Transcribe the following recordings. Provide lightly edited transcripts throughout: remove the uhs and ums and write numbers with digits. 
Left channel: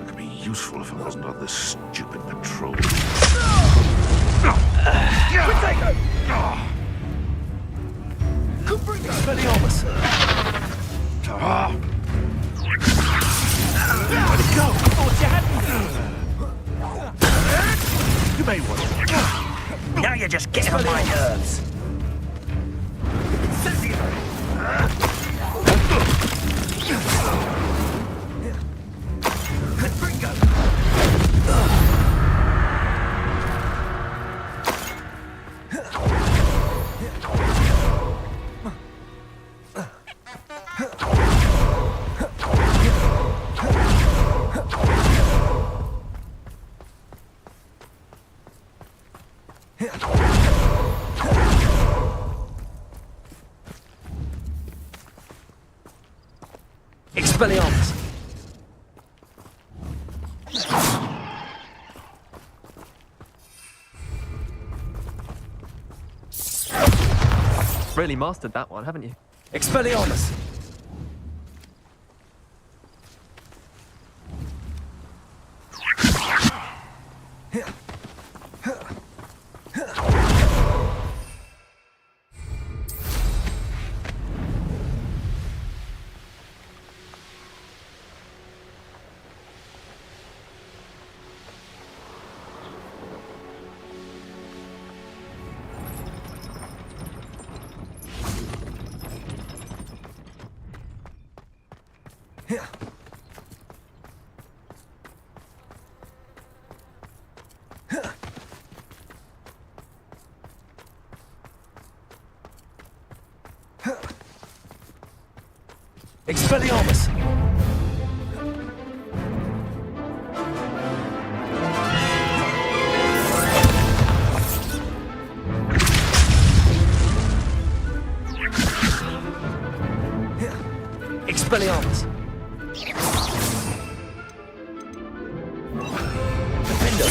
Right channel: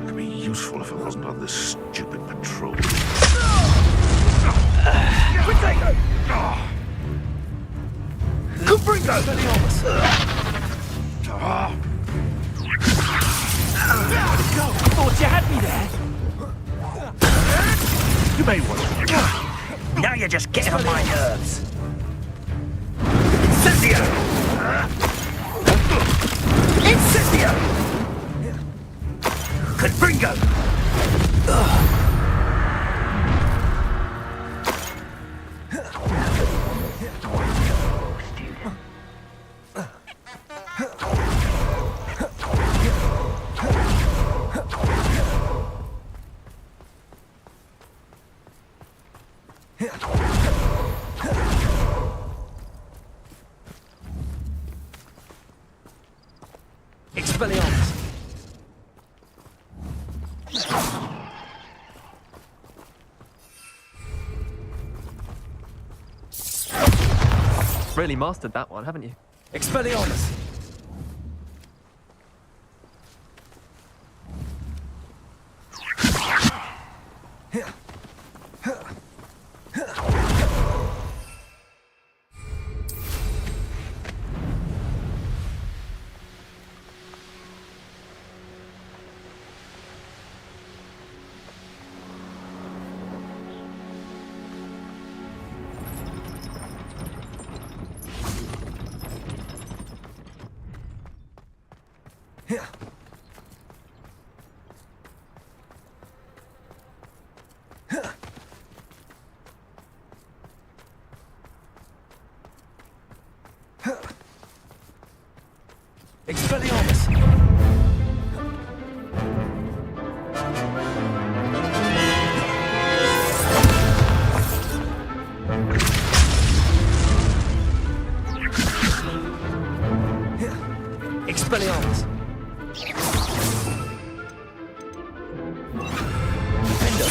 It could be useful if I wasn't on this stupid patrol. Kubringo! Expelliarmus! Where'd it go? I thought you had me there! You may want to. Now you're just getting on my nerves. Incendio! Incendio! Kubringo! Expelliarmus! Really mastered that one, haven't you? Expelliarmus! Expelliarmus! Expelliarmus! Defender!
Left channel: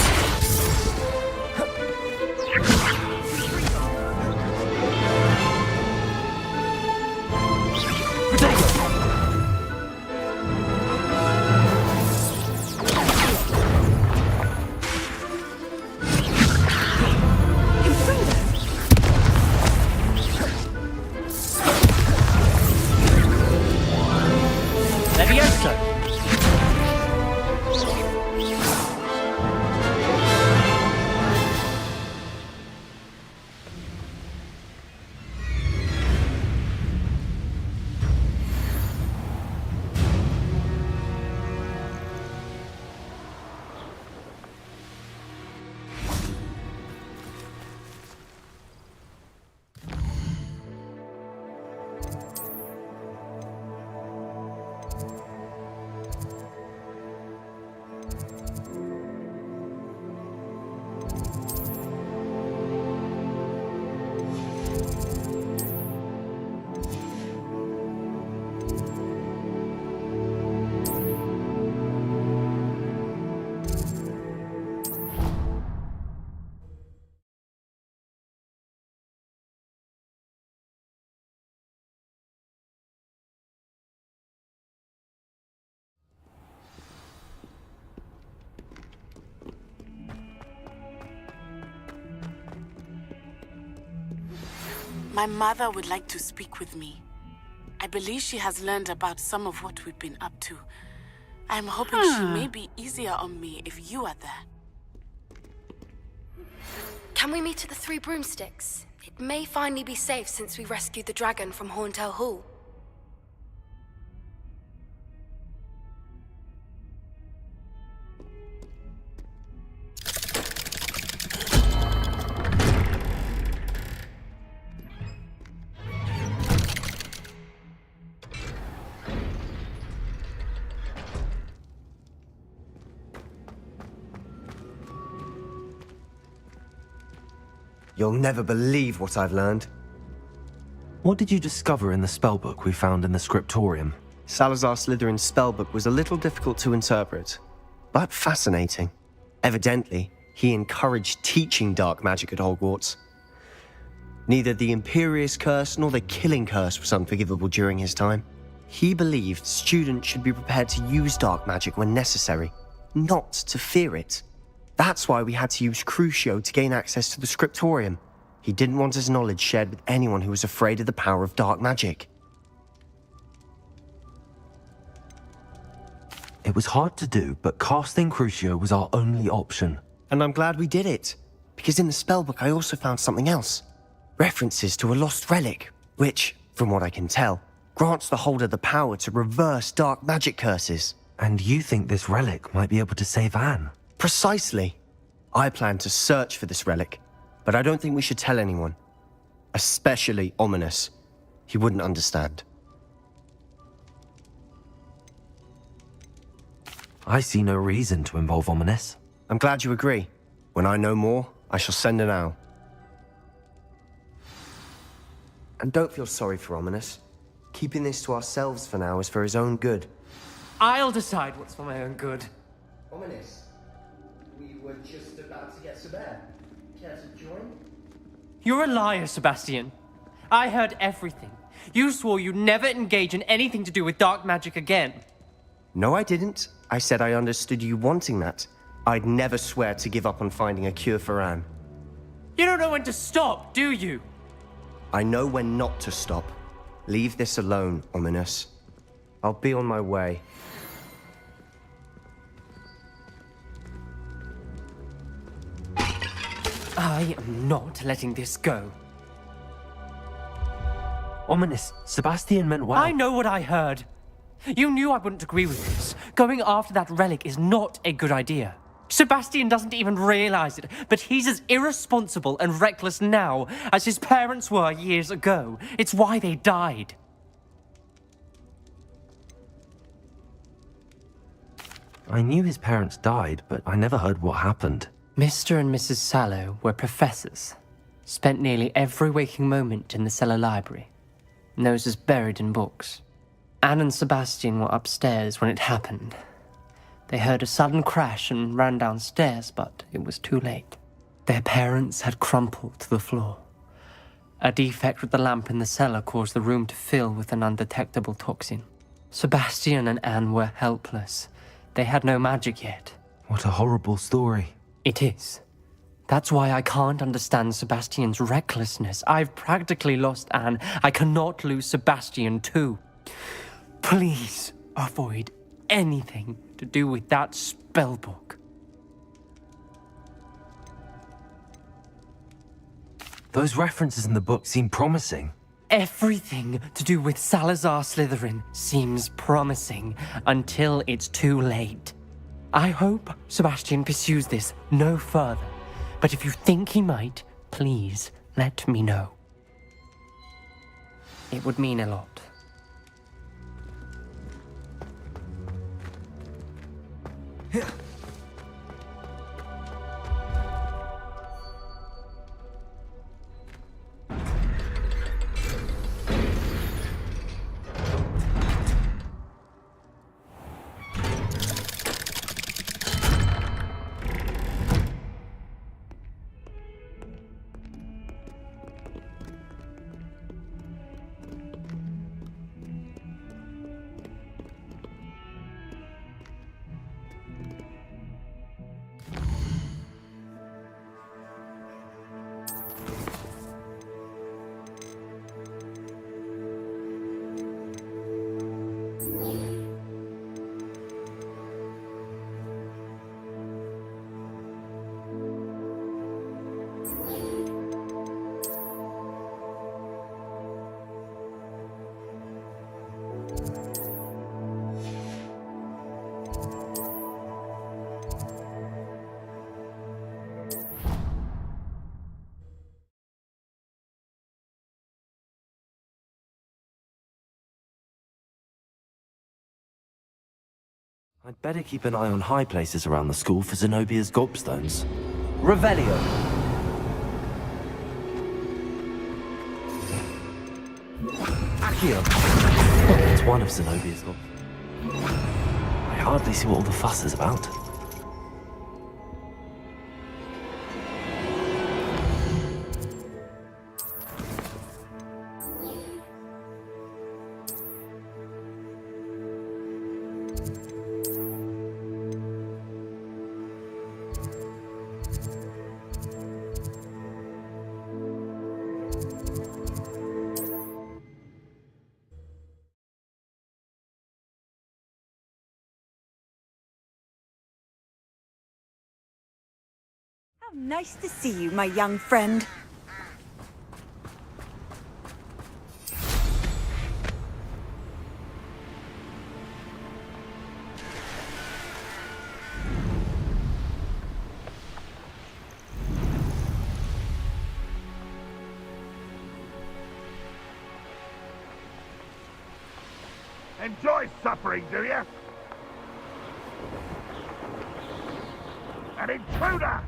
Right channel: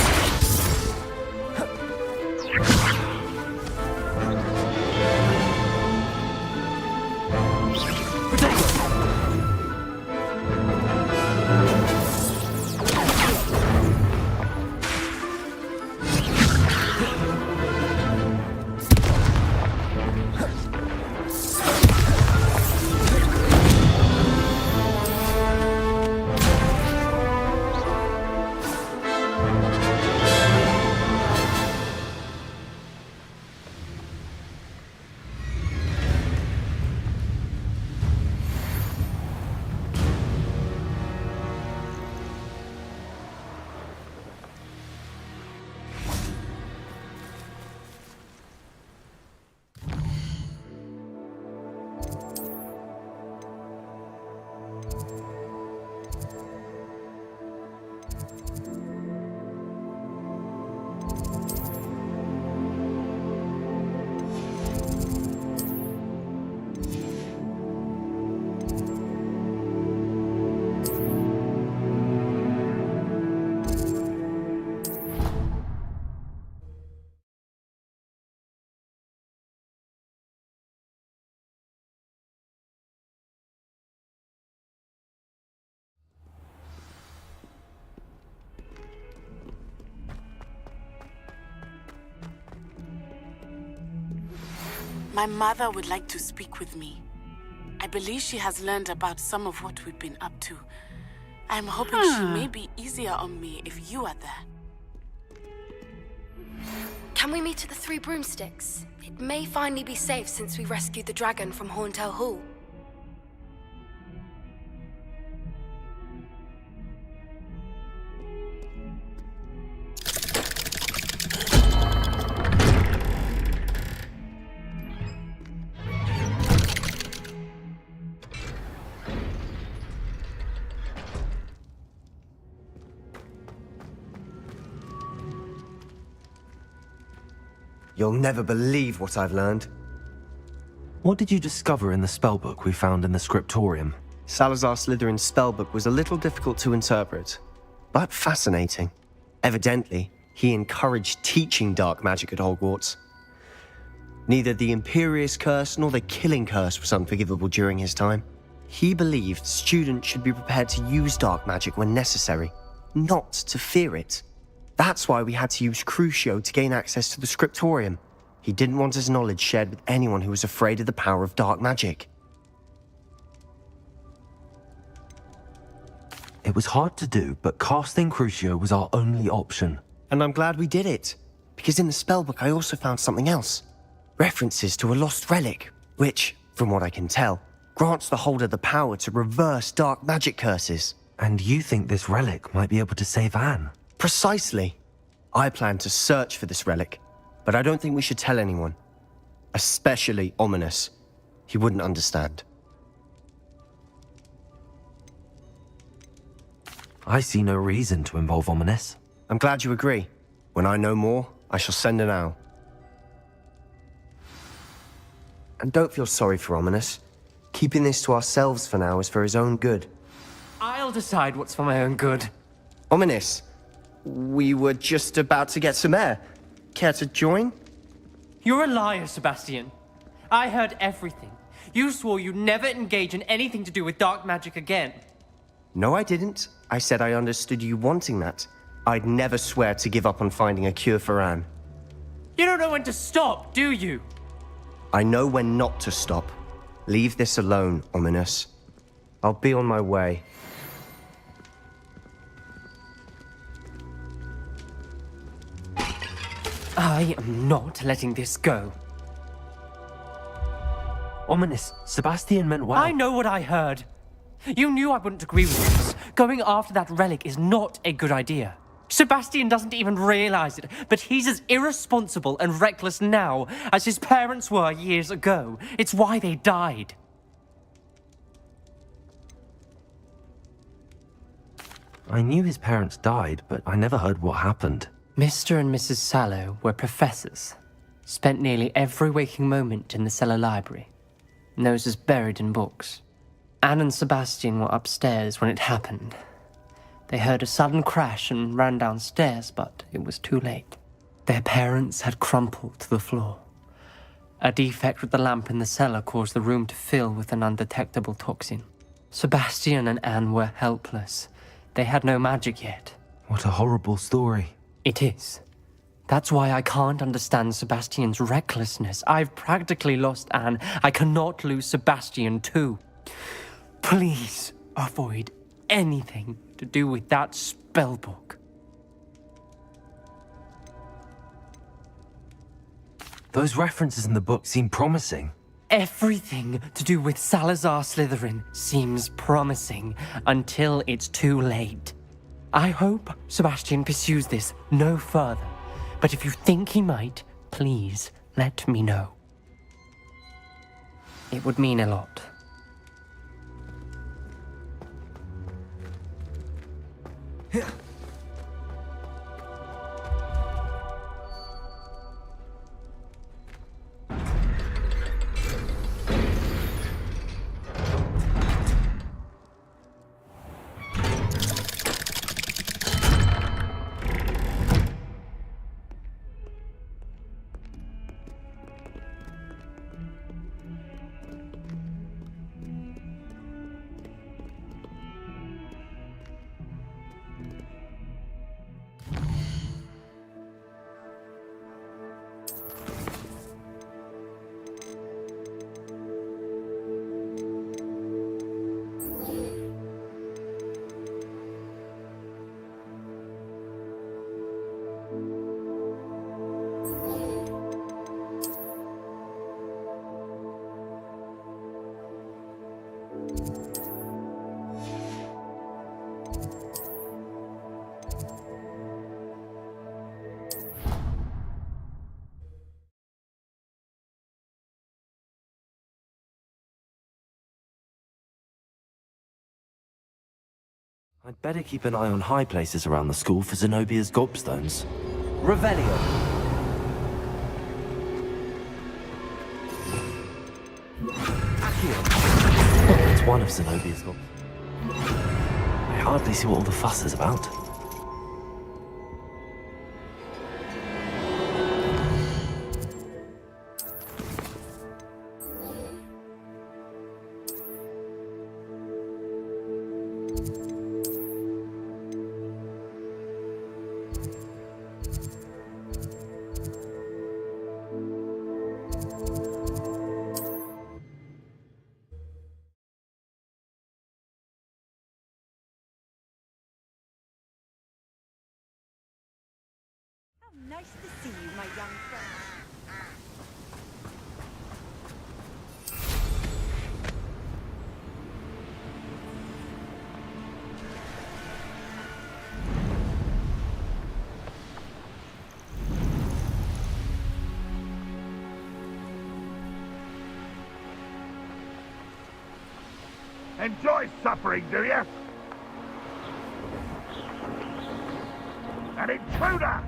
My mother would like to speak with me. I believe she has learned about some of what we've been up to. I'm hoping she may be easier on me if you are there. Can we meet at the Three Broomsticks? It may finally be safe since we rescued the dragon from Horntail Hall. You'll never believe what I've learned. What did you discover in the spellbook we found in the scriptorium? Salazar Slytherin's spellbook was a little difficult to interpret, but fascinating. Evidently, he encouraged teaching dark magic at Hogwarts. Neither the Imperious Curse nor the Killing Curse was unforgivable during his time. He believed students should be prepared to use dark magic when necessary, not to fear it. That's why we had to use Crucio to gain access to the scriptorium. He didn't want his knowledge shared with anyone who was afraid of the power of dark magic. It was hard to do, but casting Crucio was our only option. And I'm glad we did it, because in the spellbook I also found something else. References to a lost relic, which, from what I can tell, grants the holder the power to reverse dark magic curses. And you think this relic might be able to save Anne? Precisely. I plan to search for this relic, but I don't think we should tell anyone. Especially Ominous. He wouldn't understand. I see no reason to involve Ominous. I'm glad you agree. When I know more, I shall send an owl. And don't feel sorry for Ominous. Keeping this to ourselves for now is for his own good. I'll decide what's for my own good. Ominous, we were just about to get some air. Care to join? You're a liar, Sebastian. I heard everything. You swore you'd never engage in anything to do with dark magic again. No, I didn't. I said I understood you wanting that. I'd never swear to give up on finding a cure for Anne. You don't know when to stop, do you? I know when not to stop. Leave this alone, Ominous. I'll be on my way. I am not letting this go. Ominous, Sebastian meant well. I know what I heard. You knew I wouldn't agree with this. Going after that relic is not a good idea. Sebastian doesn't even realize it, but he's as irresponsible and reckless now as his parents were years ago. It's why they died. I knew his parents died, but I never heard what happened. Mr. and Mrs. Sallow were professors. Spent nearly every waking moment in the cellar library. Noses buried in books. Anne and Sebastian were upstairs when it happened. They heard a sudden crash and ran downstairs, but it was too late. Their parents had crumpled to the floor. A defect with the lamp in the cellar caused the room to fill with an undetectable toxin. Sebastian and Anne were helpless. They had no magic yet. What a horrible story. It is. That's why I can't understand Sebastian's recklessness. I've practically lost Anne. I cannot lose Sebastian too. Please avoid anything to do with that spellbook. Those references in the book seem promising. Everything to do with Salazar Slytherin seems promising until it's too late. I hope Sebastian pursues this no further, but if you think he might, please let me know. It would mean a lot. I'd better keep an eye on high places around the school for Zenobia's gobstones. Revelio. Accio. It's one of Zenobia's gobstones. I hardly see what all the fuss is about. How nice to see you, my young friend. Enjoy suffering, do you? An intruder!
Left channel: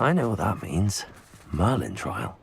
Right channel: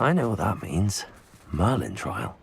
I know what that means. Merlin trial.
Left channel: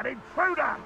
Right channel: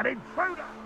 An intruder!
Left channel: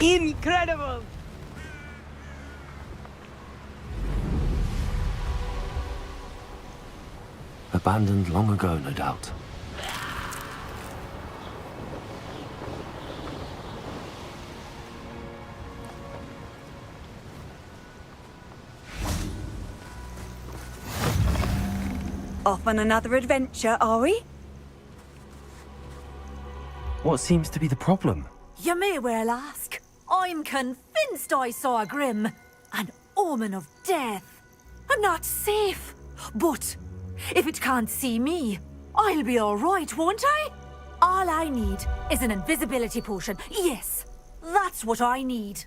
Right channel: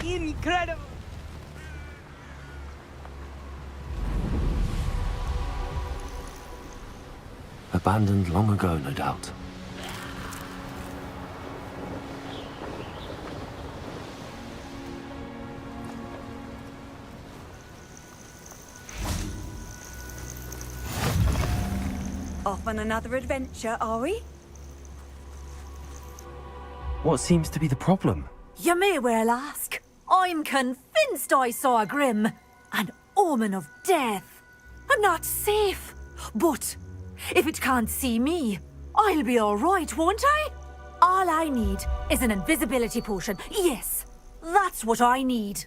Incredible! Abandoned long ago, no doubt. Off on another adventure, are we? What seems to be the problem? You may well ask. I'm convinced I saw a Grim. An omen of death. I'm not safe. But if it can't see me, I'll be alright, won't I? All I need is an invisibility potion. Yes, that's what I need.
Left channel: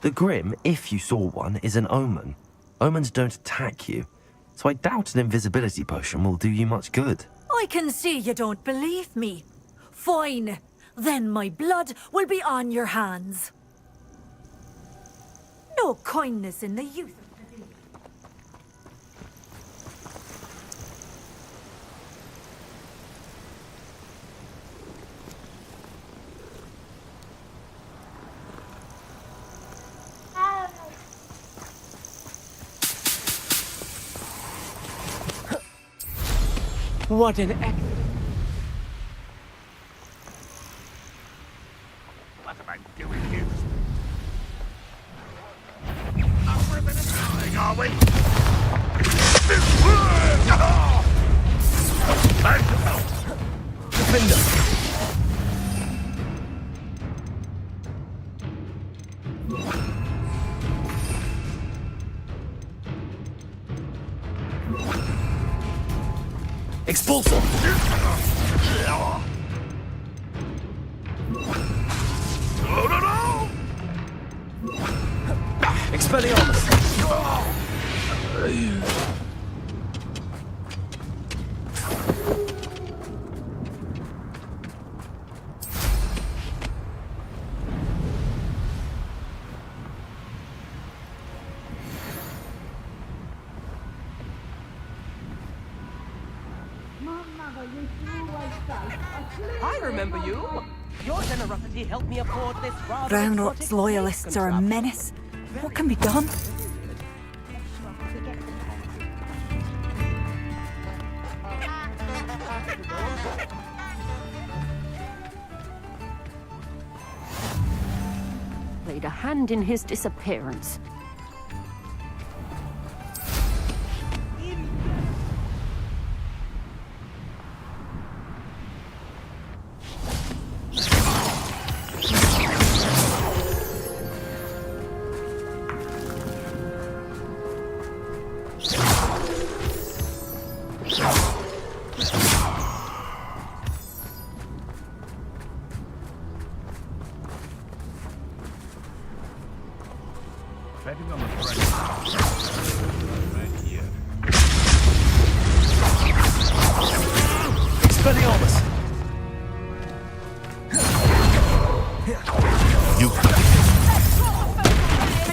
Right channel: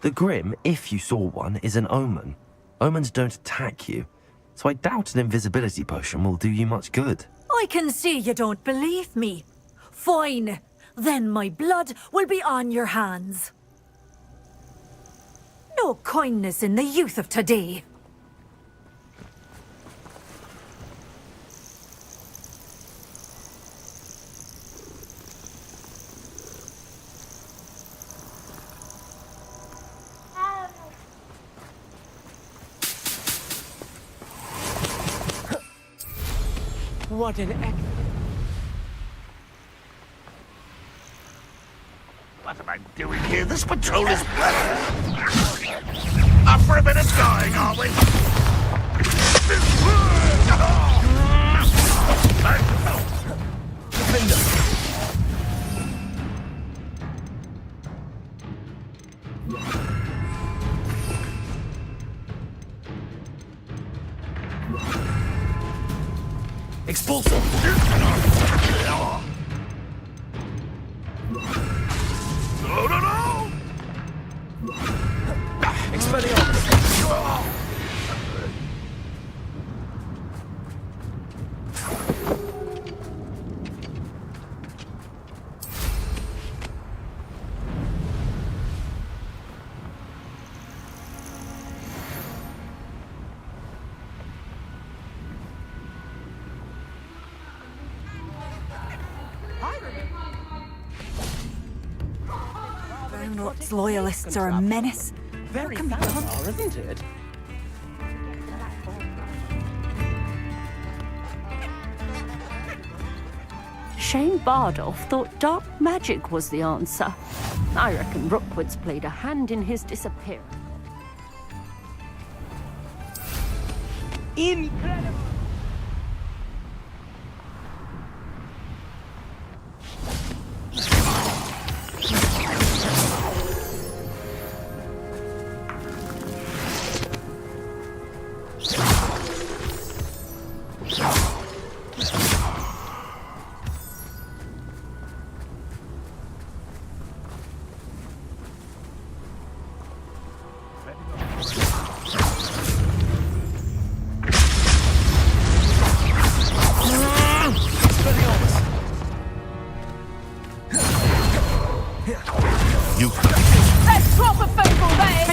The Grim, if you saw one, is an omen. Omens don't attack you, so I doubt an invisibility potion will do you much good. I can see you don't believe me. Fine. Then my blood will be on your hands. No kindness in the youth of today. What an What am I doing here? This patrol is up for a bit of dying, are we? defender! Expulsor! No! Expelliarmus! Brownrot's loyalists are a menace. What can be done? Shane Bardolph thought dark magic was the answer. I reckon Rookwood's played a hand in his disappearance. You Let's drop a focal there!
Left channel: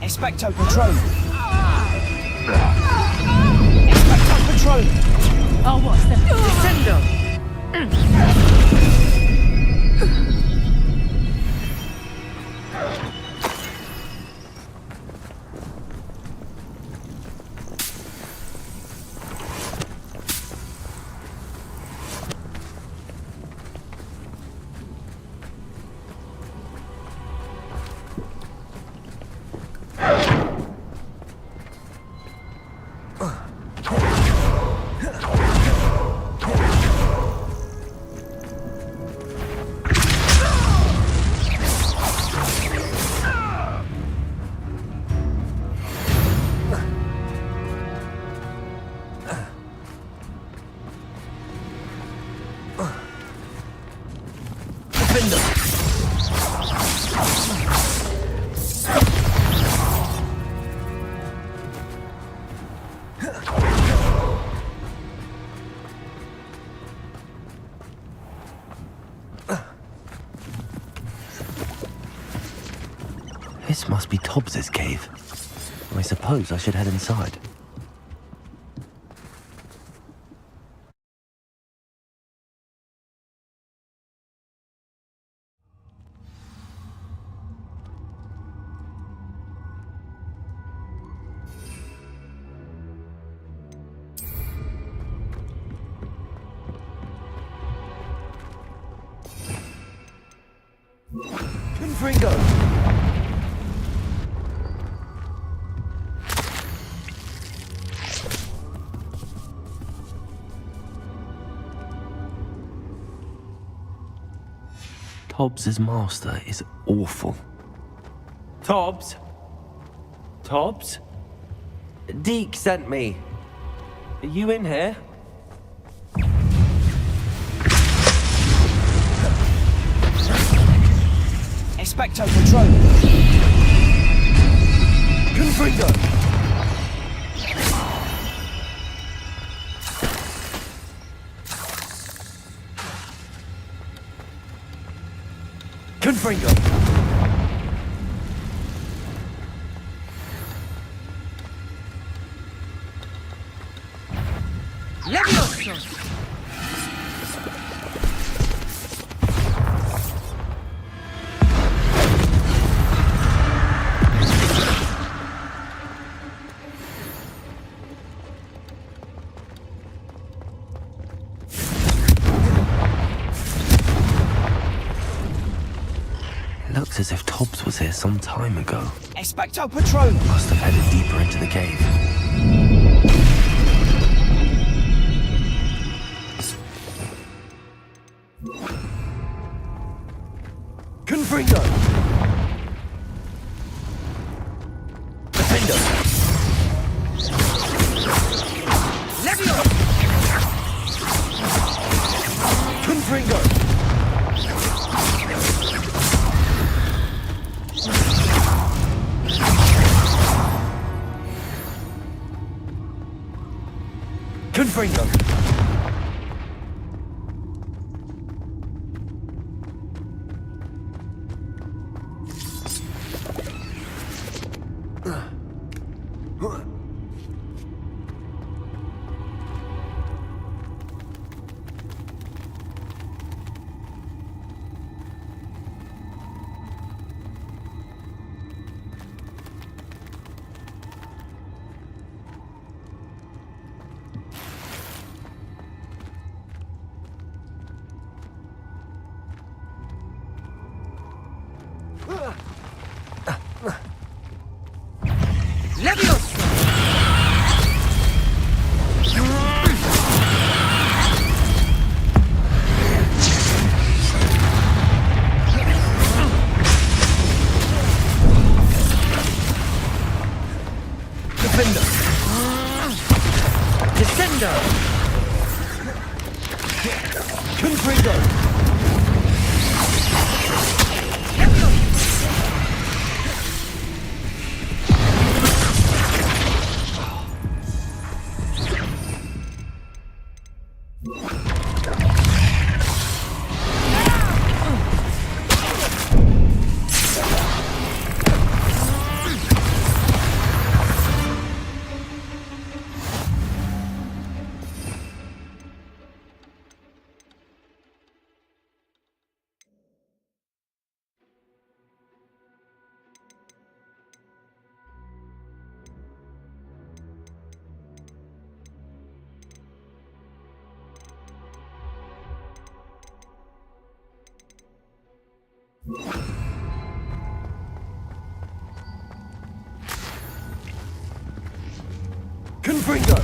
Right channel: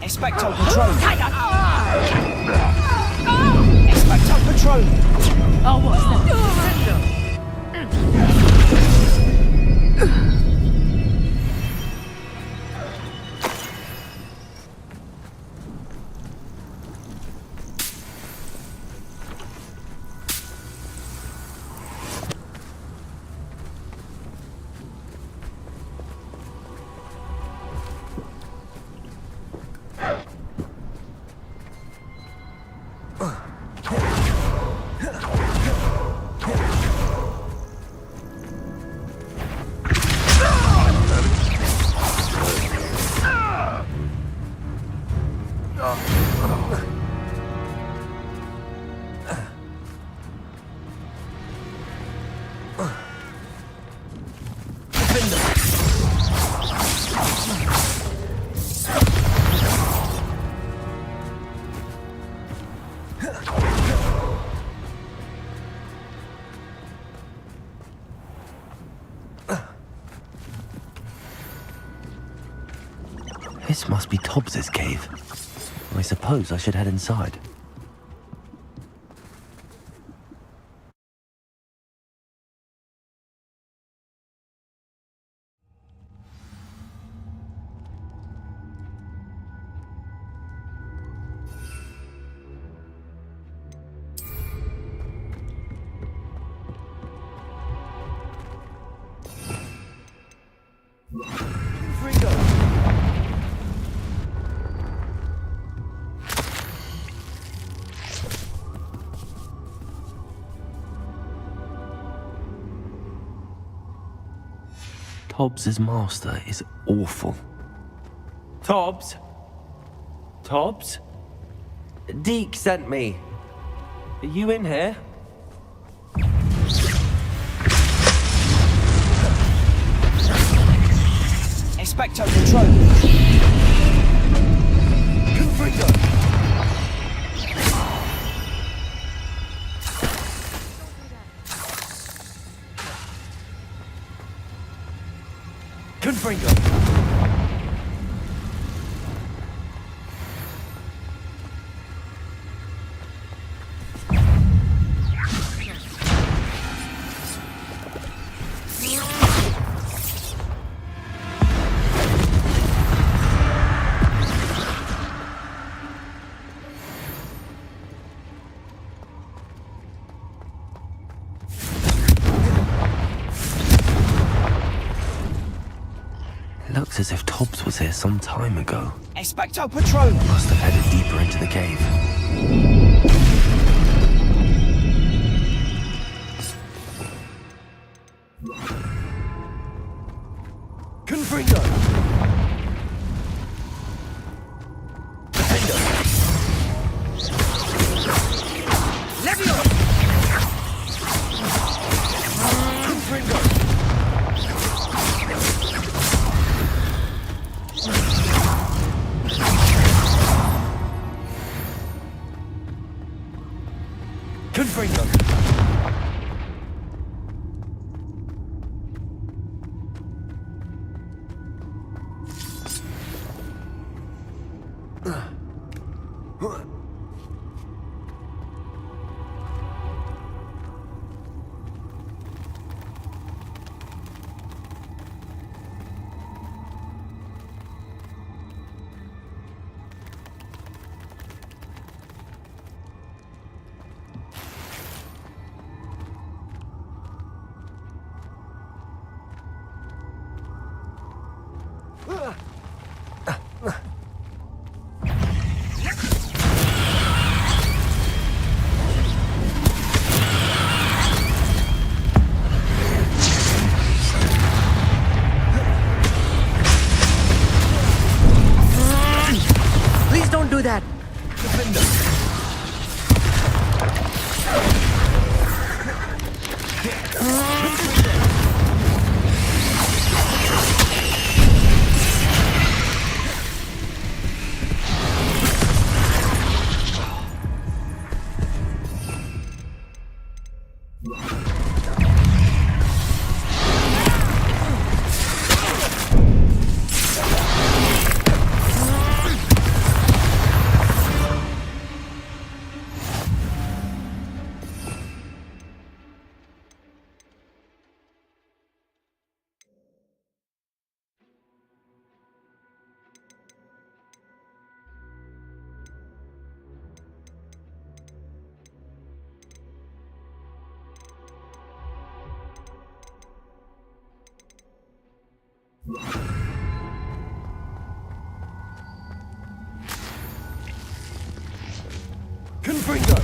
Expecto Patron! Expecto Patron! Oh, what's that? This must be Tobbs's cave. I suppose I should head inside. Tobbs's master is awful. Tobbs? Tobbs? Deke sent me. Are you in here? Expecto Patron! Confringo! Confringo! Looks as if Tobbs was here some time ago. Expecto Patron! Must have headed deeper into the cave. Confringo! Defender! Levio! Confringo! Confringo! Please don't do that. Defender. Defender. Confringo.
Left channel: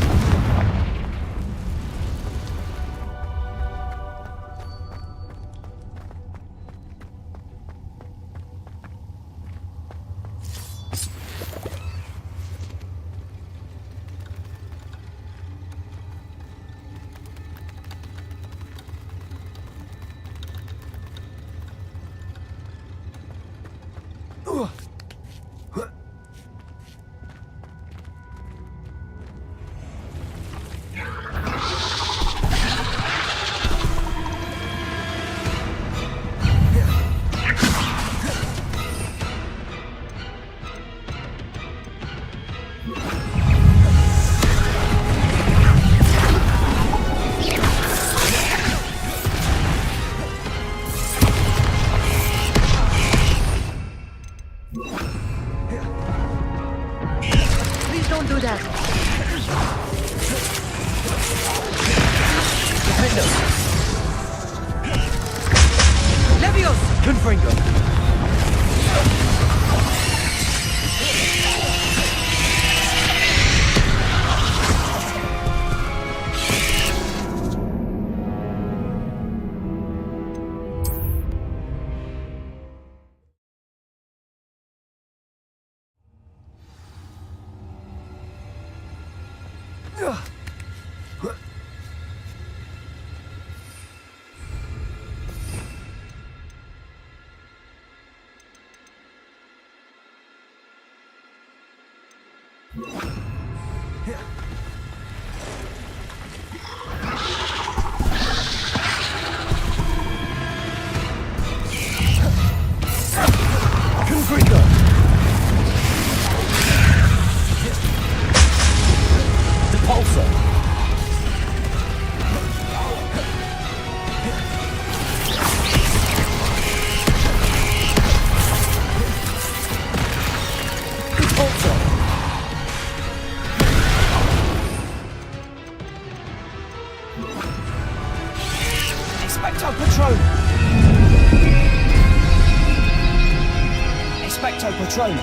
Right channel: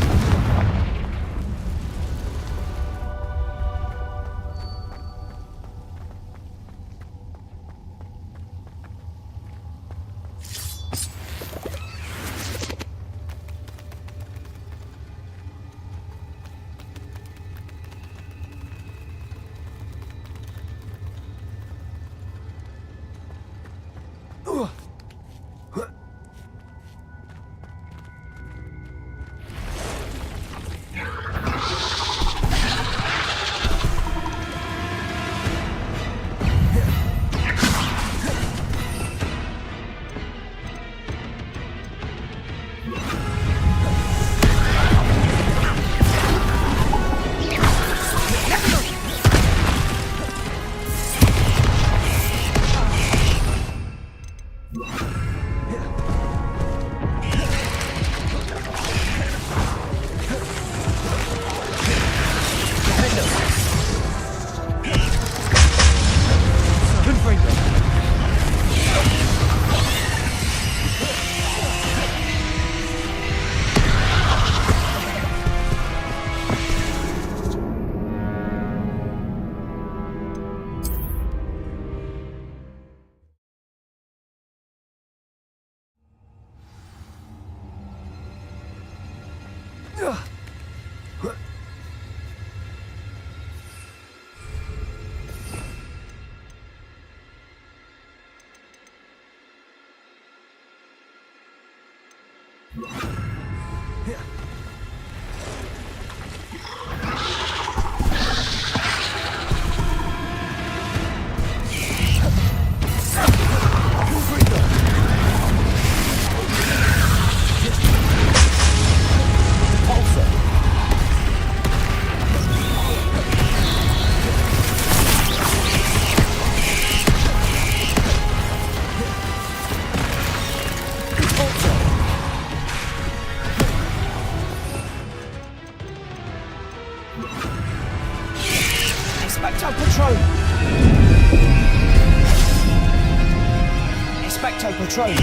Confringo. Expecto Patron! Expecto Patron!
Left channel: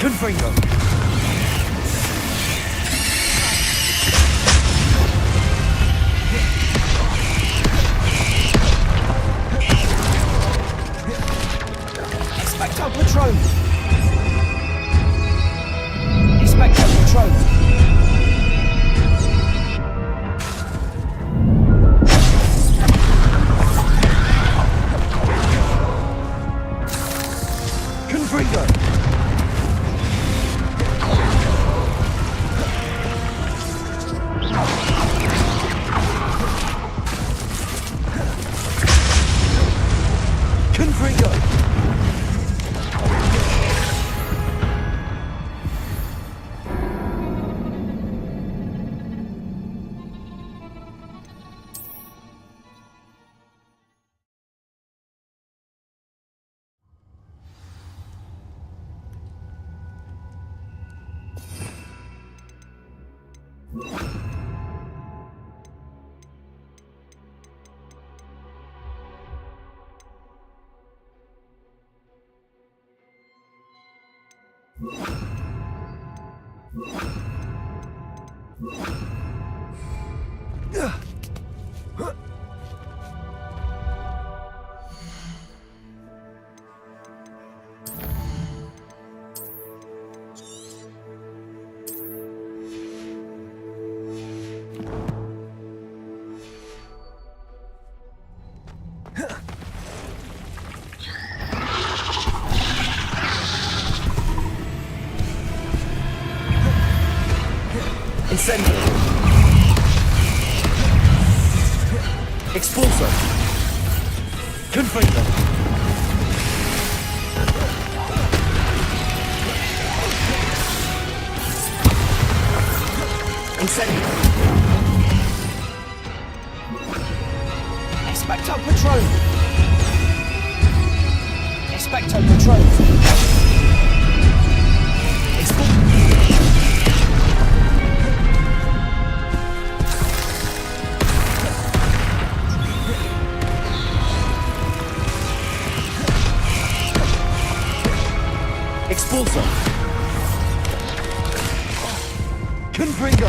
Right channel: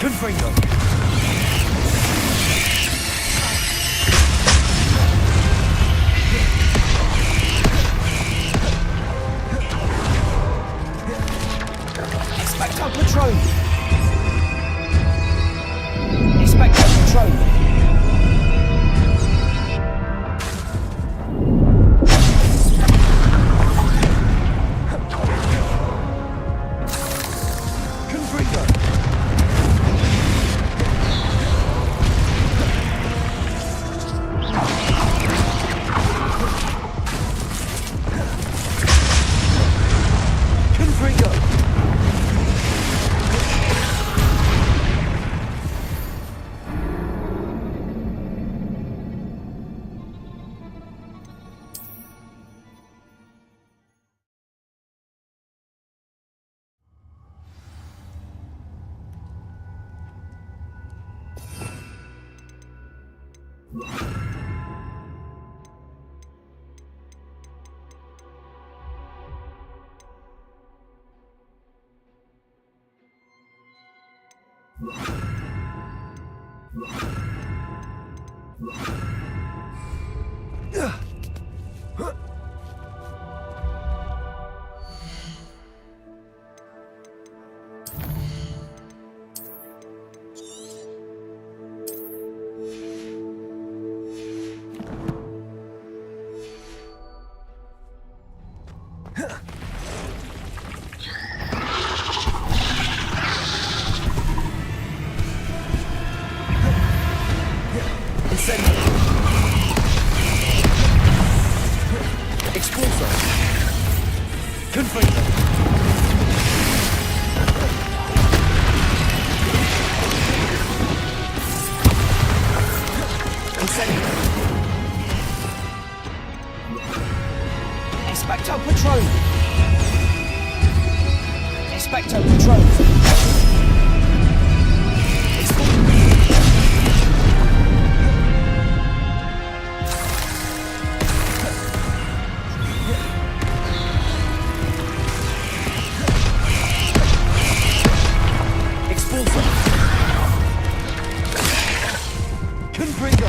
Confringo! Expecto Patron! Expecto Patron! Confringo! Incendio! Expulso! Confringo! Incendio! Expecto Patron! Expecto Patron! Expulso! Confringo!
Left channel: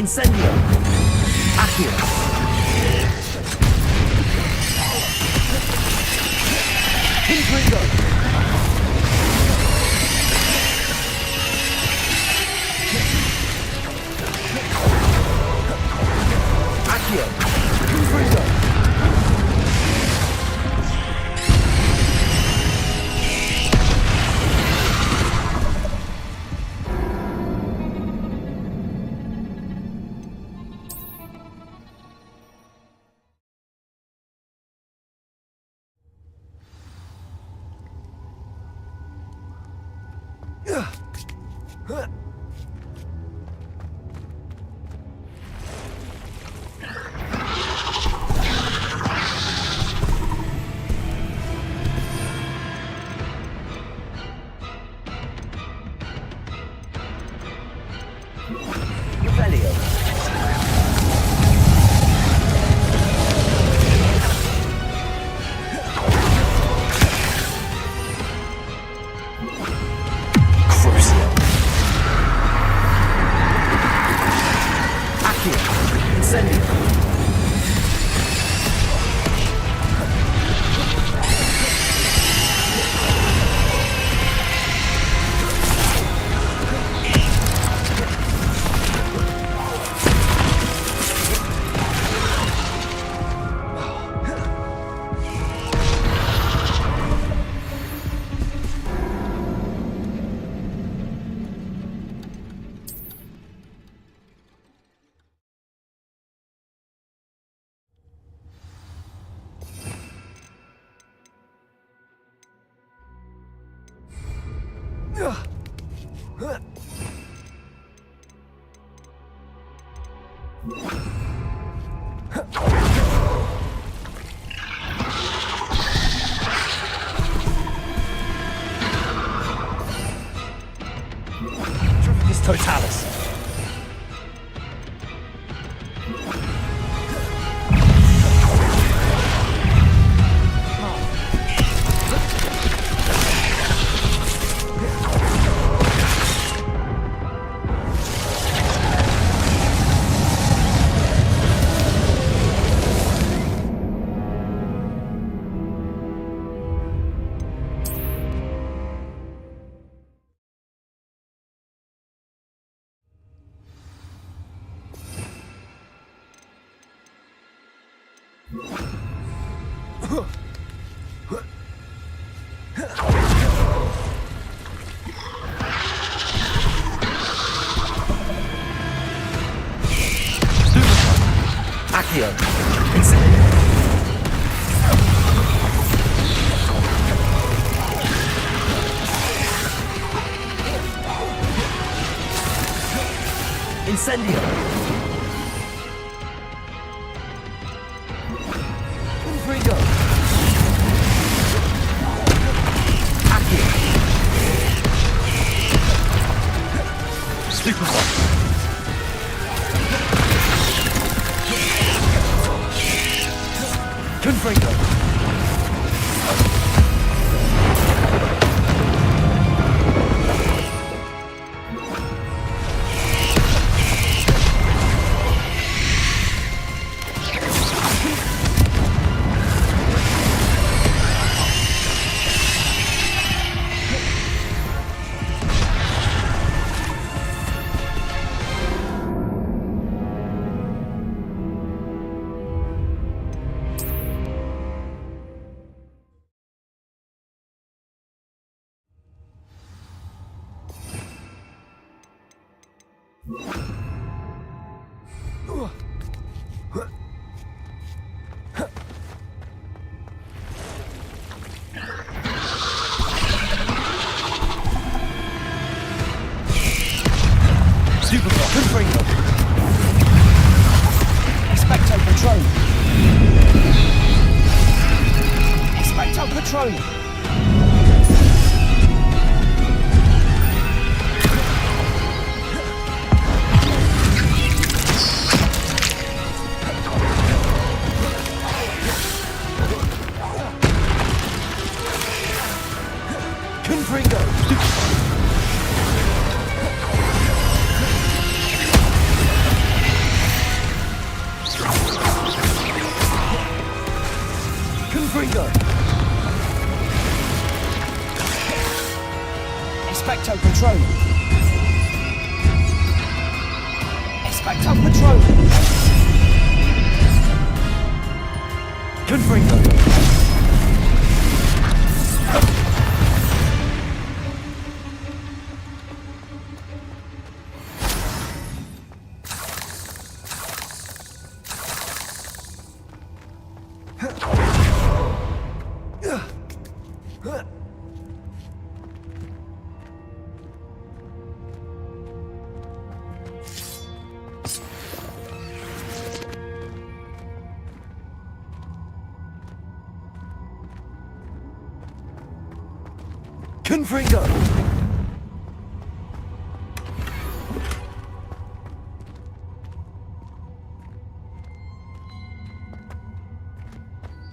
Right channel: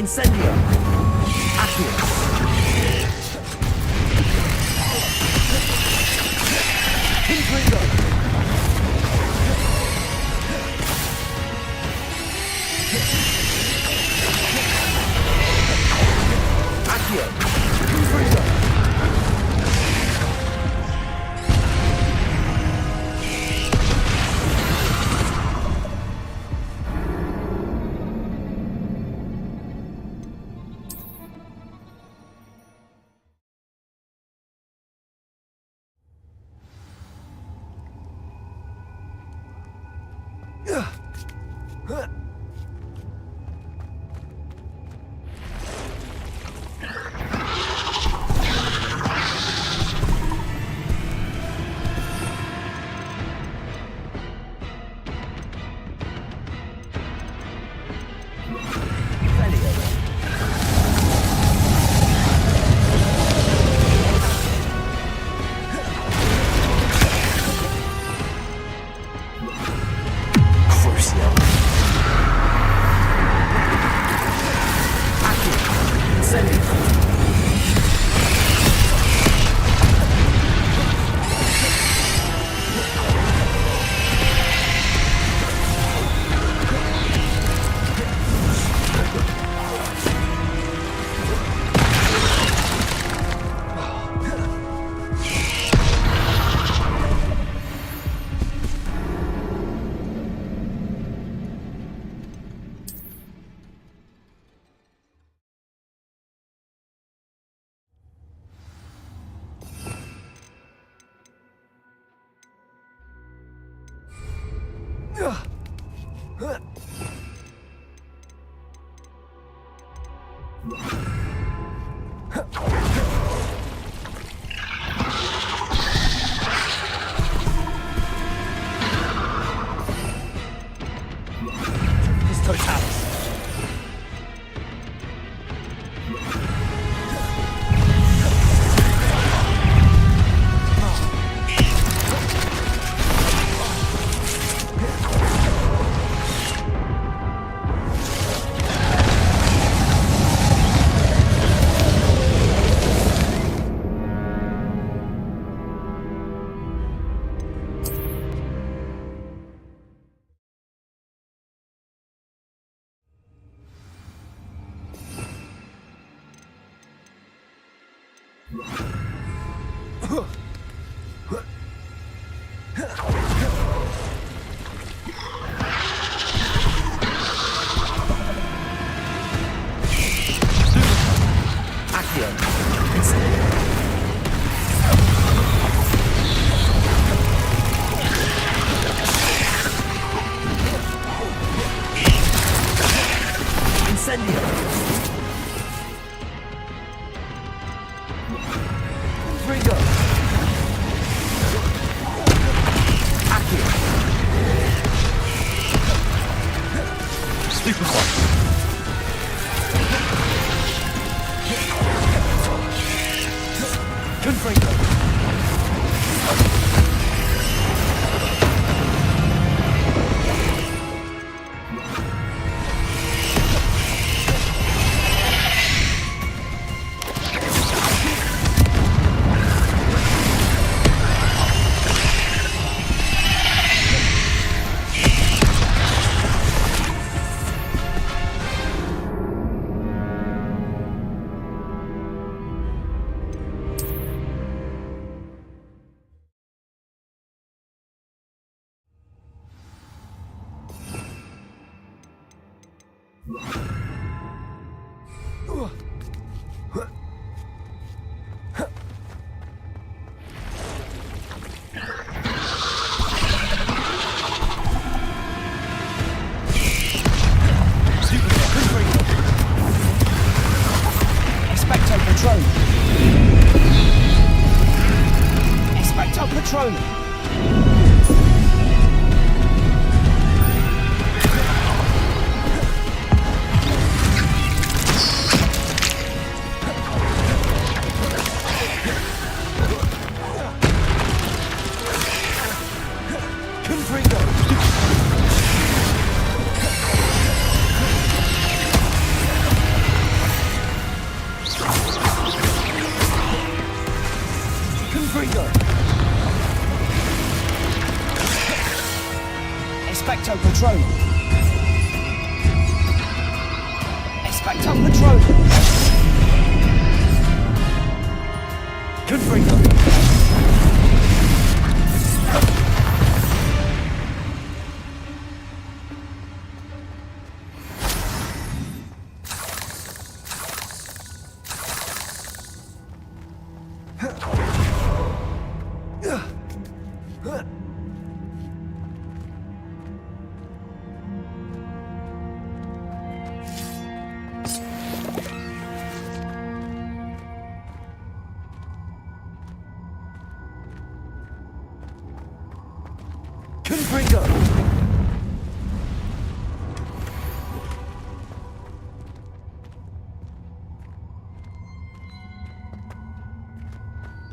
Incendio! Accio! Confringo! Accio! Confringo! This Totalis. Incendio! Confringo! Accio! Super One! Confringo! Patronum. Confringo. Confringo. Expecto Patronum. Expecto Patronum. Confringo. Confringo!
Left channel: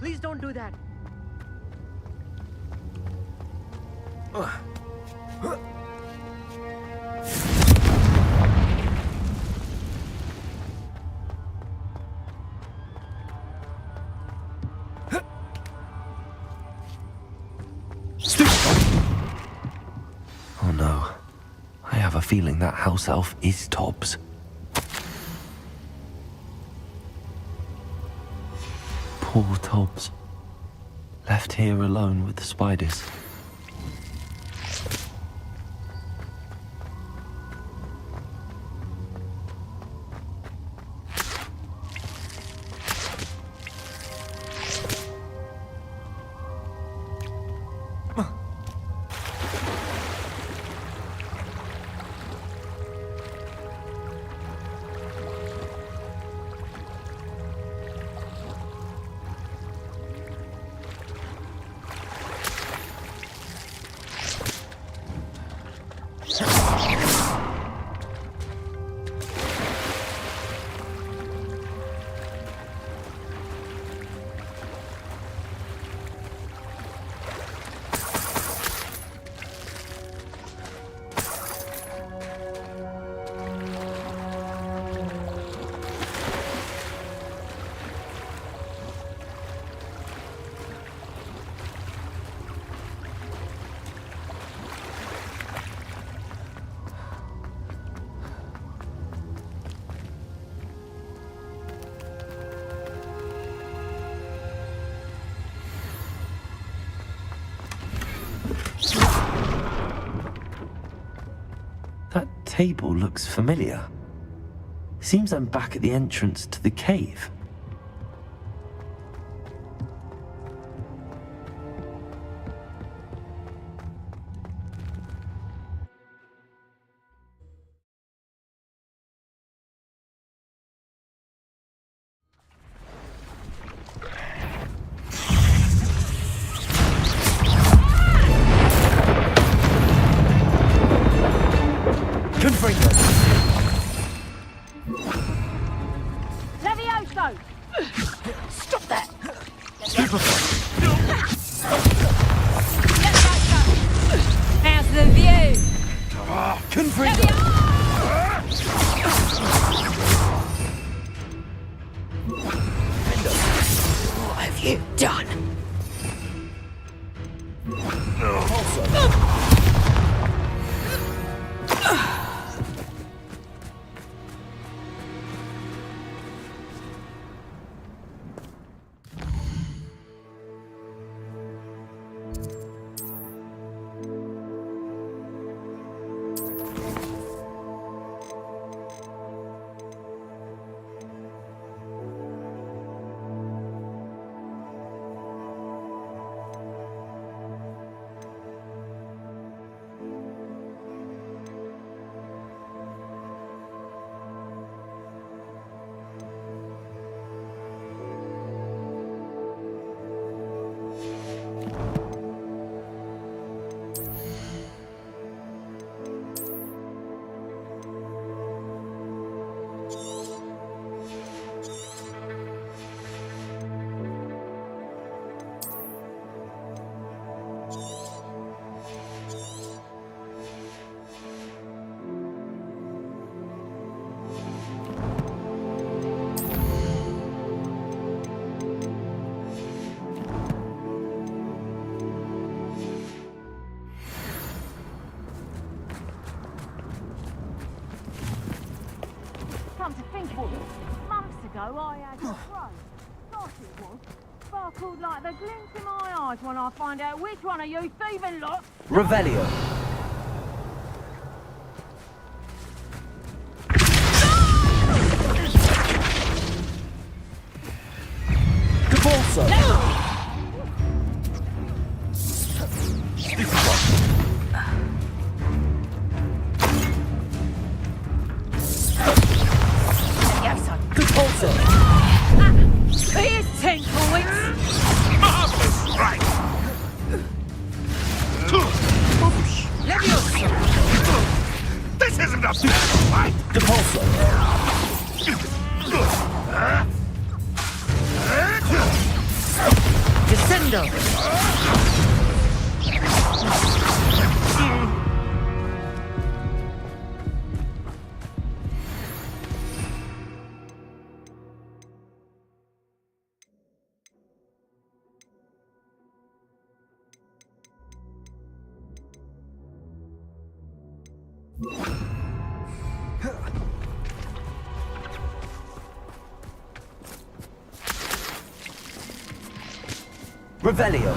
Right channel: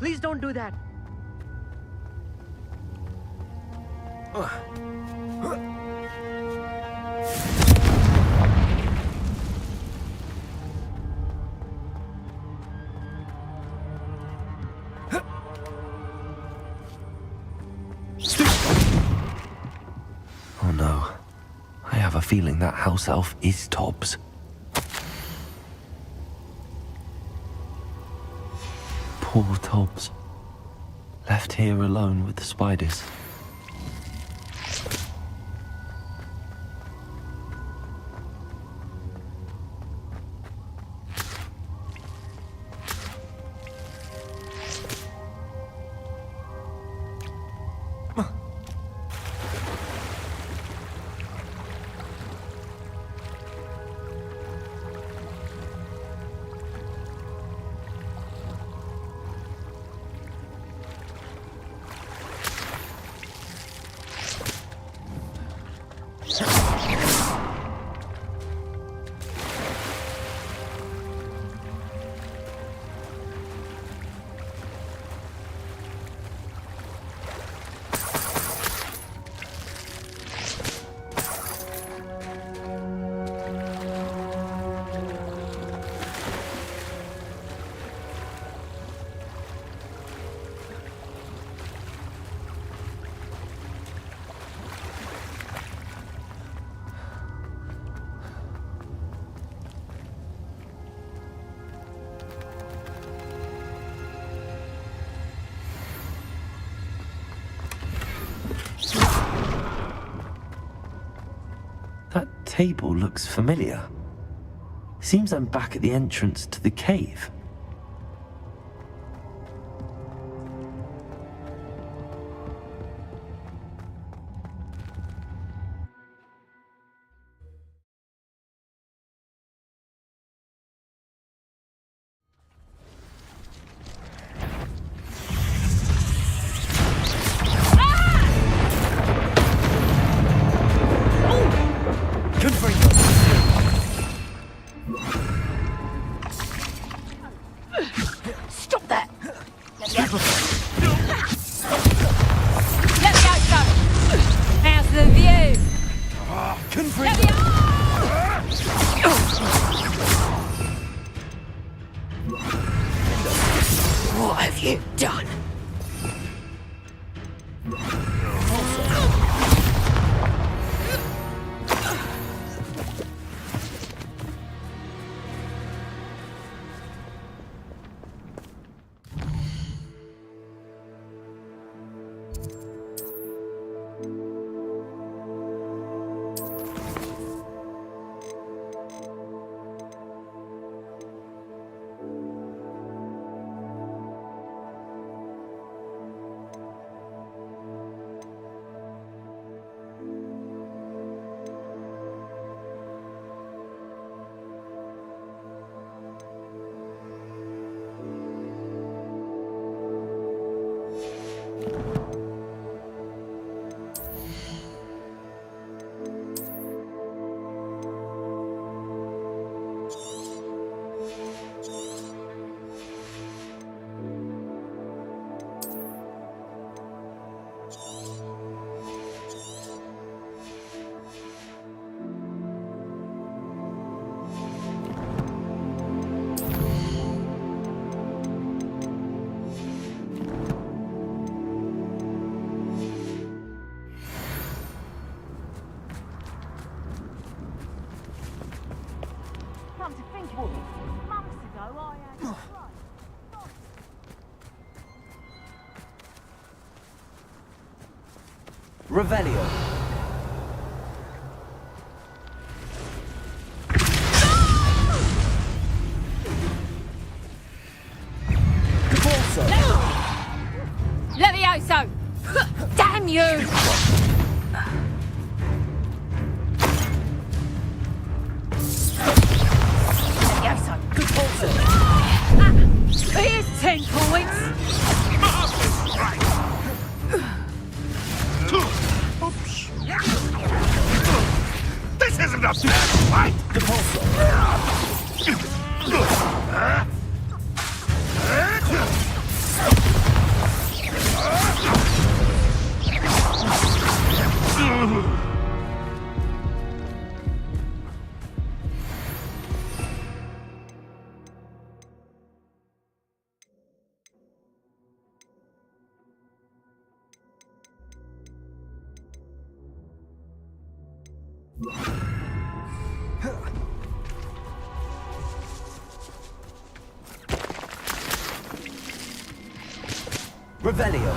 Please don't do that. Oh no. I have a feeling that house elf is Tobbs. Poor Tobbs. Left here alone with the spiders. That table looks familiar. Seems I'm back at the entrance to the cave. Confringo! Levioso! Stop that! Levioso! How's the view? Confringo! What have you done? Come to think of it, months ago I had a throat. Thought it was. Sparkled like the glint in my eyes when I find out which one of you thieving lot. Revelio. Caporso. Levioso! Damn you! Levioso! Caporso. Here's 10 points! Marvelous! Right! Depulso. Revelio.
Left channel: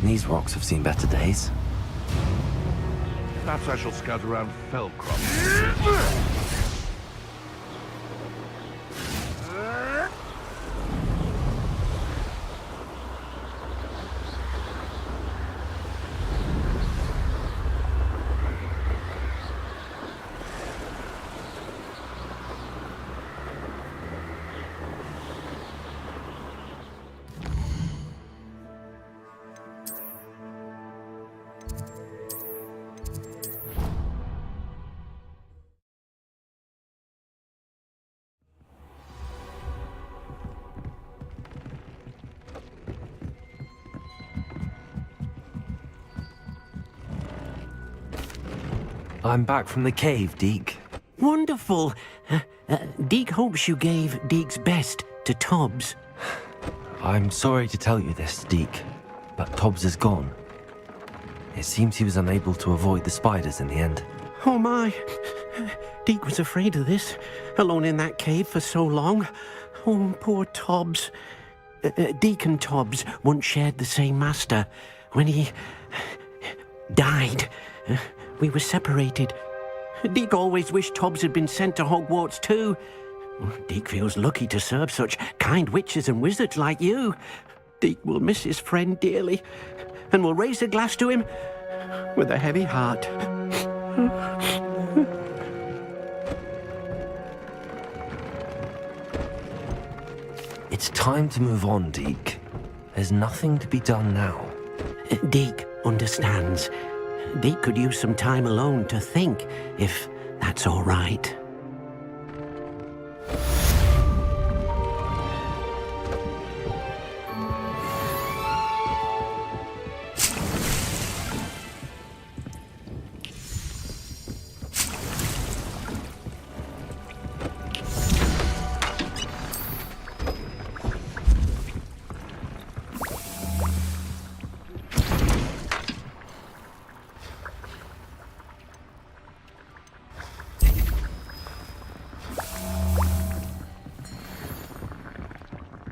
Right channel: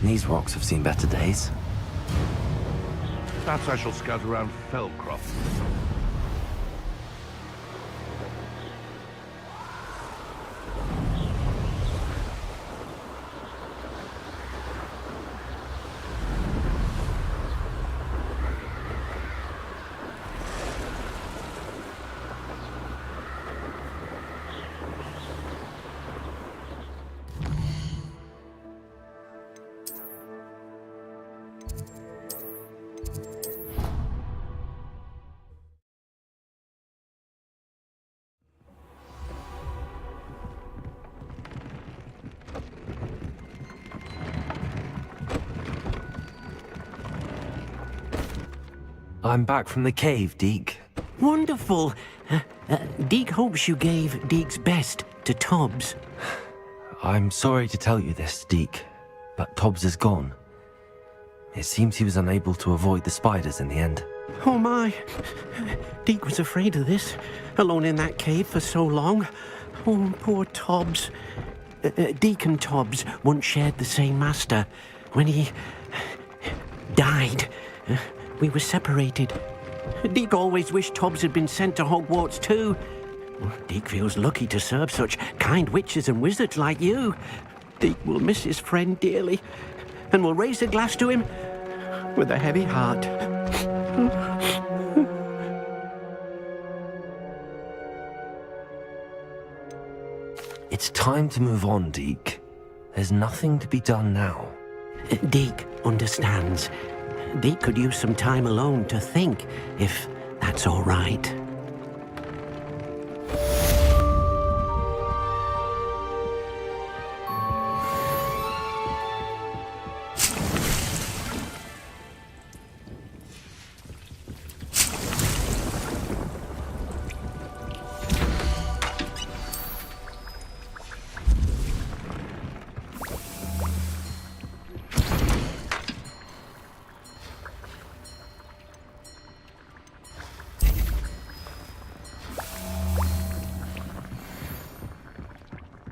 These rocks have seen better days. Perhaps I shall scout around Fellcroft. I'm back from the cave, Deke. Wonderful. Deke hopes you gave Deke's best to Tobbs. I'm sorry to tell you this, Deke, but Tobbs is gone. It seems he was unable to avoid the spiders in the end. Oh my. Deke was afraid of this, alone in that cave for so long. Oh, poor Tobbs. Deke and Tobbs once shared the same master. When he died, we were separated. Deke always wished Tobbs had been sent to Hogwarts too. Deke feels lucky to serve such kind witches and wizards like you. Deke will miss his friend dearly, and will raise a glass to him with a heavy heart. It's time to move on, Deke. There's nothing to be done now. Deke understands. Deke could use some time alone to think, if that's all right.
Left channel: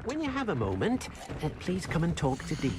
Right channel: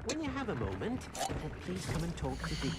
When you have a moment, please come and talk to Deke.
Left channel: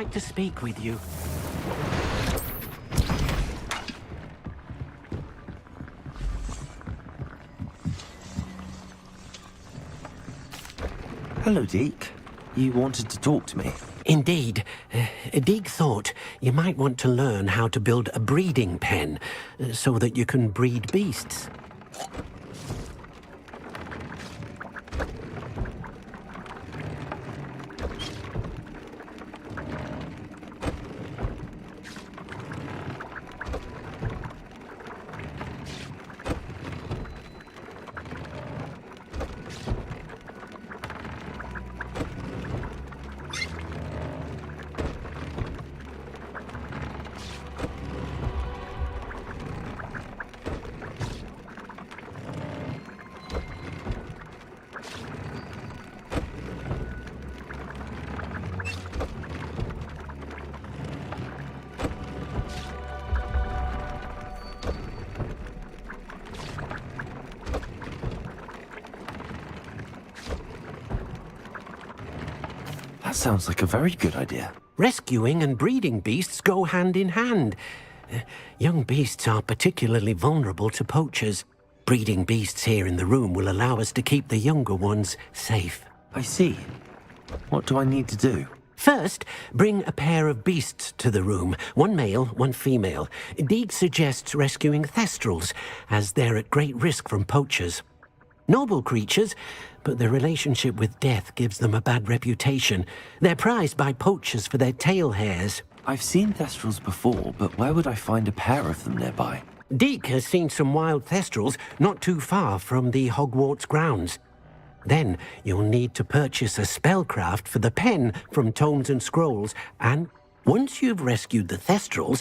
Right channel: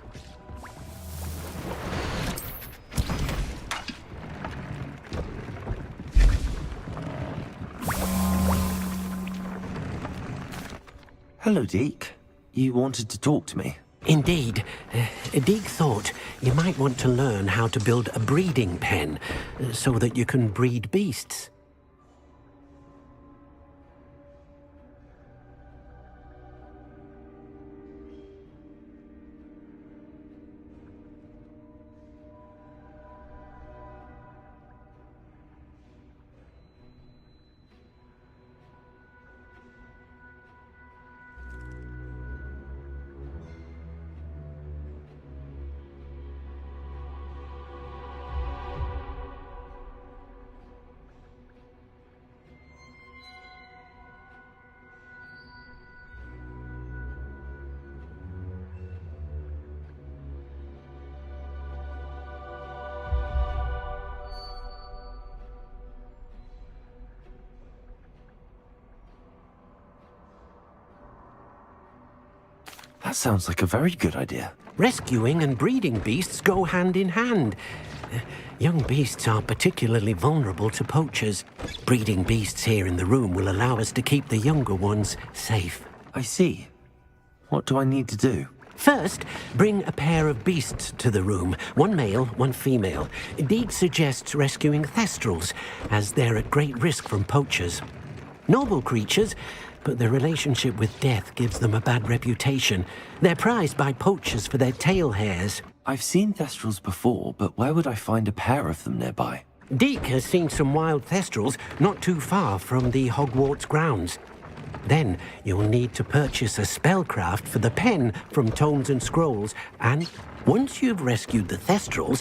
like to speak with you. Hello, Deke. You wanted to talk to me? Indeed. Deek thought you might want to learn how to build a breeding pen so that you can breed beasts. That sounds like a very good idea. Rescuing and breeding beasts go hand in hand. Young beasts are particularly vulnerable to poachers. Breeding beasts here in the room will allow us to keep the younger ones safe. I see. What do I need to do? First, bring a pair of beasts to the room. One male, one female. Deek suggests rescuing thestrals, as they're at great risk from poachers. Noble creatures, but their relationship with death gives them a bad reputation. They're prized by poachers for their tail hairs. I've seen thestrals before, but where would I find a pair of them nearby? Deek has seen some wild thestrals not too far from the Hogwarts grounds. Then you'll need to purchase a spellcraft for the pen from Tomes and Scrolls, and once you've rescued the thestrals...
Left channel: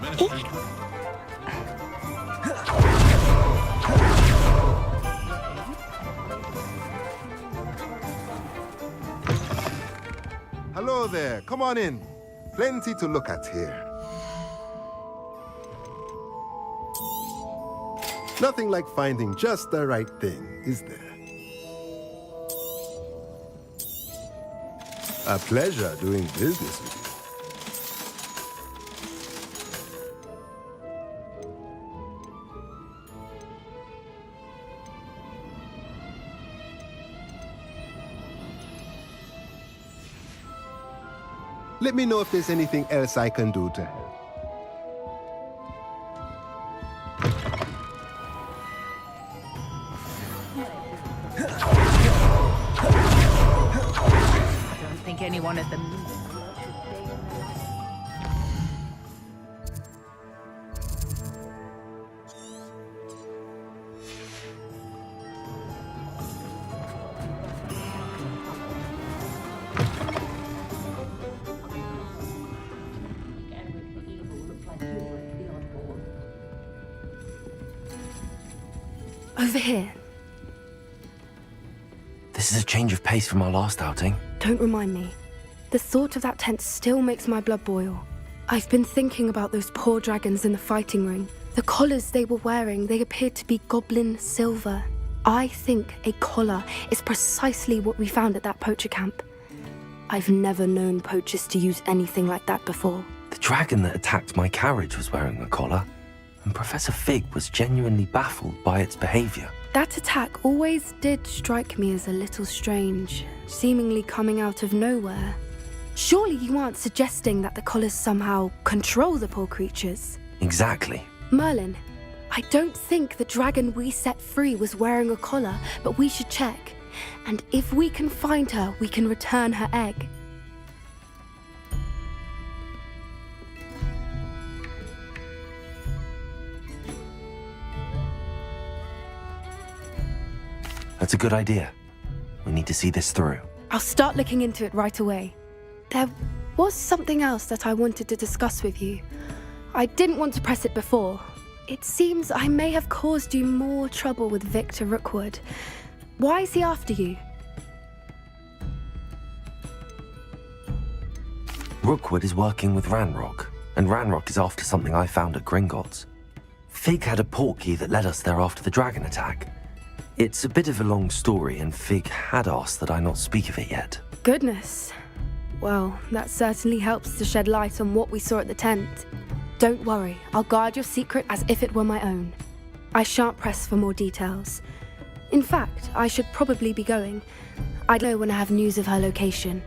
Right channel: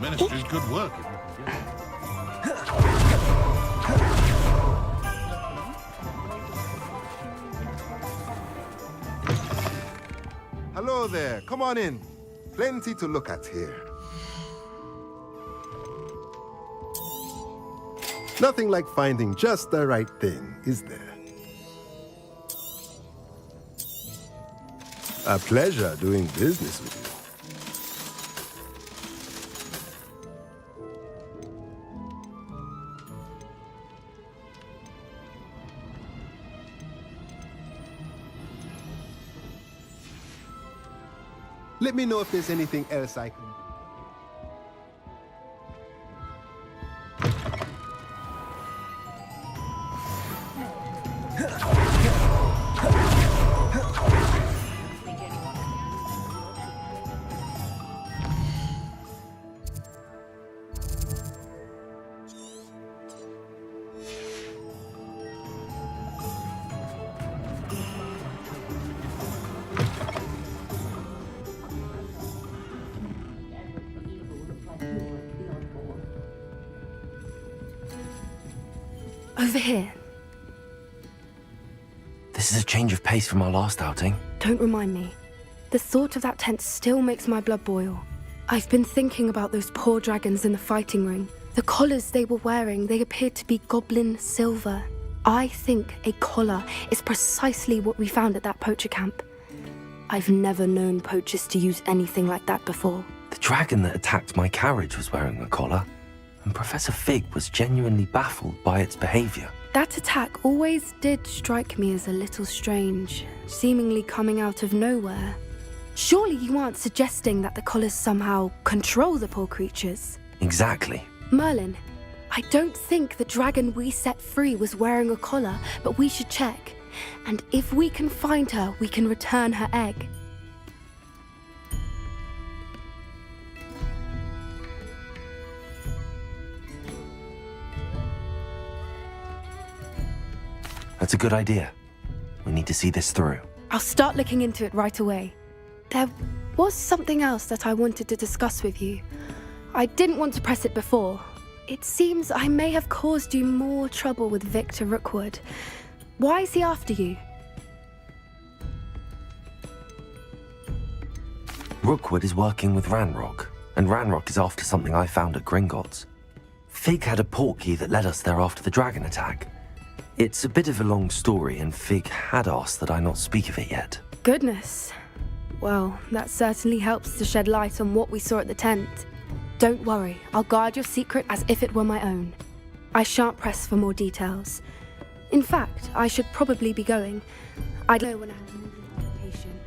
Ministry's good work. Hello there. Come on in. Plenty to look at here. Nothing like finding just the right thing, is there? A pleasure doing business with you. Let me know if there's anything else I can do to help. think anyone at the Over here. This is a change of pace from our last outing. Don't remind me. The thought of that tent still makes my blood boil. I've been thinking about those poor dragons in the fighting ring. The collars they were wearing, they appeared to be goblin silver. I think a collar is precisely what we found at that poacher camp. I've never known poachers to use anything like that before. The dragon that attacked my carriage was wearing a collar, and Professor Fig was genuinely baffled by its behavior. That attack always did strike me as a little strange, seemingly coming out of nowhere. Surely you aren't suggesting that the collars somehow control the poor creatures? Exactly. Merlin, I don't think the dragon we set free was wearing a collar, but we should check. And if we can find her, we can return her egg. That's a good idea. We need to see this through. I'll start looking into it right away. There was something else that I wanted to discuss with you. I didn't want to press it before. It seems I may have caused you more trouble with Victor Rookwood. Why is he after you? Rookwood is working with Ranrock, and Ranrock is after something I found at Gringotts. Fig had a portkey that led us there after the dragon attack. It's a bit of a long story, and Fig had asked that I not speak of it yet. Goodness. Well, that certainly helps to shed light on what we saw at the tent. Don't worry, I'll guard your secret as if it were my own. I shan't press for more details. In fact, I should probably be going. I'd know when I have news of her location.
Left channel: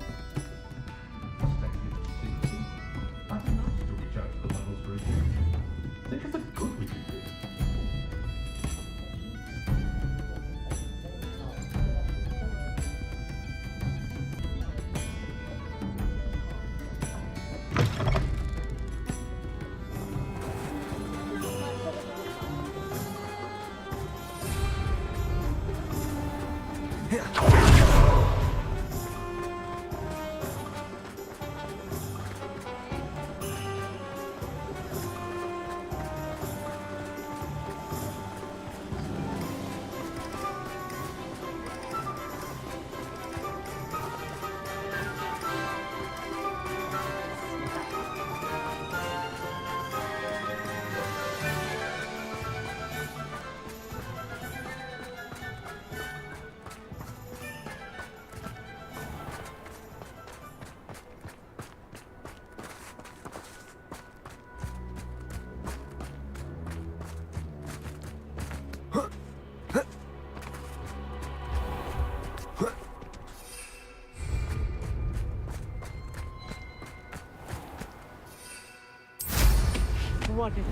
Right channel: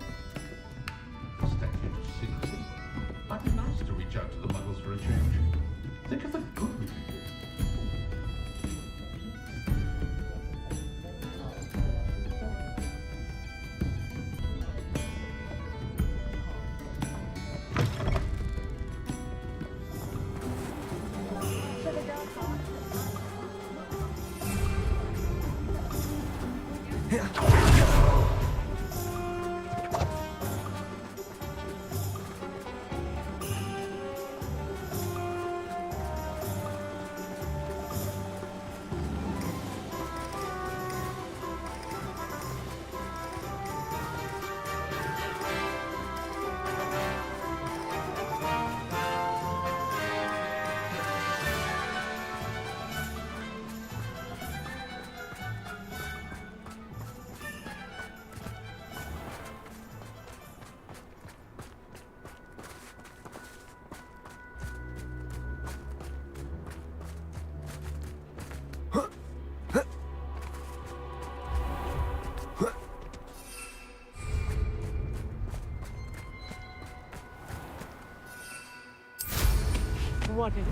What is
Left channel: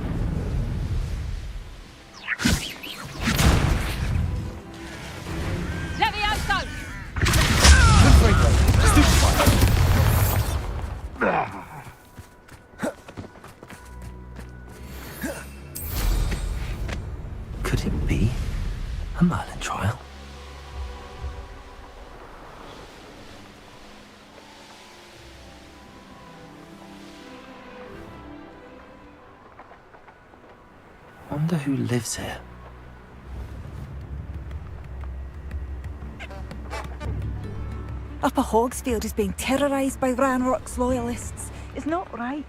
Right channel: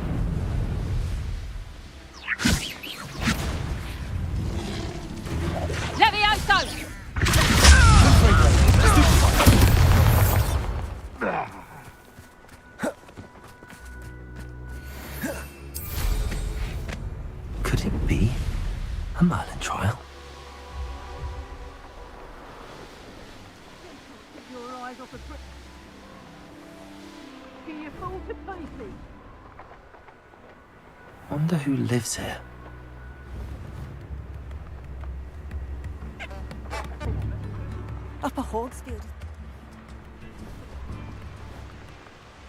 Levioso! Could it be a Merlin trial? Wonder who lives here. Upper Hogsfield is being terrorised by Ranrock's loyalists. It's not right.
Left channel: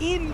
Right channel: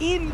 In.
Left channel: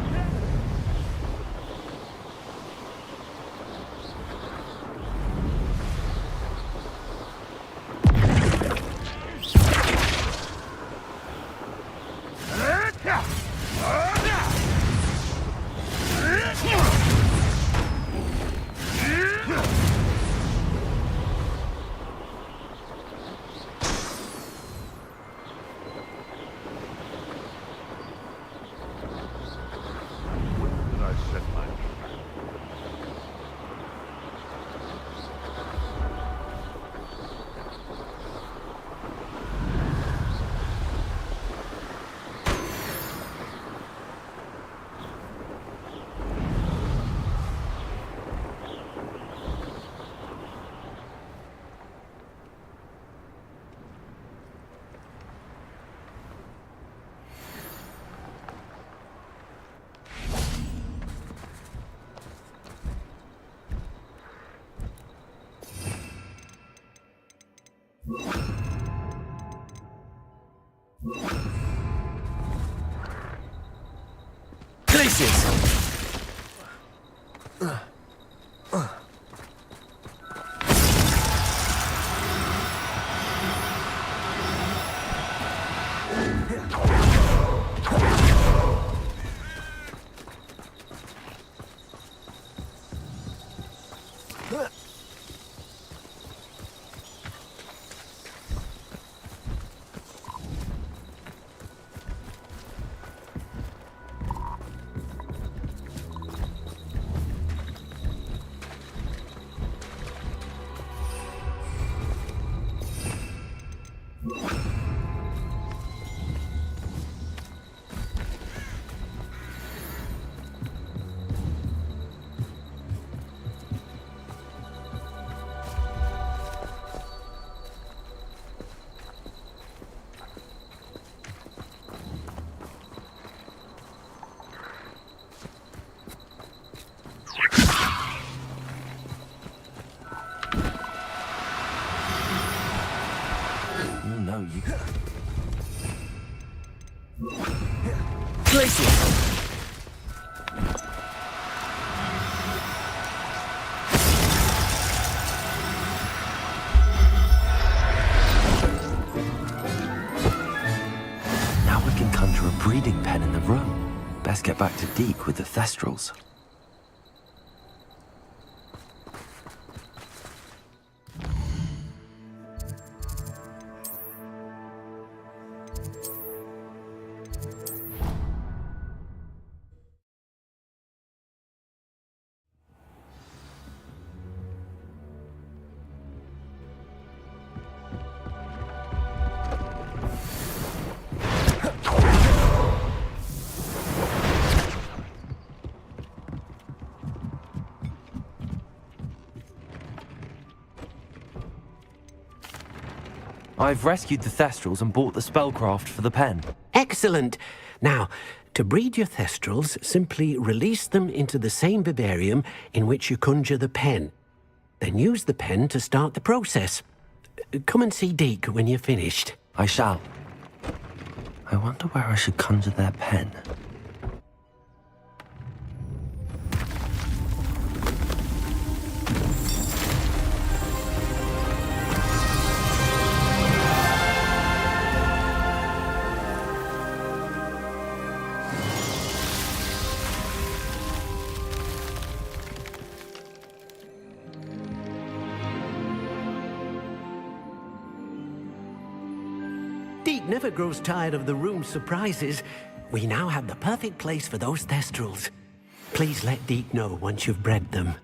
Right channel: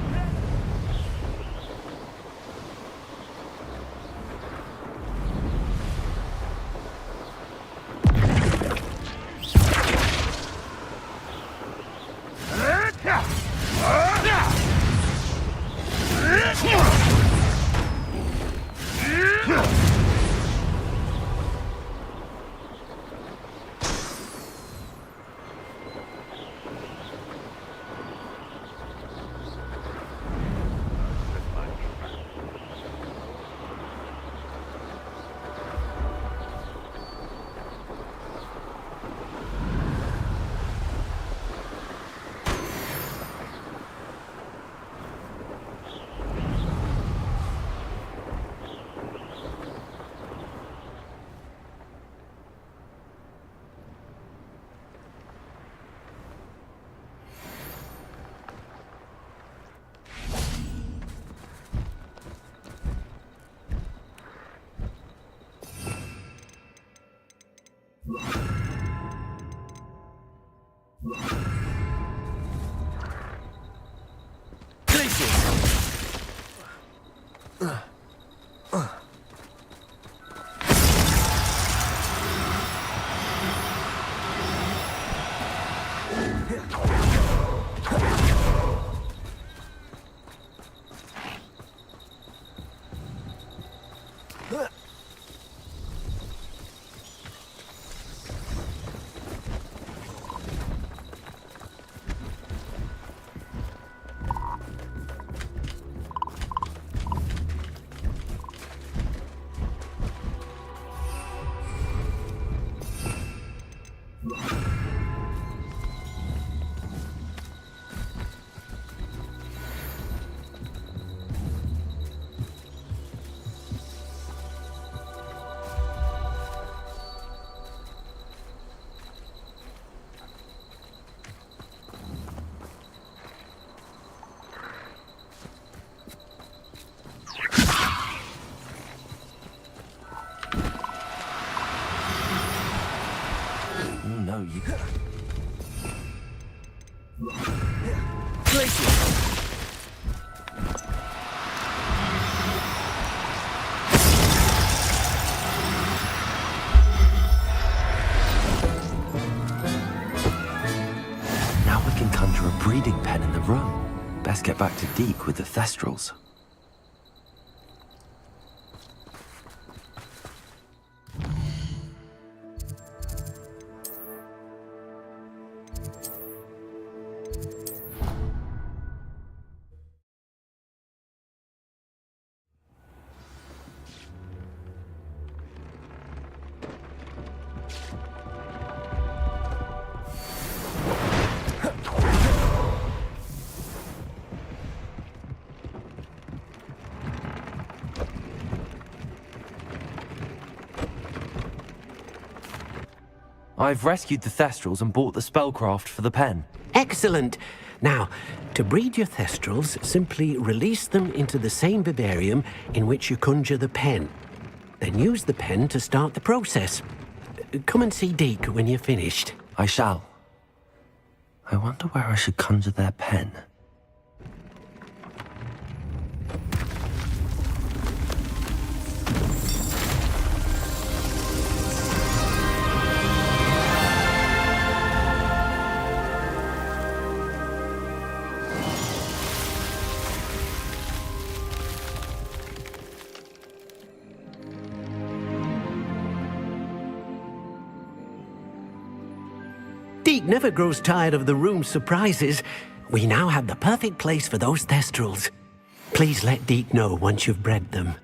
No, you... Now we can conjure a breeding pen in the room. Best get back to Deke with the Thestrals. I've rescued the Thestrals and bought the spellcraft for the pen. Excellent. Now, to breed your Thestrals, simply release them into the same vivarium in which you conjure the pen. Then use the pen to start the process. Come and see Deke when you're finished. I shall. I wonder where I should conjure their pen. Deke never grows tired of the room's surprises. We now have the perfect place for those Thestrals. Please let Deke know once you've bred them.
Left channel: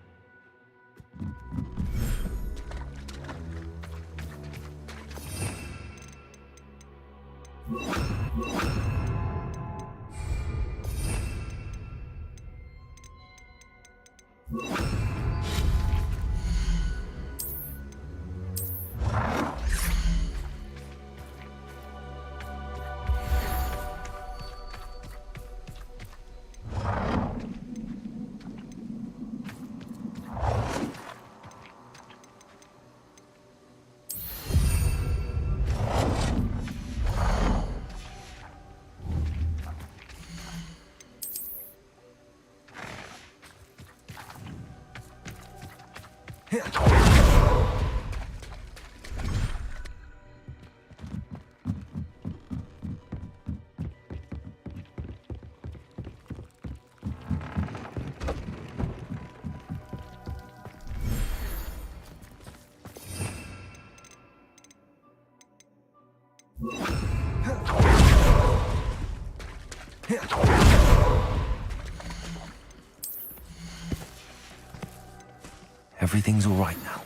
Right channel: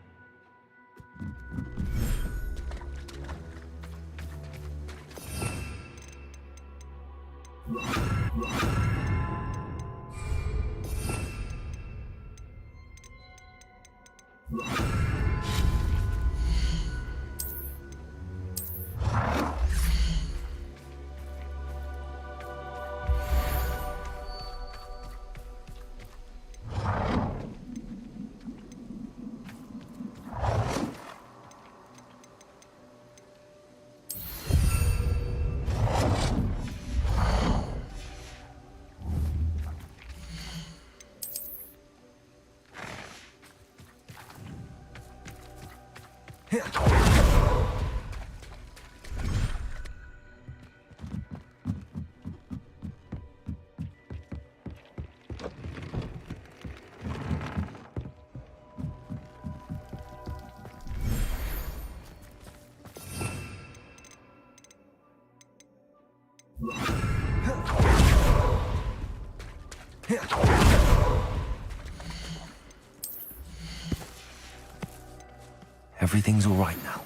Everything's all right now.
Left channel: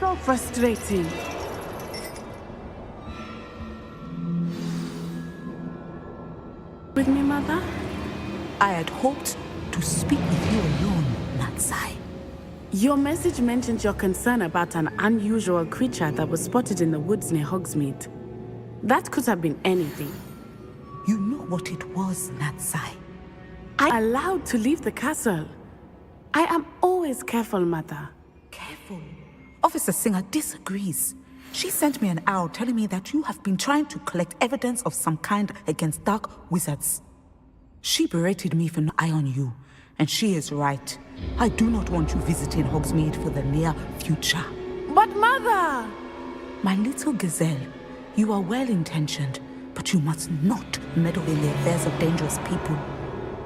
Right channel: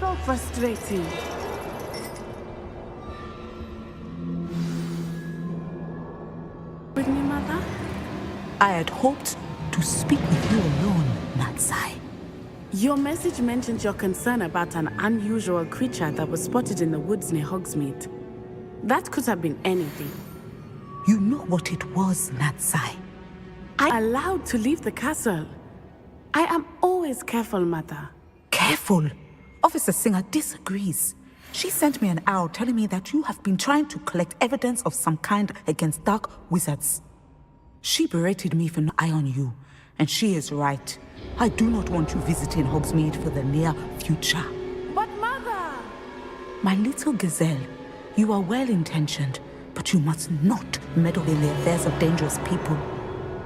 So frustrating. With me, Mother? I had hoped to speak with you alone, Natsai. Your message mentioned your concern about an unusual creature that was spotted in the woods near Hogsmeade. That could have been anything. You know what it was, Natsai. I'm allowed to leave the castle. I am always careful, Mother. Careful? Officer Singer disagrees. She sent me an owl telling me that you have been trying to collect evidence of some kind against dark wizards. She berated me for no eye on you, and she is right. I do not want you visiting Hogsmeade for the near future. But Mother! My little gazelle, you are well-intentioned, but you must not meddle in the affairs of dangerous people.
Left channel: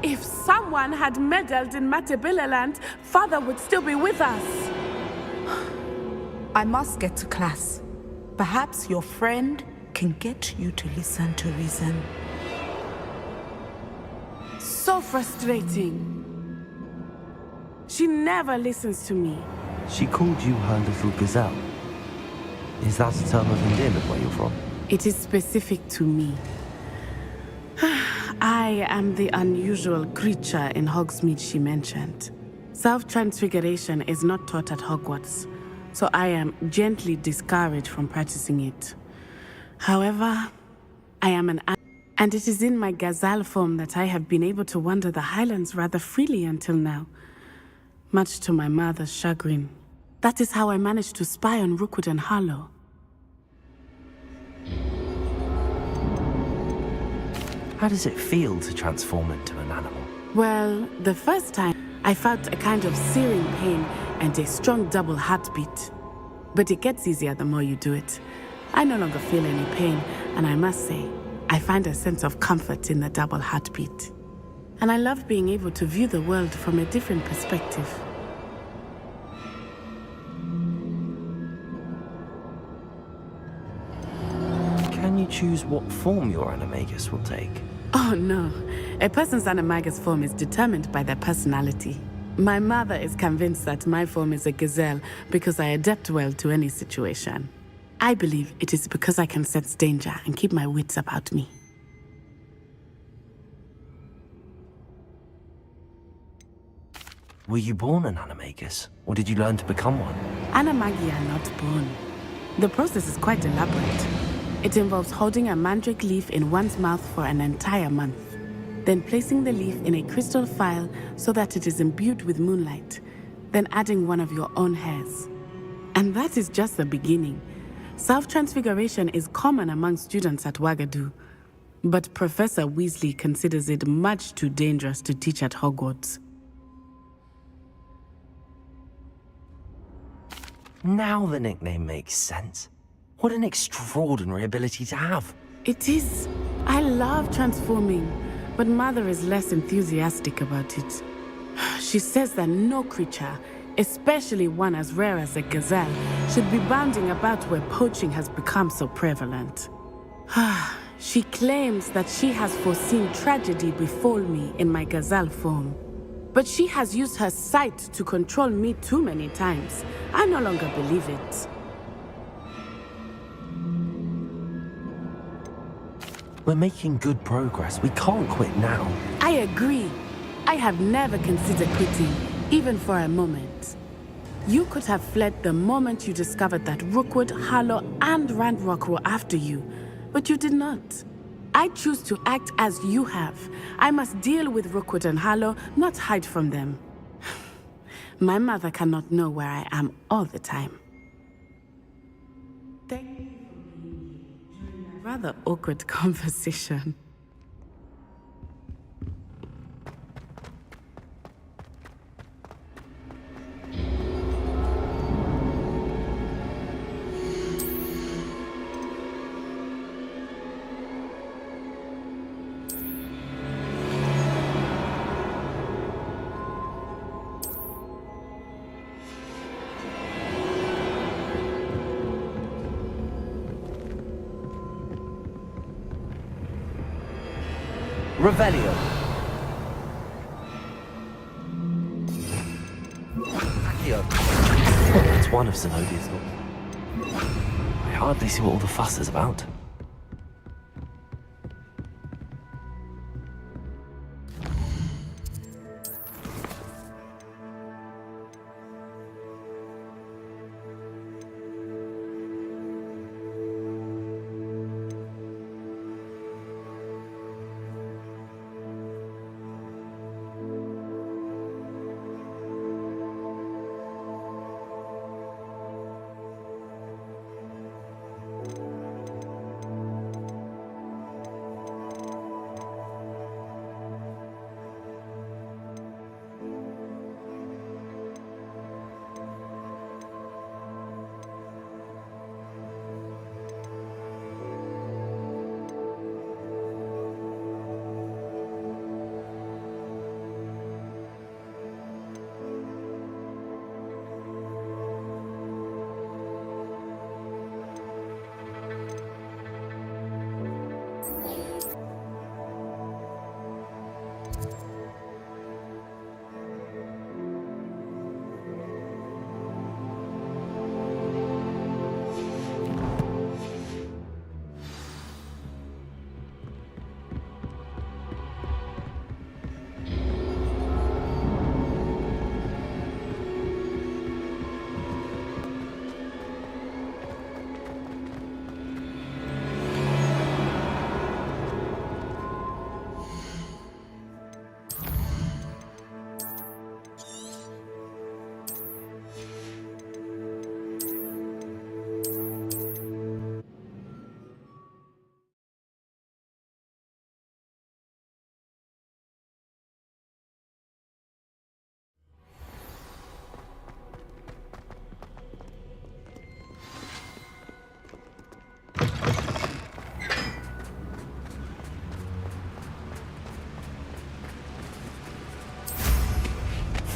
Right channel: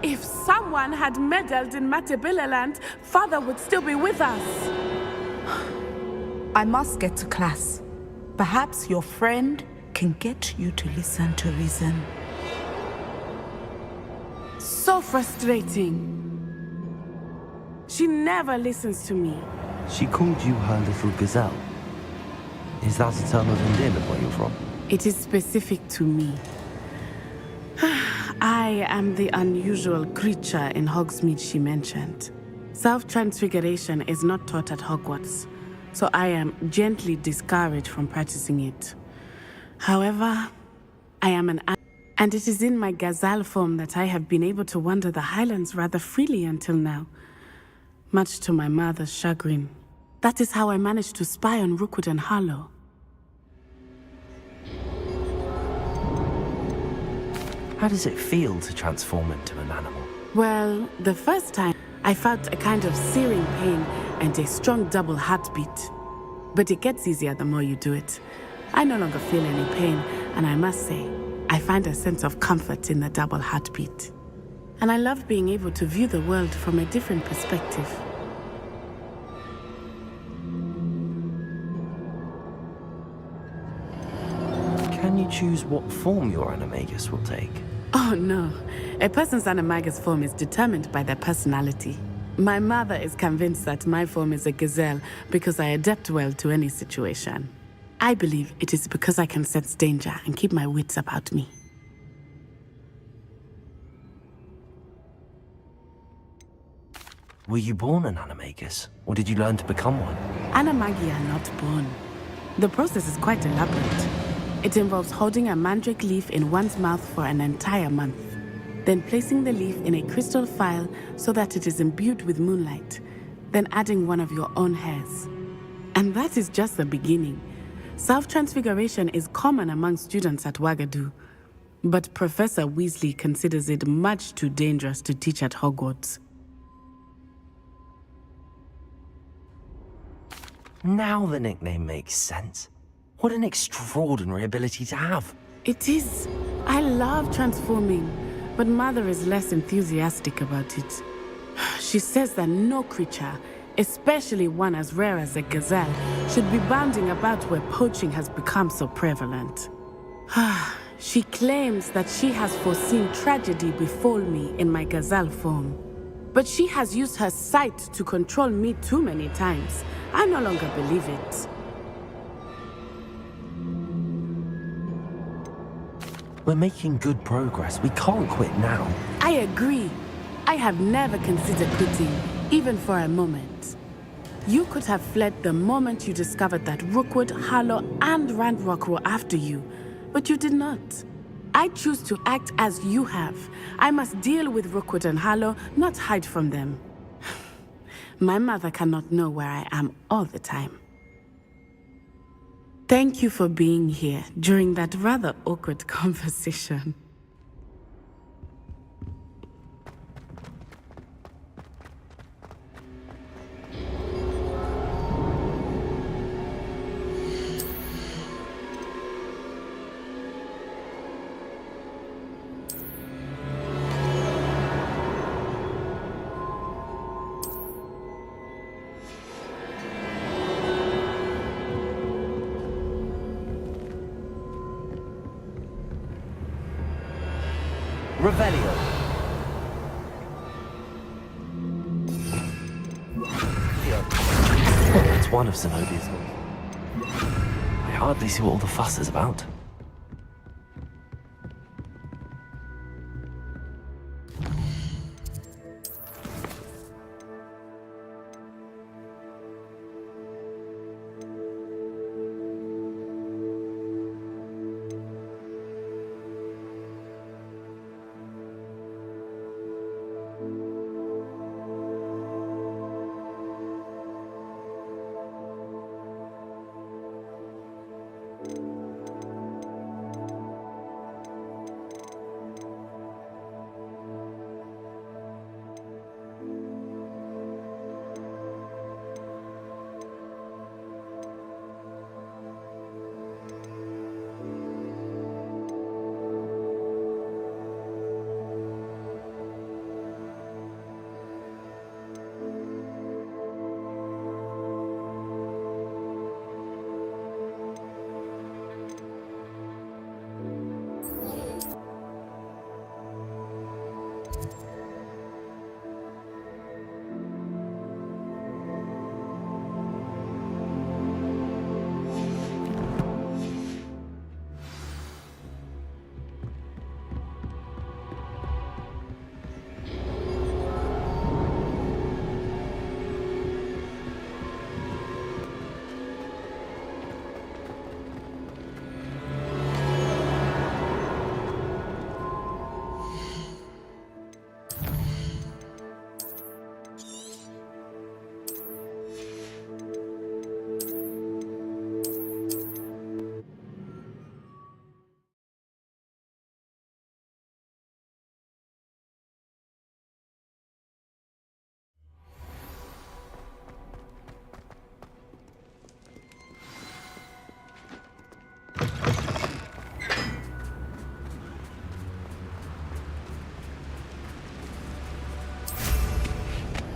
If someone had meddled in Matabeleland, Father would still be with us. I must get to class. Perhaps your friend can get you to listen to reason. So frustrating. She never listens to me. She called you her little gazelle. Is that a term of endearment where you're from? It is specific to me. I am the unusual creature in Hogsmeade she mentioned. Self-transfiguration is not taught at Hogwarts, so I am gently discouraged from practicing it. However, I am and it is in my gazelle form that I have been able to wander the Highlands rather freely until now, much to my mother's chagrin. That is how I managed to spy on Rookwood and Harlow. How does it feel to transform into an animal? Well, the first time, I felt a kind of searing pain and a strong double heartbeat. But it gets easier the more you do it. I no longer feel any pain, and I must say, I find a sense of comfort in the double heartbeat. And I love being able to view the world from a different perspective. Can you choose what form your animagus will take? Oh no, a person's animagus form is determined by their personality. My mother is convinced that my form is a gazelle because I adapt well to any situation. I believe it is because I can sense danger and keep my wits about me. Were you born an animagus, or did you learn to become one? Animagi are not born. The process is quite elaborate. It involves holding a mandrake leaf in one's mouth for an entire month, then placing the leaf in a crystal phial so that it is imbued with moonlight, then adding one of your own hairs. And that is just the beginning. Self-transfiguration is common among students at Wagadu, but Professor Weasley considers it much too dangerous to teach at Hogwarts. Now the nickname makes sense. What an extraordinary ability to have. It is. I love transforming, but Mother is less enthusiastic about it. She says that no creature, especially one as rare as a gazelle, should be bounding about where poaching has become so prevalent. She claims that she has foreseen tragedy befall me in my gazelle form. But she has used her sight to control me too many times. I no longer believe it. We're making good progress. We can't quit now. I agree. I have never considered quitting, even for a moment. You could have fled the moment you discovered that Rookwood, Harlow, and Ranrock were after you, but you did not. I choose to act as you have. I must deal with Rookwood and Harlow, not hide from them. My mother cannot know where I am all the time. Thank you for being here during that rather awkward conversation. Revelio. It's one of Zenobia's doors. I hardly see what all the fuss is about.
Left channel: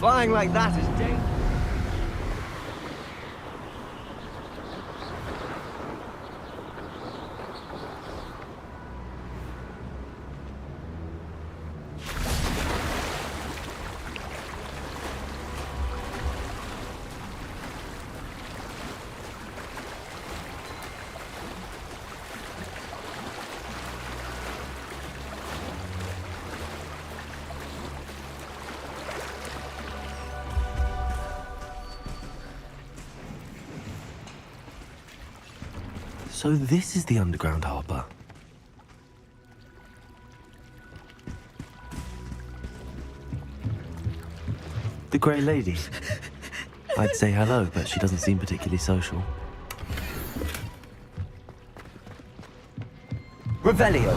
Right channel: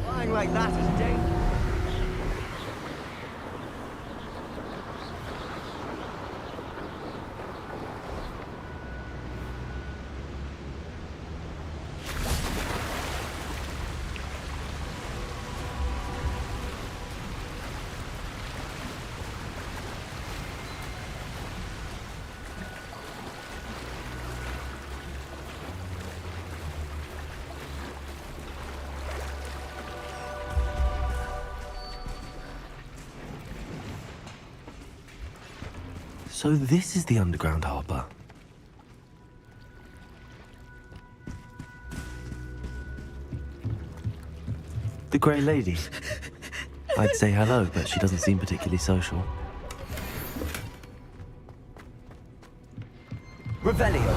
Flying like that is dangerous. So this is the underground harbour. The Grey Lady. I'd say hello, but she doesn't seem particularly social. Revelio.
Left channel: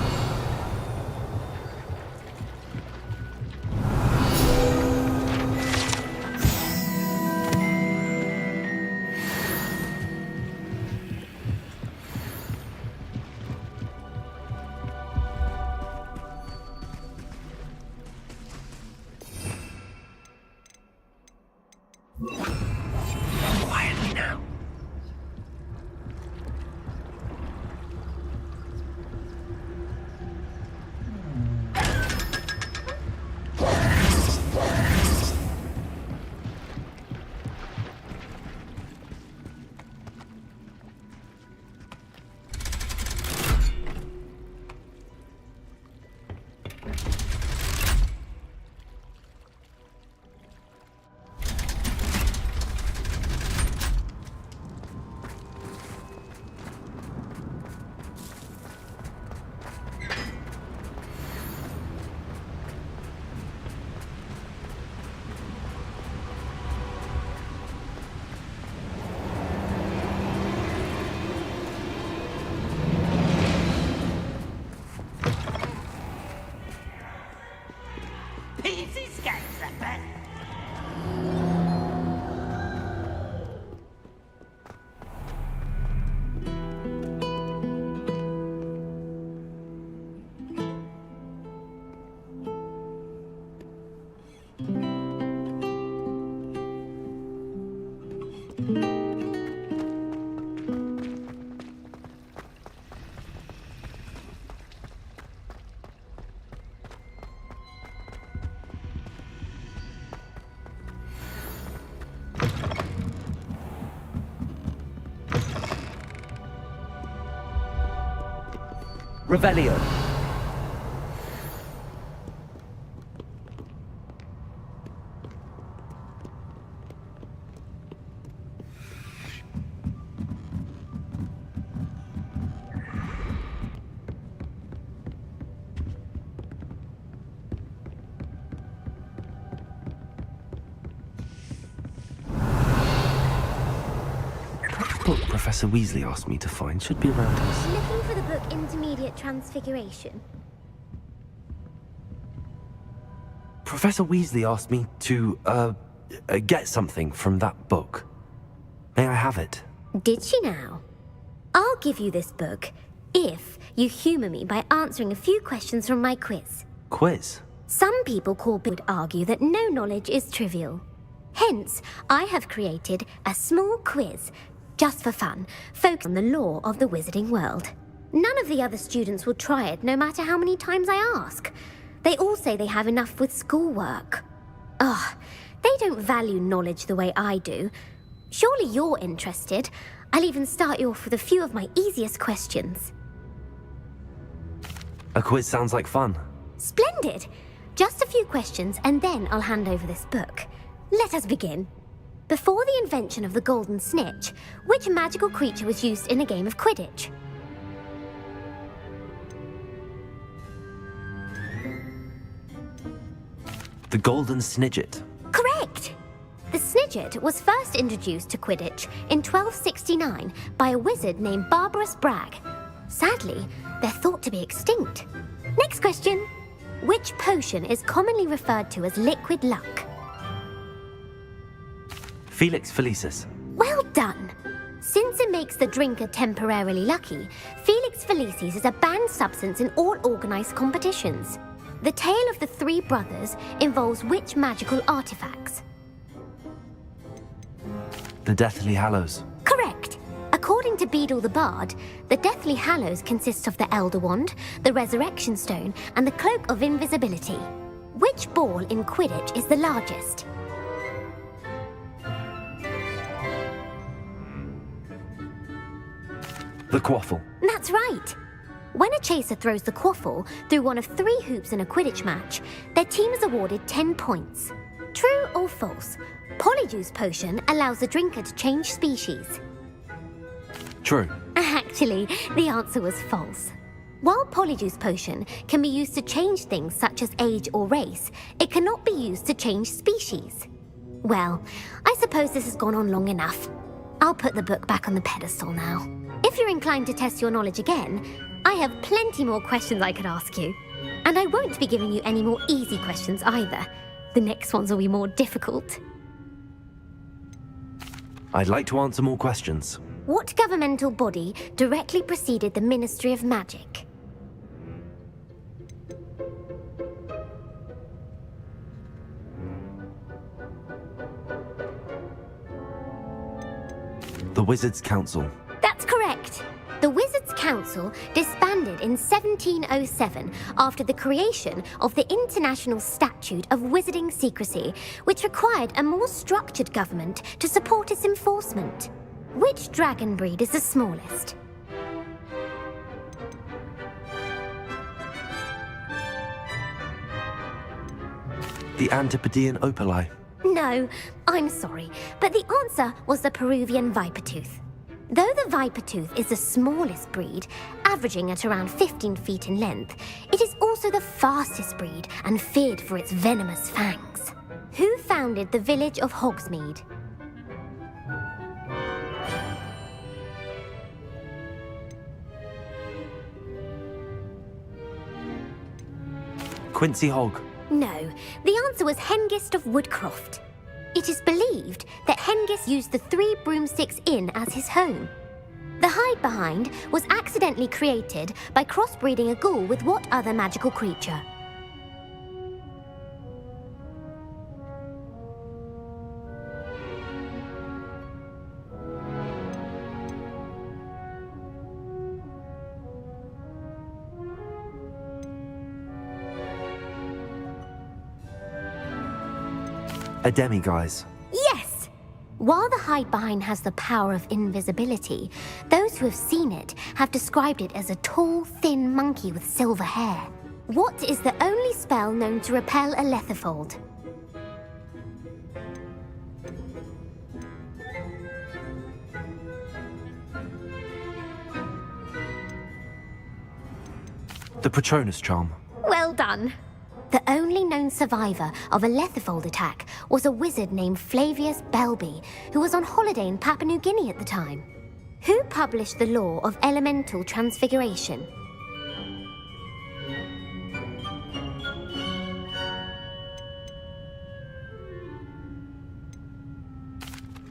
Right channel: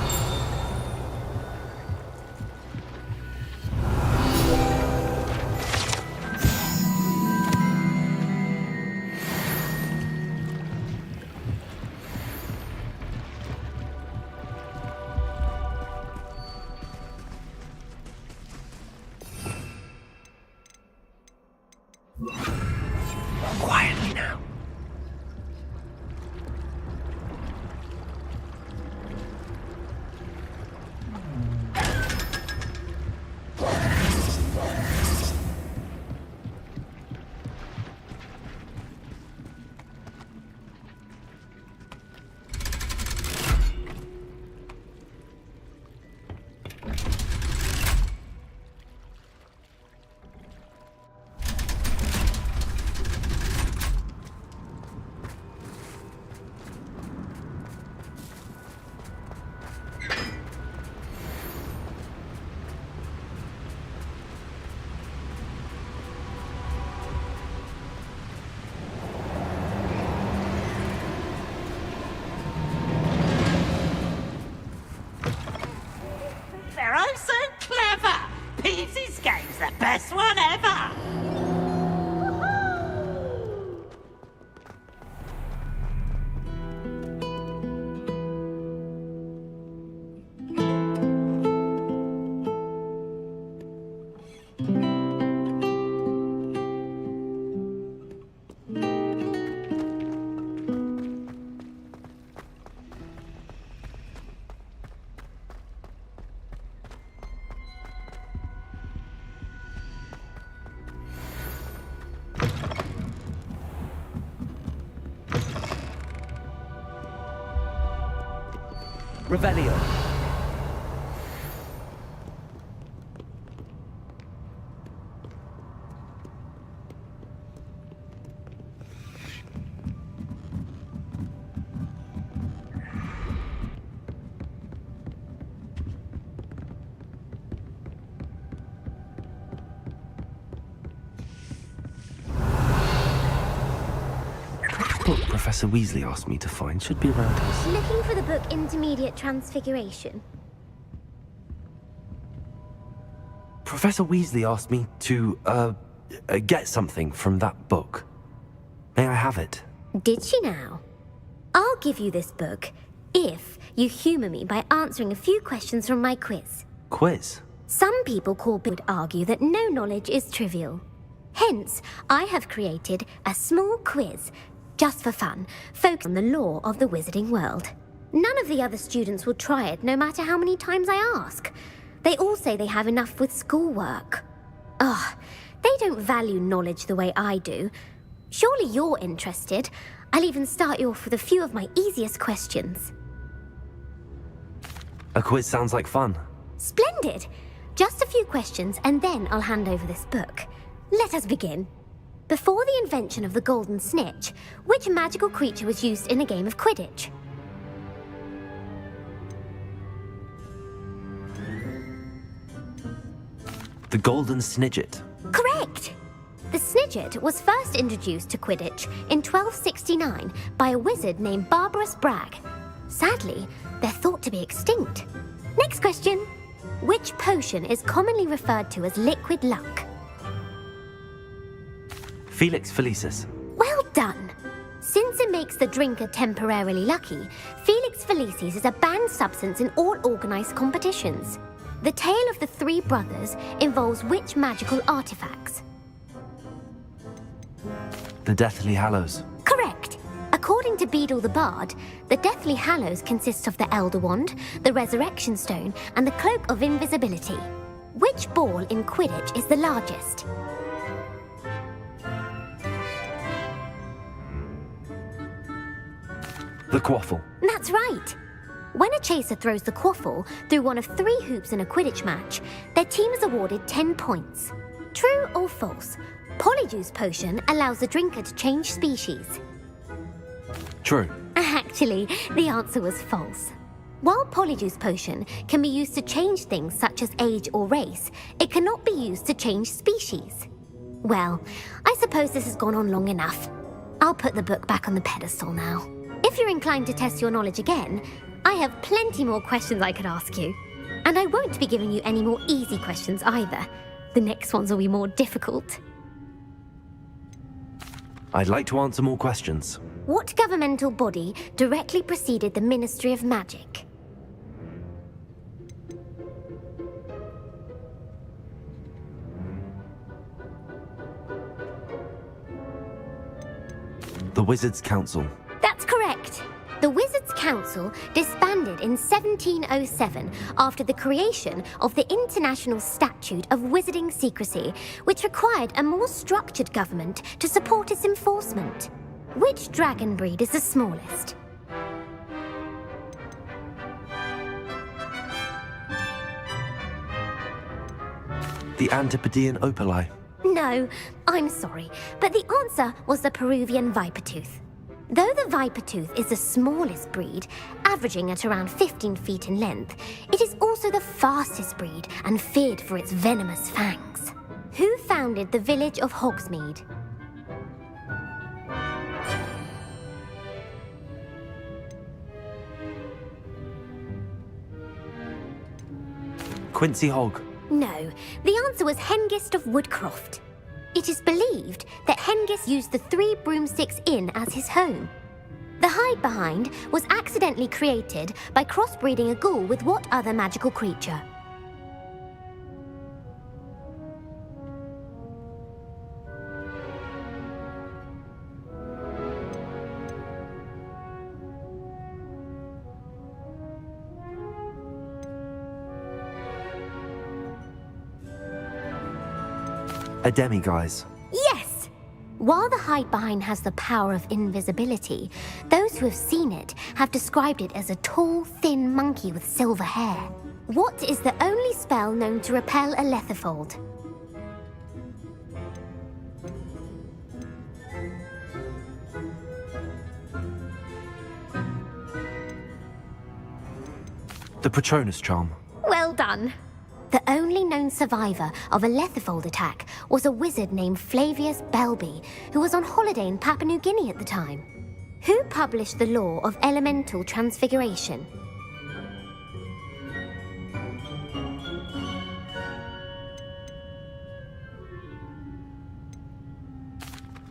Quietly now. Revelio. Book Professor Weasley asked me to find should be around his... Looking for the book Intermediate Transfiguration? Professor Weasley asked me to, get something from that book. May I have it? Did she now? I'll give you this book if you humour me by answering a few questions from my quiz. Quiz? Some people would argue that no knowledge is trivial. Hence, I have created a small quiz, just for fun, focused on the lore of the wizarding world. None of the other students will try it, no matter how many times I ask. They all say they have enough with schoolwork. Ugh, they don't value knowledge the way I do. Surely you're interested. I'll even start you off with a few of my easiest questions. A quiz sounds like fun. Splendid! Just a few questions and then I'll hand over this book. Let us begin. Before the invention of the golden snitch, which magical creature was used in a game of Quidditch? The Golden Snidget. Correct! The Snidget was first introduced to Quidditch in 1269 by a wizard named Barbarous Bragg. Sadly, they're thought to be extinct. Next question. Which potion is commonly referred to as liquid luck? Felix Felicis. Well done! Since it makes the drinker temporarily lucky, Felix Felicis is a banned substance in all organised competitions. The tale of the three brothers involves which magical artifacts? The Deathly Hallows. Correct! According to Beedle the Bard, the Deathly Hallows consists of the Elder Wand, the Resurrection Stone, and the Cloak of Invisibility. Which ball in Quidditch is the largest? The Quaffle. That's right! When a chaser throws the quaffle through one of 3 hoops in a Quidditch match, their team is awarded 10 points. True or false? Polyjuice Potion allows the drinker to change species. True. Actually, the answer was false. While Polyjuice Potion can be used to change things such as age or race, it cannot be used to change species. Well, I suppose this has gone on long enough. I'll put the book back on the pedestal now. If you're inclined to test your knowledge again, I have plenty more questions I could ask you. And I won't be giving you any more easy questions either. The next ones will be more difficult. I'd like to answer more questions. What governmental body directly preceded the Ministry of Magic? The Wizards' Council. That's correct. The Wizards' Council disbanded in 1707 after the creation of the International Statute of Wizarding Secrecy, which required a more structured government to support its enforcement. Which dragon breed is the smallest? The Antipodean Opali. No, I'm sorry, but the answer was the Peruvian Vipertooth. Though the Vipertooth is the smallest breed, averaging at around 15 feet in length, it is also the fastest breed and feared for its venomous fangs. Who founded the village of Hogsmeade? Quincy Hogg. No, the answer was Hengist of Woodcroft. It is believed that Hengist used the 3 Broomsticks Inn as his home. The hide behind was accidentally created by crossbreeding a ghoul with what other magical creature? A demiguise. Yes! While the hide-behind has the power of invisibility, those who have seen it have described it as a tall, thin monkey with silver hair. What is the only spell known to repel a lethifold? The Patronus charm. Well done. The only known survivor of a lethifold attack was a wizard named Flavius Belby, who was on holiday in Papua New Guinea at the time. Who published the law of elemental transfiguration?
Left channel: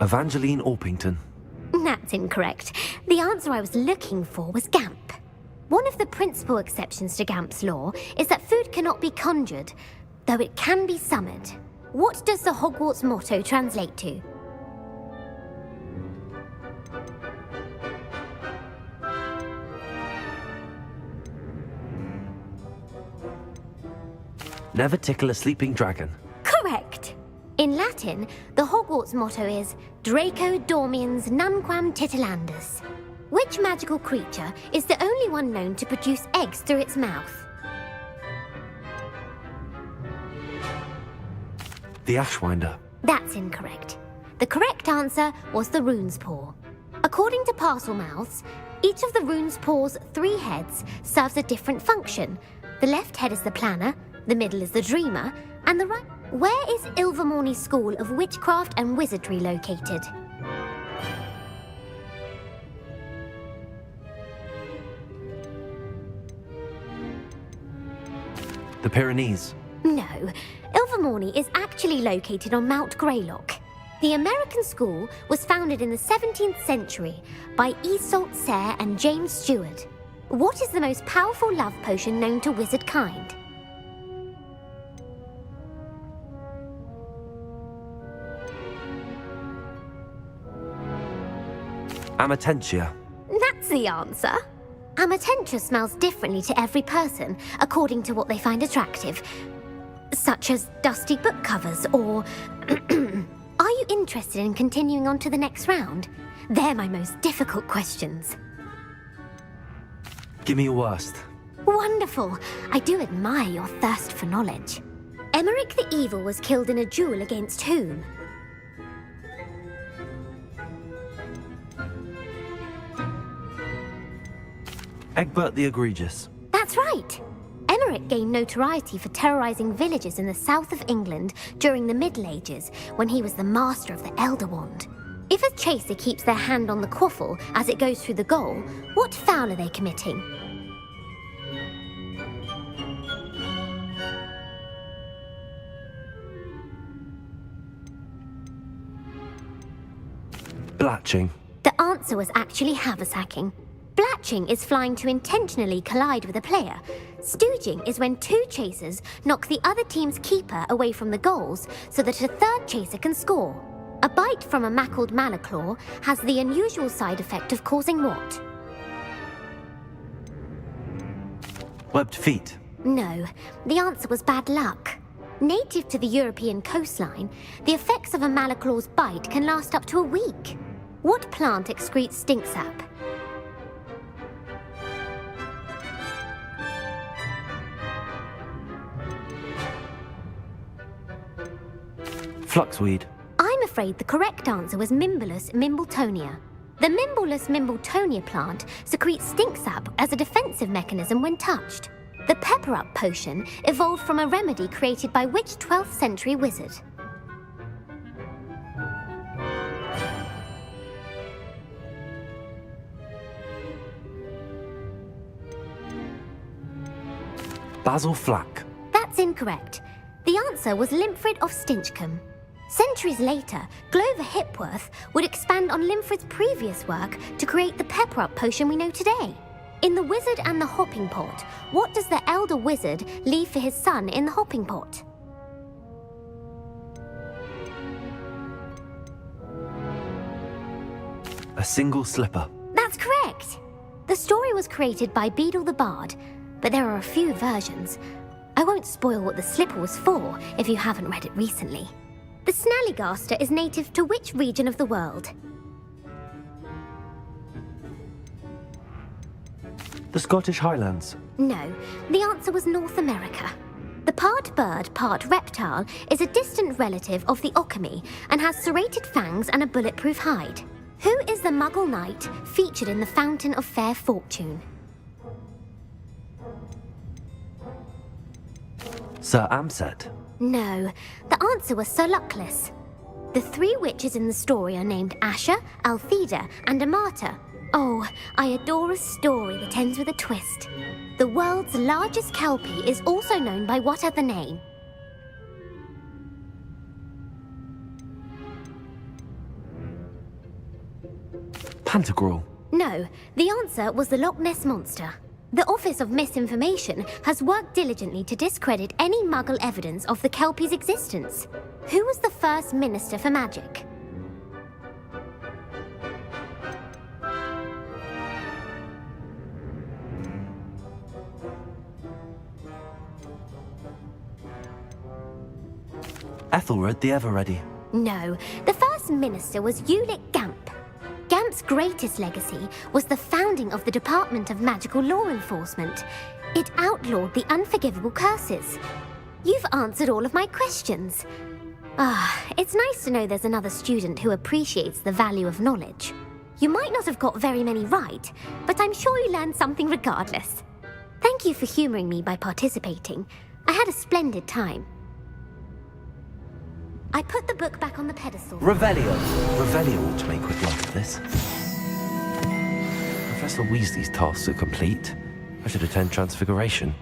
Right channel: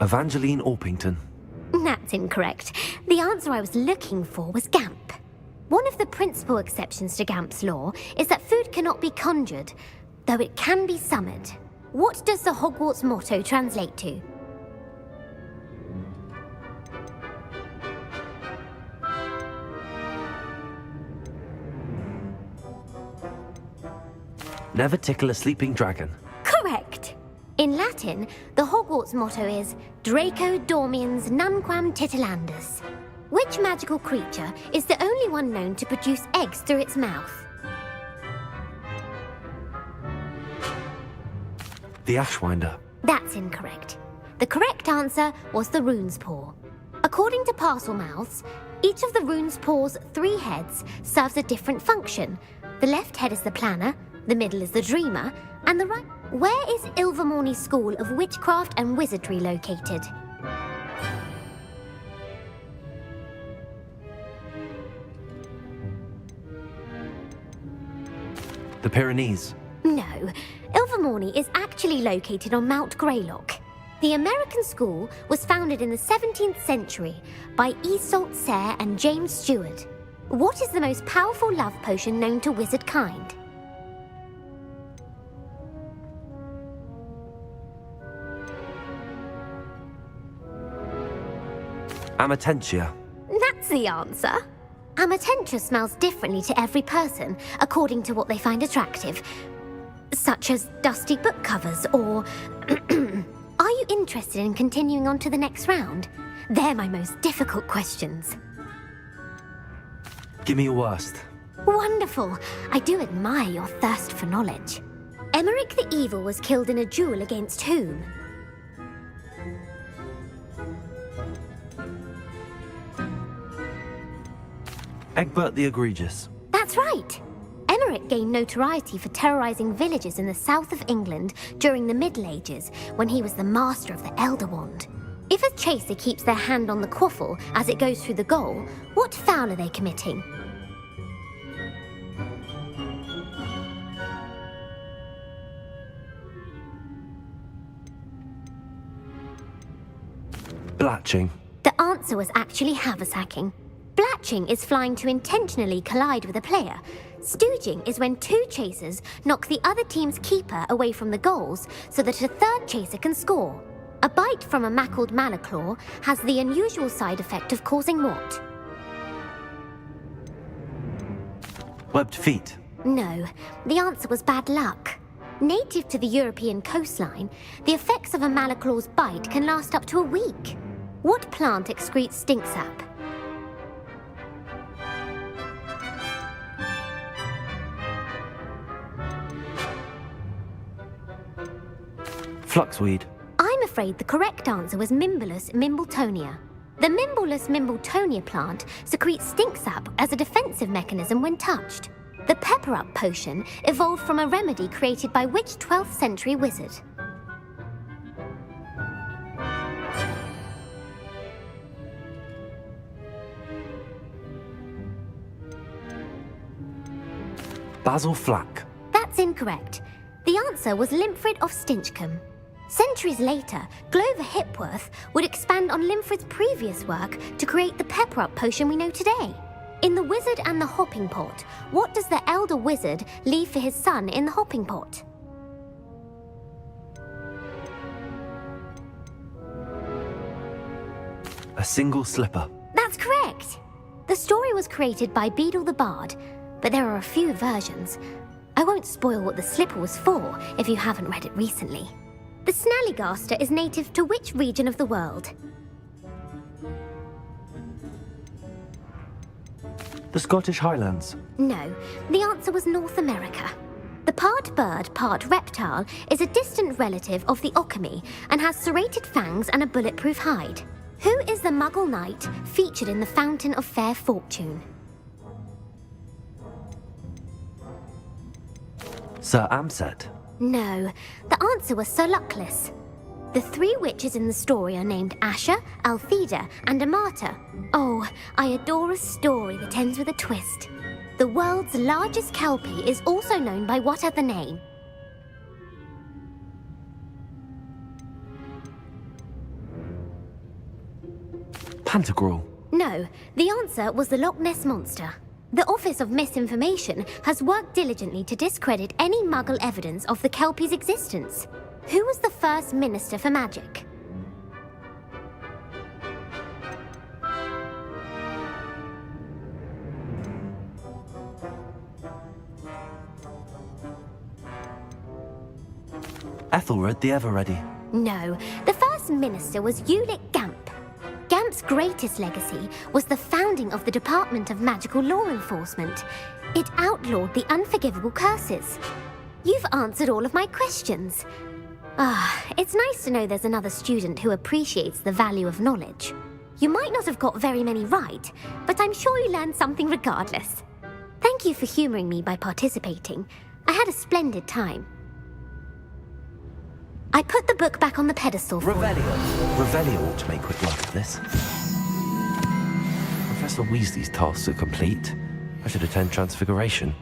Evangeline Orpington. That's incorrect. The answer I was looking for was Gamp. One of the principal exceptions to Gamp's law is that food cannot be conjured, though it can be summoned. What does the Hogwarts motto translate to? Never tickle a sleeping dragon. Correct. In Latin, the Hogwarts motto is Draco Dormiens Nunquam Titilandus. Which magical creature is the only one known to produce eggs through its mouth? The Ashwinder. That's incorrect. The correct answer was the Rune's Paw. According to Parselmouths, each of the Rune's Paw's 3 heads serves a different function. The left head is the planner, the middle is the dreamer, and the right... Where is Ilvermorny School of Witchcraft and Wizardry located? The Pyrenees. No, Ilvermorny is actually located on Mount Greylock. The American school was founded in the 17th century by Iseult Sayre and James Stewart. What is the most powerful love potion known to wizard kind? Amatentia. That's the answer. Amatentia smells differently to every person, according to what they find attractive, such as dusty book covers or... Are you interested in continuing on to the next round? They're my most difficult questions. Give me your worst. Wonderful. I do admire your thirst for knowledge. Emmerich the Evil was killed in a duel against whom? Egbert the Egregious. That's right. Emmerich gained notoriety for terrorizing villages in the south of England during the Middle Ages, when he was the master of the Elder Wand. If a chaser keeps their hand on the quaffle as it goes through the goal, what foul are they committing? Blatching. The answer was actually haversacking. Blatching is flying to intentionally collide with a player. Stooging is when 2 chasers knock the other team's keeper away from the goals so that a third chaser can score. A bite from a mackled malaclaw has the unusual side effect of causing what? Webbed feet. No, the answer was bad luck. Native to the European coastline, the effects of a malaclaw's bite can last up to a week. What plant excretes stink sap? Fluxweed. I'm afraid the correct answer was Mimbulus mimbletonia. The Mimbulus mimbletonia plant secretes stink sap as a defensive mechanism when touched. The pepper-up potion evolved from a remedy created by which 12th century wizard? Basil Flack. That's incorrect. The answer was Limfrid of Stinchcombe. Centuries later, Glover Hipworth would expand on Limfrid's previous work to create the pepper-up potion we know today. In The Wizard and the Hopping Pot, what does the elder wizard leave for his son in the hopping pot? A single slipper. That's correct. The story was created by Beadle the Bard, but there are a few versions. I won't spoil what the slipper was for if you haven't read it recently. The Snallygaster is native to which region of the world? The Scottish Highlands. No, the answer was North America. The part bird, part reptile is a distant relative of the Occamy and has serrated fangs and a bulletproof hide. Who is the Muggle knight featured in the Fountain of Fair Fortune? Sir Amset. No, the answer was Sir Luckless. The three witches in the story are named Asher, Altheda, and Amata. Oh, I adore a story that ends with a twist. The world's largest kelpie is also known by what other name? Pantagruel. No, the answer was the Loch Ness Monster. The Office of Misinformation has worked diligently to discredit any Muggle evidence of the Kelpie's existence. Who was the first Minister for Magic? Ethelred the Ever-Ready. No, the first minister was Ulick Gamp. Gamp's greatest legacy was the founding of the Department of Magical Law Enforcement. It outlawed the unforgivable curses. You've answered all of my questions. It's nice to know there's another student who appreciates the value of knowledge. You might not have got very many right, but I'm sure you learned something regardless. Thank you for humoring me by participating. I had a splendid time. I put the book back on the pedestal. Revelio. Revelio ought to make quick work of this. Professor Weasley's tasks are complete. I should attend Transfiguration.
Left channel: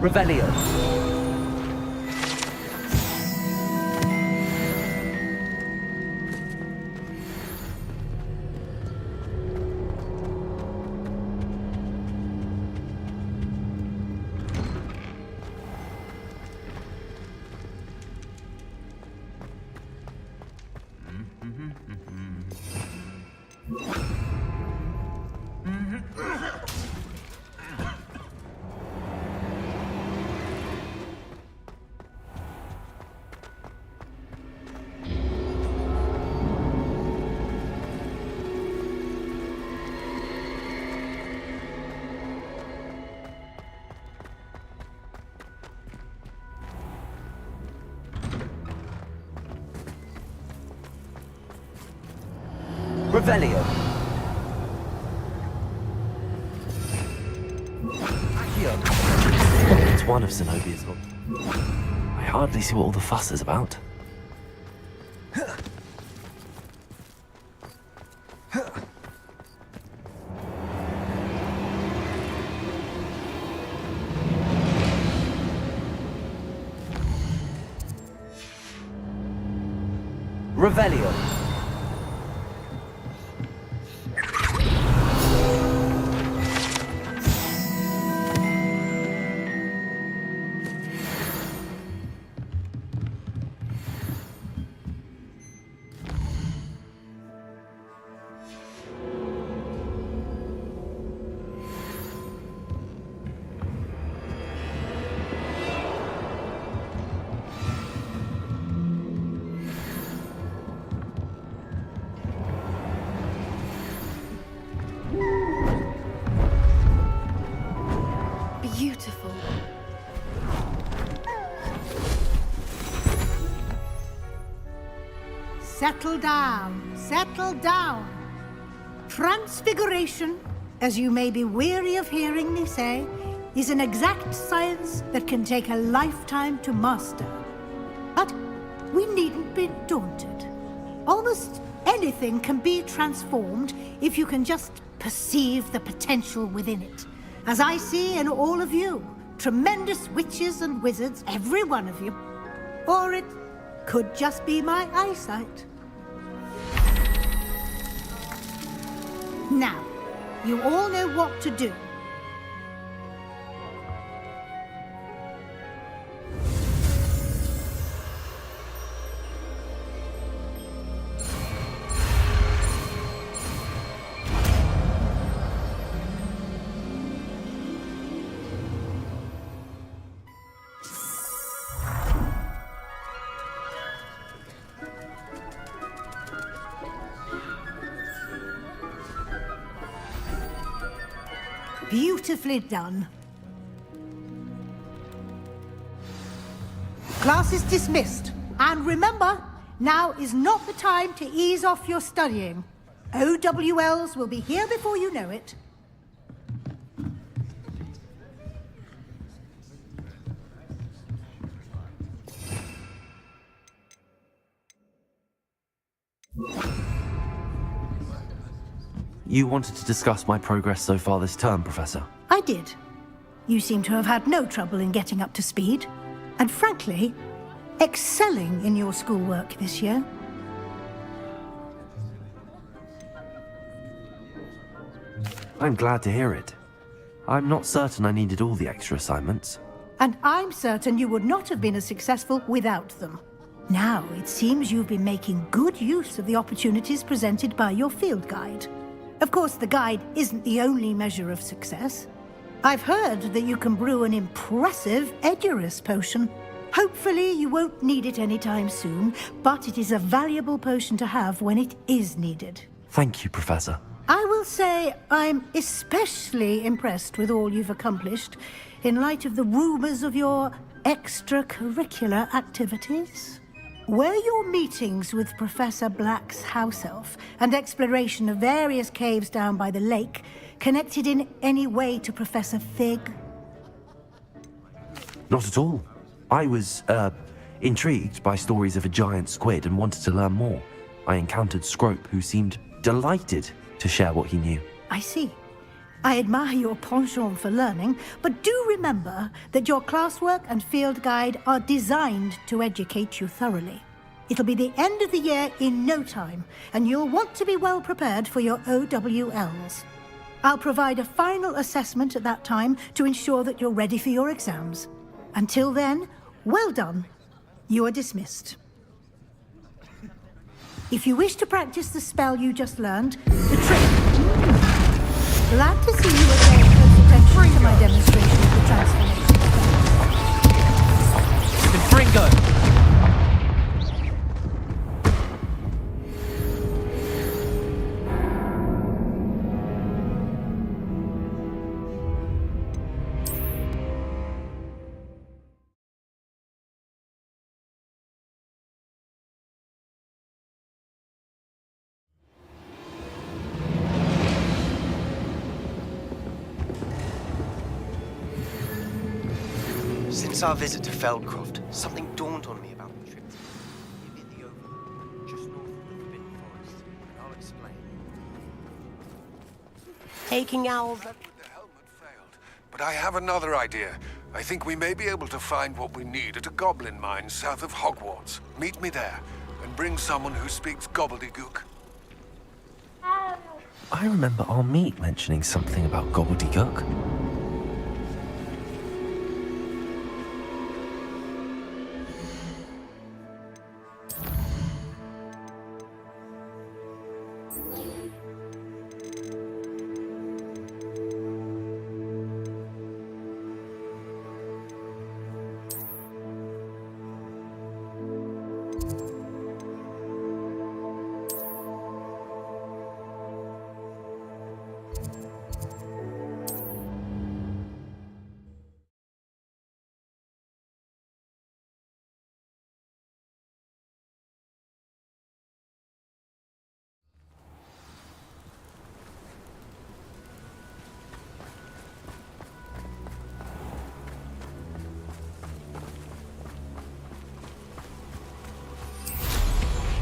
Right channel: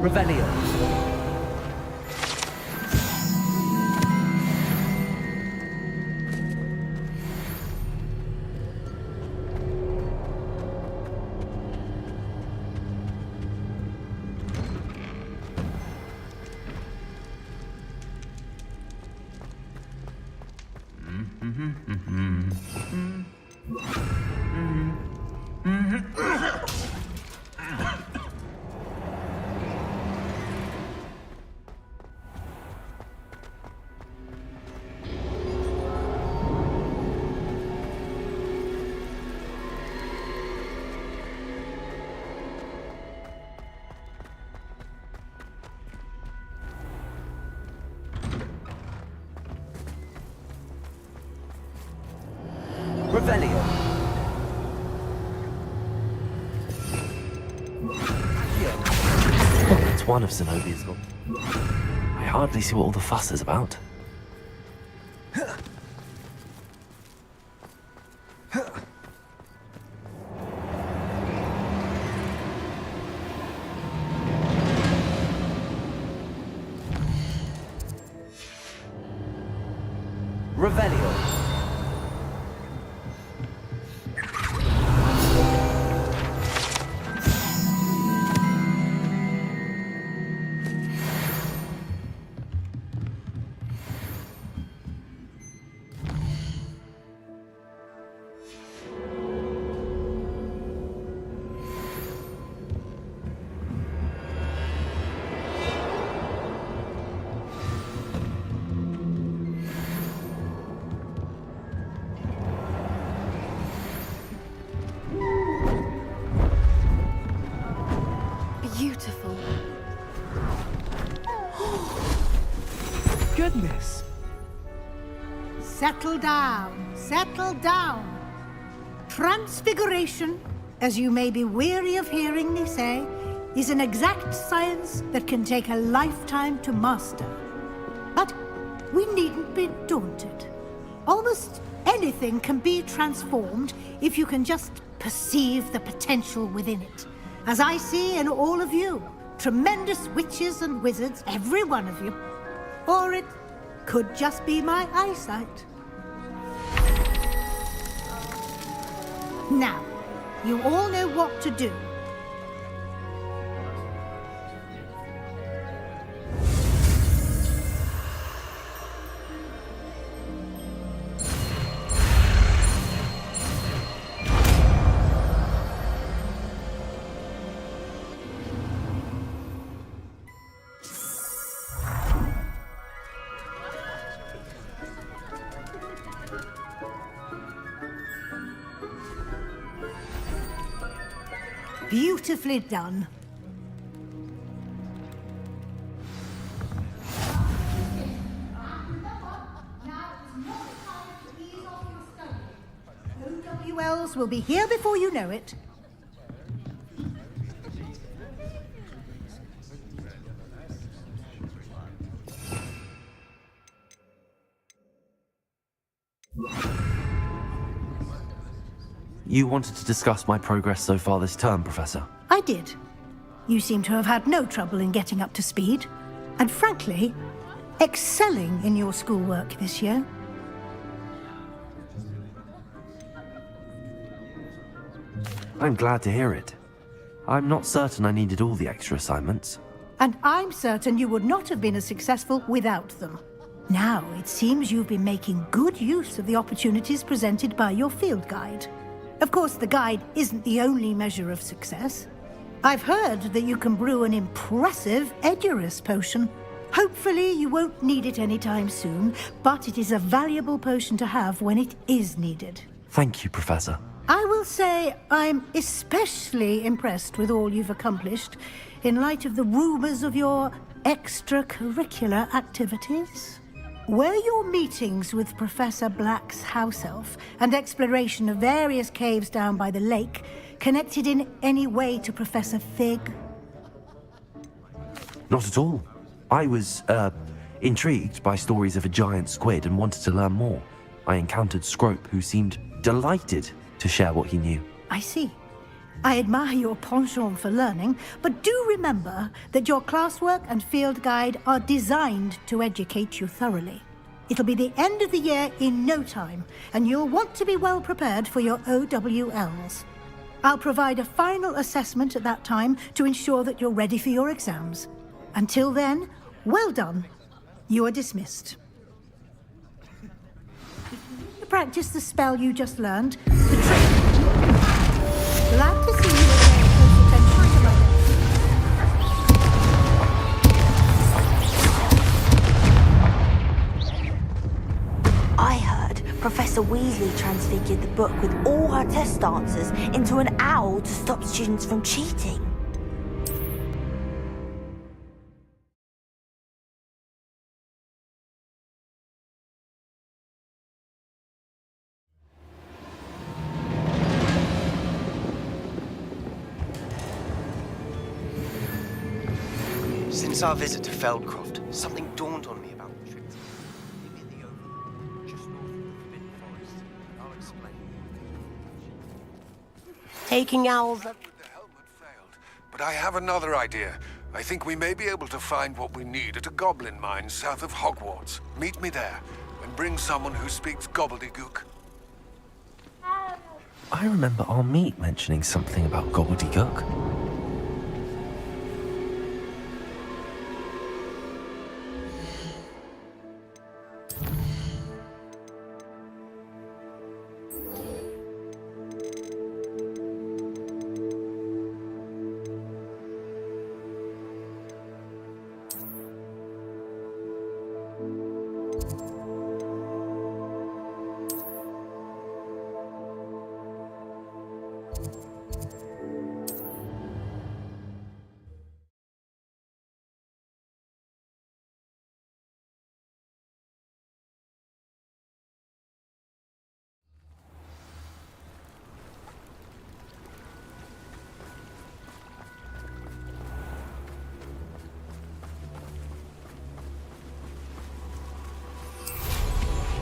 Revelio. Revelio. It's one of Zenobia's gold. I hardly see what all the fuss is about. Revelio. Beautiful. Goodness. Settle down, settle down. Transfiguration, as you may be weary of hearing me say, is an exact science that can take a lifetime to master. But we needn't be daunted. Almost anything can be transformed if you can just perceive the potential within it. As I see in all of you, tremendous witches and wizards, every one of you. Or it could just be my eyesight. Now, you all know what to do. Beautifully done. Class is dismissed. And remember, now is not the time to ease off your studying. OWLs will be here before you know it. You wanted to discuss my progress so far this term, Professor? I did. You seem to have had no trouble in getting up to speed. And frankly, excelling in your schoolwork this year. I'm glad to hear it. I'm not certain I needed all the extra assignments. And I'm certain you would not have been as successful without them. Now, it seems you've been making good use of the opportunities presented by your field guide. Of course, the guide isn't the only measure of success. I've heard that you can brew an impressive Edurus potion. Hopefully, you won't need it anytime soon, but it is a valuable potion to have when it is needed. Thank you, Professor. I will say I'm especially impressed with all you've accomplished in light of the rumors of your extracurricular activities. Were your meetings with Professor Black's house elf and exploration of various caves down by the lake connected in any way to Professor Fig? Not at all. I was, intrigued by stories of a giant squid and wanted to learn more. I encountered Scrope, who seemed delighted to share what he knew. I see. I admire your penchant for learning, but do remember that your classwork and field guide are designed to educate you thoroughly. It'll be the end of the year in no time, and you'll want to be well prepared for your OWLs. I'll provide a final assessment at that time to ensure that you're ready for your exams. Until then, well done. You are dismissed. If you wish to practice the spell you just learned, the trick... Glad to see you are paying close attention to my demonstration of the transformation. I heard Professor Weasley transfigured the book with all her test answers into an owl to stop students from cheating. Since our visit to Feldcroft, something dawned on me about the trip near the Overlook, just north of the Forbidden Forest, and I'll explain. Taking owls... But I have another idea. I think we may be able to find what we need at a goblin mine south of Hogwarts. Meet me there, and bring someone who speaks gobbledygook. I remember our meet mentioning something about gobbledygook.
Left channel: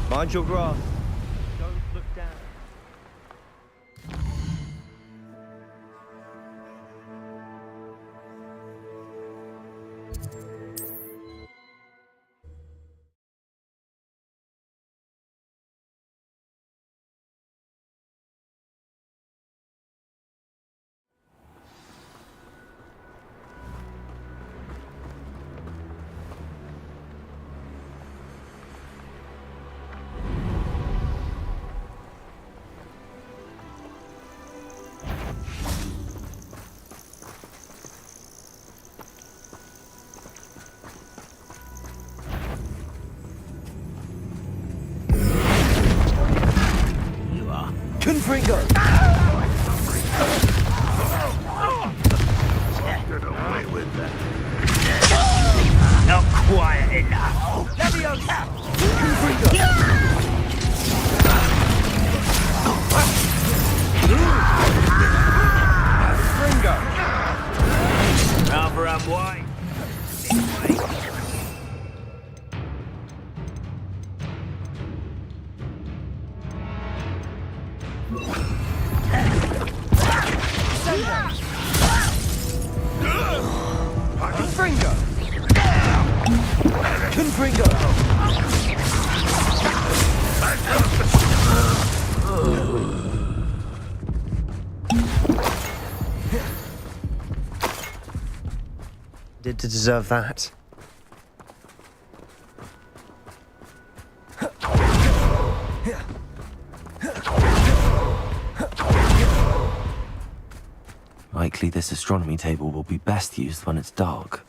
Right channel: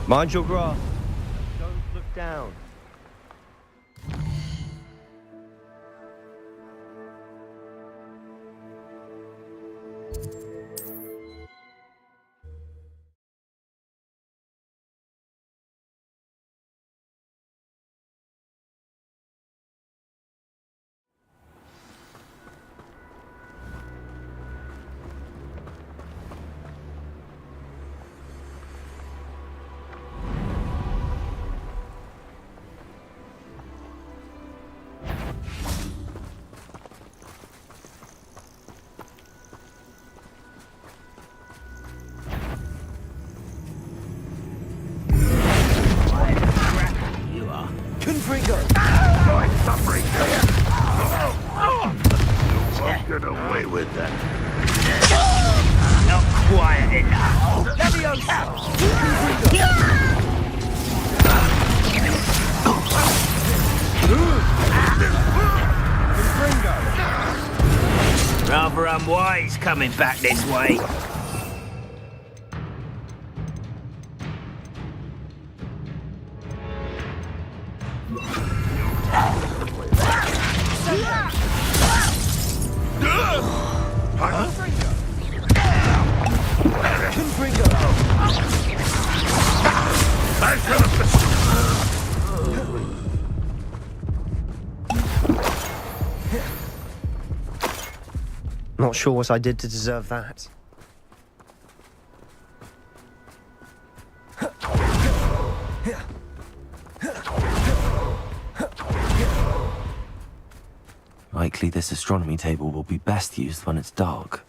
Mind your grass. Don't look down. Confringo! I'm suffering. I'll get away with that. Not quiet enough. Leviosa! Confringo! Rather unwise coming back this way. Confringo! Confringo! Not sure what I did to deserve that. Likely this astronomy table will be best used when it's dark.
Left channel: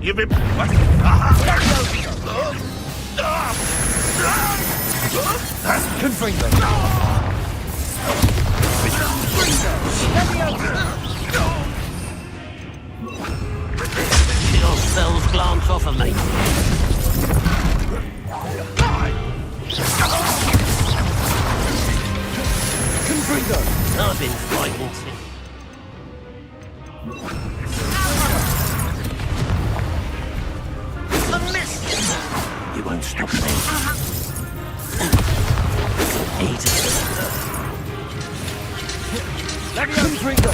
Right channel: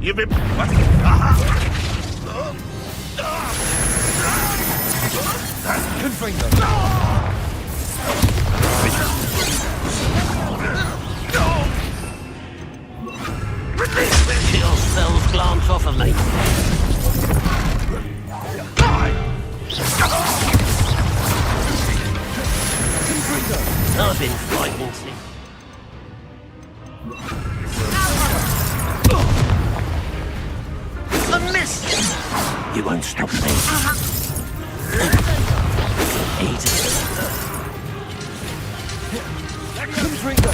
You've been... Confringo! Your cells glance off of me. Confringo! I've been fighting since. A miss! You won't stop me. Eat it. Confringo!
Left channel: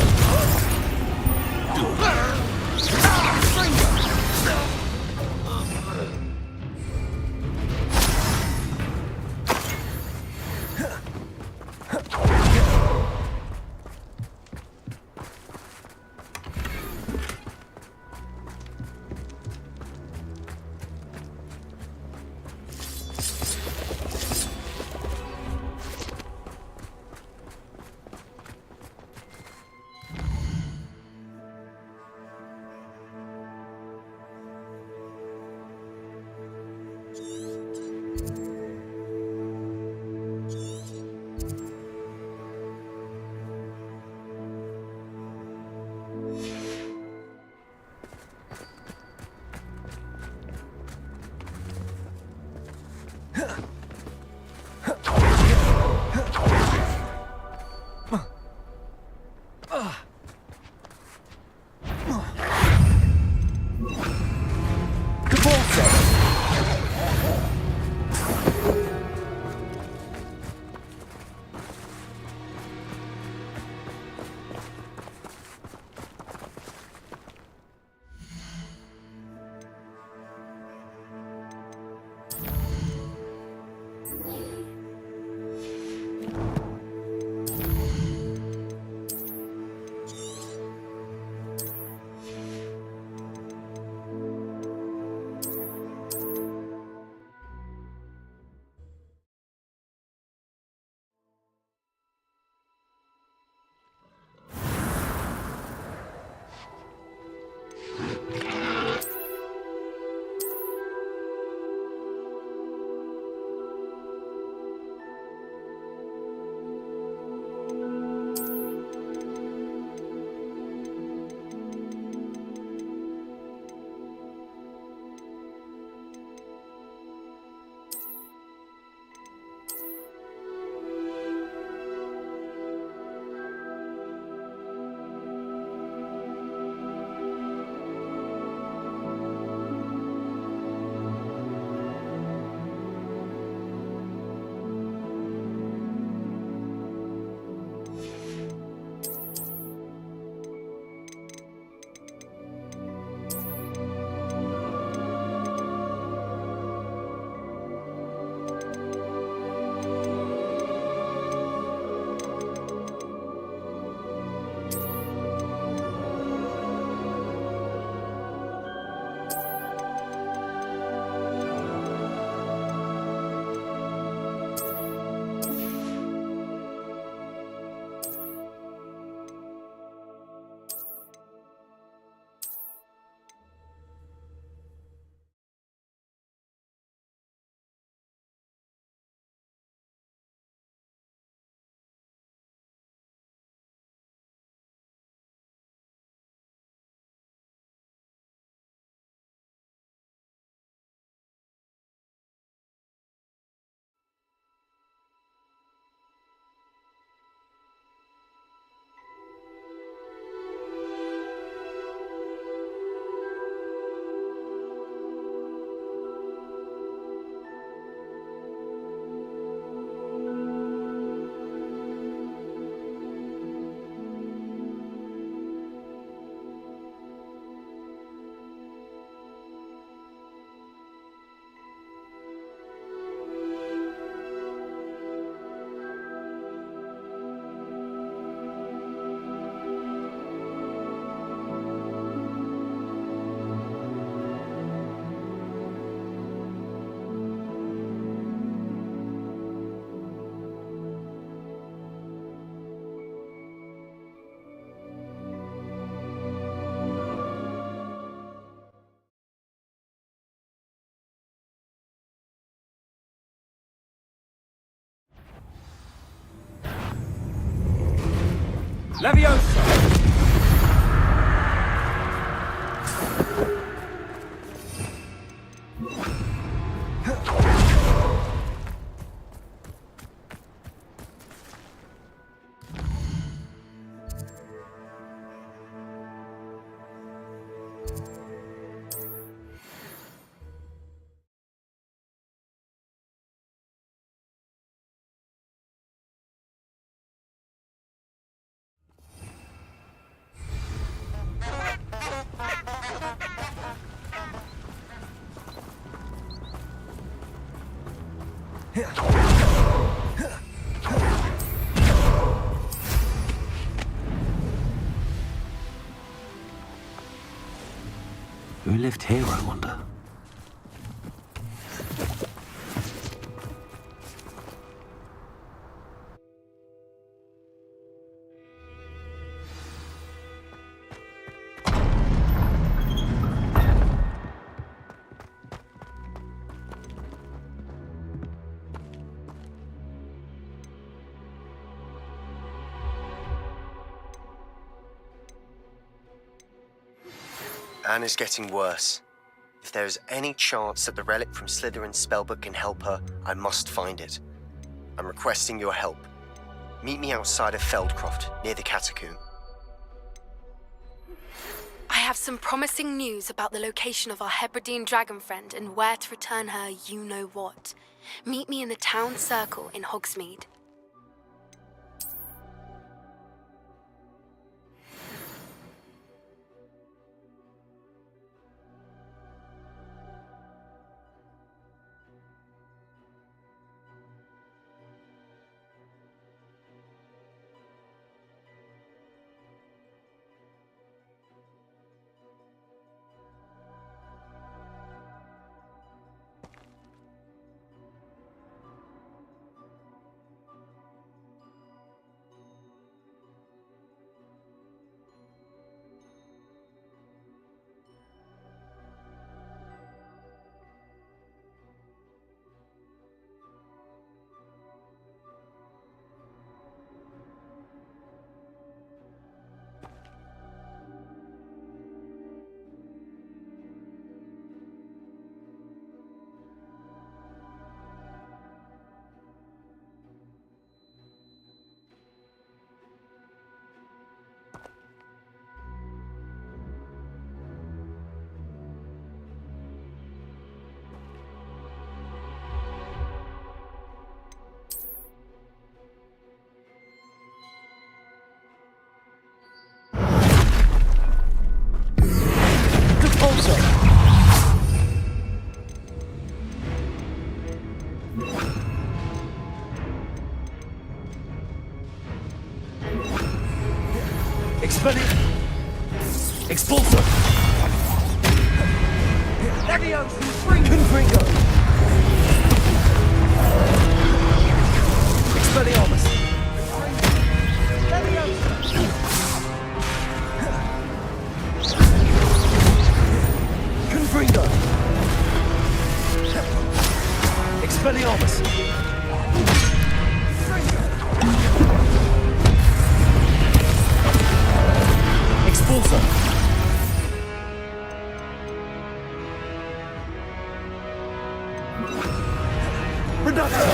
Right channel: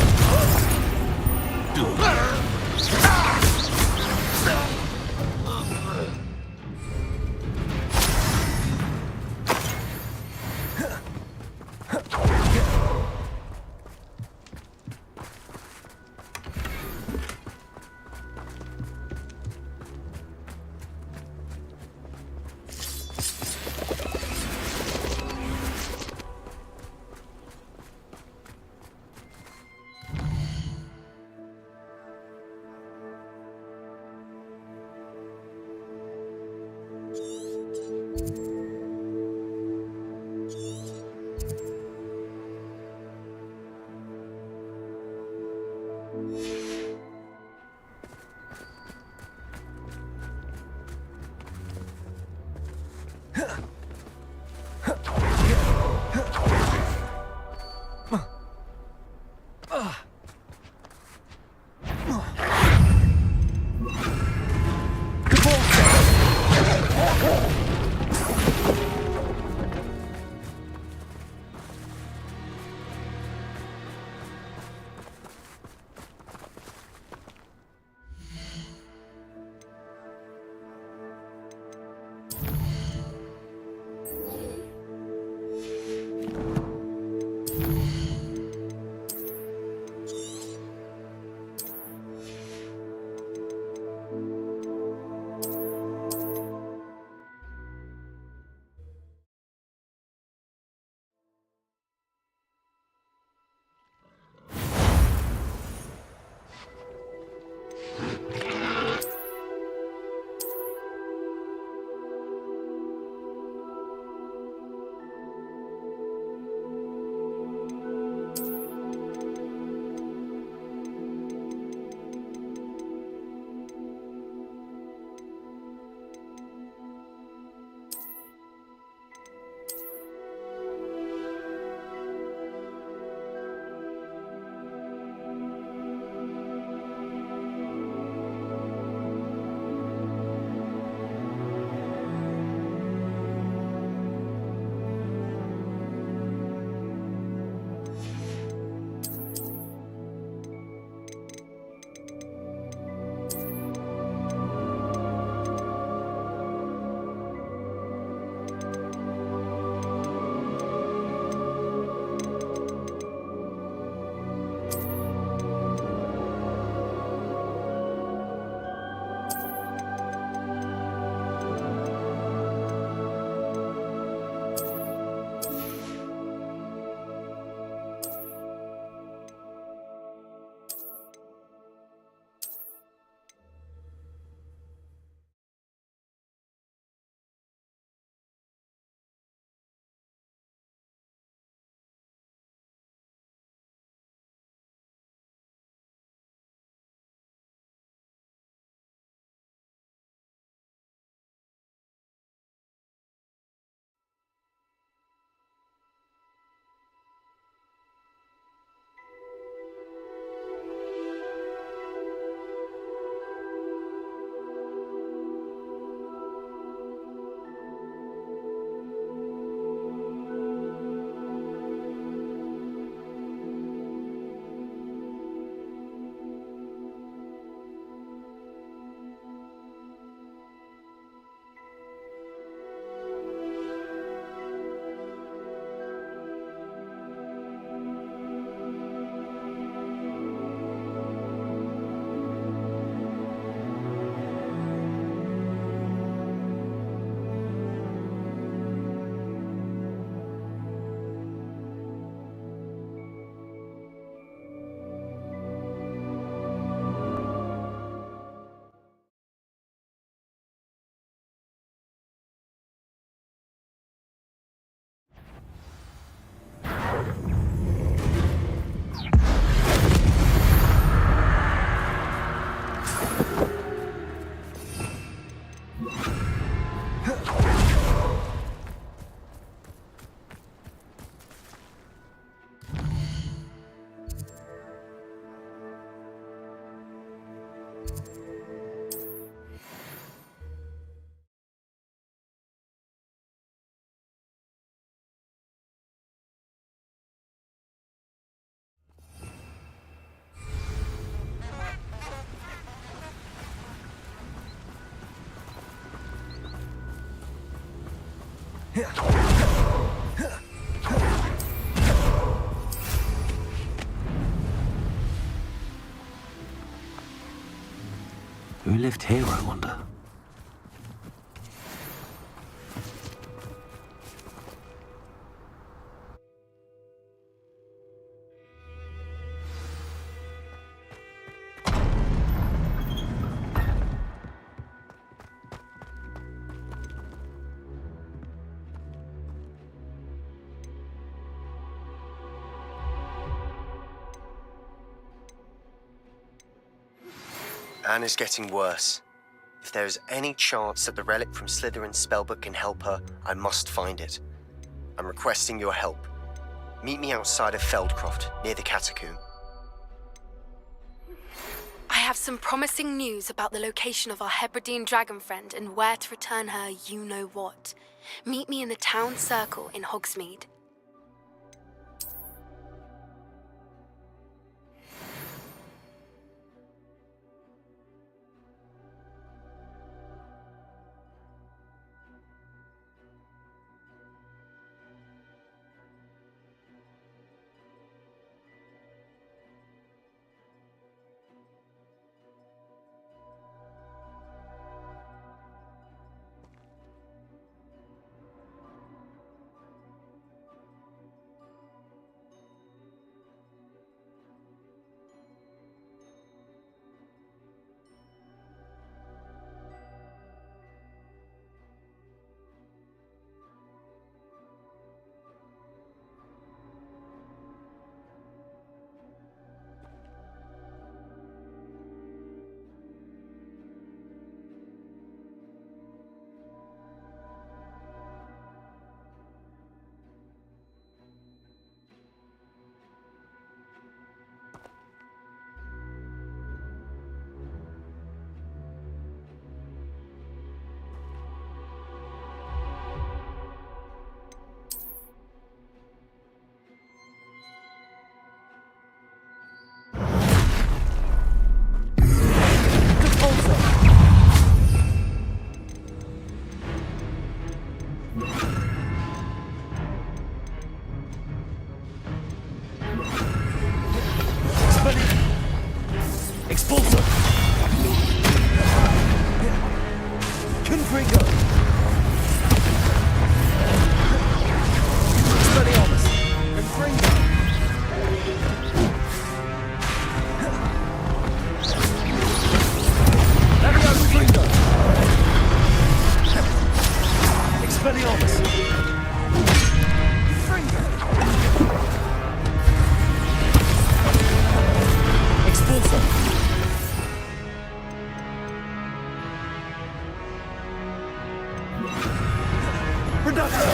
Who lived here, I wonder? Anne is getting worse. If there is any chance that the relic from Slytherin's spellbook can help her, I must find it. I'm requesting your help. Meet me outside of Feldcroft, near the catacomb. I have some promising news about the location of our Hebridean dragon friend and where to return her you-know-what. Meet me in the town circle in Hogsmeade. Expulsor! Confringo! Expelliarmus! Confringo! Expelliarmus! Expulsor! Reductor!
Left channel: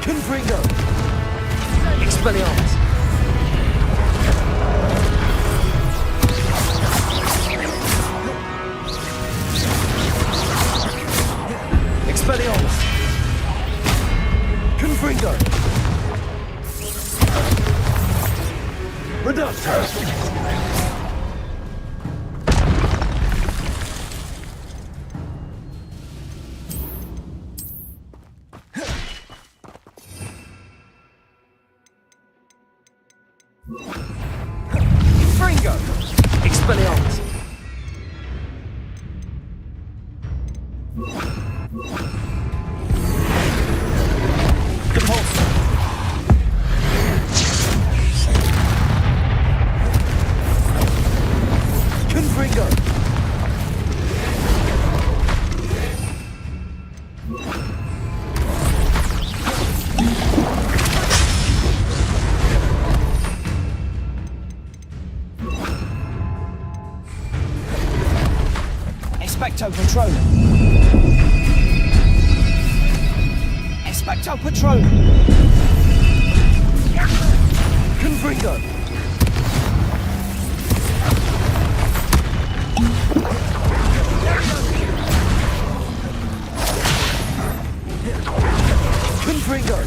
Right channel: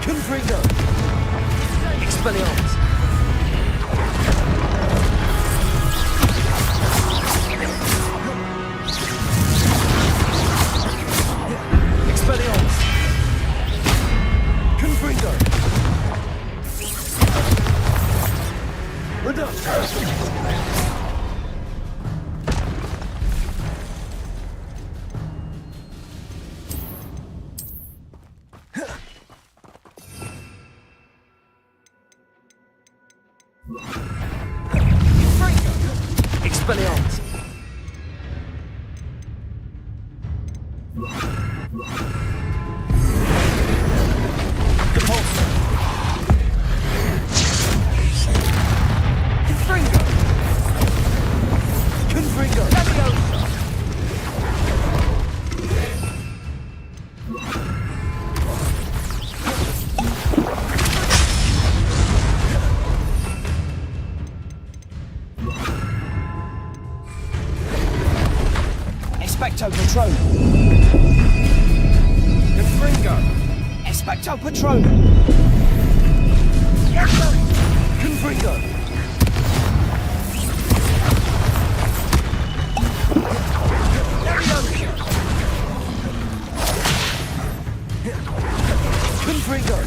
Confringo! Expelliarmus! Expelliarmus! Confringo! Reductor! Fringo! Expelliarmus! Compulsor! Confringo! Expecto Patronum. Confringo. Expecto Patronum. Confringo. Confringo.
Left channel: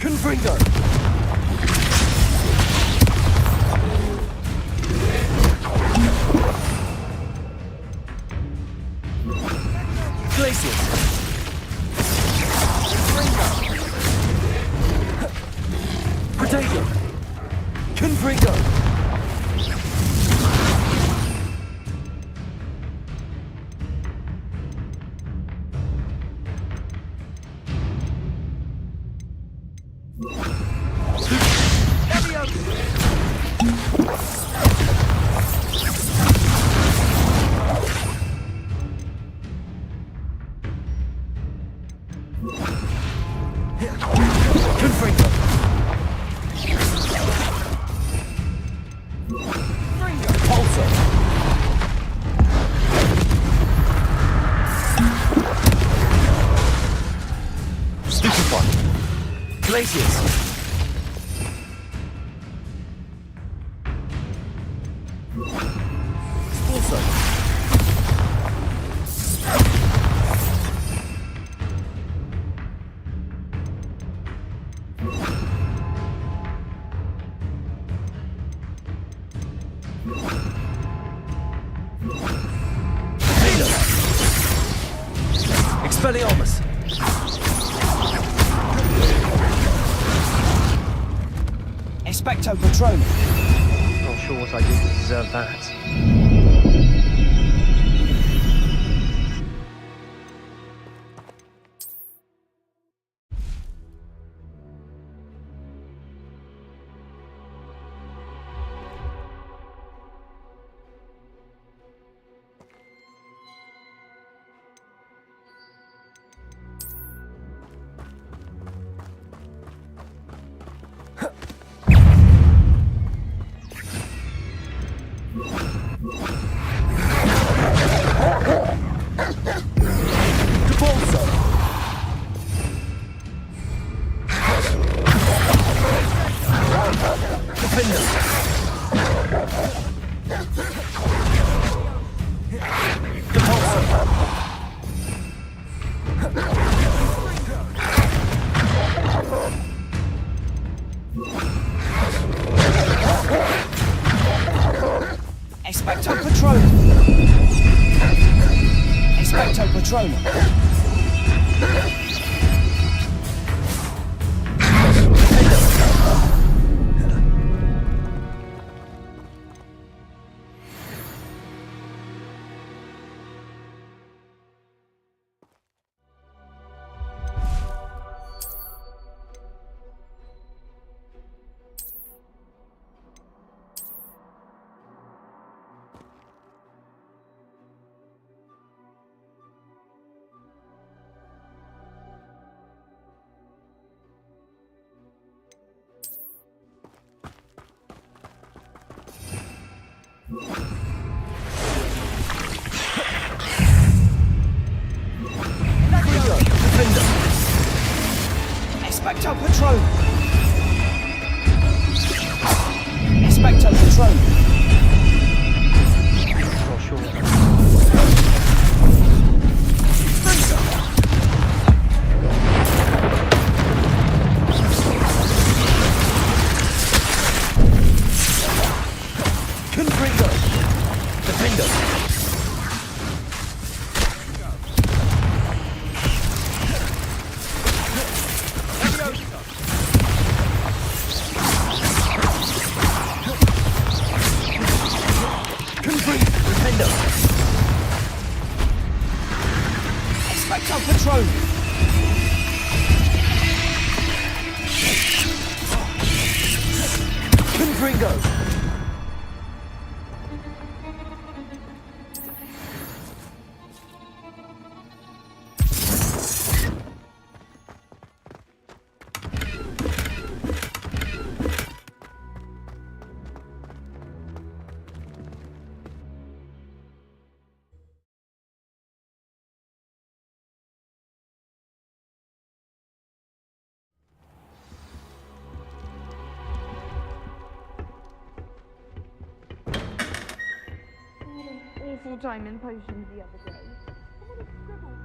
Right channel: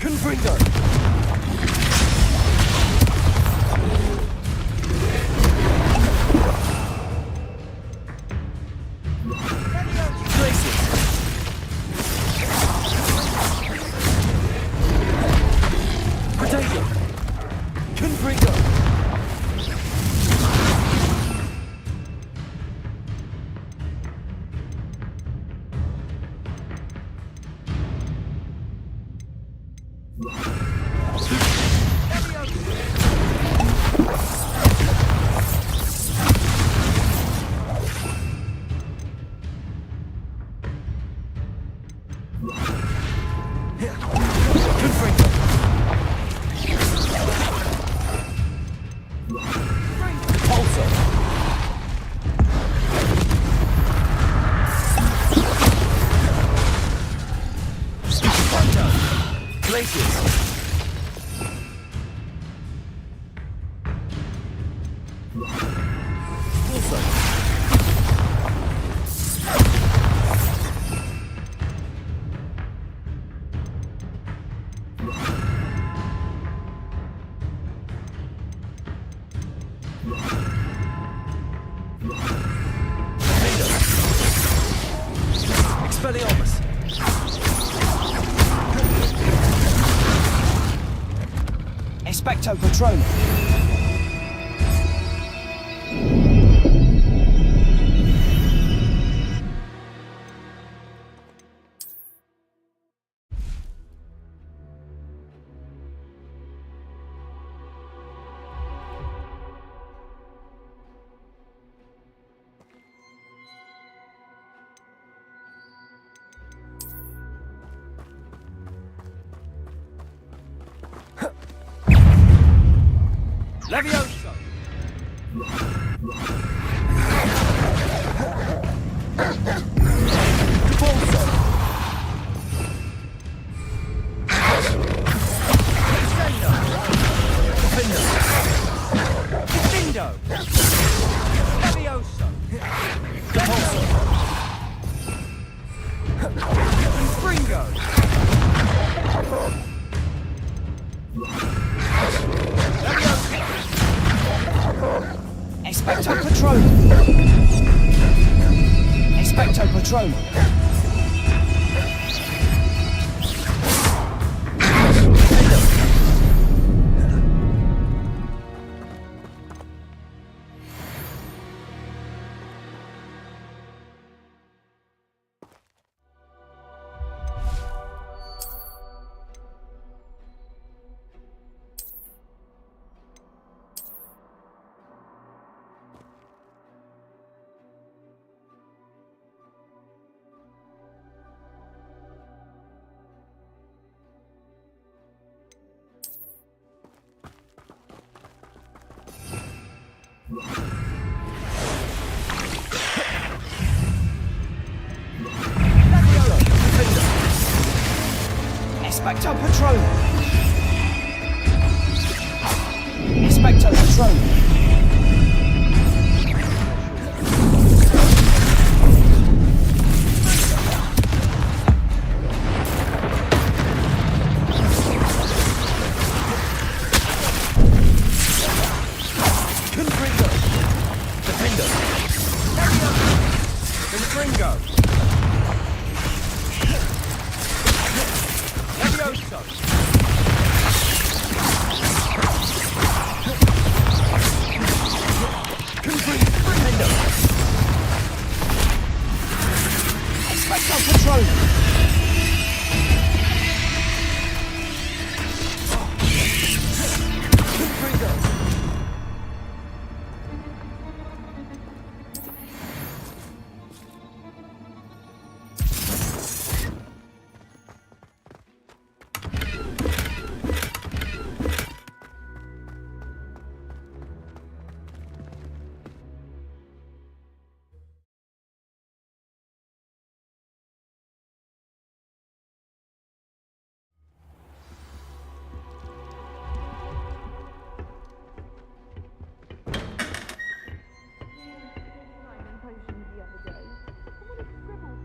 Confringo. Glacius. Potato. Confringo. Glacius. Also. Expelliarmus. Expecto Patronum. Not sure what I did to deserve that. Leviosa! Debolso! Defender! Defendo! Leviosa! Debolso! Springo! Expecto Patronum! Expecto Patronum! Expecto Patronum! Expecto Patronum! Not sure what I Confringo! Defendo! Confringo! Leviosa! Confringo! Defendo! diamond potions the other day. Someone had scribbled.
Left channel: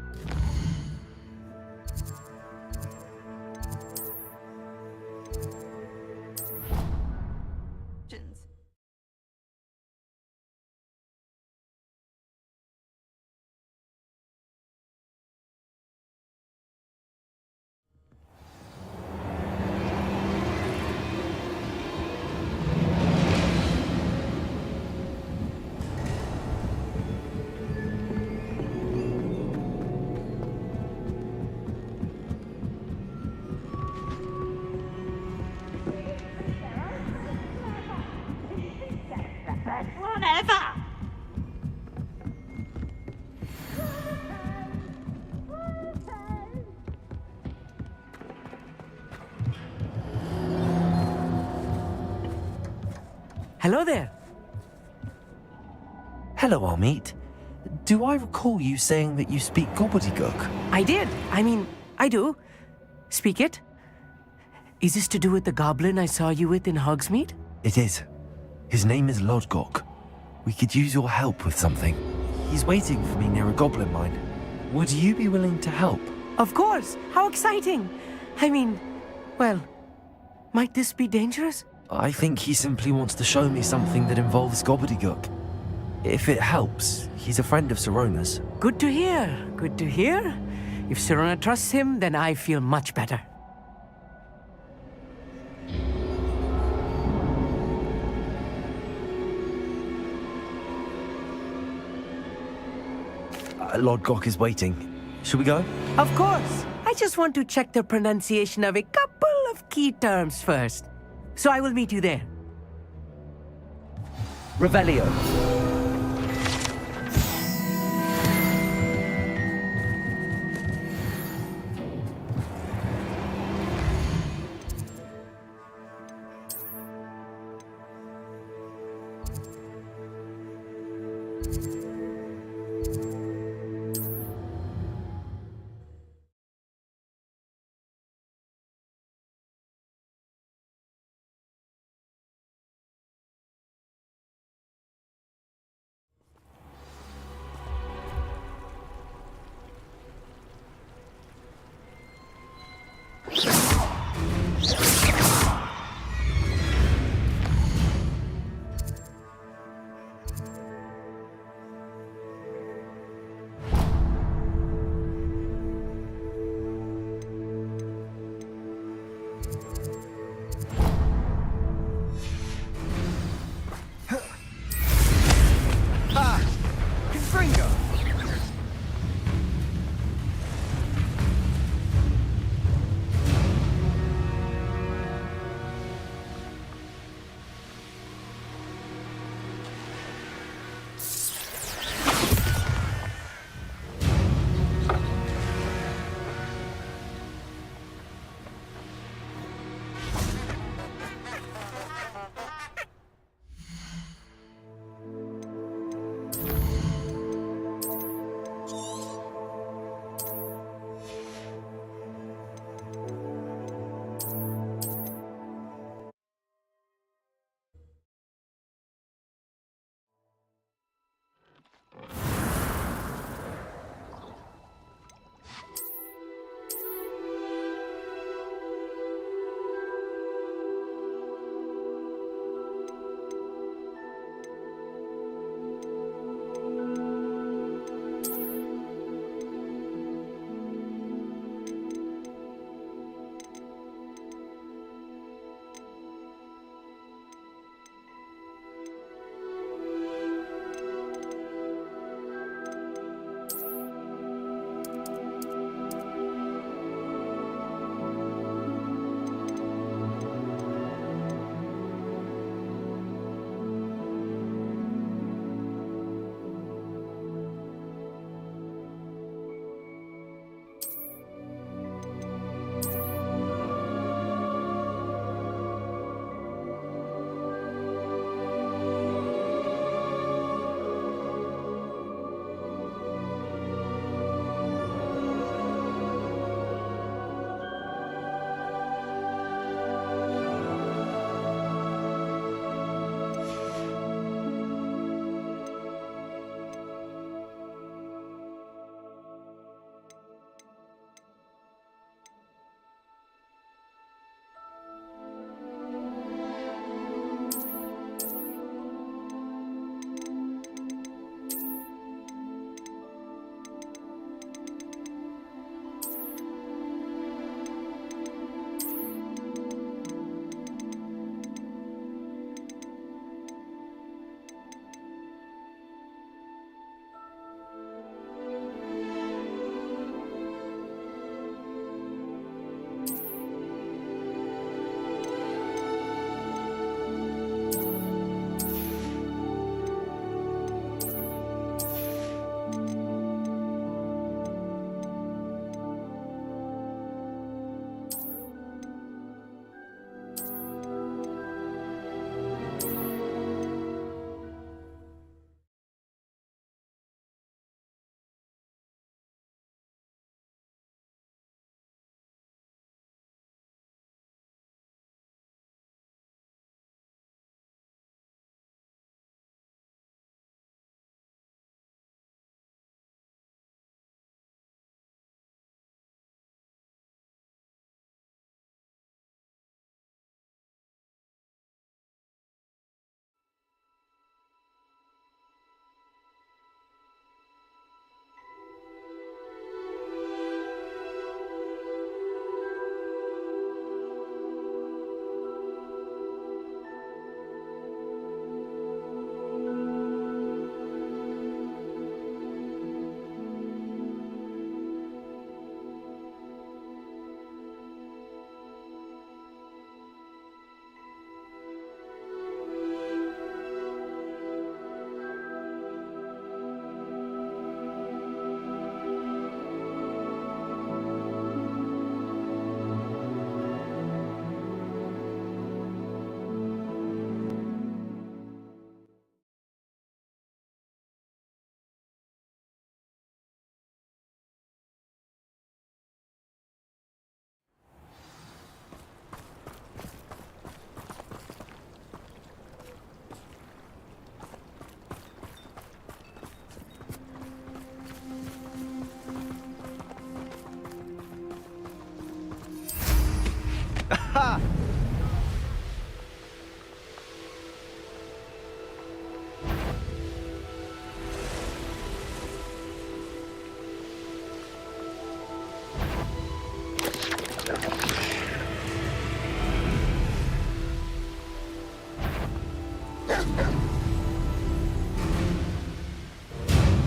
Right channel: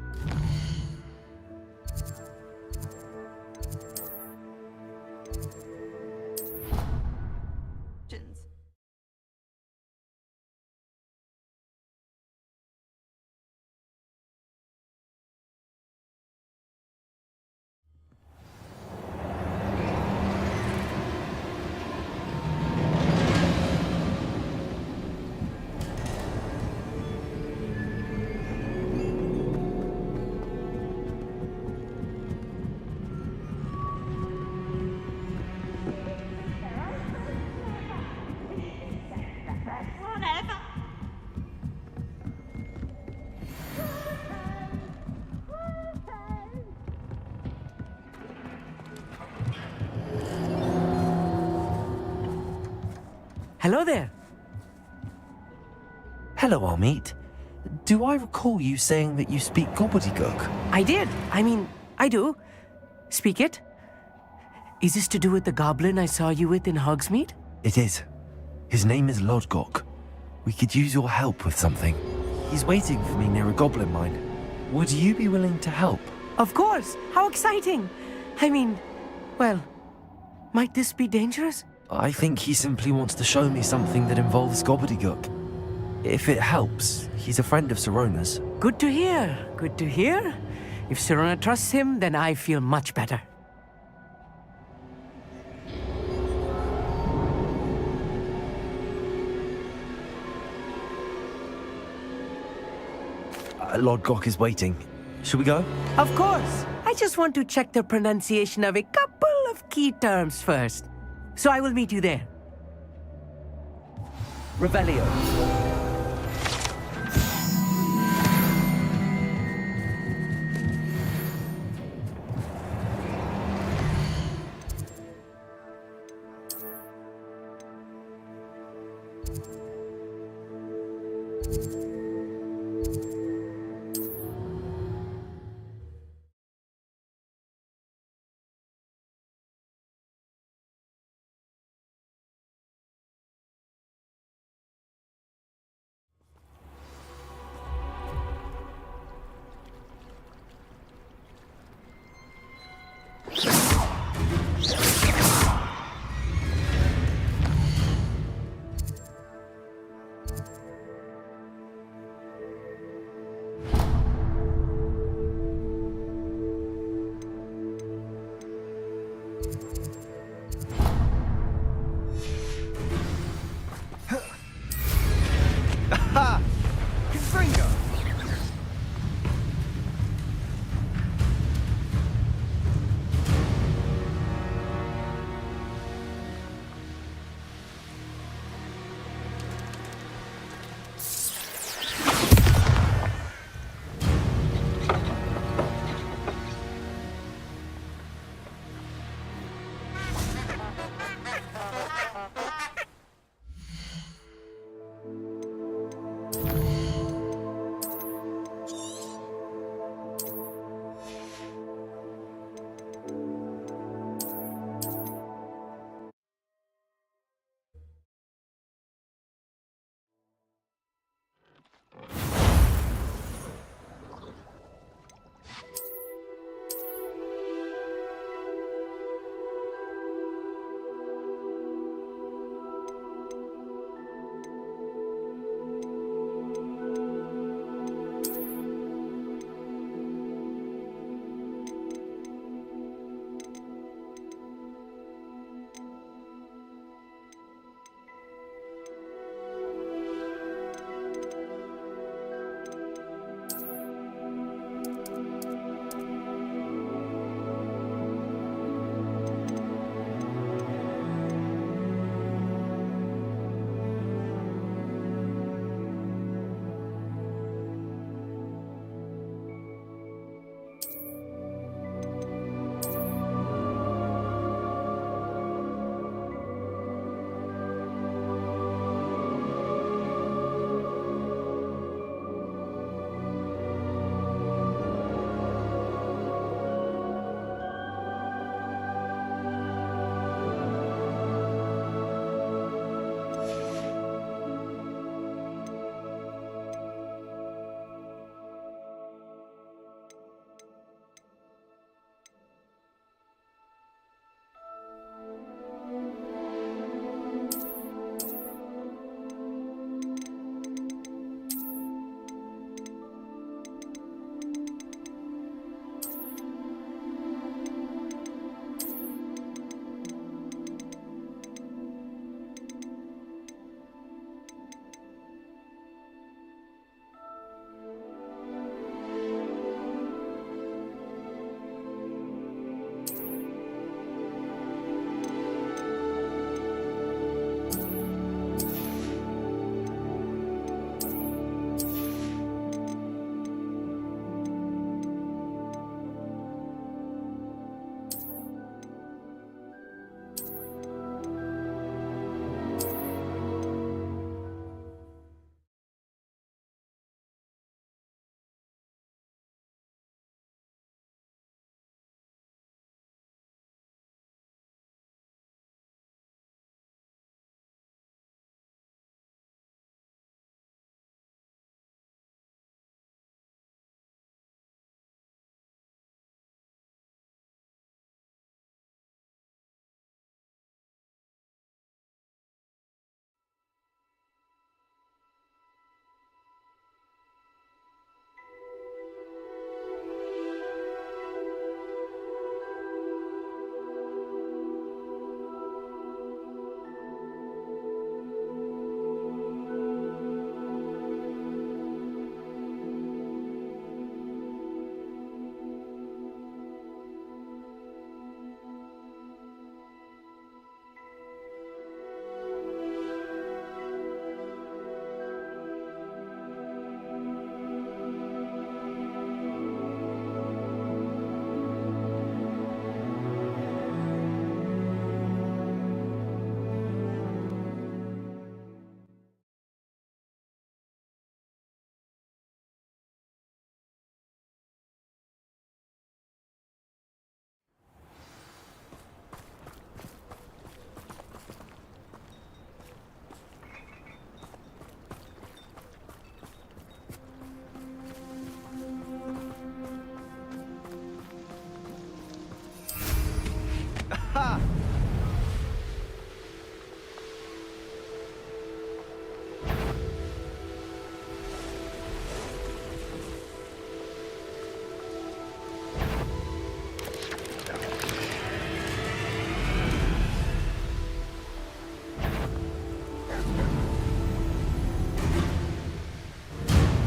Hello there. Hello, Amit. Do I recall you saying that you speak gobbledygook? I did. I do. Speak it. Is this to do with the goblin I saw you with in Hogsmeade? It is. His name is Lodgok. We could use your help with something. He's waiting for me near a goblin mine. Would you be willing to help? Of course. How exciting. Well, might this be dangerous? I think he simply wants to show me something that involves gobbledygook. If it helps, he's a friend of Sirona's. Good to hear. Good to hear. If Sirona trusts him, then I feel much better. Lodgok is waiting. Should we go? Of course. I just want to check the pronunciation of a couple of key terms first. So I will meet you there. Revelio.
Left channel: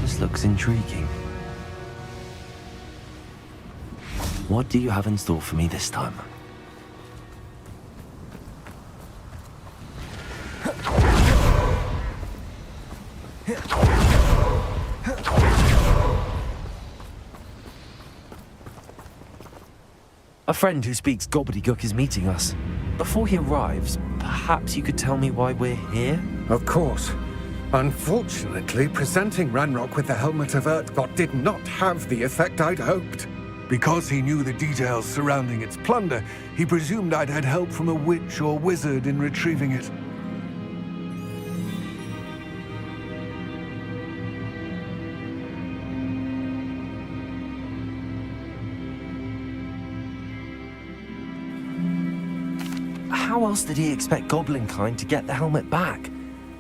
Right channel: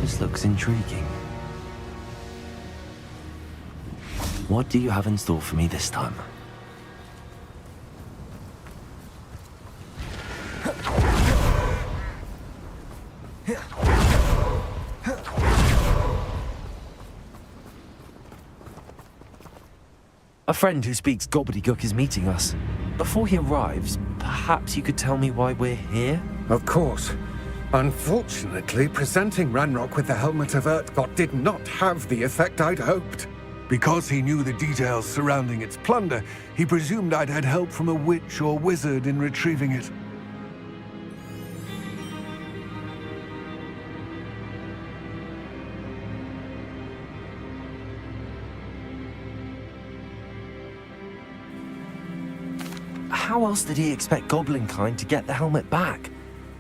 This looks intriguing. What do you have in store for me this time? A friend who speaks gobbledygook is meeting us. Before he arrives, perhaps you could tell me why we're here? Of course. Unfortunately, presenting Ranrock with the Helmet of Urtkot did not have the effect I'd hoped. Because he knew the details surrounding its plunder, he presumed I'd had help from a witch or wizard in retrieving it. How else did he expect Goblinkind to get the helmet back?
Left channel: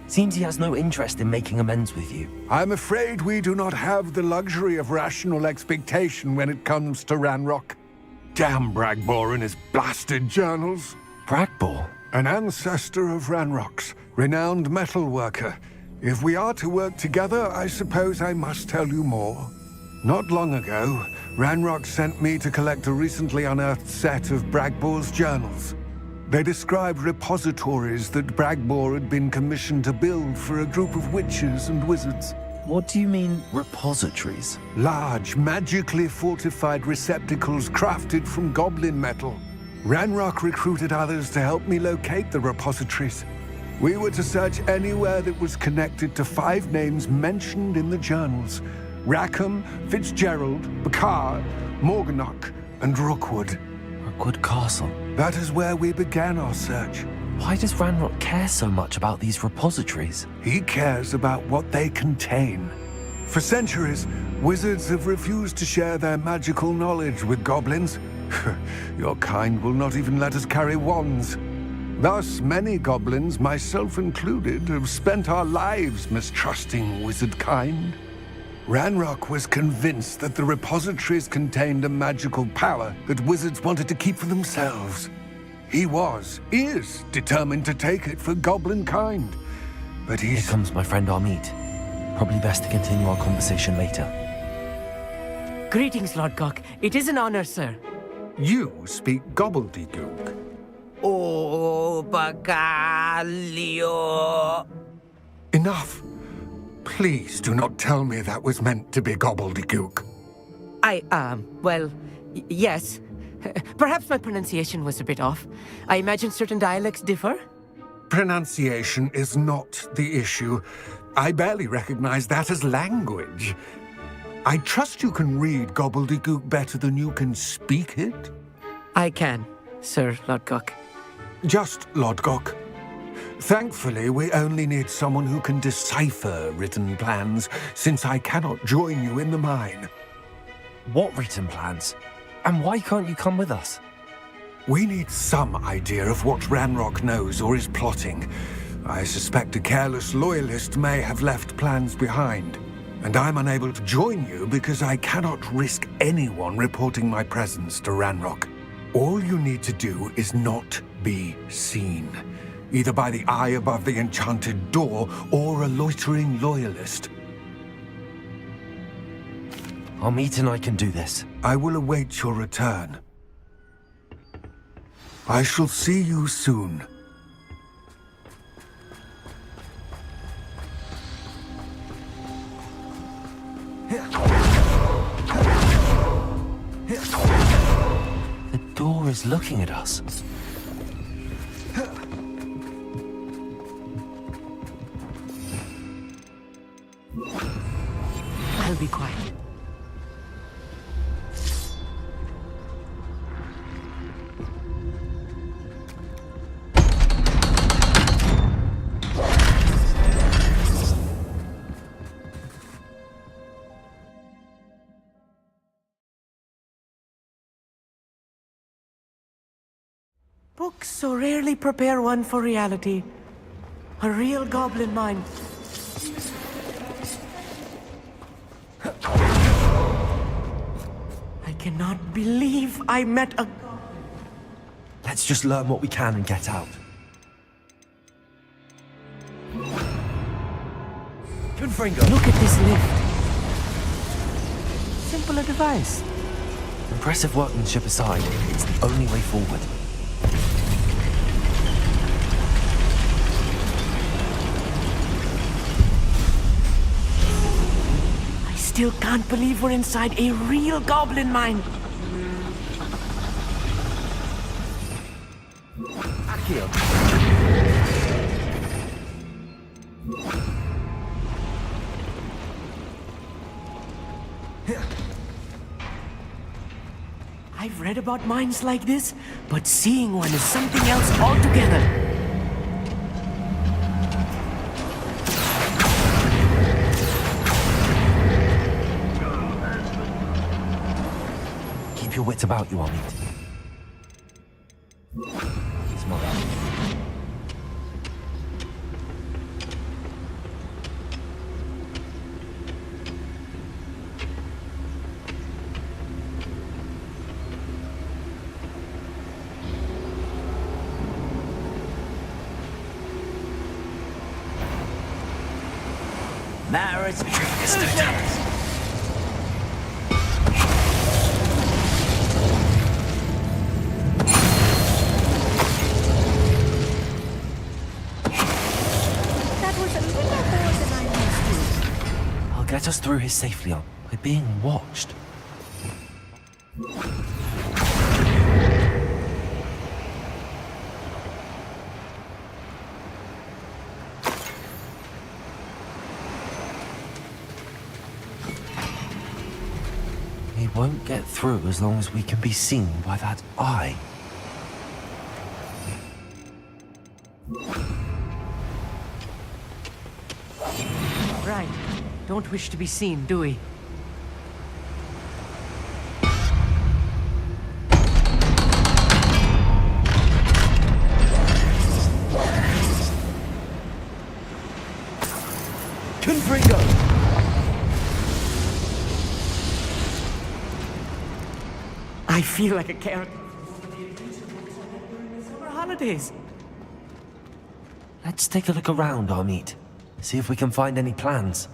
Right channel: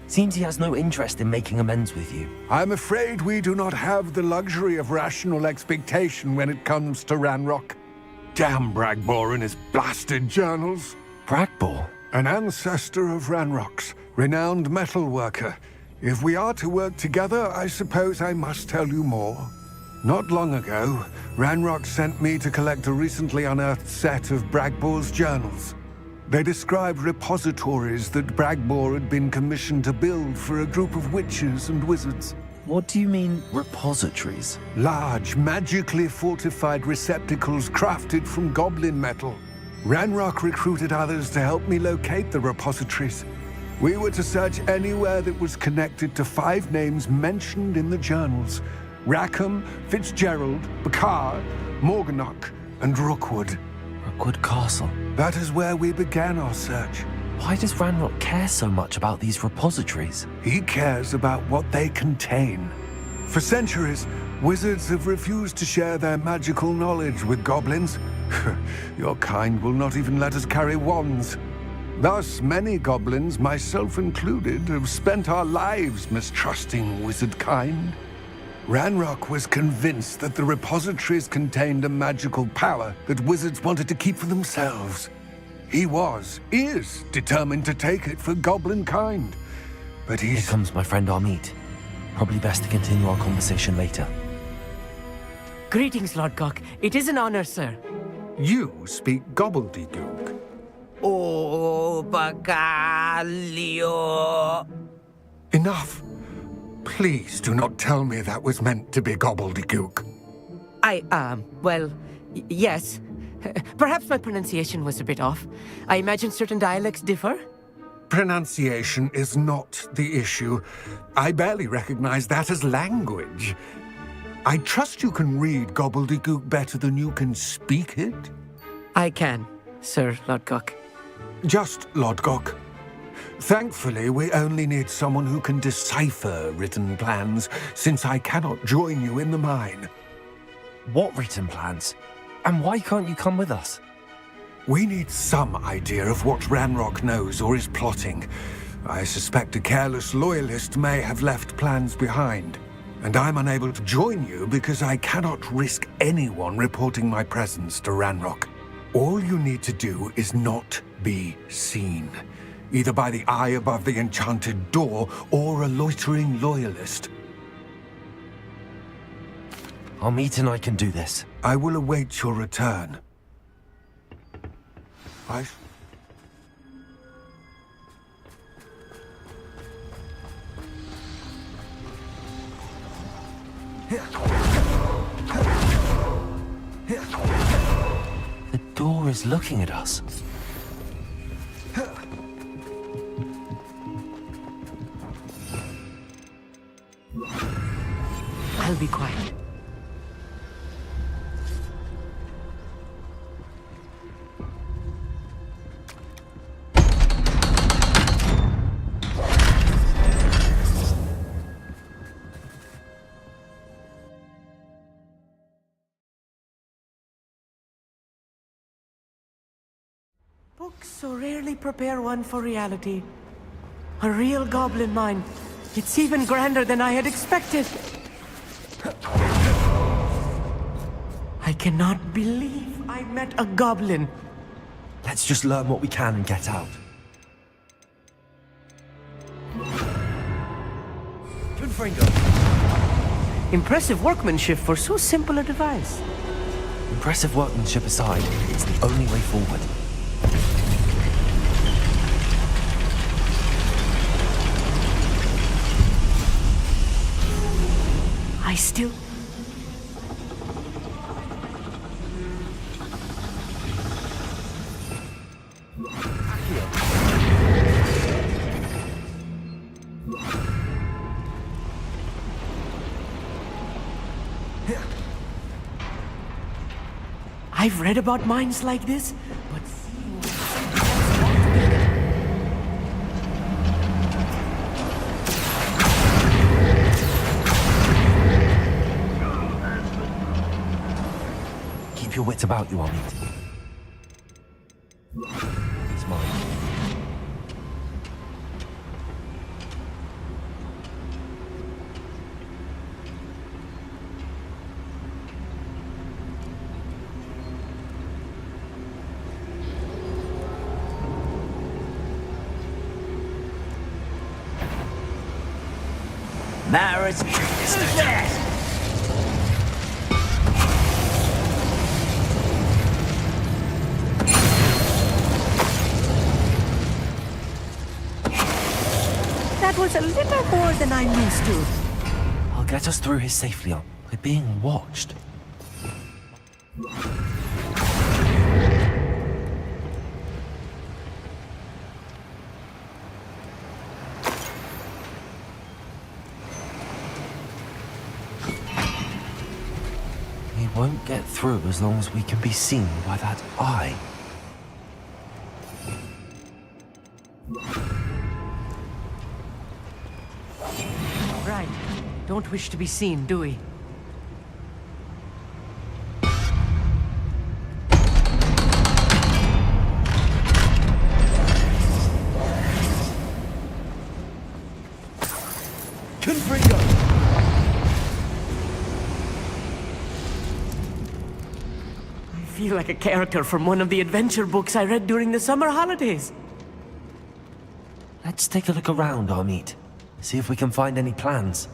Seems he has no interest in making amends with you. I'm afraid we do not have the luxury of rational expectation when it comes to Ranrock. Damn Bragbor and his blasted journals. Bragbor? An ancestor of Ranrock's, renowned metal worker. If we are to work together, I suppose I must tell you more. Not long ago, Ranrock sent me to collect a recently unearthed set of Bragbor's journals. They described repositories that Bragbor had been commissioned to build for a group of witches and wizards. What do you mean, repositories? Large, magically fortified receptacles crafted from goblin metal. Ranrock recruited others to help me locate the repositories. We were to search anywhere that was connected to 5 names mentioned in the journals: Rackham, Fitzgerald, Bakar, Morganach, and Rookwood. Rookwood Castle? That is where we began our search. Why does Ranrock care so much about these repositories? He cares about what they contain. For centuries, wizards have refused to share their magical knowledge with goblins. Your kind will not even let us carry wands. Thus, many goblins, myself included, have spent our lives mistrusting wizard kind. Ranrock was convinced that the repositories contained a magical power that wizards wanted to keep for themselves. He is determined to take it for goblin kind. But Here comes my friend Amit. Probably best to continue our conversation later. Greetings, Lord Cock. It is an honor, sir. You speak gobbledygook. Oh, Bacalio. Enough. Please do not tell me that was meant to be gobbledygook. Yes. Perhaps my pronunciation was a bit off. I imagine certain dialects differ? Pronunciation is not the issue. I barely recognize that as language. I trust you can read gobbledygook better than you can speak it? I can, Sir Lodgok. Just Lodgok. Thankfully, we only need someone who can decipher written plans, since I cannot join you in the mine. What written plans? And why can't you come with us? We need some idea of what Ranrock knows or is plotting. I suspect a careless loyalist may have left plans behind. And I'm unable to join you because I cannot risk anyone reporting my presence to Ranrock. All you need to do is not be seen. Either by the eye above the enchanted door, or a loitering loyalist. Amit and I can do this. I will await your return. I shall see you soon. The door is looking at us. I'll be quiet. Books so rarely prepare one for reality. A real goblin mine. It's even grander than I had expected. I cannot believe I met a goblin. Let's just learn what we can and get out. Confringo. Look at this lift. Impressive workmanship for so simple a device. Impressive workmanship aside, it's the only way forward. I still can't believe we're inside a real goblin mine. Accio. I've read about mines like this, but seeing one is something else altogether. Keep your wits about you, Amit. It's mine. Maris, who's that? That was a little more than I'm used to. I'll get us through here safely, Aunt. We're being watched. We won't get through as long as we can be seen by that eye. Right. Don't wish to be seen, do we? Confringo. I feel like a character from one of the adventure books I read during the summer holidays. Let's take a look around, Amit. See if we can find any plans.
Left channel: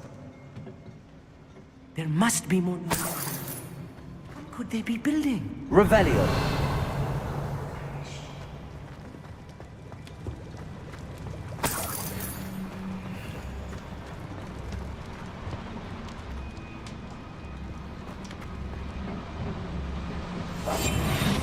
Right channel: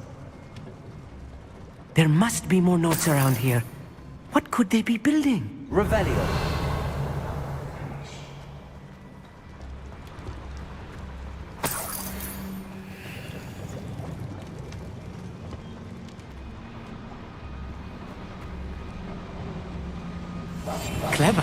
There must be more notes around here. What could they be building? Revelio. Clever.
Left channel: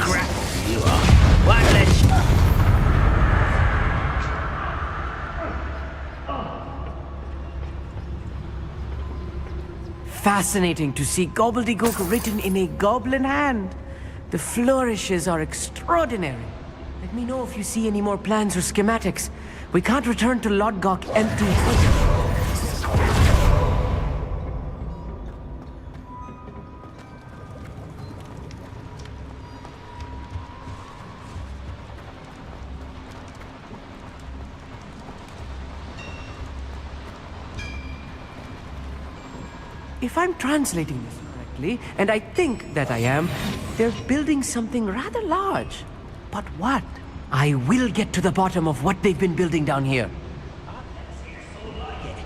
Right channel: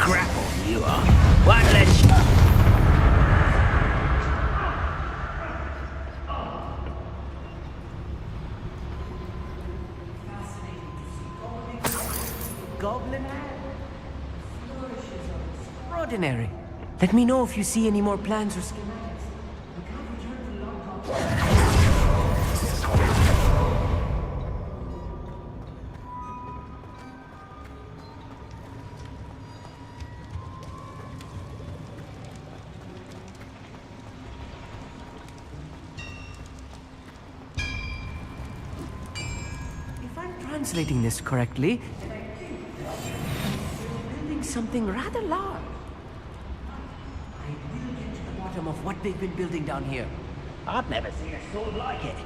Grapple, you are. One less. Fascinating to see gobbledygook written in a goblin hand. The flourishes are extraordinary. Let me know if you see any more plans or schematics. We can't return to Lodgok empty. If I'm translating this correctly, and I think that I am, they're building something rather large. But what? I will get to the bottom of what they've been building down here. I've never seen a sword like it.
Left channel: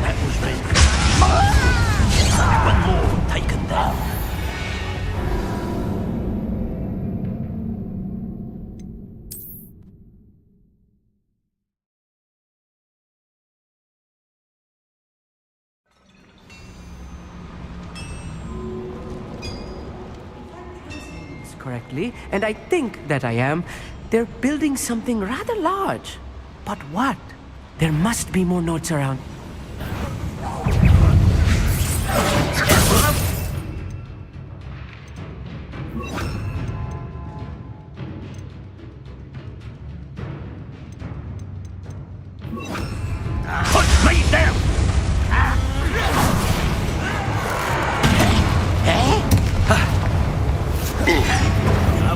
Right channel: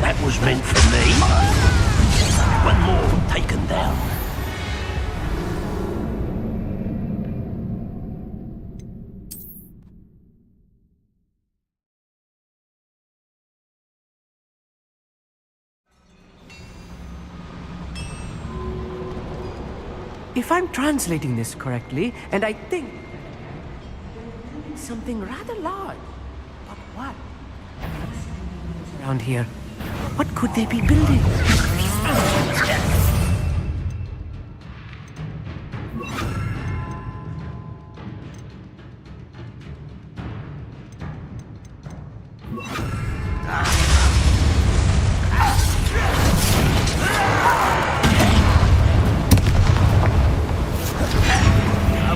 That was meant for me. One more taken down. If I'm translating this correctly, and I think that I am, they're building something rather large. But what? There must be more notes around here. What could they be building?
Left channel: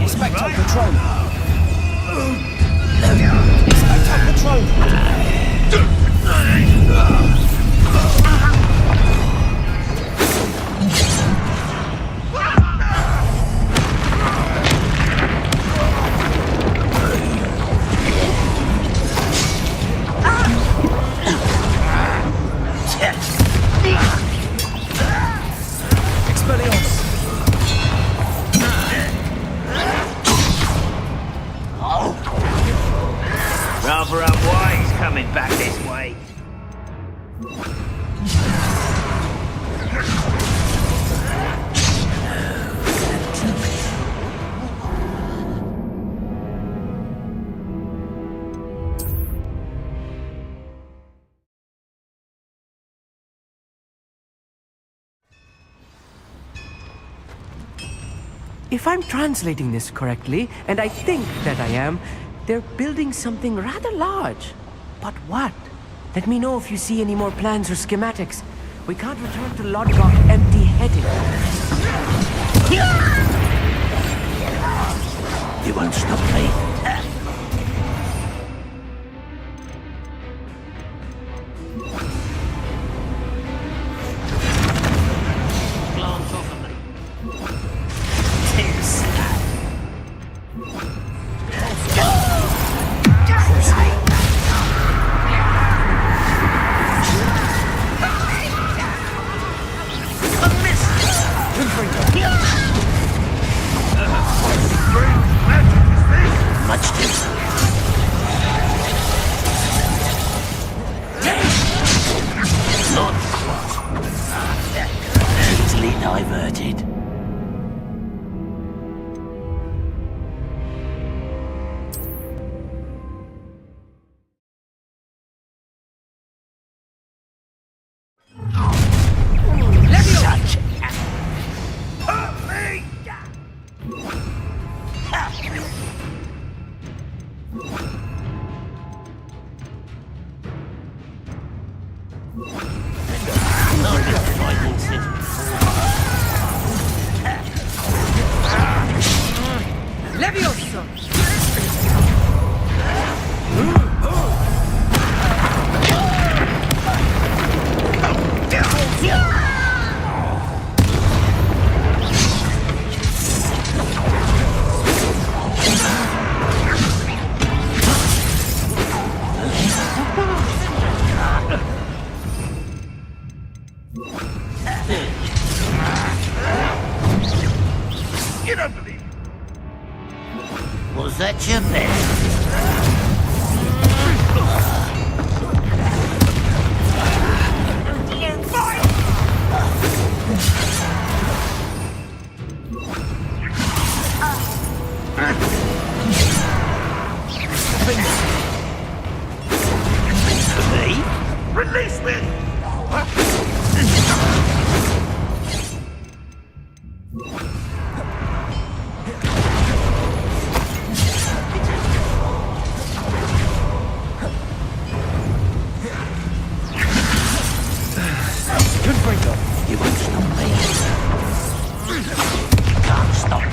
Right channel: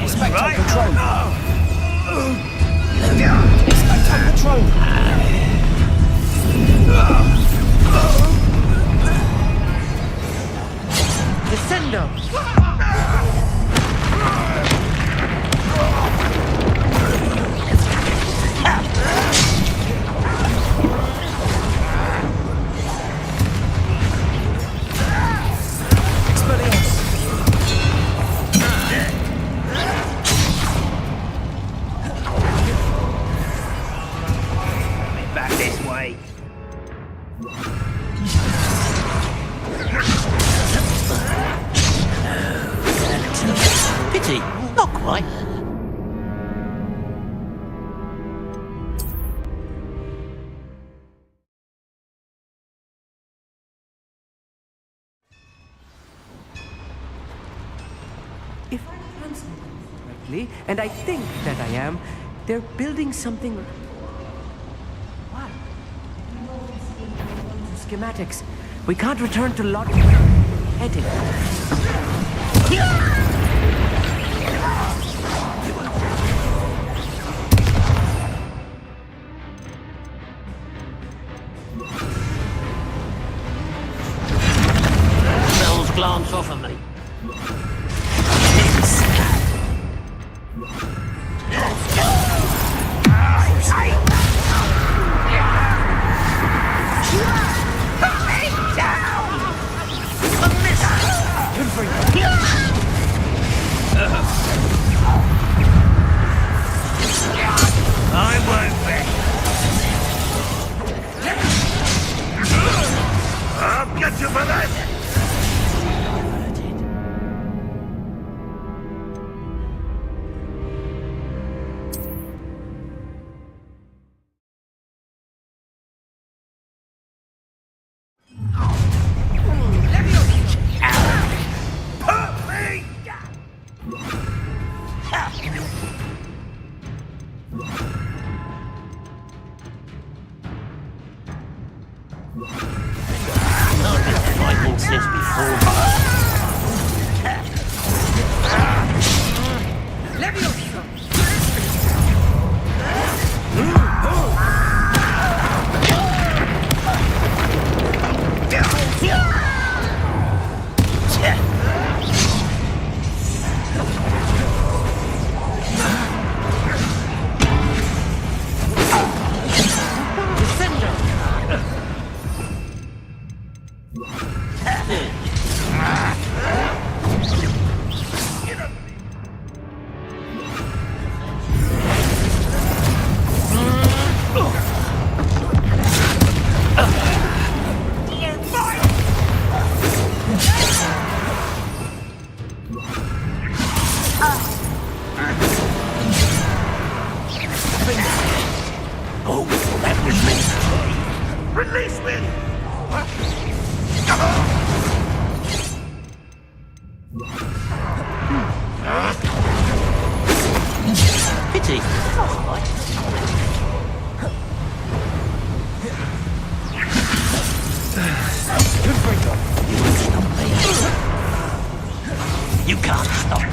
Expecto Patron! Expecto Patron! Rather unwise coming back this way. Pity, not quite. If I'm translating this correctly, and I think that I am, they're building something rather large. But what? Let me know if you see any more plans or schematics. We can't return to Lodglock empty-headed. You won't stop me. Someone's glance off of me. Easily diverted. You don't believe it. Was that your best? Release me! Pity. You won't stop me. You can't stop me.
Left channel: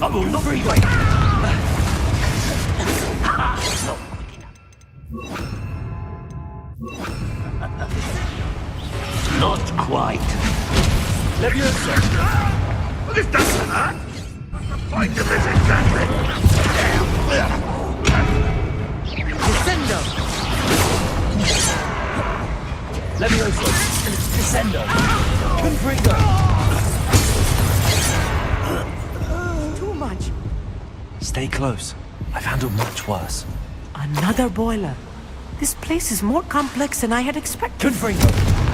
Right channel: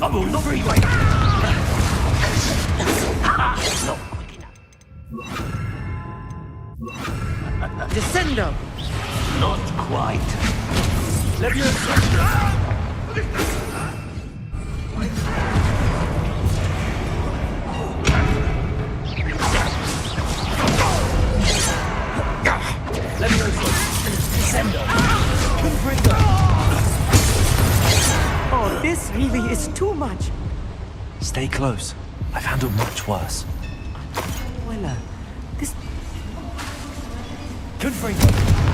I will not be waiting. Not quick enough. Descendo! Not quite. Leviosa! This doesn't hurt. Fight the Leviosa! Descendo! Confringo! This really is too much. Stay close. I've handled much worse. Another boiler. This place is more complex than I had expected. Confringo.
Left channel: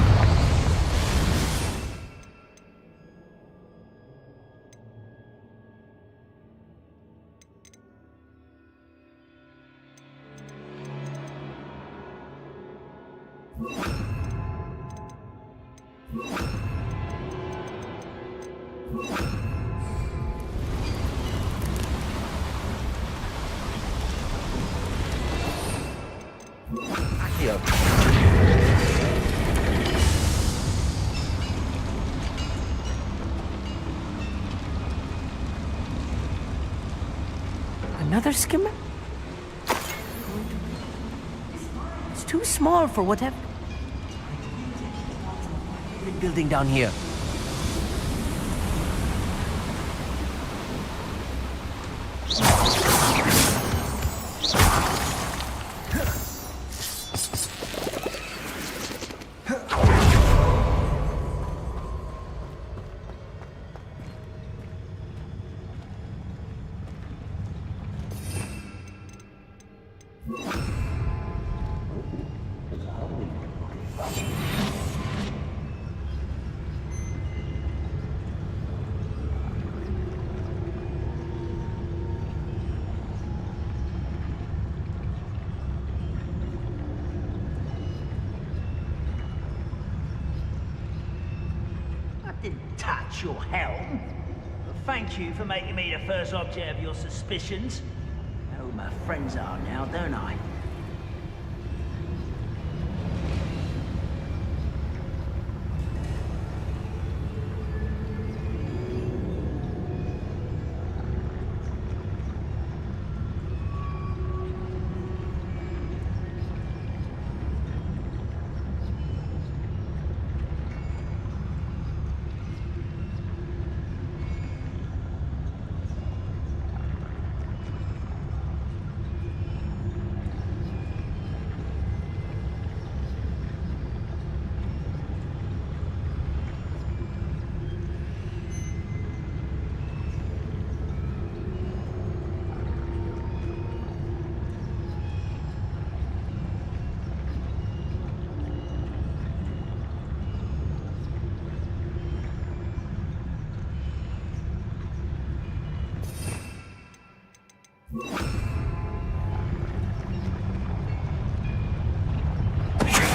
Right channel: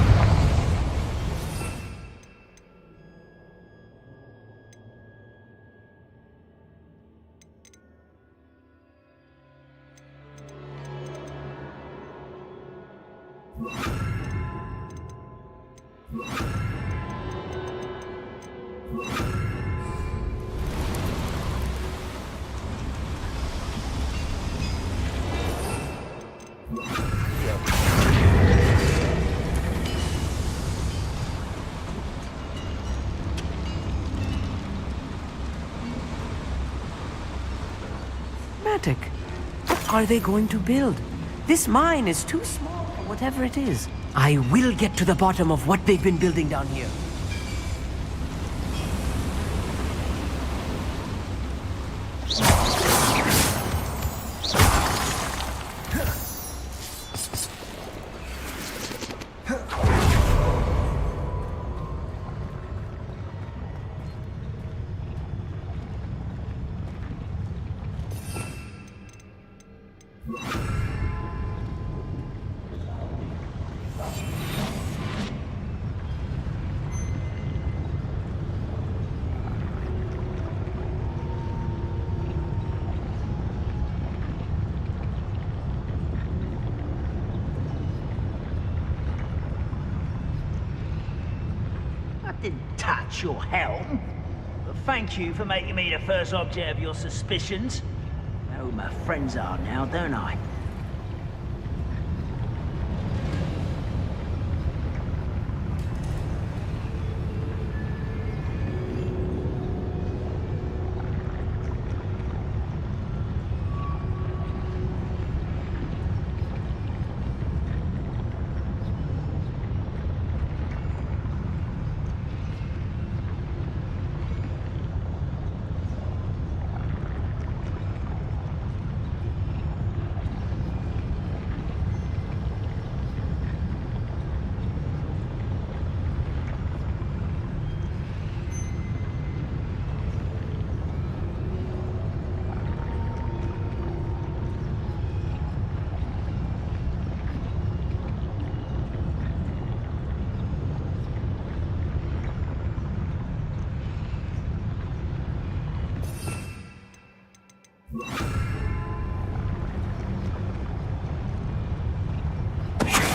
Another schematic. What are they going to build? This mine is too small for whatever it is. I will get to the bottom of what they've been building down here. Didn't touch your helm. But thank you for making me the first object of your suspicions. I know who my friends are now, don't I?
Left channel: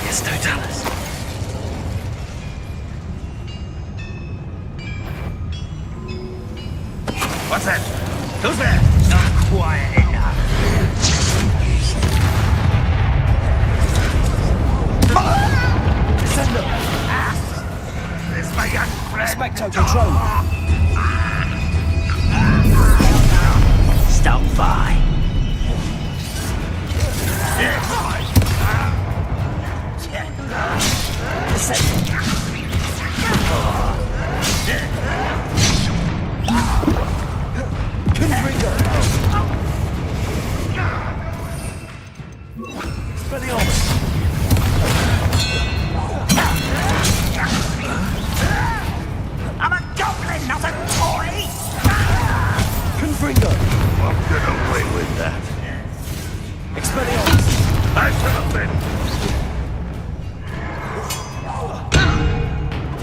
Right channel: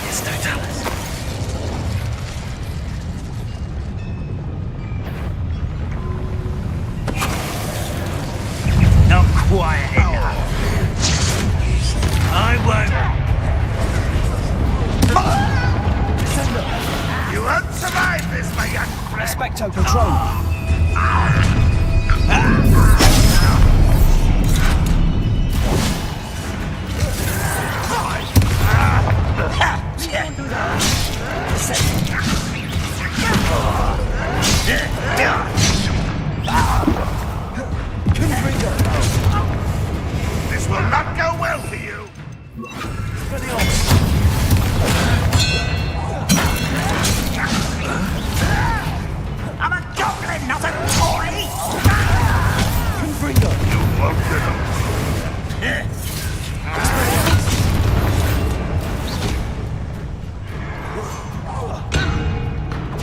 Yes, no Dallas. What's that? Who's there? Not quiet enough. I won't. Descendo. You won't survive this, my young friend. Expecto Control. Stop by. Confringo. This will not go well for you. I'm a goblin, not a toy! Confringo. You won't get away with that. I shall win.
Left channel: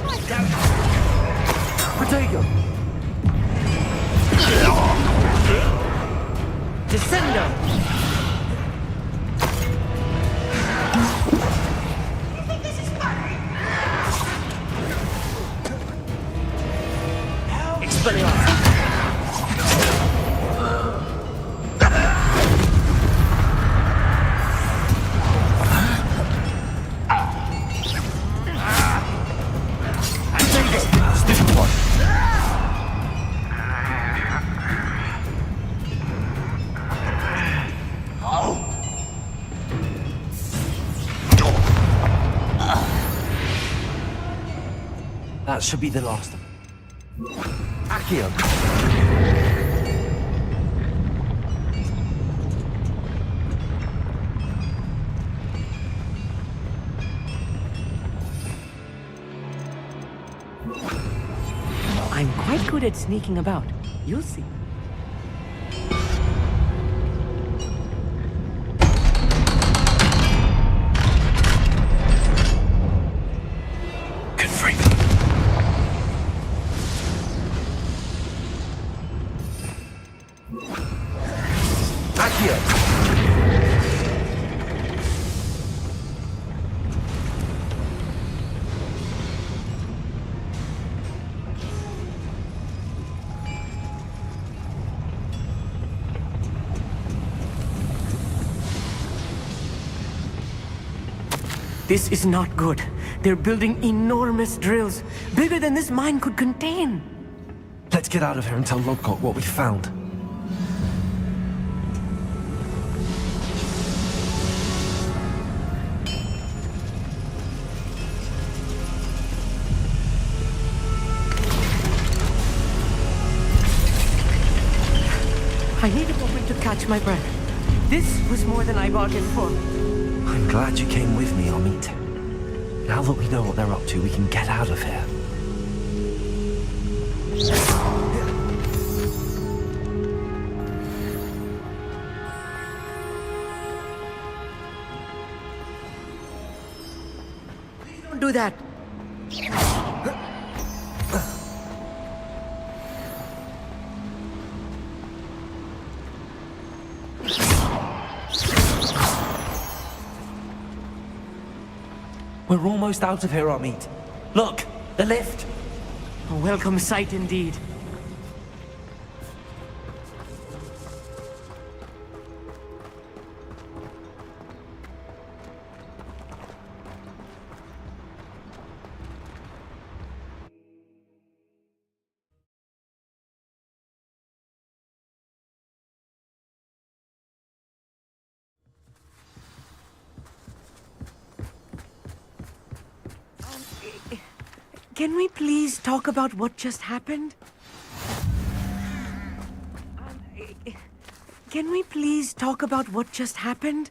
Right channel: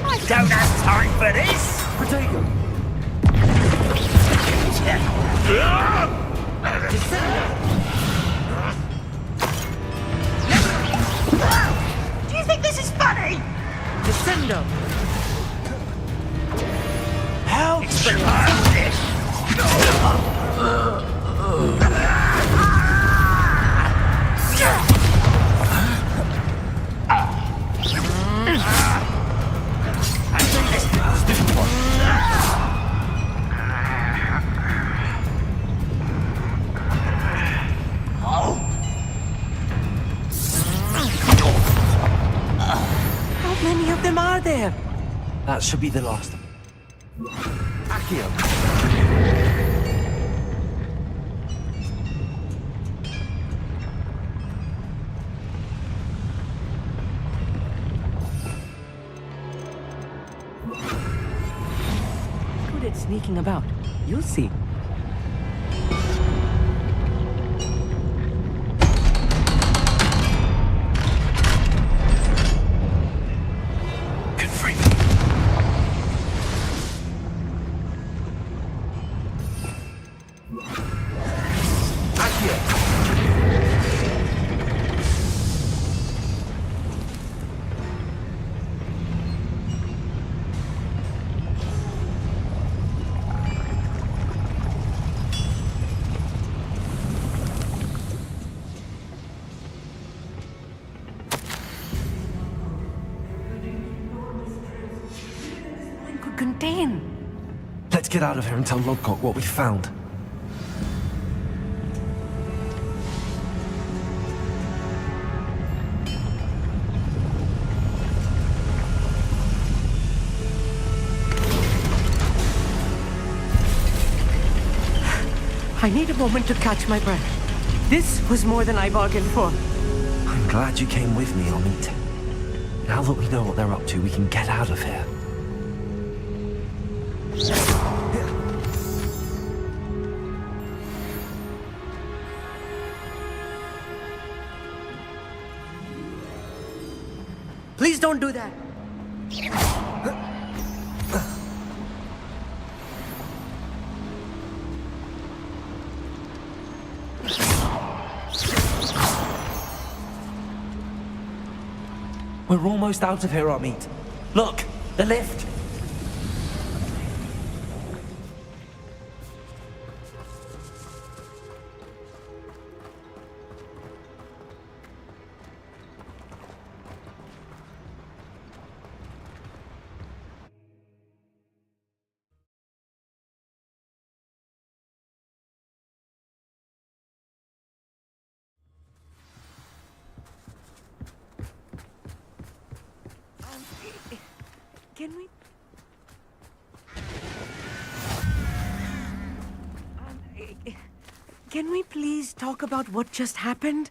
I don't have time for this! Protego. Descendo! Do you think this is funny? Descendo! How? How many of them are there? That should be the last of them. Accio. I'm quite good at sneaking about. You'll see. This is not good. They're building enormous drills, bigger than this mine could contain. Let's get out of here and tell Lodgok what we found. I need a moment to catch my breath. This was more than I bargained for. I'm glad you came with me, Amit. Now that we know what they're up to, we can get out of here. Please don't do that. We're almost out of here, Amit. Look, the lift. A welcome sight indeed. Can we please talk about what just happened? Can we please talk about what just happened?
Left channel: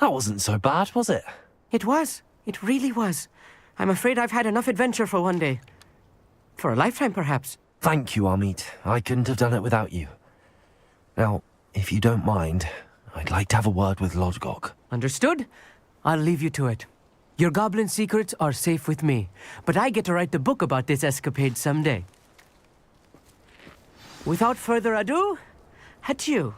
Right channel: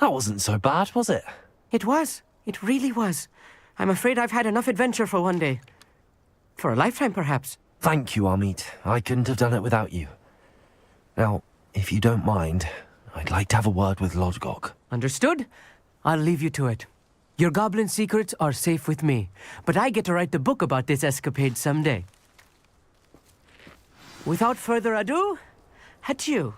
That wasn't so bad, was it? It was. It really was. I'm afraid I've had enough adventure for one day. For a lifetime, perhaps. Thank you, Amit. I couldn't have done it without you. Now, if you don't mind, I'd like to have a word with Lodgok. Understood? I'll leave you to it. Your goblin secrets are safe with me, but I get to write the book about this escapade someday. Without further ado, adieu.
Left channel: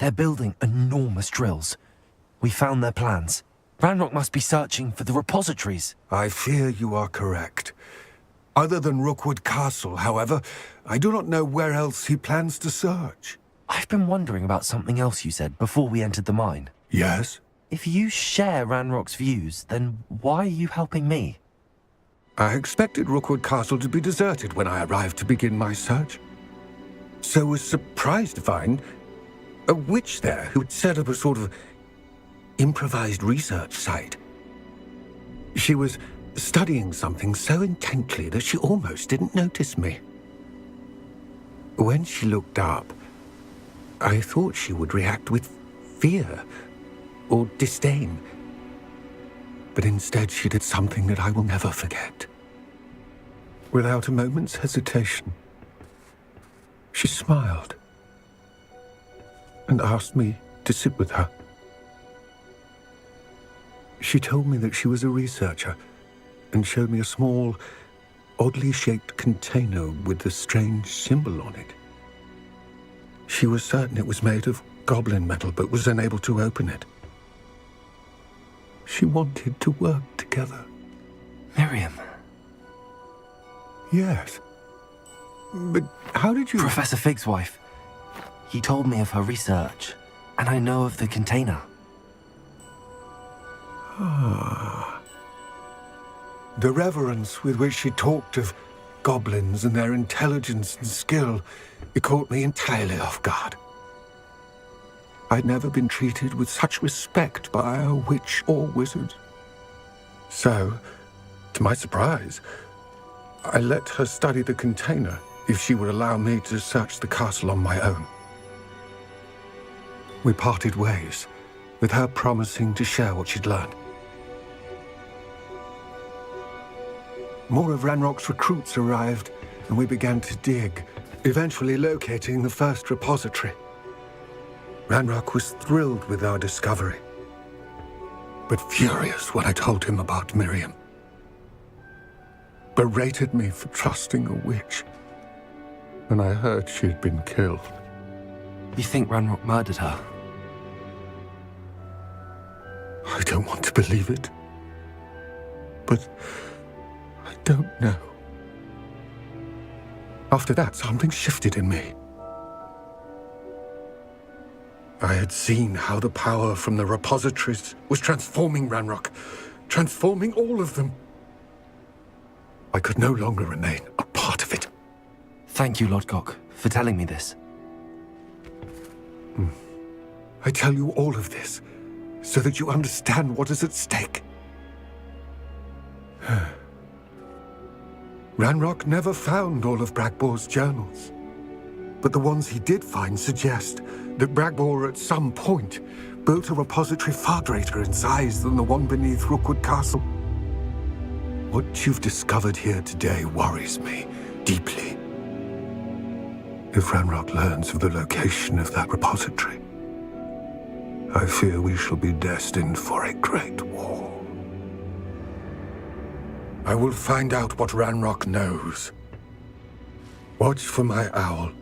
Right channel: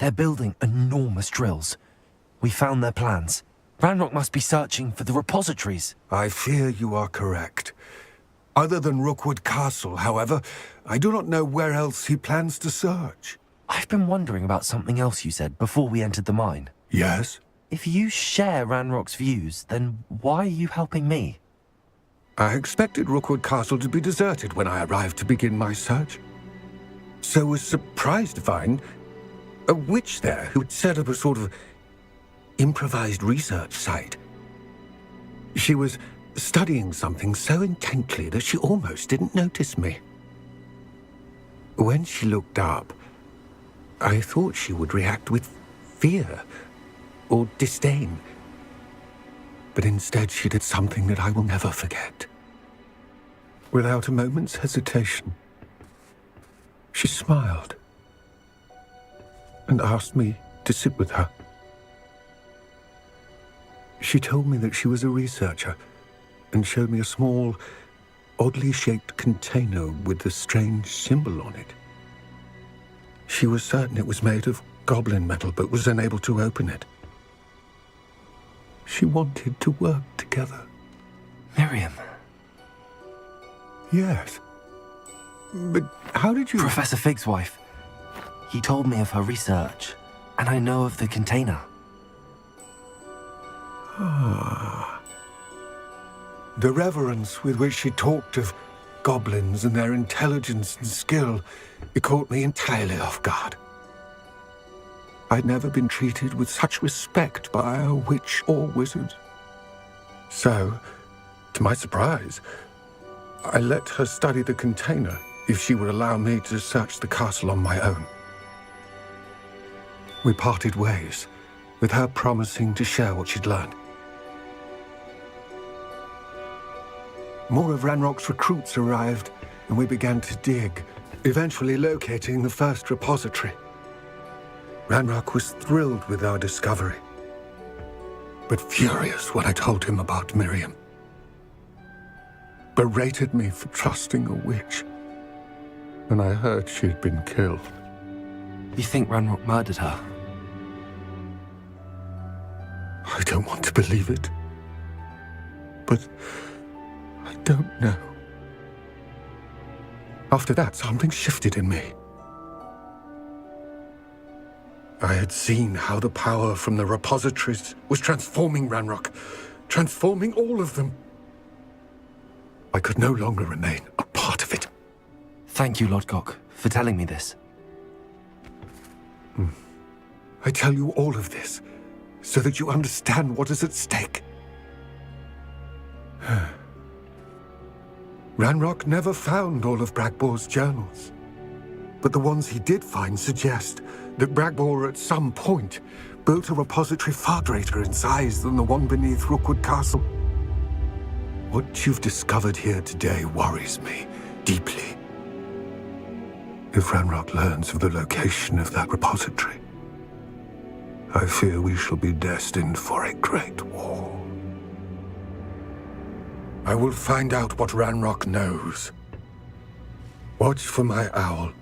They're building enormous drills. We found their plans. Ranrock must be searching for the repositories. I fear you are correct. Other than Rookwood Castle, however, I do not know where else he plans to search. I've been wondering about something else you said before we entered the mine. Yes? If you share Ranrock's views, then why are you helping me? I expected Rookwood Castle to be deserted when I arrived to begin my search. So was surprised to find a witch there who had set up a sort of improvised research site. She was studying something so intently that she almost didn't notice me. When she looked up, I thought she would react with fear or disdain. But instead she did something that I will never forget. Without a moment's hesitation, she smiled and asked me to sit with her. She told me that she was a researcher and showed me a small, oddly shaped container with a strange symbol on it. She was certain it was made of goblin metal, but was unable to open it. She wanted to work together. Miriam. Yes. But how did you... Professor Fig's wife. He told me of her research, and I know of the container. Ah. The reverence with which she talked of goblins and their intelligence and skill, it caught me entirely off guard. I'd never been treated with such respect by a witch or wizard. So, to my surprise, I let her study the container if she would allow me to search the castle on my own. We parted ways, with her promising to share what she'd learned. More of Ranrock's recruits arrived, and we began to dig, eventually locating the first repository. Ranrock was thrilled with our discovery, but furious when I told him about Miriam. Berated me for trusting a witch when I heard she had been killed. You think Ranrock murdered her? I don't want to believe it, but I don't know. After that, something shifted in me. I had seen how the power from the repositories was transforming Ranrock, transforming all of them. I could no longer remain a part of it. Thank you, Lodgok, for telling me this. I tell you all of this so that you understand what is at stake. Ranrock never found all of Bragbor's journals, but the ones he did find suggest that Bragbor at some point built a repository far greater in size than the one beneath Rookwood Castle. What you've discovered here today worries me deeply. If Ranrock learns of the location of that repository, I fear we shall be destined for a great war. I will find out what Ranrock knows. Watch for my owl.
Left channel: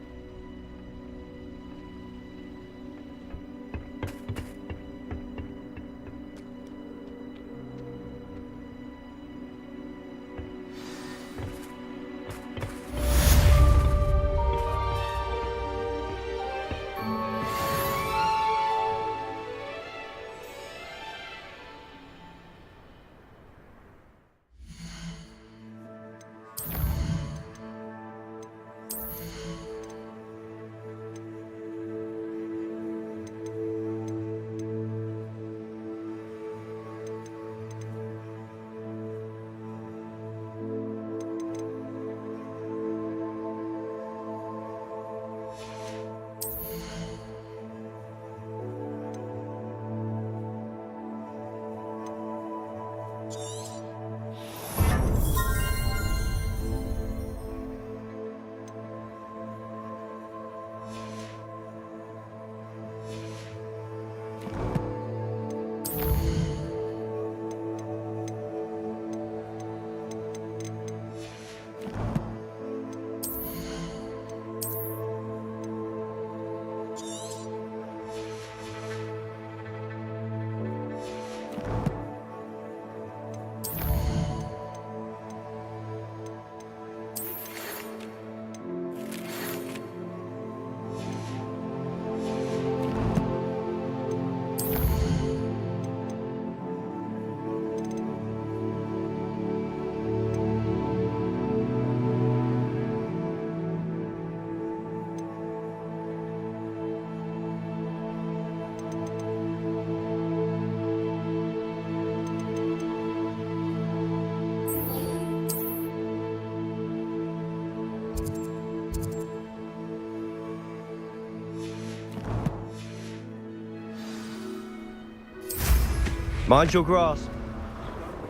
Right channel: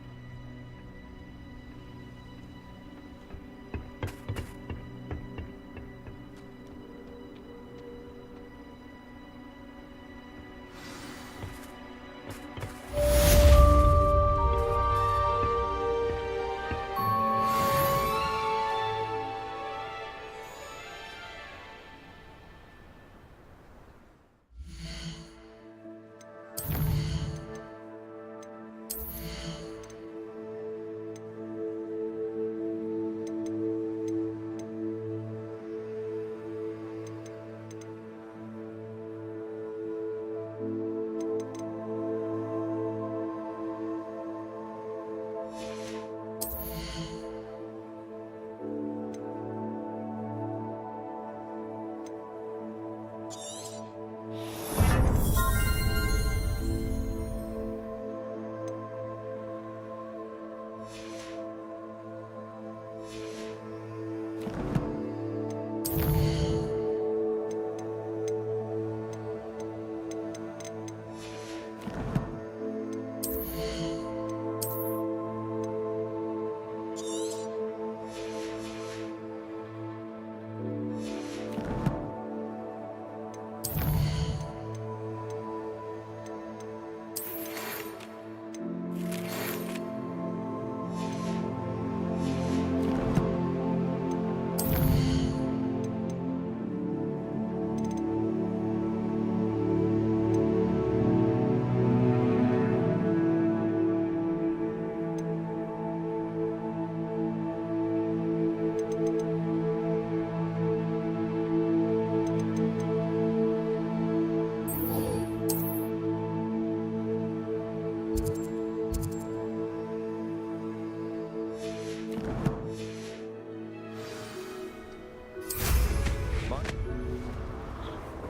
Mind your grasp.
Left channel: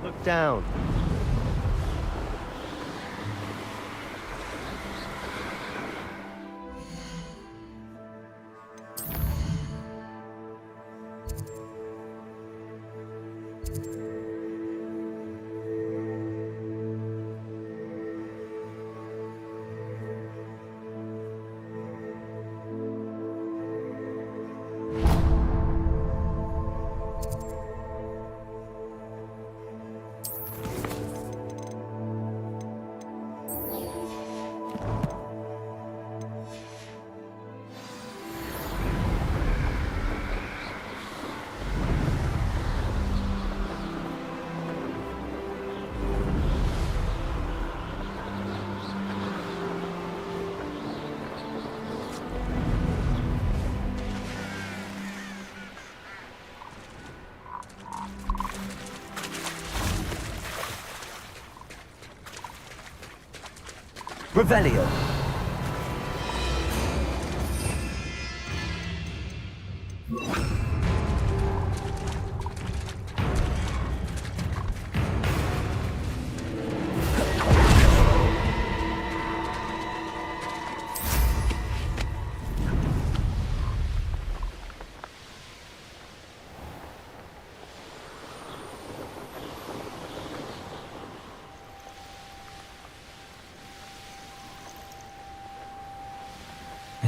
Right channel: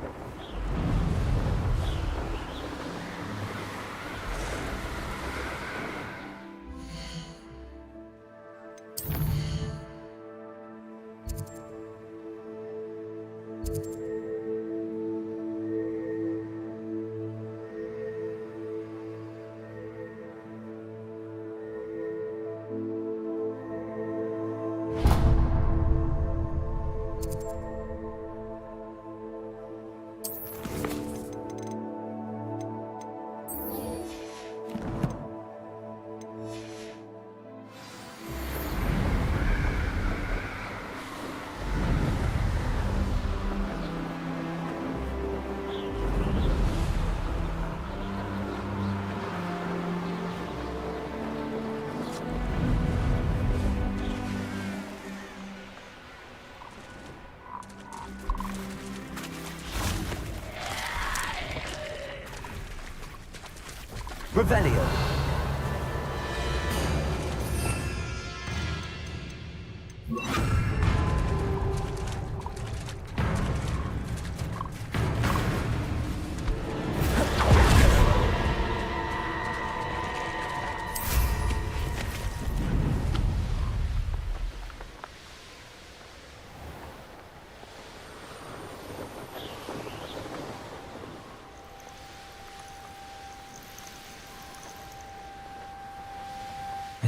Look down. Revelio.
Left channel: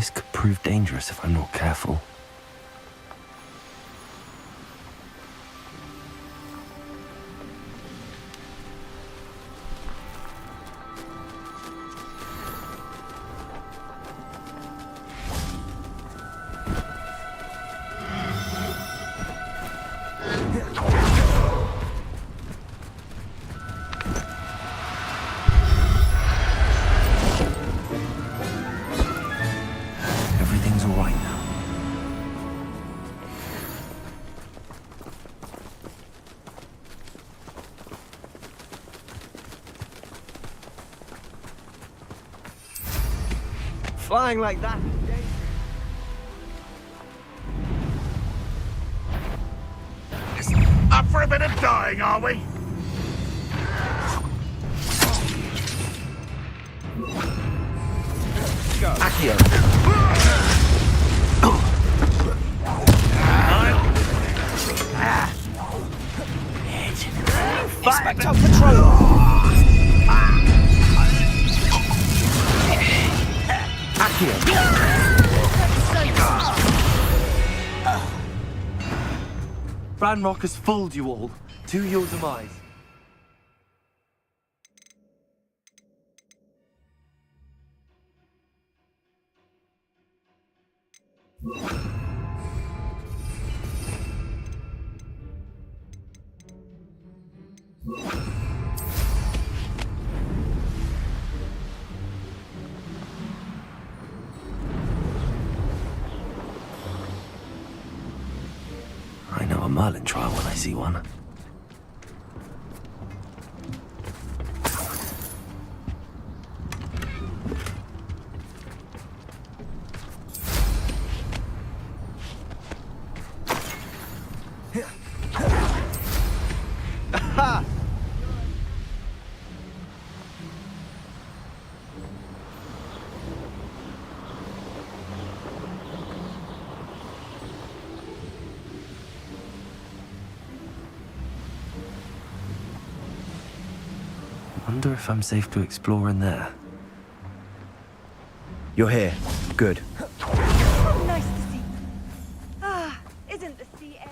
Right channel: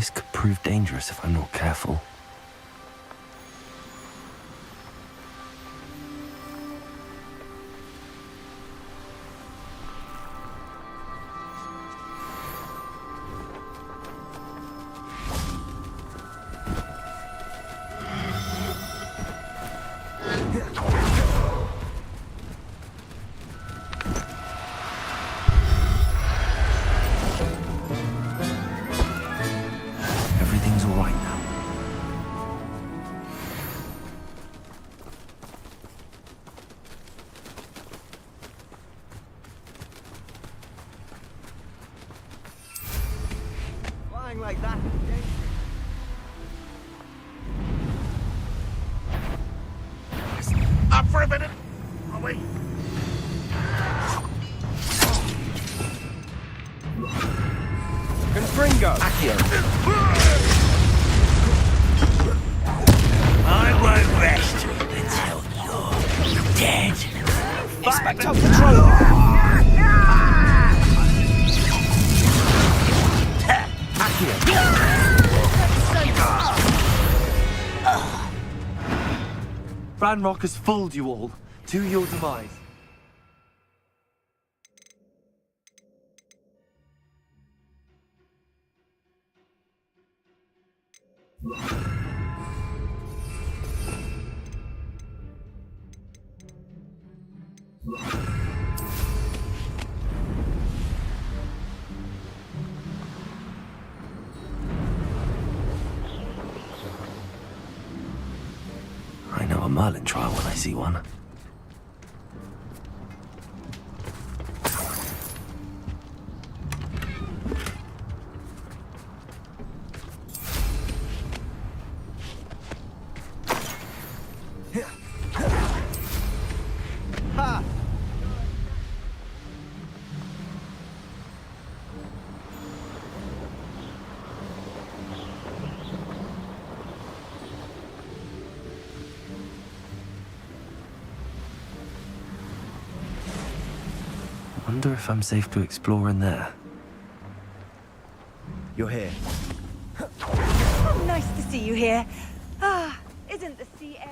This could prove dangerous if I'm not careful. Everything's all right now. Flying like that is dangerous. Up for a bit of dying, are we? Confringo. Accio. I won't rest now. You're dead. Expecto Patronum. Ranrock has fooled you all, to your demise. I know a Merlin trial when I see one. Ha! Wonder if I'm safe to explore in there. You're here. Good. Oh, nice to see you here. Ah, isn't the sea air...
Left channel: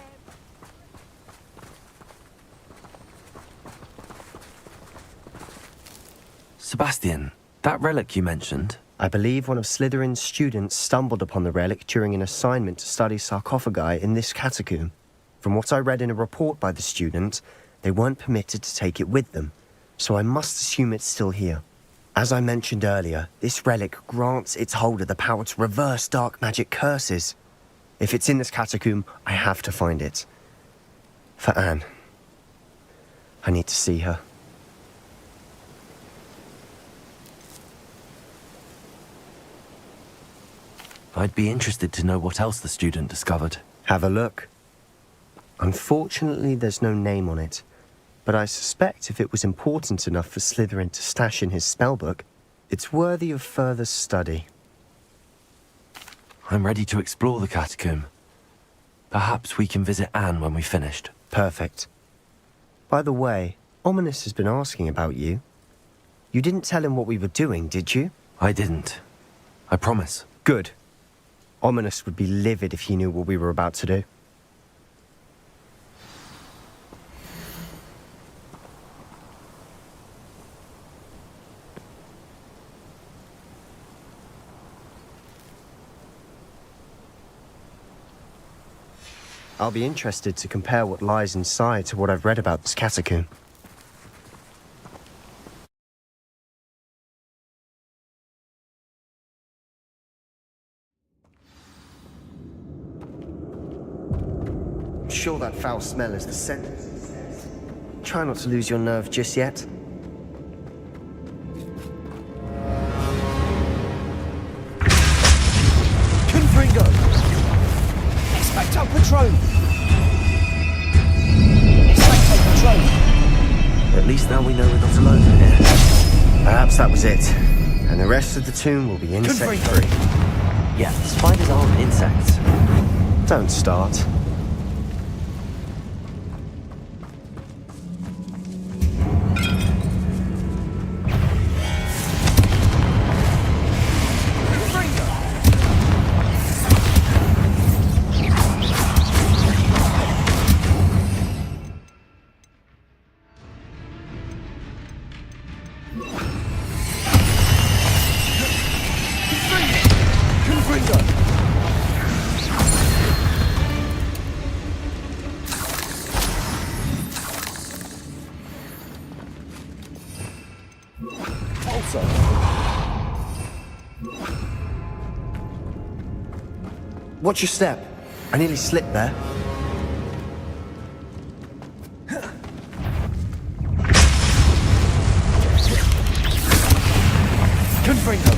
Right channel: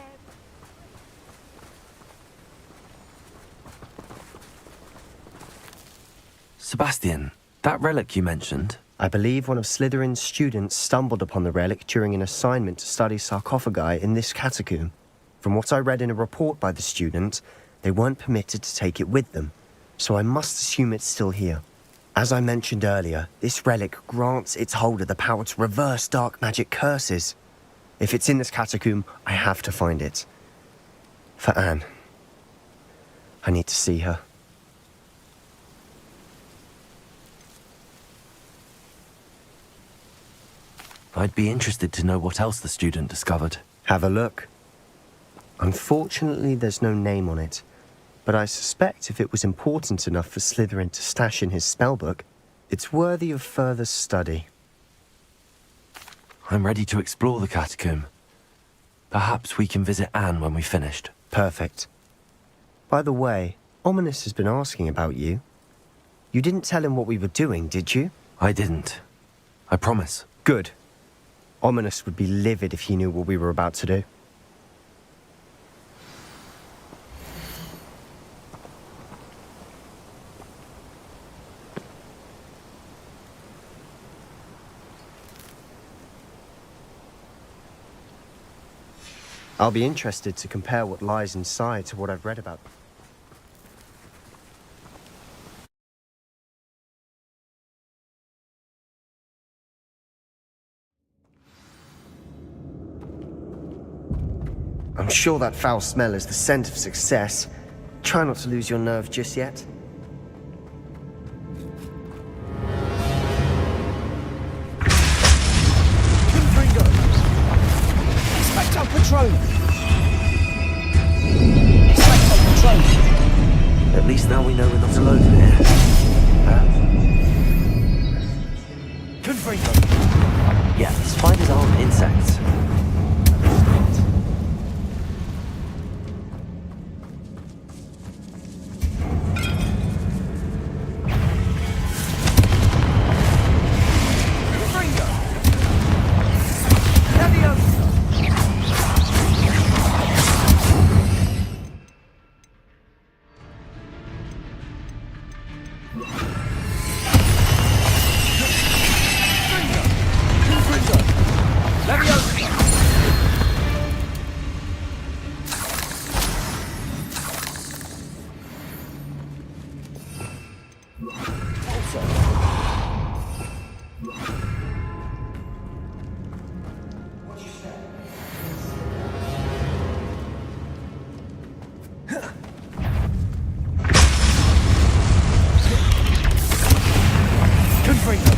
Sebastian, that relic you mentioned. I believe one of Slytherin's students stumbled upon the relic during an assignment to study sarcophagi in this catacomb. From what I read in a report by the student, they weren't permitted to take it with them, so I must assume it's still here. As I mentioned earlier, this relic grants its holder the power to reverse dark magic curses. If it's in this catacomb, I have to find it. For Anne. I need to see her. I'd be interested to know what else the student discovered. Have a look. Unfortunately, there's no name on it, but I suspect if it was important enough for Slytherin to stash in his spellbook, it's worthy of further study. I'm ready to explore the catacomb. Perhaps we can visit Anne when we've finished. Perfect. By the way, Ominous has been asking about you. You didn't tell him what we were doing, did you? I didn't. I promise. Good. Ominous would be livid if he knew what we were about to do. I'll be interested to compare what lies inside to what I've read about this catacomb. I'm sure that foul smell is the scent of success. Try not to lose your nerve just yet. Confringo. Expecto Patronum. Expecto Patronum. At least now we know we're not alone in here. Perhaps that was it. And the rest of the tomb will be insect-free. Yeah, spiders aren't insects. Don't start. Watch your step. I nearly slipped there. Confringo!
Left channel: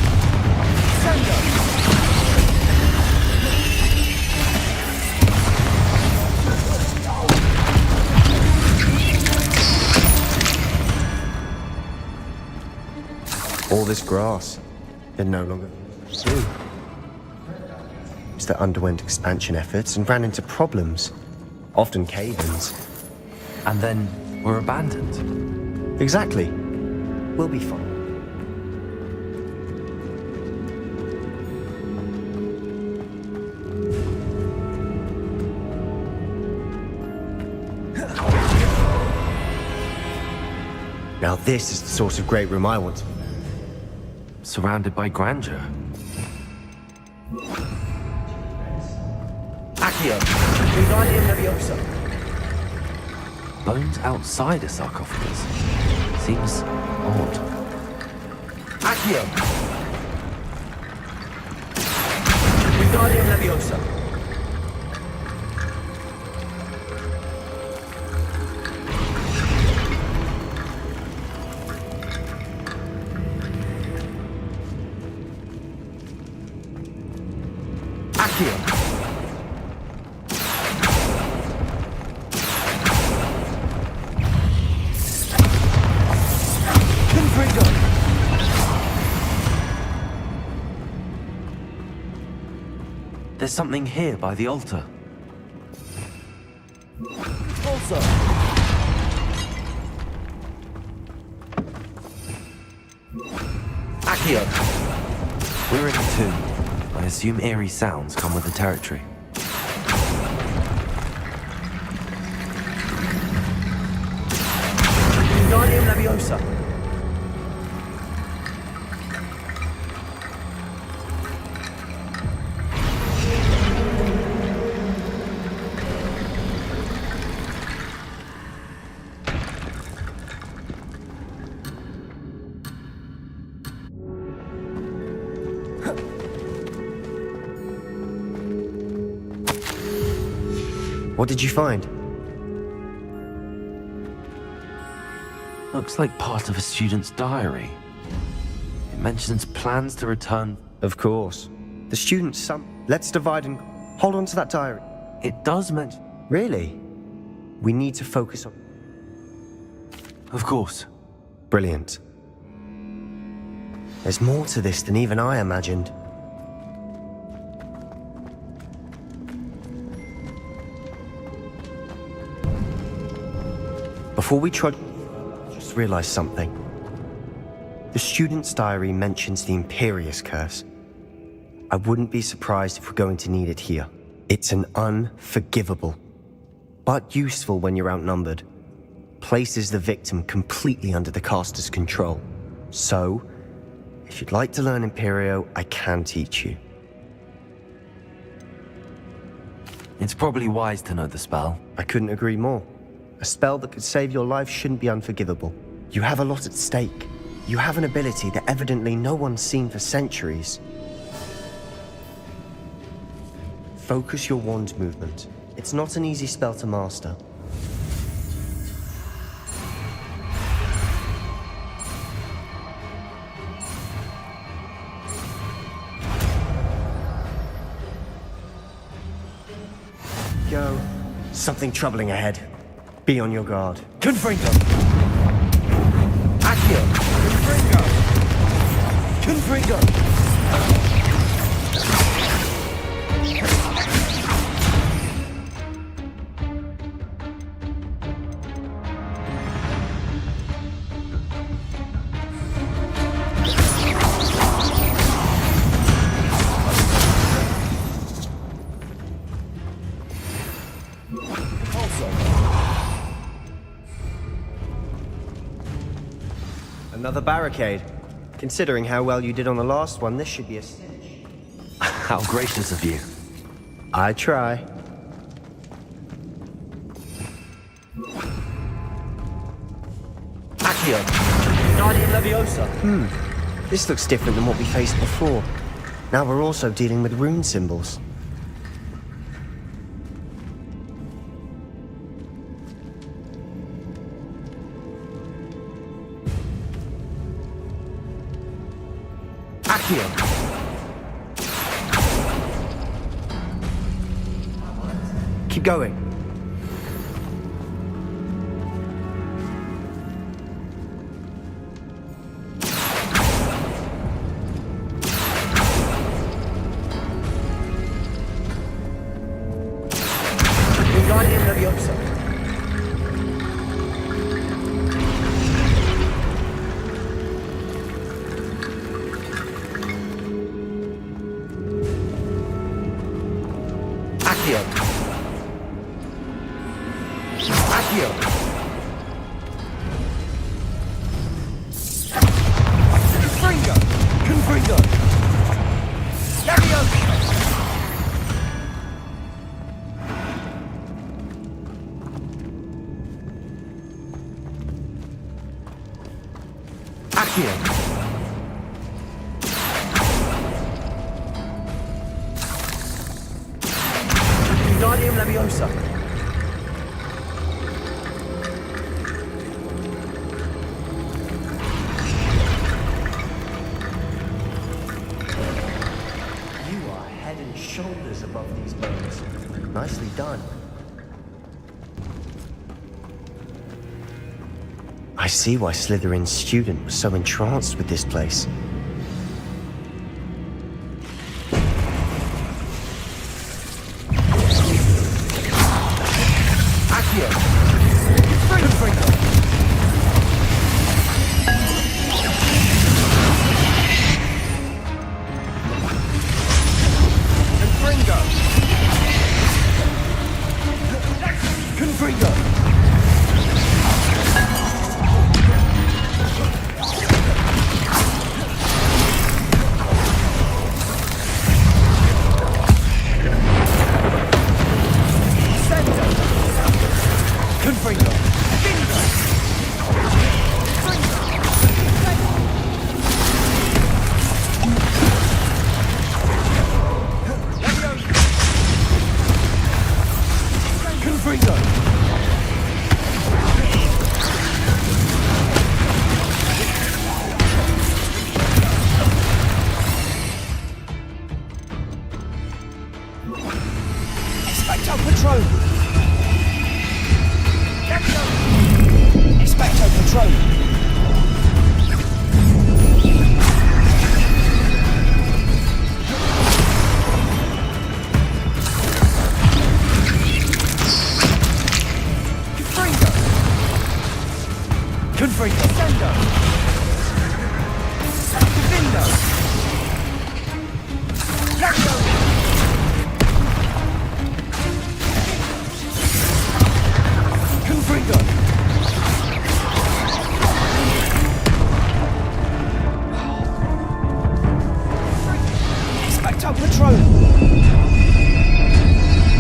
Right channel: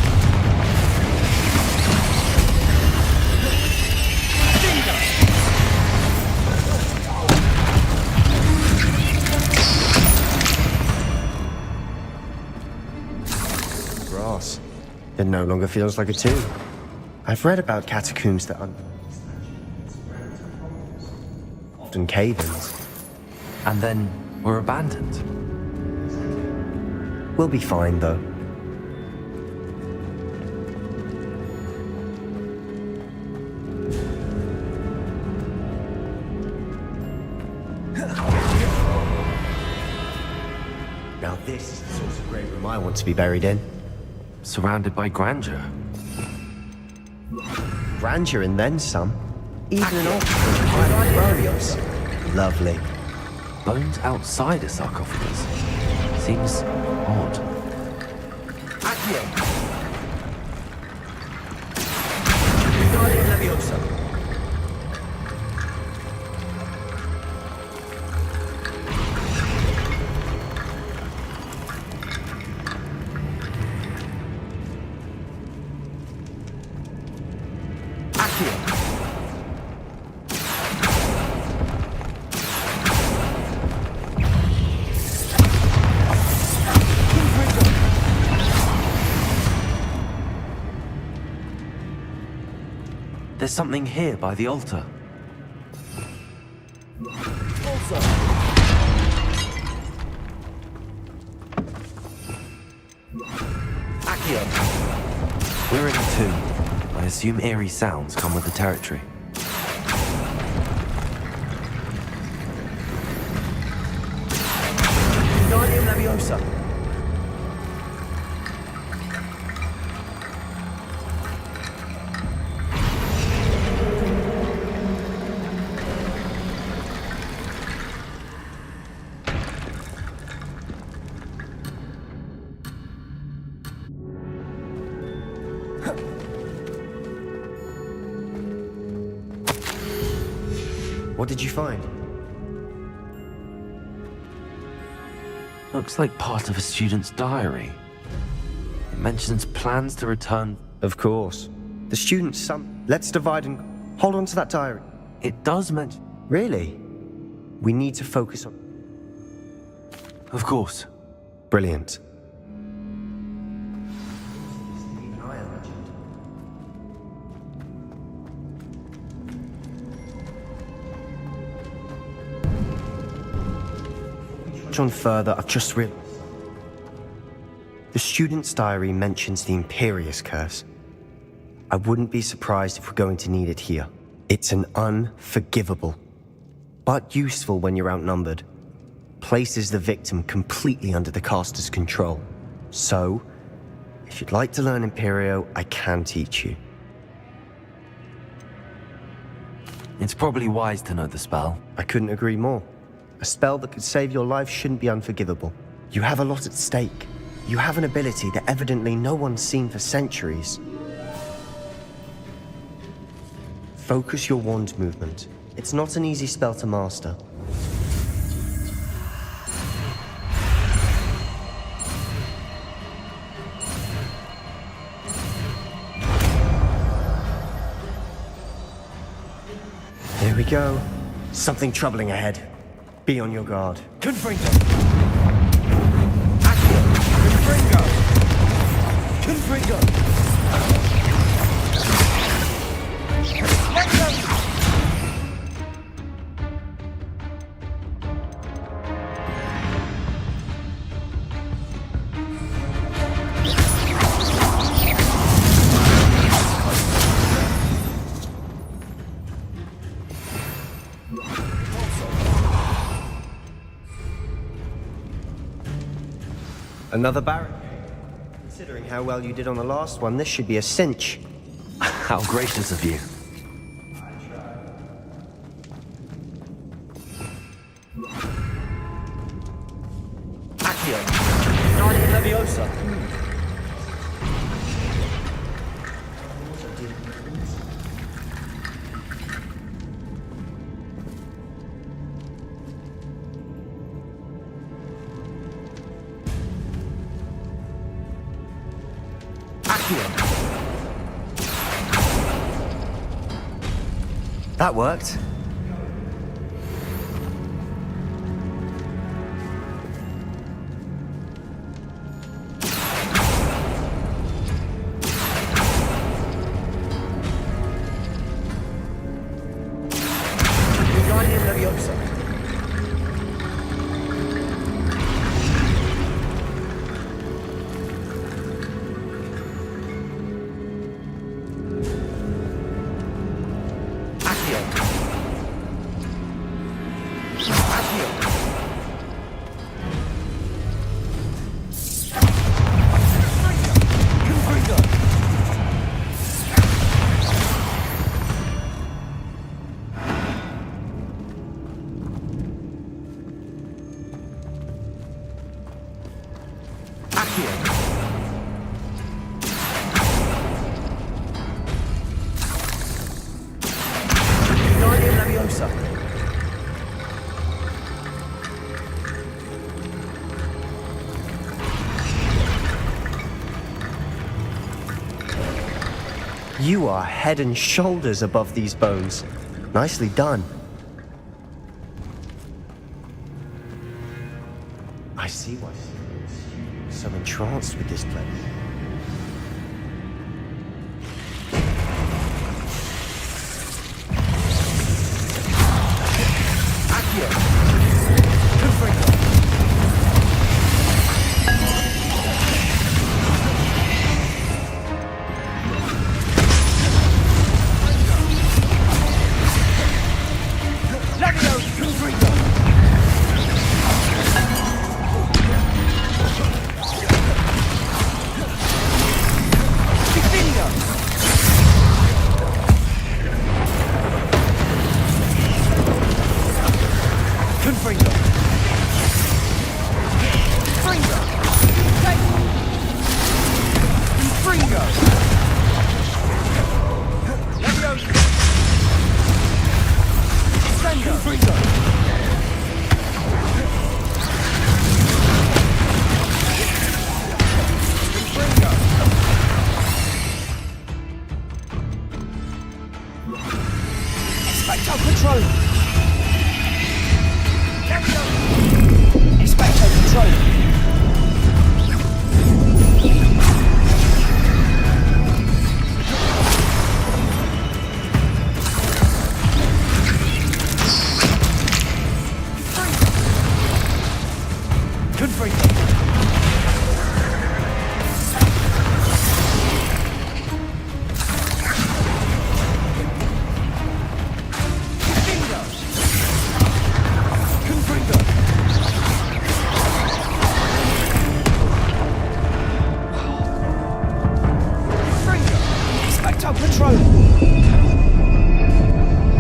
All this grass. It no longer feels like a tomb. I've read about catacombs that underwent expansion efforts and ran into problems. Often cave-ins. And then were abandoned. Exactly. We'll be fine, though. Now this is the sort of great room I want to be buried in. Surrounded by grandeur. Grandeur and then some. Accio! Wingardium Leviosa! Lovely. Bones outside a sarcophagus. Seems odd. Accio! Wingardium Leviosa! There's something here by the altar. Also. Accio. We're in a tomb. I assume eerie sounds come with the territory. Wingardium Leviosa! What did you find? Looks like part of a student's diary. It mentions plans to return. Of course. The student's son. Let's divide and hold on to that diary. It does mention. Really? We need to focus on. Of course. Brilliant. There's more to this than even I imagined. Before we trudge on further, I've just realized something. The student's diary mentions the Imperious Curse. I wouldn't be surprised if we're going to need it here. It's an unforgivable, but useful when you're outnumbered. Places the victim completely under the caster's control. So, if you'd like to learn Imperio, I can teach you. It's probably wise to know the spell. I couldn't agree more. A spell that could save your life shouldn't be unforgivable. You have a lot at stake. You have an ability that evidently no one's seen for centuries. Focus your wand movement. It's not an easy spell to master. Here we go. Something troubling ahead. Be on your guard. Confringo! Accio! Confringo! Confringo! Another barricade. Considering how well you did on the last one, this should be a cinch. How gracious of you. I try. Accio! Wingardium Leviosa! This looks different than what we faced before. Now we're also dealing with rune symbols. That worked. Keep going. Wingardium Leviosa. Accio. Accio. Confringo. Confringo. Accio. Wingardium Leviosa. You are head and shoulders above these bones. Nicely done. I see why Slytherin's student was so entranced with this place. Accio. Confringo. Confringo. Confringo. Confringo. Expecto Patronum. Expecto Patronum. Confringo. Confringo. Expecto Patronum.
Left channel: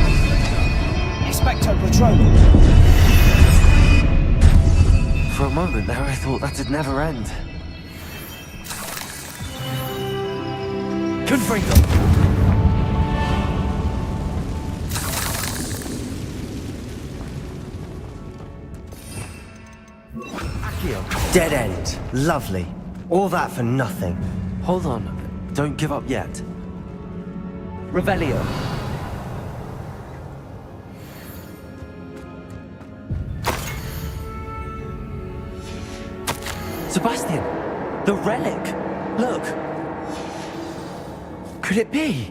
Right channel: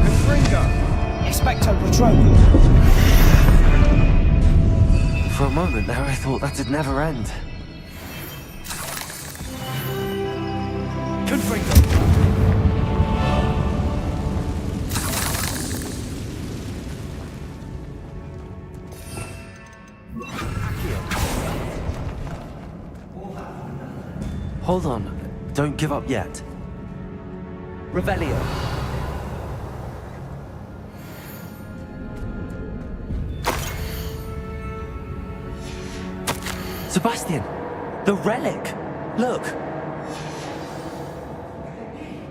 Confringo. Expecto Patronum. For a moment there, I thought that'd never end. Confringo. Accio. Dead end. Lovely. All that for nothing. Hold on. Don't give up yet. Revelio. Sebastian! The relic! Look! Could it be?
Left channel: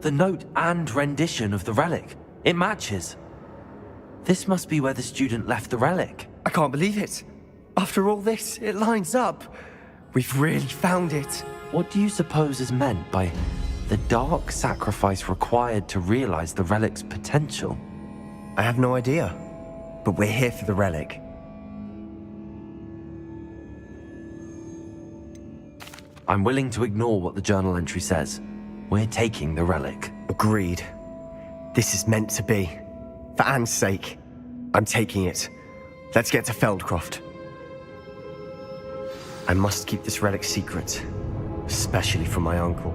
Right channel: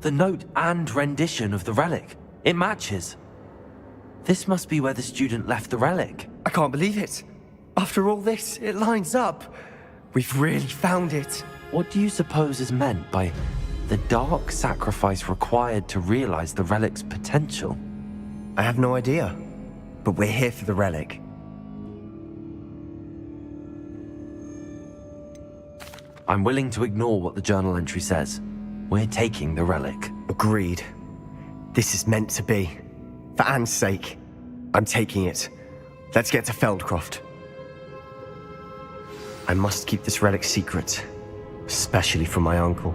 The note and rendition of the relic. It matches. This must be where the student left the relic. I can't believe it. After all this, it lines up. We've really found it. What do you suppose is meant by the dark sacrifice required to realize the relic's potential? I have no idea. But we're here for the relic. I'm willing to ignore what the journal entry says. We're taking the relic. Agreed. This is meant to be. For Anne's sake, I'm taking it. Let's get to Feldcroft. I must keep this relic secret, especially from my uncle.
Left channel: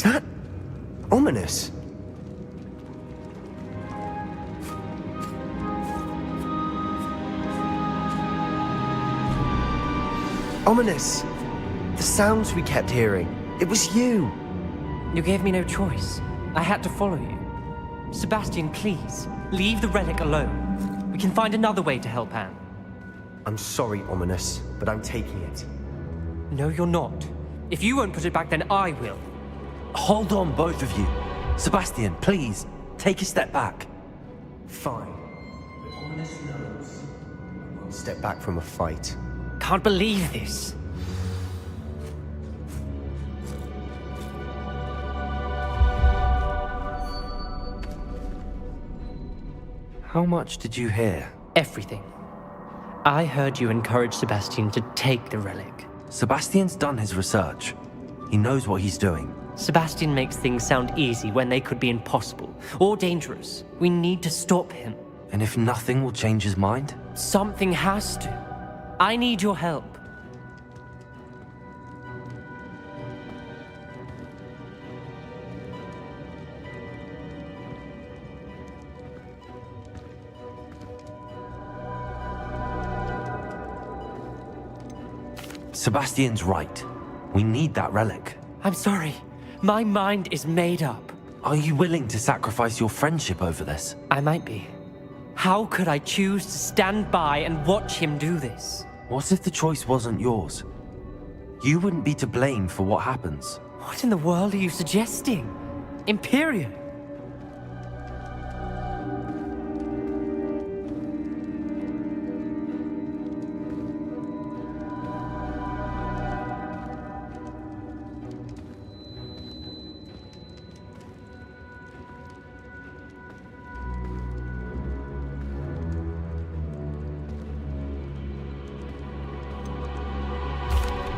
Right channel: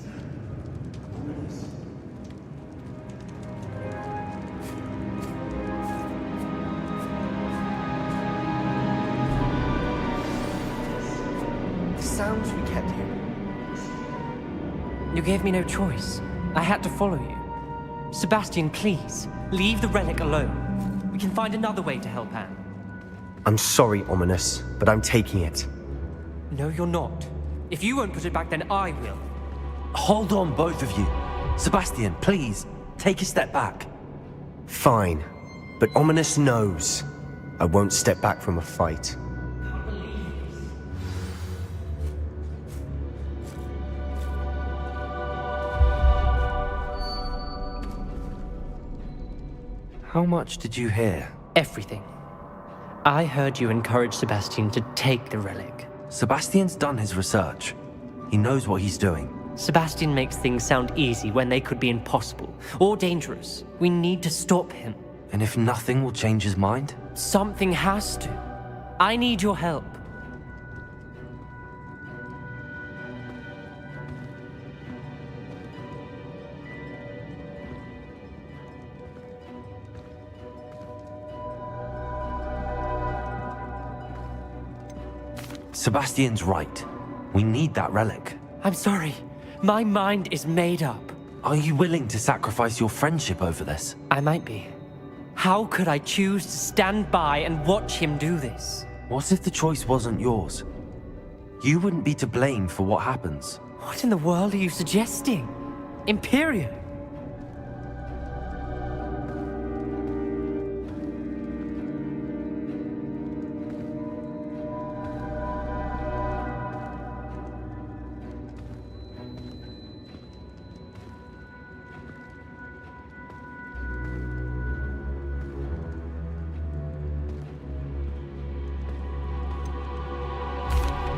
Is that ominous? Ominous! The sounds we kept hearing. It was you. You gave me no choice. I had to follow you. Sebastian, please, leave the relic alone. We can find another way to help Anne. I'm sorry, Ominous, but I'm taking it. No, you're not. If you won't put it back, then I will. Hold on, both of you. Sebastian, please, take a step back. Fine, but Ominous knows I won't step back from a fight. Can't believe this. How much did you hear? Everything. I heard you encourage Sebastian to take the relic. Sebastian's done his research. He knows what he's doing. Sebastian makes things sound easy when they could be impossible or dangerous. We need to stop him. And if nothing will change his mind? Something has to. I need your help. Sebastian's right. We need that relic. I'm sorry. My mind is made up. Are you willing to sacrifice your friendship over this? I might be. How could I choose to stand by and watch him do this? What if the choice wasn't yours? You wouldn't be to blame for what happens. What in the world are you suggesting? Imperium?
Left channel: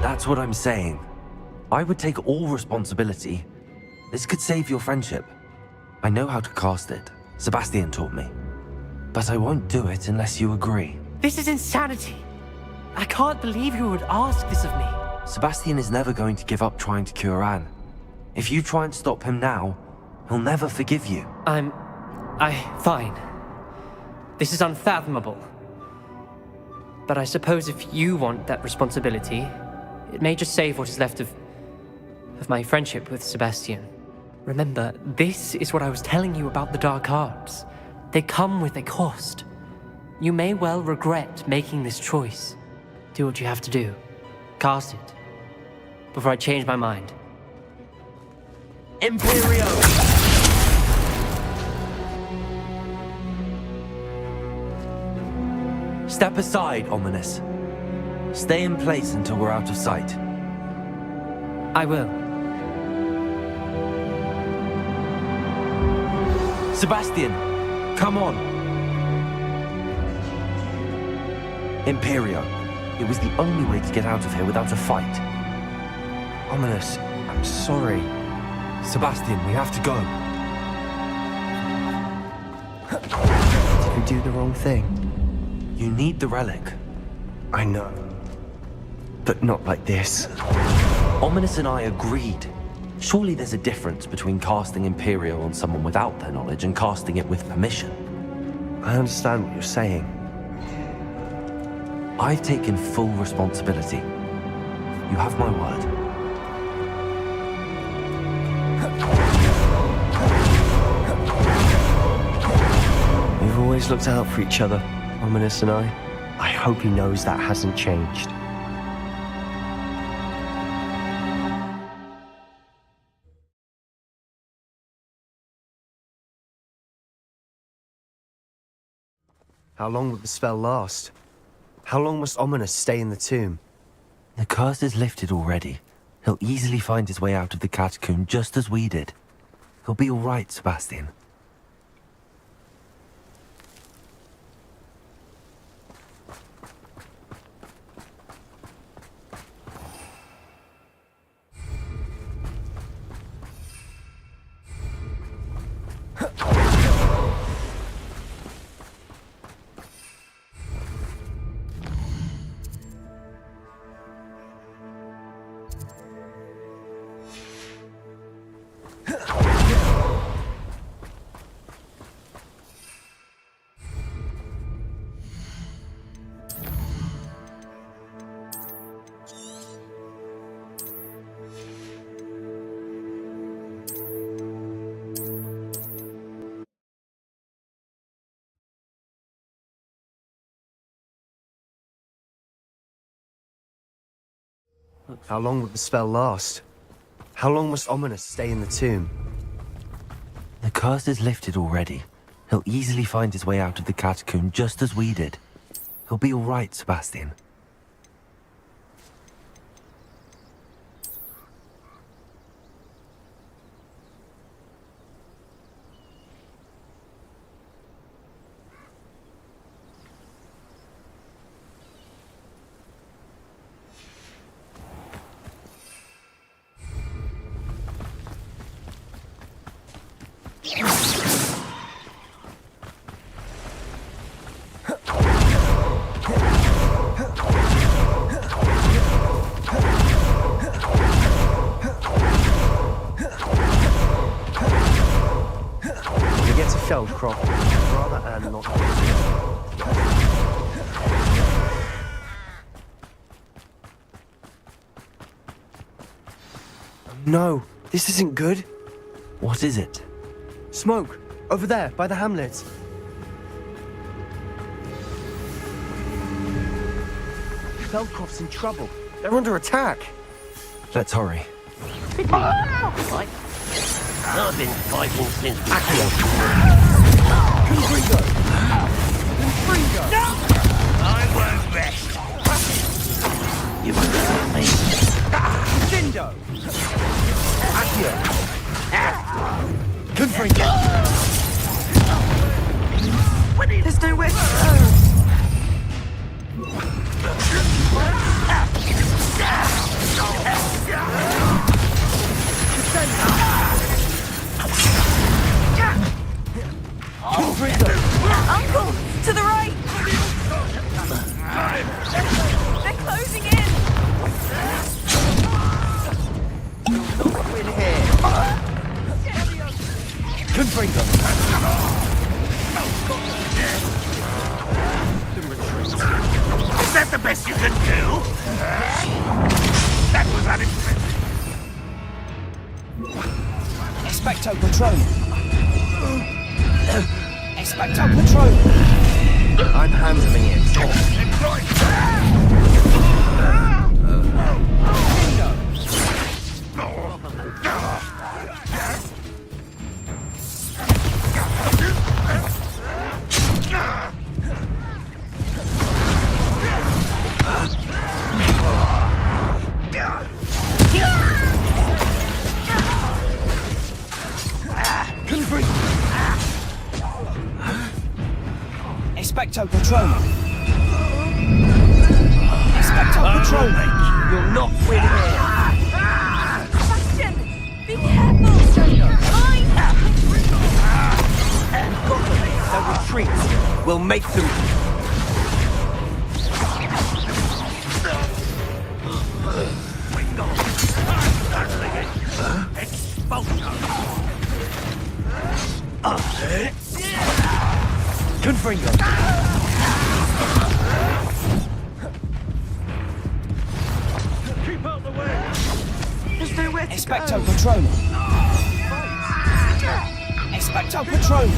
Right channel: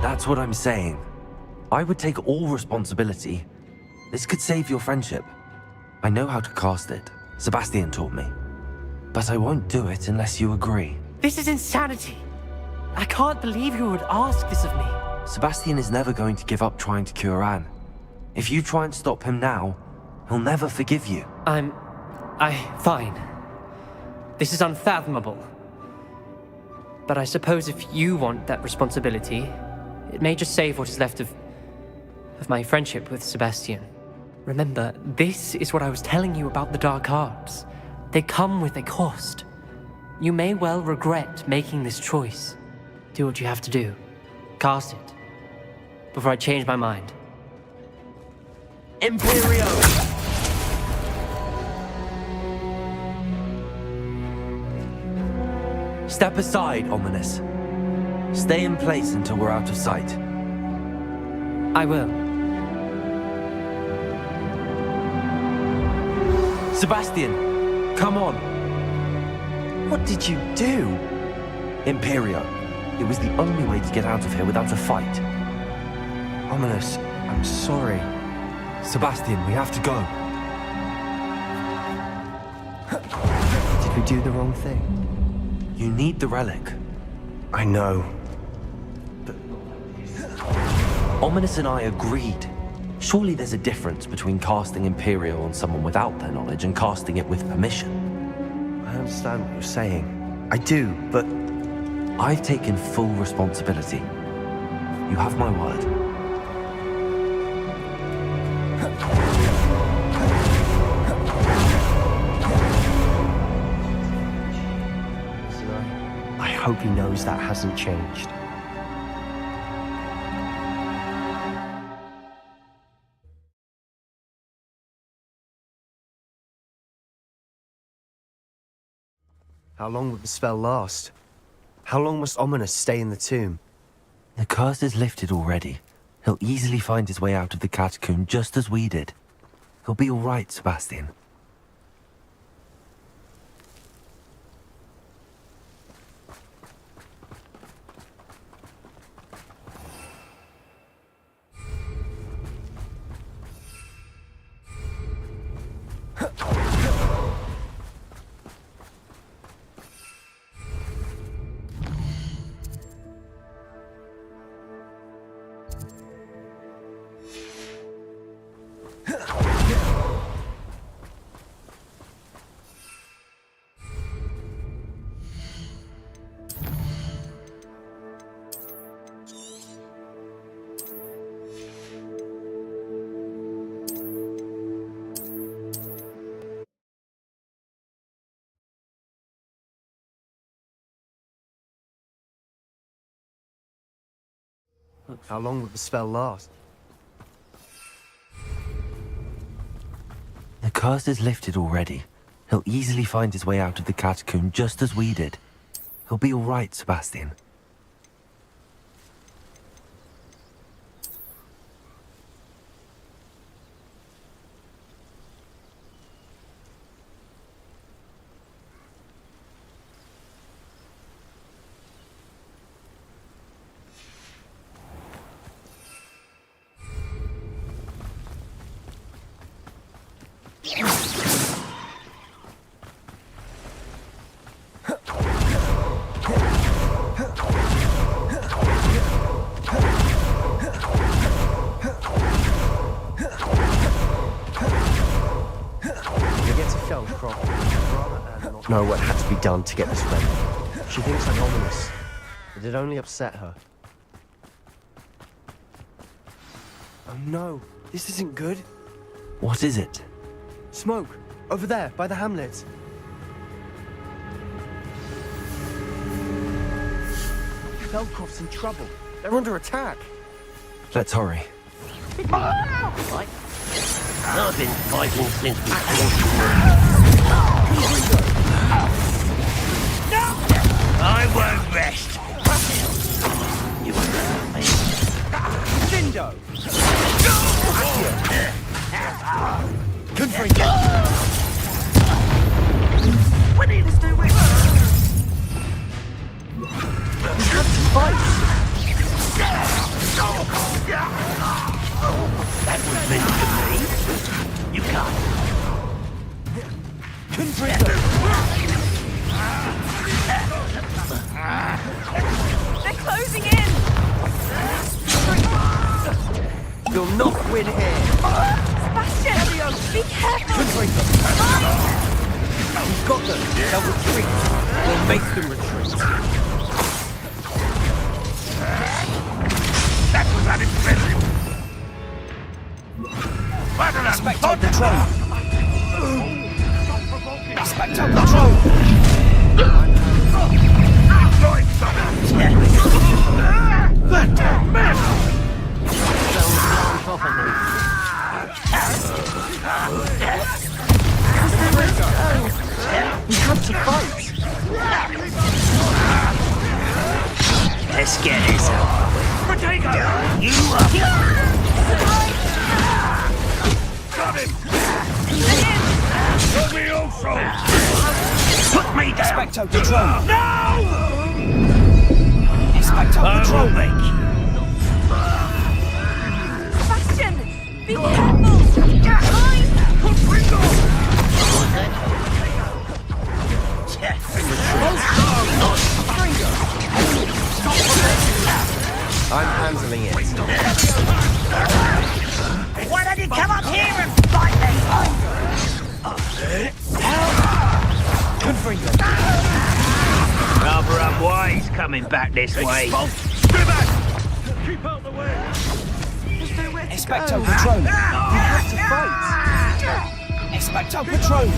That's what I'm saying. I would take all responsibility. This could save your friendship. I know how to cast it. Sebastian taught me. But I won't do it unless you agree. This is insanity. I can't believe you would ask this of me. Sebastian is never going to give up trying to cure Anne. If you try and stop him now, he'll never forgive you. Fine. This is unfathomable. But I suppose if you want that responsibility, it may just save what is left of my friendship with Sebastian. Remember, this is what I was telling you about the dark arts. They come with a cost. You may well regret making this choice. Do what you have to do. Cast it. Before I change my mind. Imperio! Step aside, Ominous. Stay in place until we're out of sight. I will. Sebastian, come on. What did you do? Imperio. It was the only way to get out of here without a fight. Ominous, I'm sorry. Sebastian, we have to go. Did we do the wrong thing? You need the relic. I know. But not like this. Ominous and I agreed. Surely there's a difference between casting Imperio on someone without their knowledge and casting it with permission. I understand what you're saying. I do, but... I've taken full responsibility. You have my word. We've always looked out for each other, Ominous and I. I hope he knows that hasn't changed. How long will the spell last? How long must Ominous stay in the tomb? The curse is lifted already. He'll easily find his way out of the catacomb just as we did. He'll be all right, Sebastian. How long would the spell last? How long must Ominous stay in the tomb? The curse is lifted already. He'll easily find his way out of the catacomb just as we did. He'll be all right, Sebastian. Crop. Rather Anne not know what has to be done to get this right. She thinks I'm obvious, but it only upset her. Oh no, this isn't good. What is it? Smoke! Over there, by the hamlet. Feldcroft's in trouble. They're under attack. Let's hurry. I've been fighting since we I won't rest. You won't hurt me. Dindo! Accio! Confringo! There's no way. To the right! They're closing in! You'll not win here! Sebastian! Be careful! Confringo! Got them! They'll retreat! Make them retreat! Is that the best you can do? That was unexpected. Expecto Patronum! Expecto Patronum! I'm handling Let's get this. Expecto Patronum! Expecto Patronum! You'll not win. Sebastian! Be careful! Retreat! We'll make them I'm handling it. Why don't you come up here and fight them? Confringo! Rather wise coming back this way. Stay back! Keep out the way! There's nowhere to Expecto go. Patronum! Expecto Patronum!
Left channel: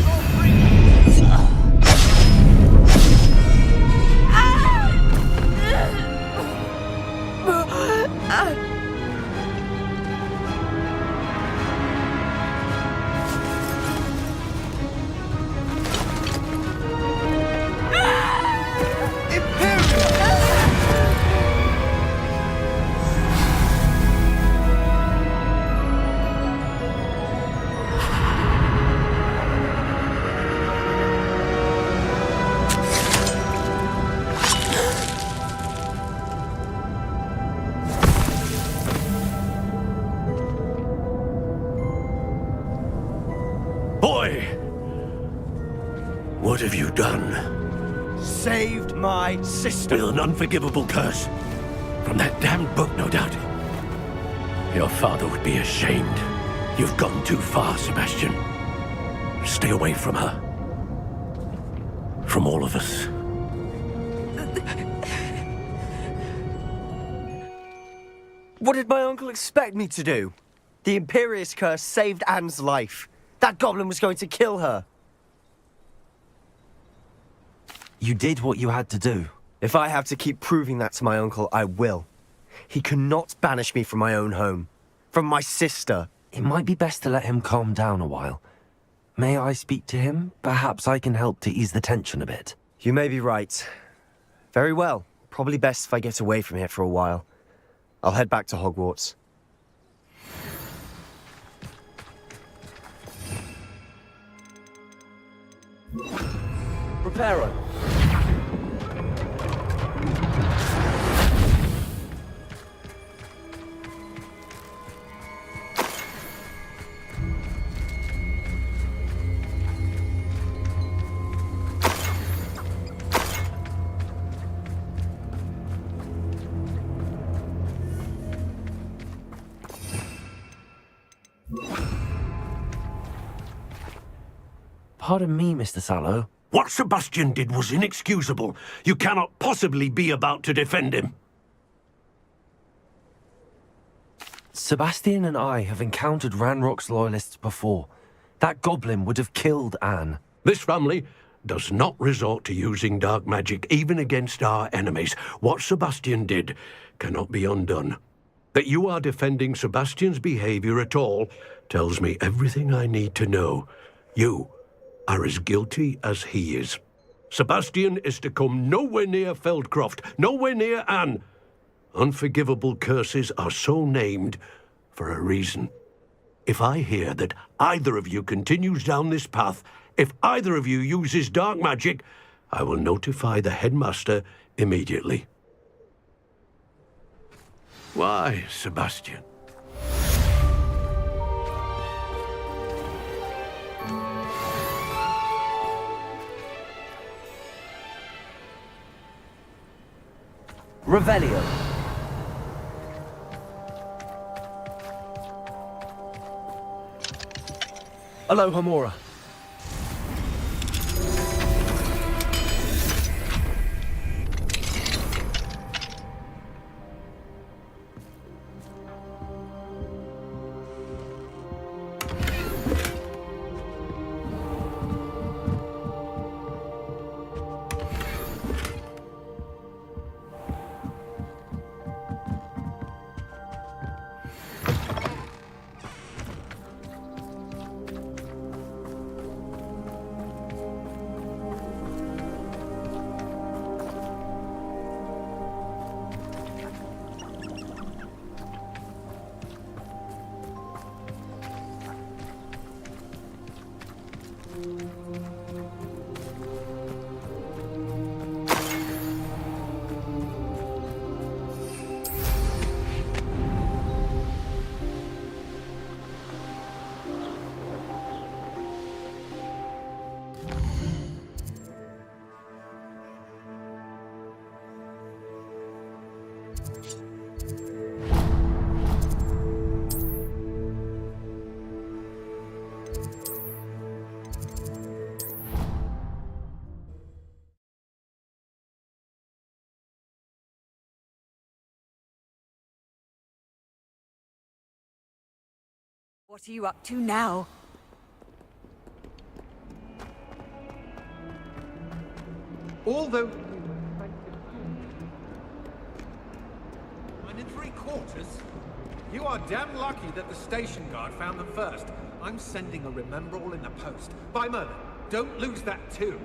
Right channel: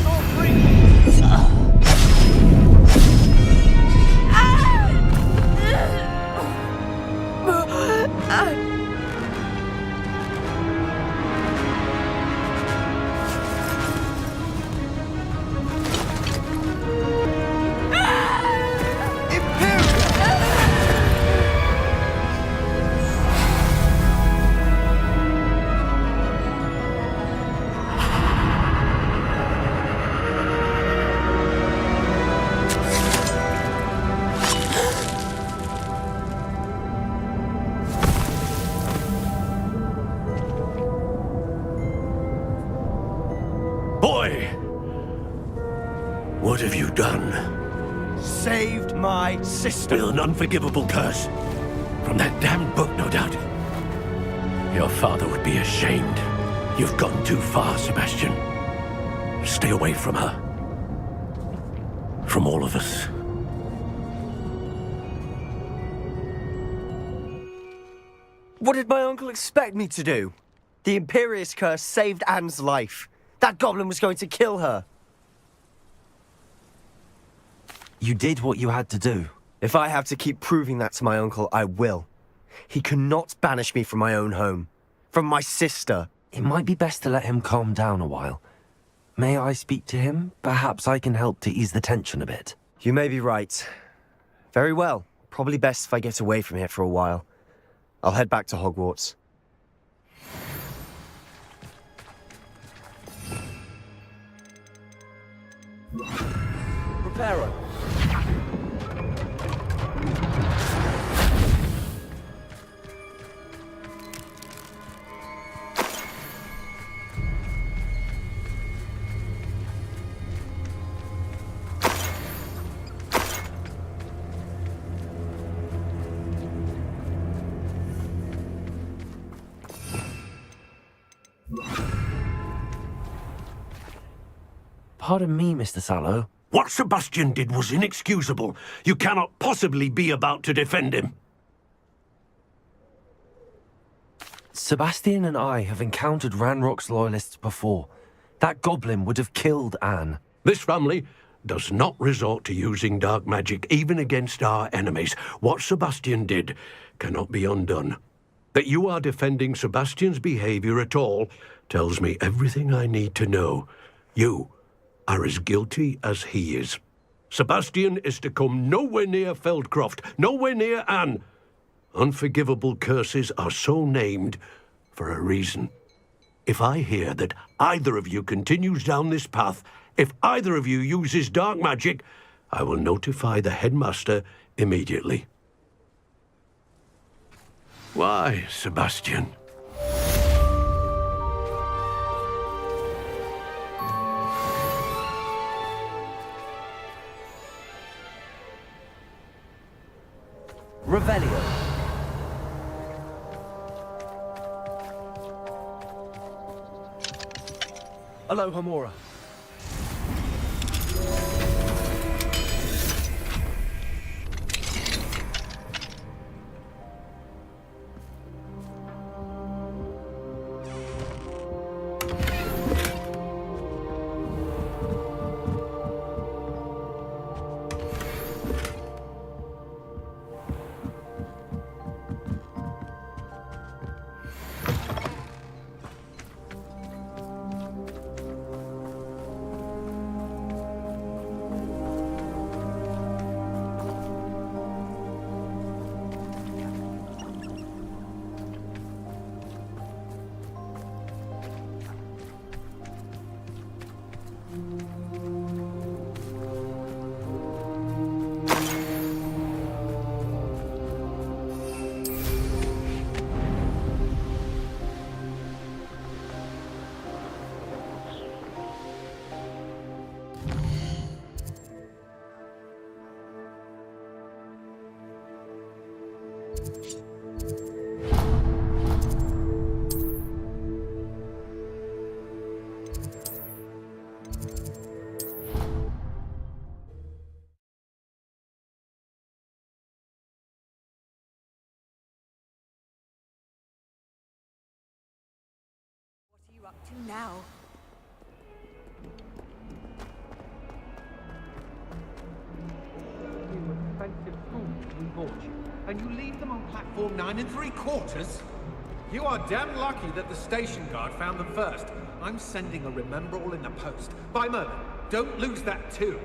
Boy! What have you done? Saved my sister! With an unforgivable curse. From that damned book, no doubt. Your father would be ashamed. You've gone too far, Sebastian. Stay away from her. From all of us. What did my uncle expect me to do? The Imperious curse saved Anne's life. That goblin was going to kill her. You did what you had to do. If I have to keep proving that to my uncle, I will. He cannot banish me from my own home. From my sister. It might be best to let him calm down a while. May I speak to him? Perhaps I can help to ease the tension a bit. You may be right. Very well. Probably best if I get away from here for a while. I'll head back to Hogwarts. Preparo. Pardon me, Mr. Sallow. What Sebastian did was inexcusable. You cannot possibly be about to defend him. Sebastian and I have encountered Ranrock's loyalists before. That goblin would have killed Anne. This family does not resort to using dark magic, even against our enemies. What Sebastian did cannot be undone. That you are defending Sebastian's behavior at all tells me everything I need to know. You are as guilty as he is. Sebastian is to come nowhere near Feldcroft, nowhere near Anne. Unforgivable curses are so named for a reason. If I hear that either of you continues down this path, if either of you uses dark magic, I will notify the headmaster immediately. Why, Sebastian? Revelio. Aloha Mora. What are you up to now? Although we were expensive fools, we bought you, and you leave them on platform 9 3/4? You are damn lucky that the station guard found them first. I'm sending a remember-all in the post. By Merlin, don't lose that too.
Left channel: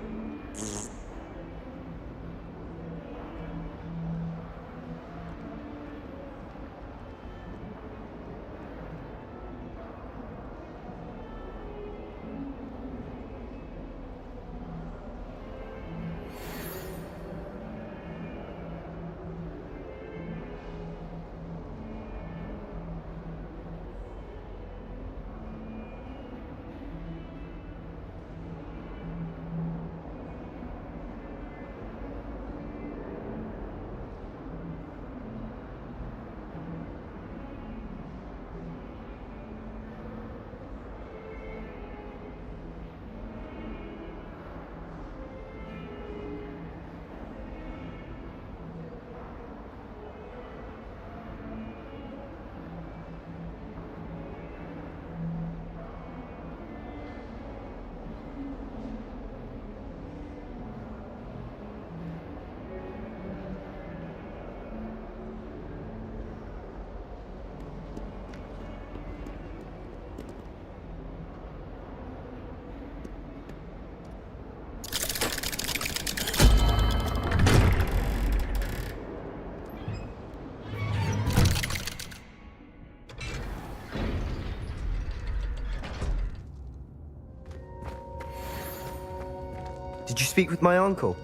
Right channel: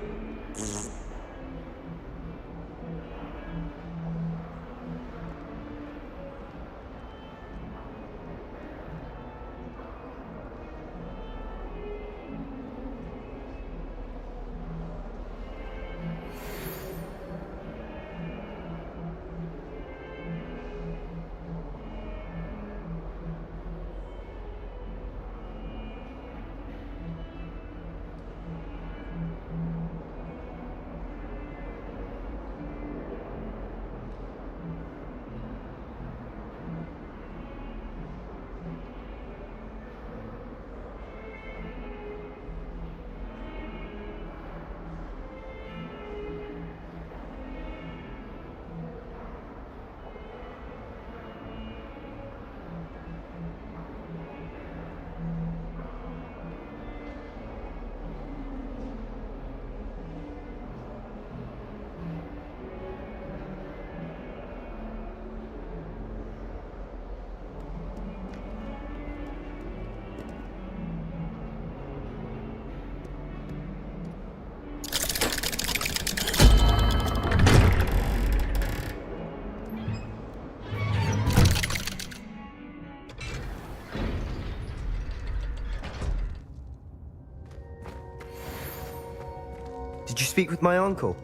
Did you speak with my uncle?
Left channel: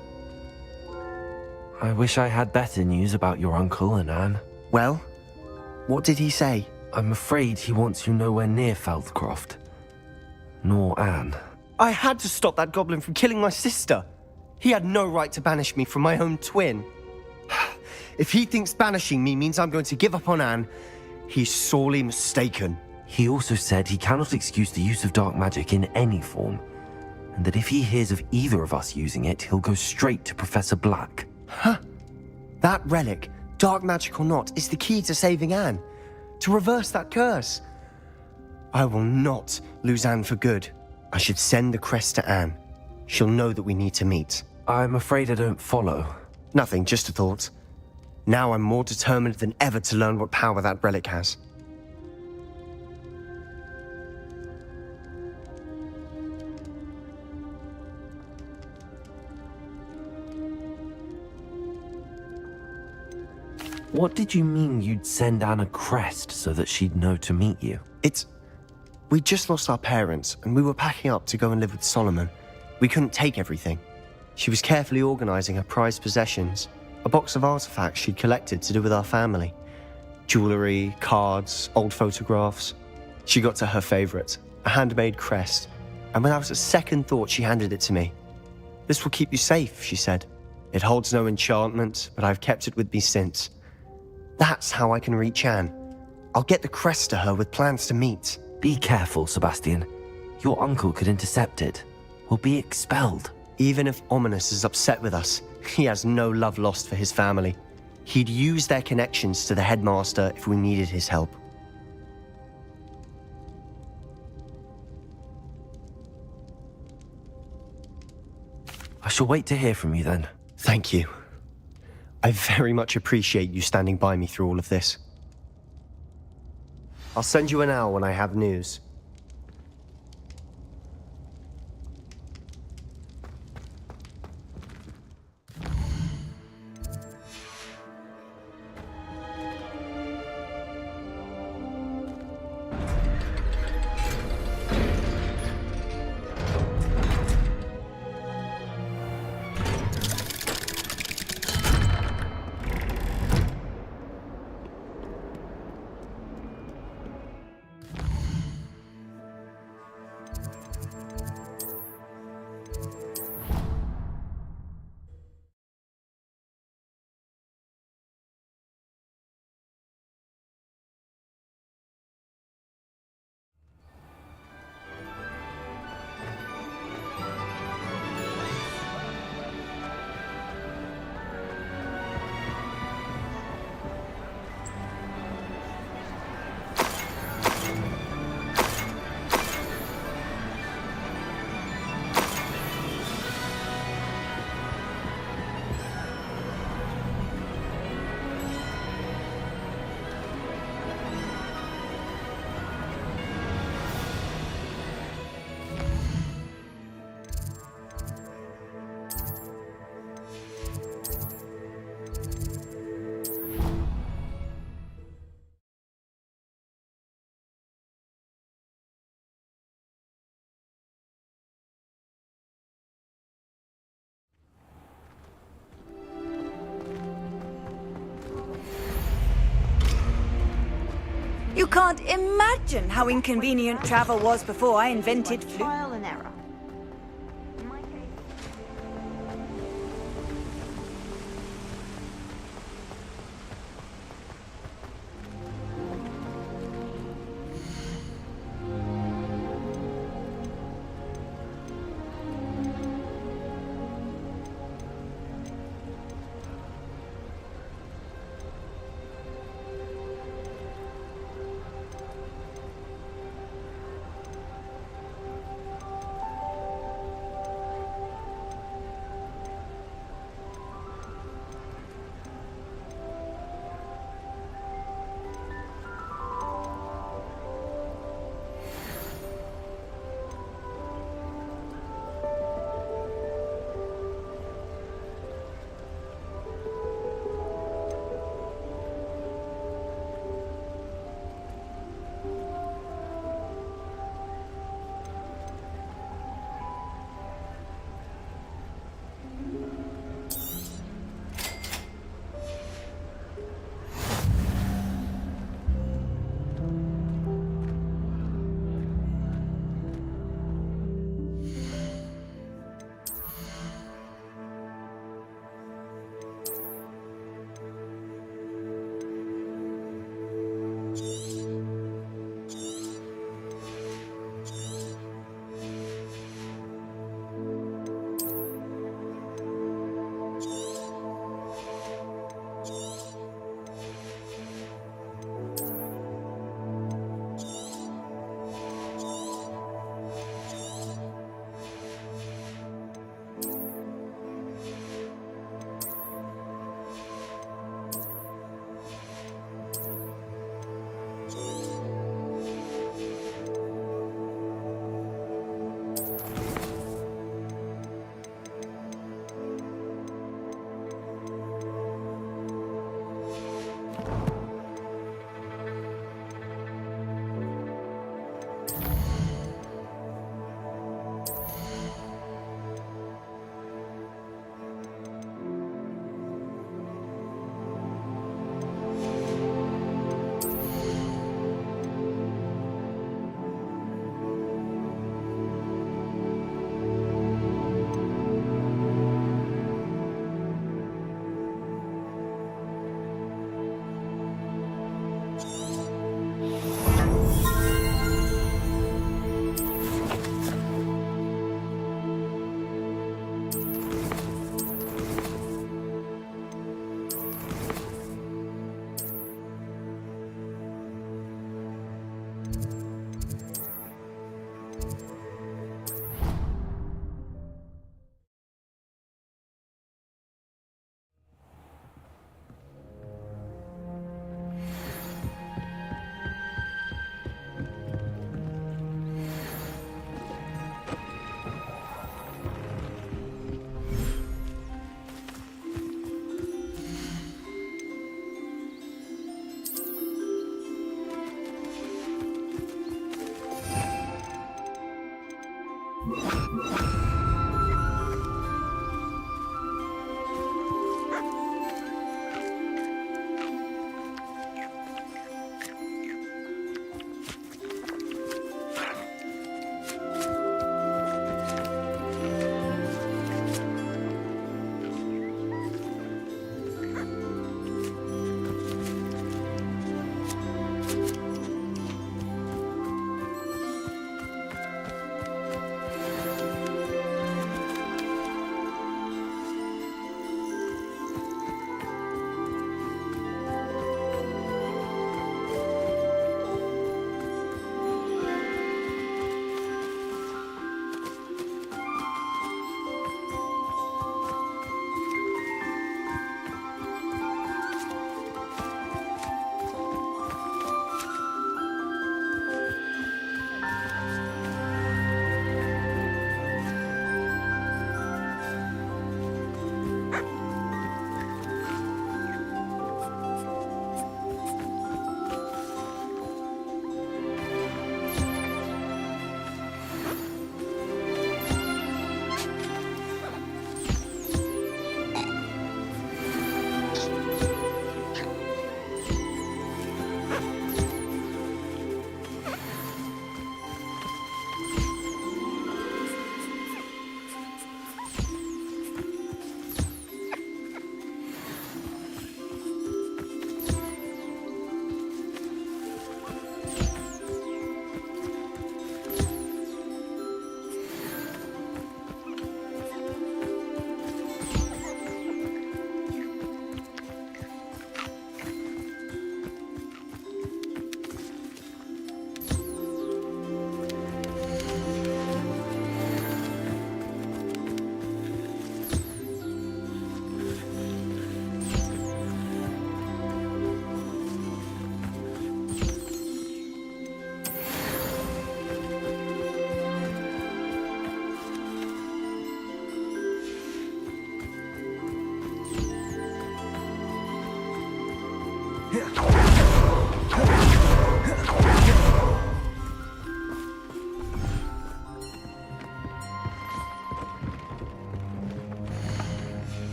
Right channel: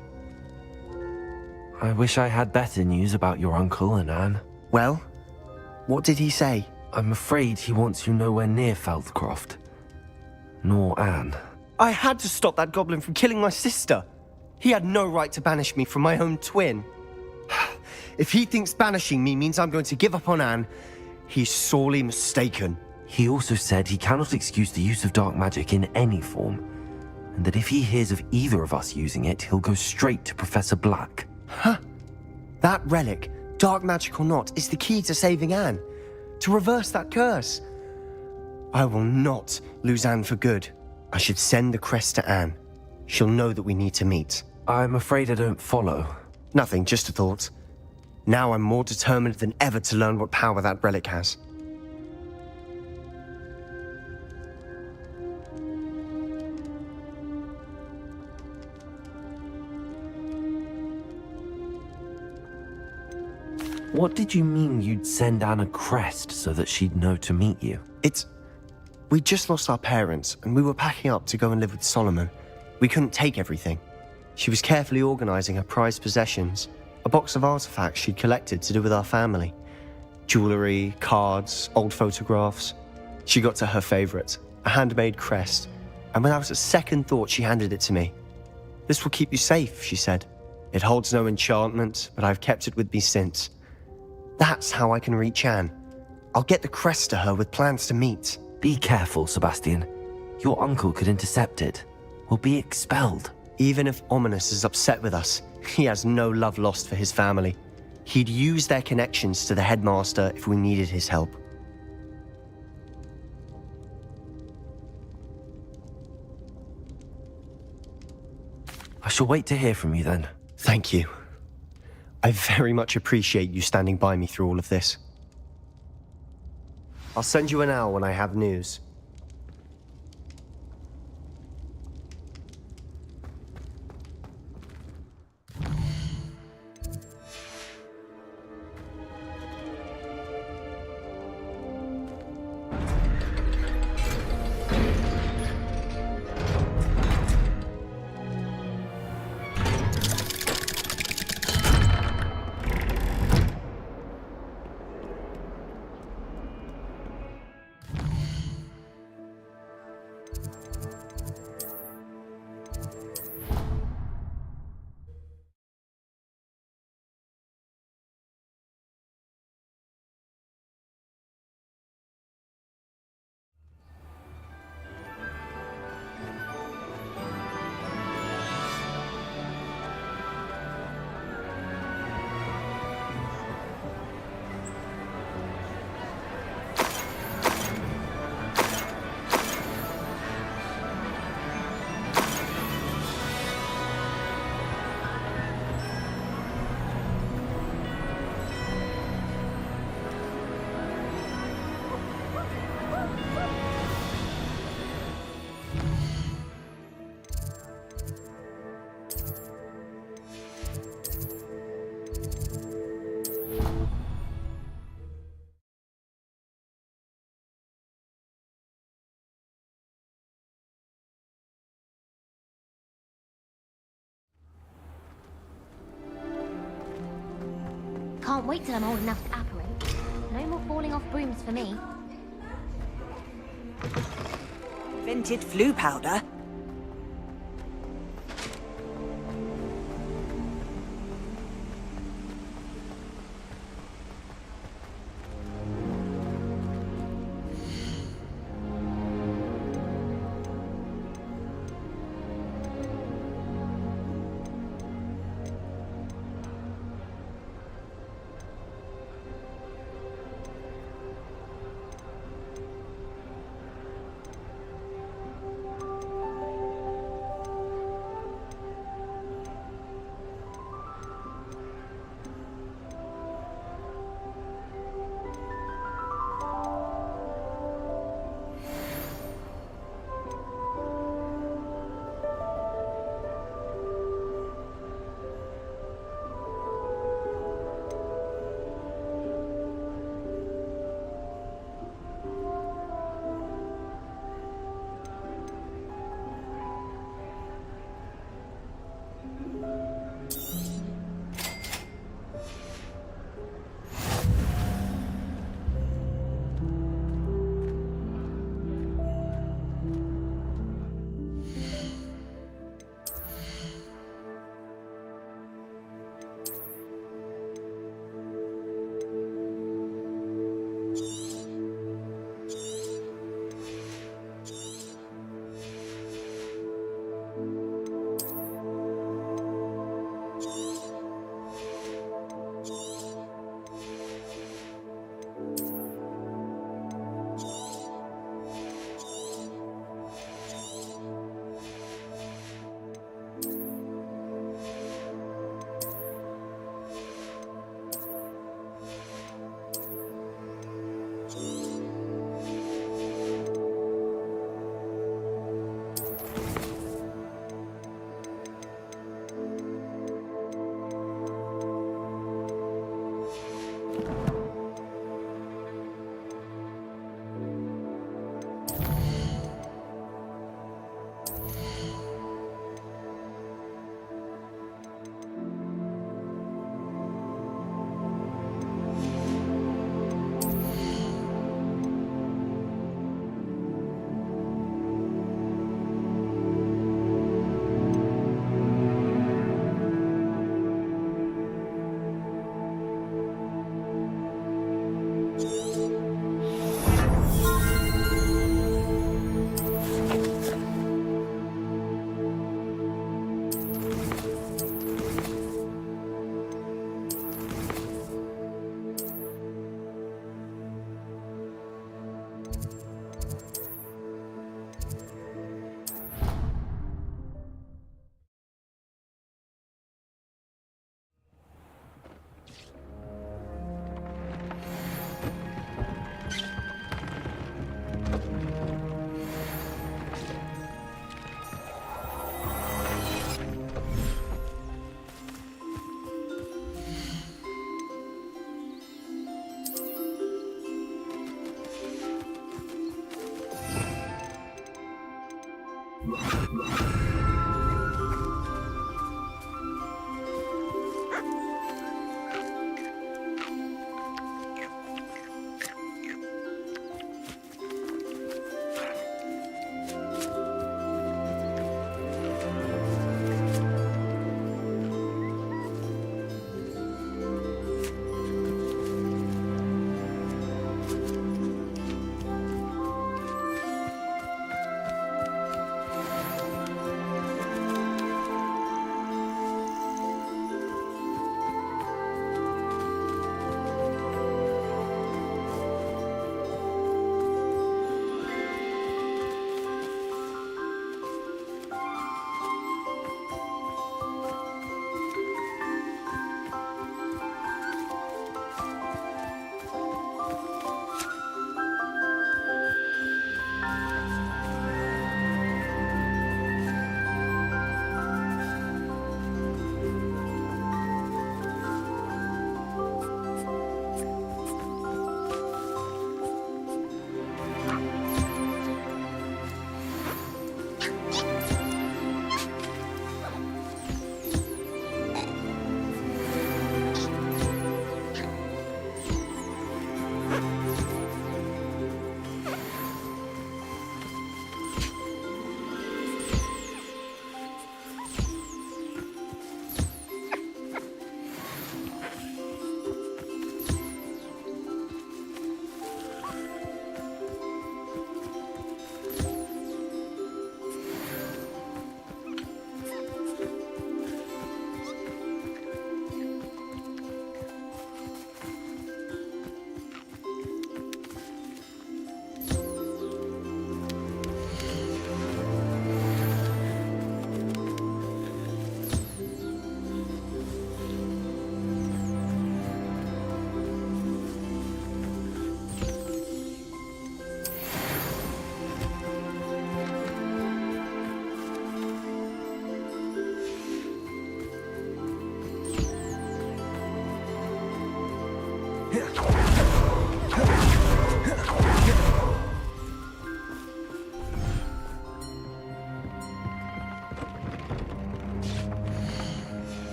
I wish I had better news about your uncle and Anne. Well, what did he say? I'm afraid he wants you nowhere near Feldcroft. Nor Anne. I had to stop that goblin from killing my sister. He had no right to banish me from my own twin. If he thinks banishing me means I'm going to give up on Anne, he's sorely mistaken. He also said he cannot excuse the use of dark magic in any form, and that if he hears of either of us using it, he'll go straight to Professor Black. Huh? That relic, dark magic or not, is the key to saving Anne. To reverse that curse. I will not lose Anne for good. I should send the crest to Anne. She'll know that we need to meet. I'm afraid I don't follow. Nothing, just a thought. Now I'm more determined than ever to learn what power that relic has. What did you mean you'd send Anne a crest so that she'd know to meet you? We just lost our parents, and we were packing up to go and live with Solomon. We couldn't take everything. She was carefully organizing her prized possessions, a box of artifacts she'd collected to do with our family. Jewelry, cards, old photographs. She got to her favorite, a handmade crest, and without a second thought she handed it to me. This will keep you safe, she said. It holds no enchantment, but I've kept it with me since. That's how I can reach Anne. I'll get the crest to her with plans to meet. Be careful, Sebastian. Your uncle could intercept it. We'll be expelled. Even if Ominous is upset with us, he has no love lost for his family. He'd use their connections to the headmaster if we needed his help. I shall wait to hear from you then. Thank you. I very much appreciate you standing by me through all of this. I'll send you an owl when I have news. Can't wait till I'm old enough to apple. No more falling off brooms for me. You can't imagine how inconvenient travel was before I invented flu powder.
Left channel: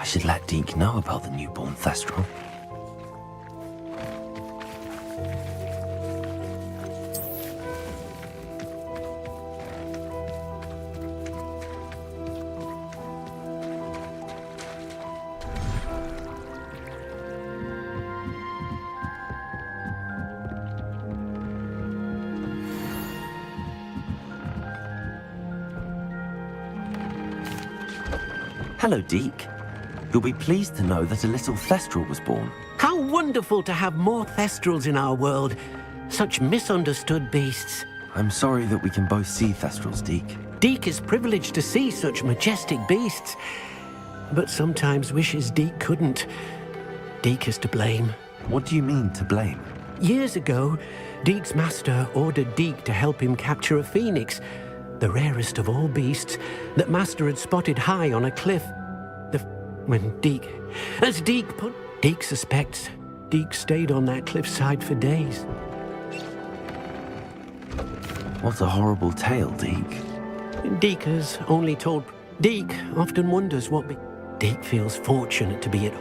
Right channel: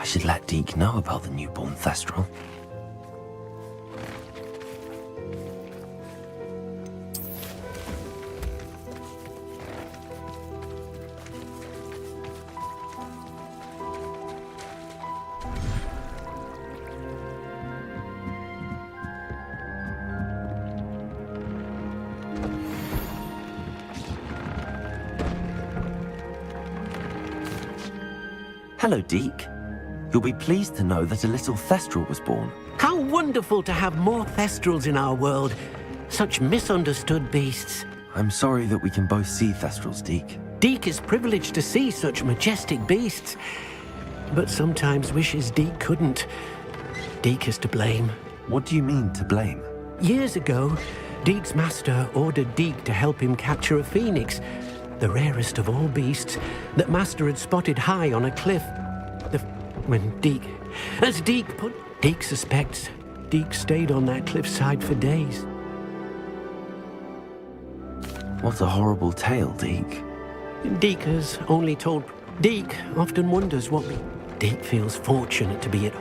I should let Deke know about the newborn Thestral. Hello, Deke. You'll be pleased to know that a little Thestral was born. How wonderful to have more Thestrals in our world. Such misunderstood beasts. I'm sorry that we can both see Thestrals, Deke. Deke is privileged to see such majestic beasts, but sometimes wishes Deke couldn't. Deke is to blame. What do you mean, to blame? Years ago, Deke's master ordered Deke to help him capture a phoenix, the rarest of all beasts, that master had spotted high on a cliff. As Deke suspects, Deke stayed on that cliffside for days. What a horrible tale, Deke. Deke has only told... Deke often wonders what... Deke feels fortunate to be at...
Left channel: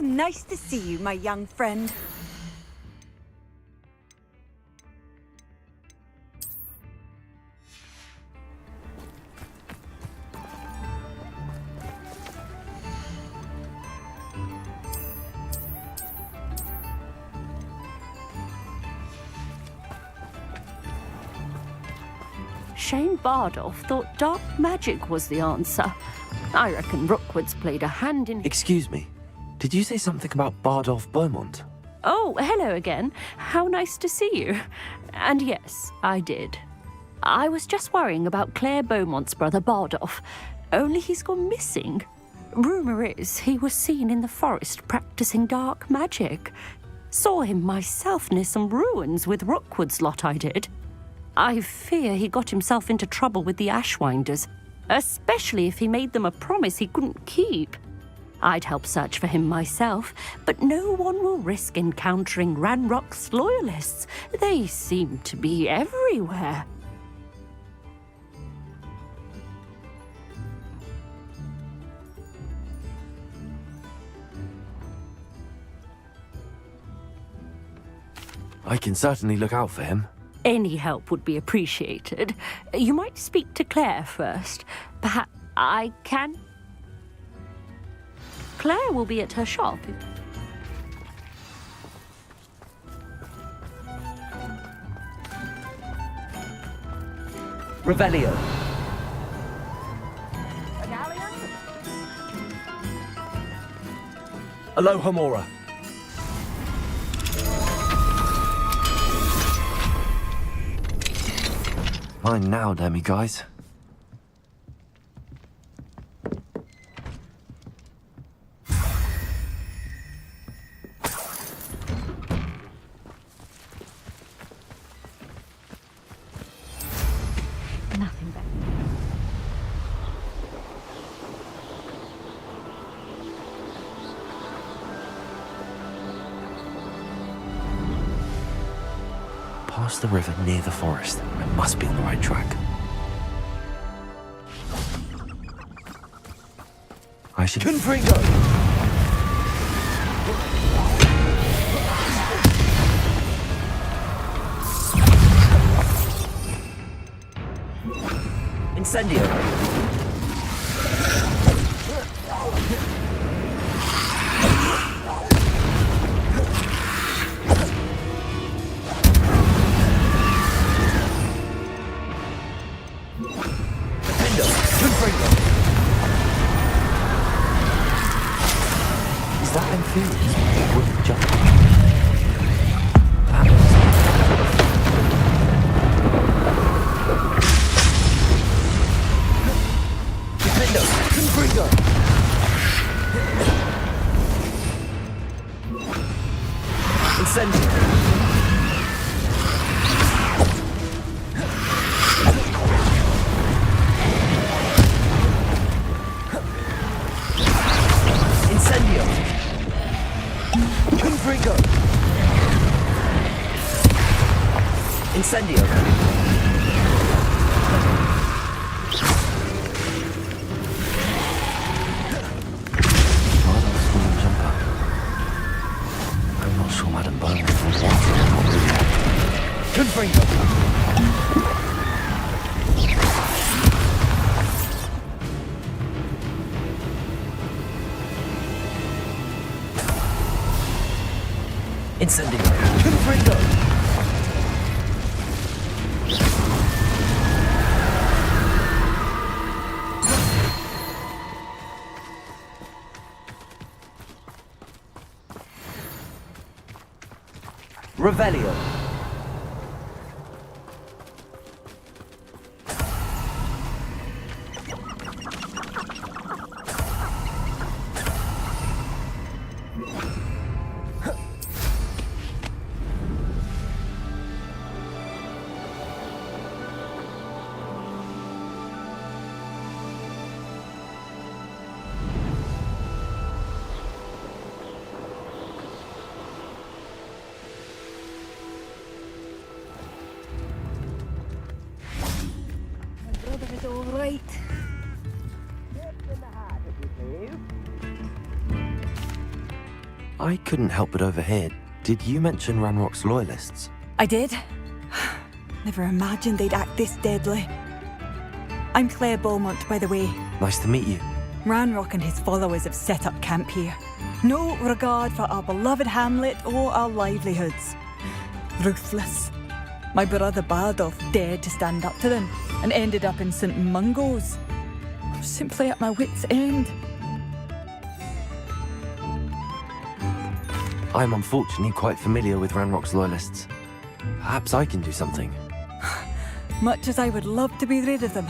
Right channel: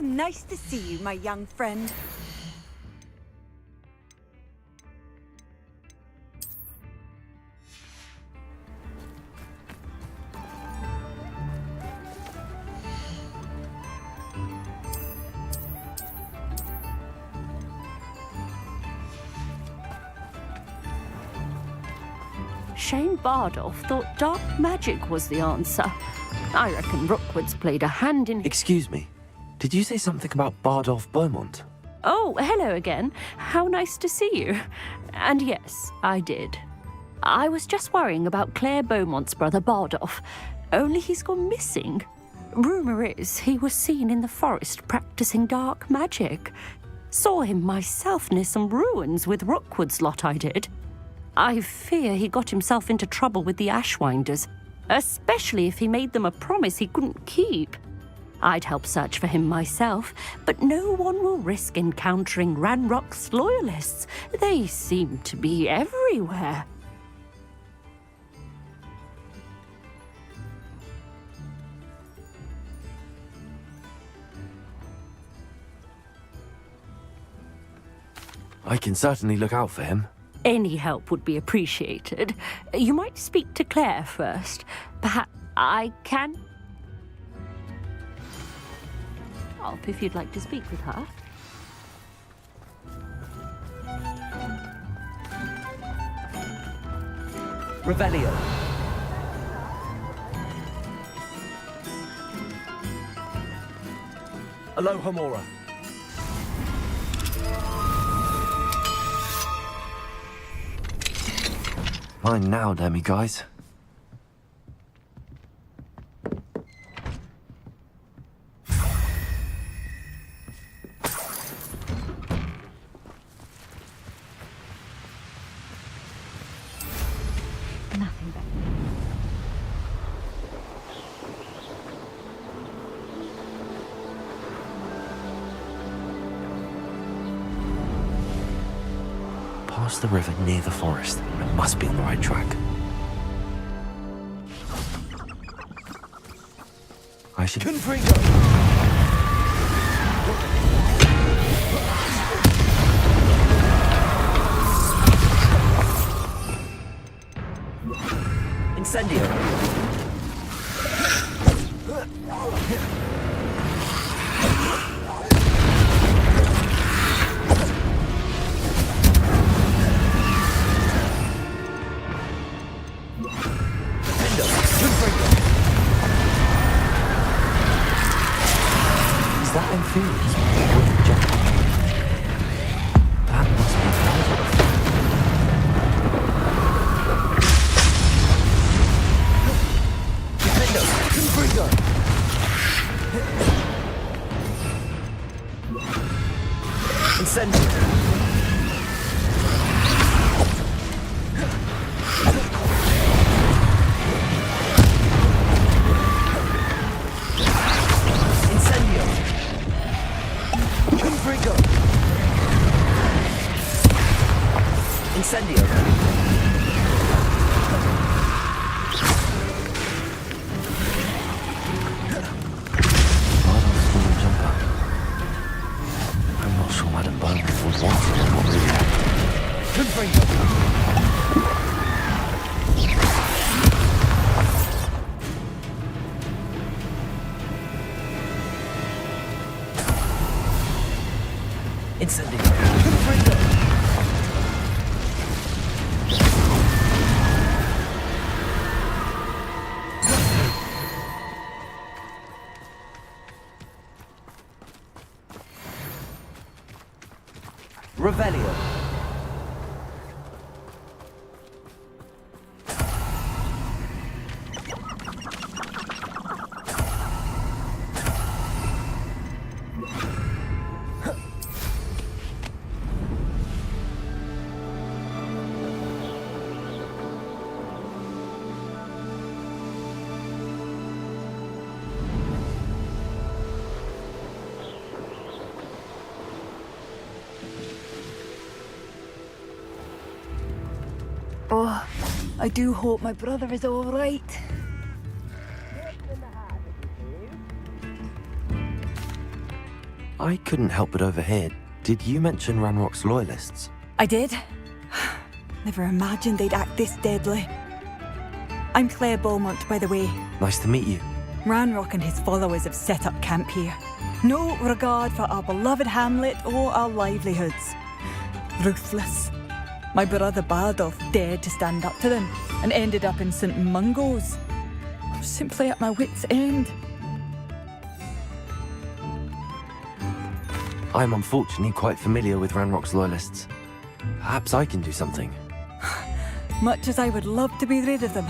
How nice to see you, my young friend. Shane Bardolph thought dark magic was the answer. I reckon Rookwood's played a hand in... Excuse me. Did you say something about Bardolph Beaumont? Oh, hello again. How nice to see you. And yes, I did. I was just worrying about Claire Beaumont's brother Bardolph. Only he's gone missing. Rumour is he was seen in the forest practicing dark magic. Saw him myself near some ruins with Rookwood's lot I did. I fear he got himself into trouble with the Ashwinders, especially if he made them a promise he couldn't keep. I'd help search for him myself, but no one will risk encountering Ranrock's loyalists. They seem to be everywhere. I can certainly look out for him. Any help would be appreciated. You might speak to Claire first. Perhaps I can... Claire will be at her shop if you'd like to speak with her. Revelio. Alohomora. Mine now, Demi guys. Nothing better. Past the river near the forest. I must be on the right track. I should... Confringo! Incendio! Is that inferior? Wooden jump. That Defendo! Confringo! Incendio! Incendio! Confringo! Incendio! Bardolph's wooden jumper. I'm not sure Madame Beaumont would want it. Not really. Confringo! Incendio! Confringo! Revelio. Oh, I do hope my brother is all right. I couldn't help but overhear. Did you mention Ranrock's loyalists? I did. Never imagined they'd act this deadly. I'm Claire Beaumont, by the way. Nice to meet you. Ranrock and his followers have set up camp here. No regard for our beloved hamlet or our livelihoods. Ruthless. My brother Bardolph dared to stand up to them and ended up in St. Mungo's. I'm simply at my wit's end. I'm unfortunately quite familiar with Ranrock's loyalists. Perhaps I can do something. Much as I would love to be rid of them,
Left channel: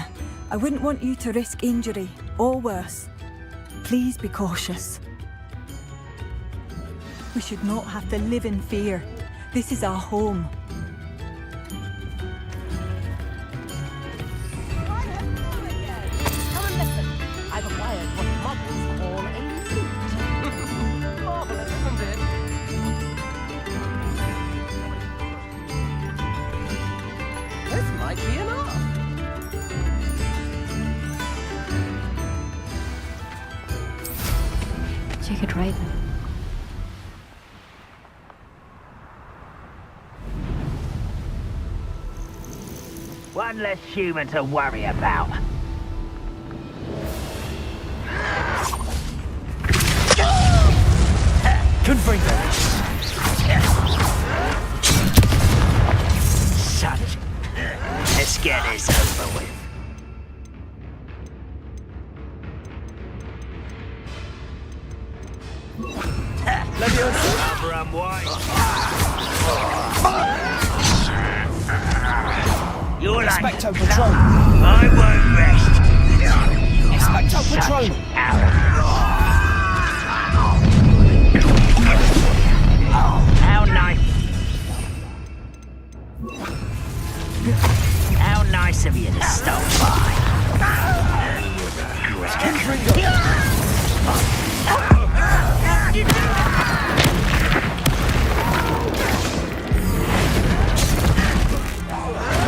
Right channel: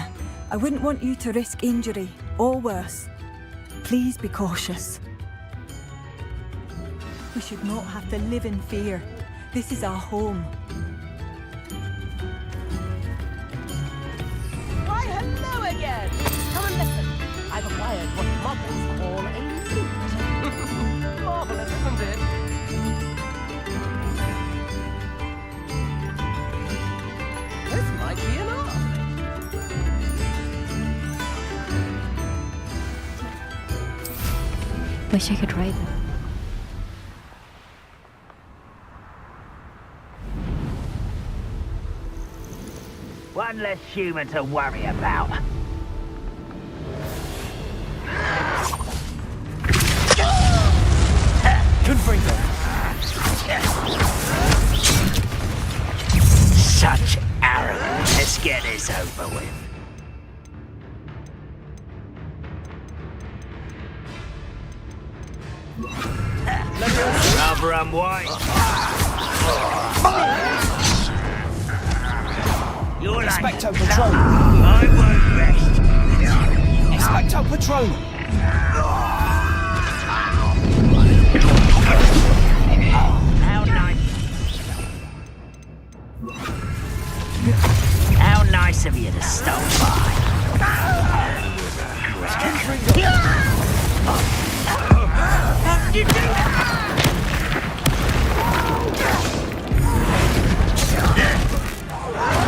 I wouldn't want you to risk injury, or worse. Please be cautious. We should not have to live in fear. This is our home. Why, hello again! Come and listen. I've acquired what models call a lute. Marvelous, isn't it? This might be enough. Wish I could ride them. One less human to worry about. Confringo! Such arrogance. Let's get this over with. Rubber and white. You're like Expecto Patronum! I won't rest. Expecto Patronum! How nice. How nice of you to stop by. How did you do that?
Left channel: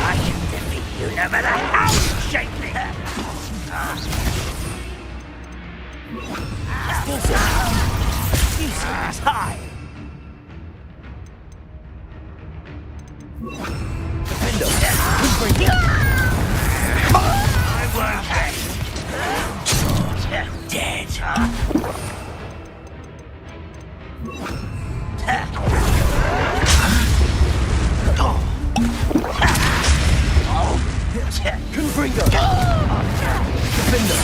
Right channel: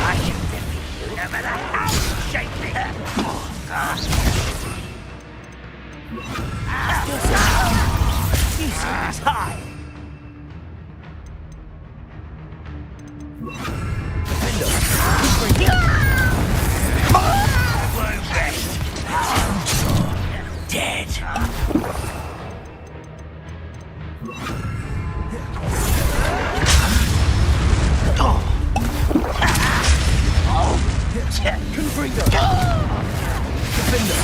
I can defeat you no matter how you shake me. You stand high. Defender! I won't rest. Dead. Confringo! Defender!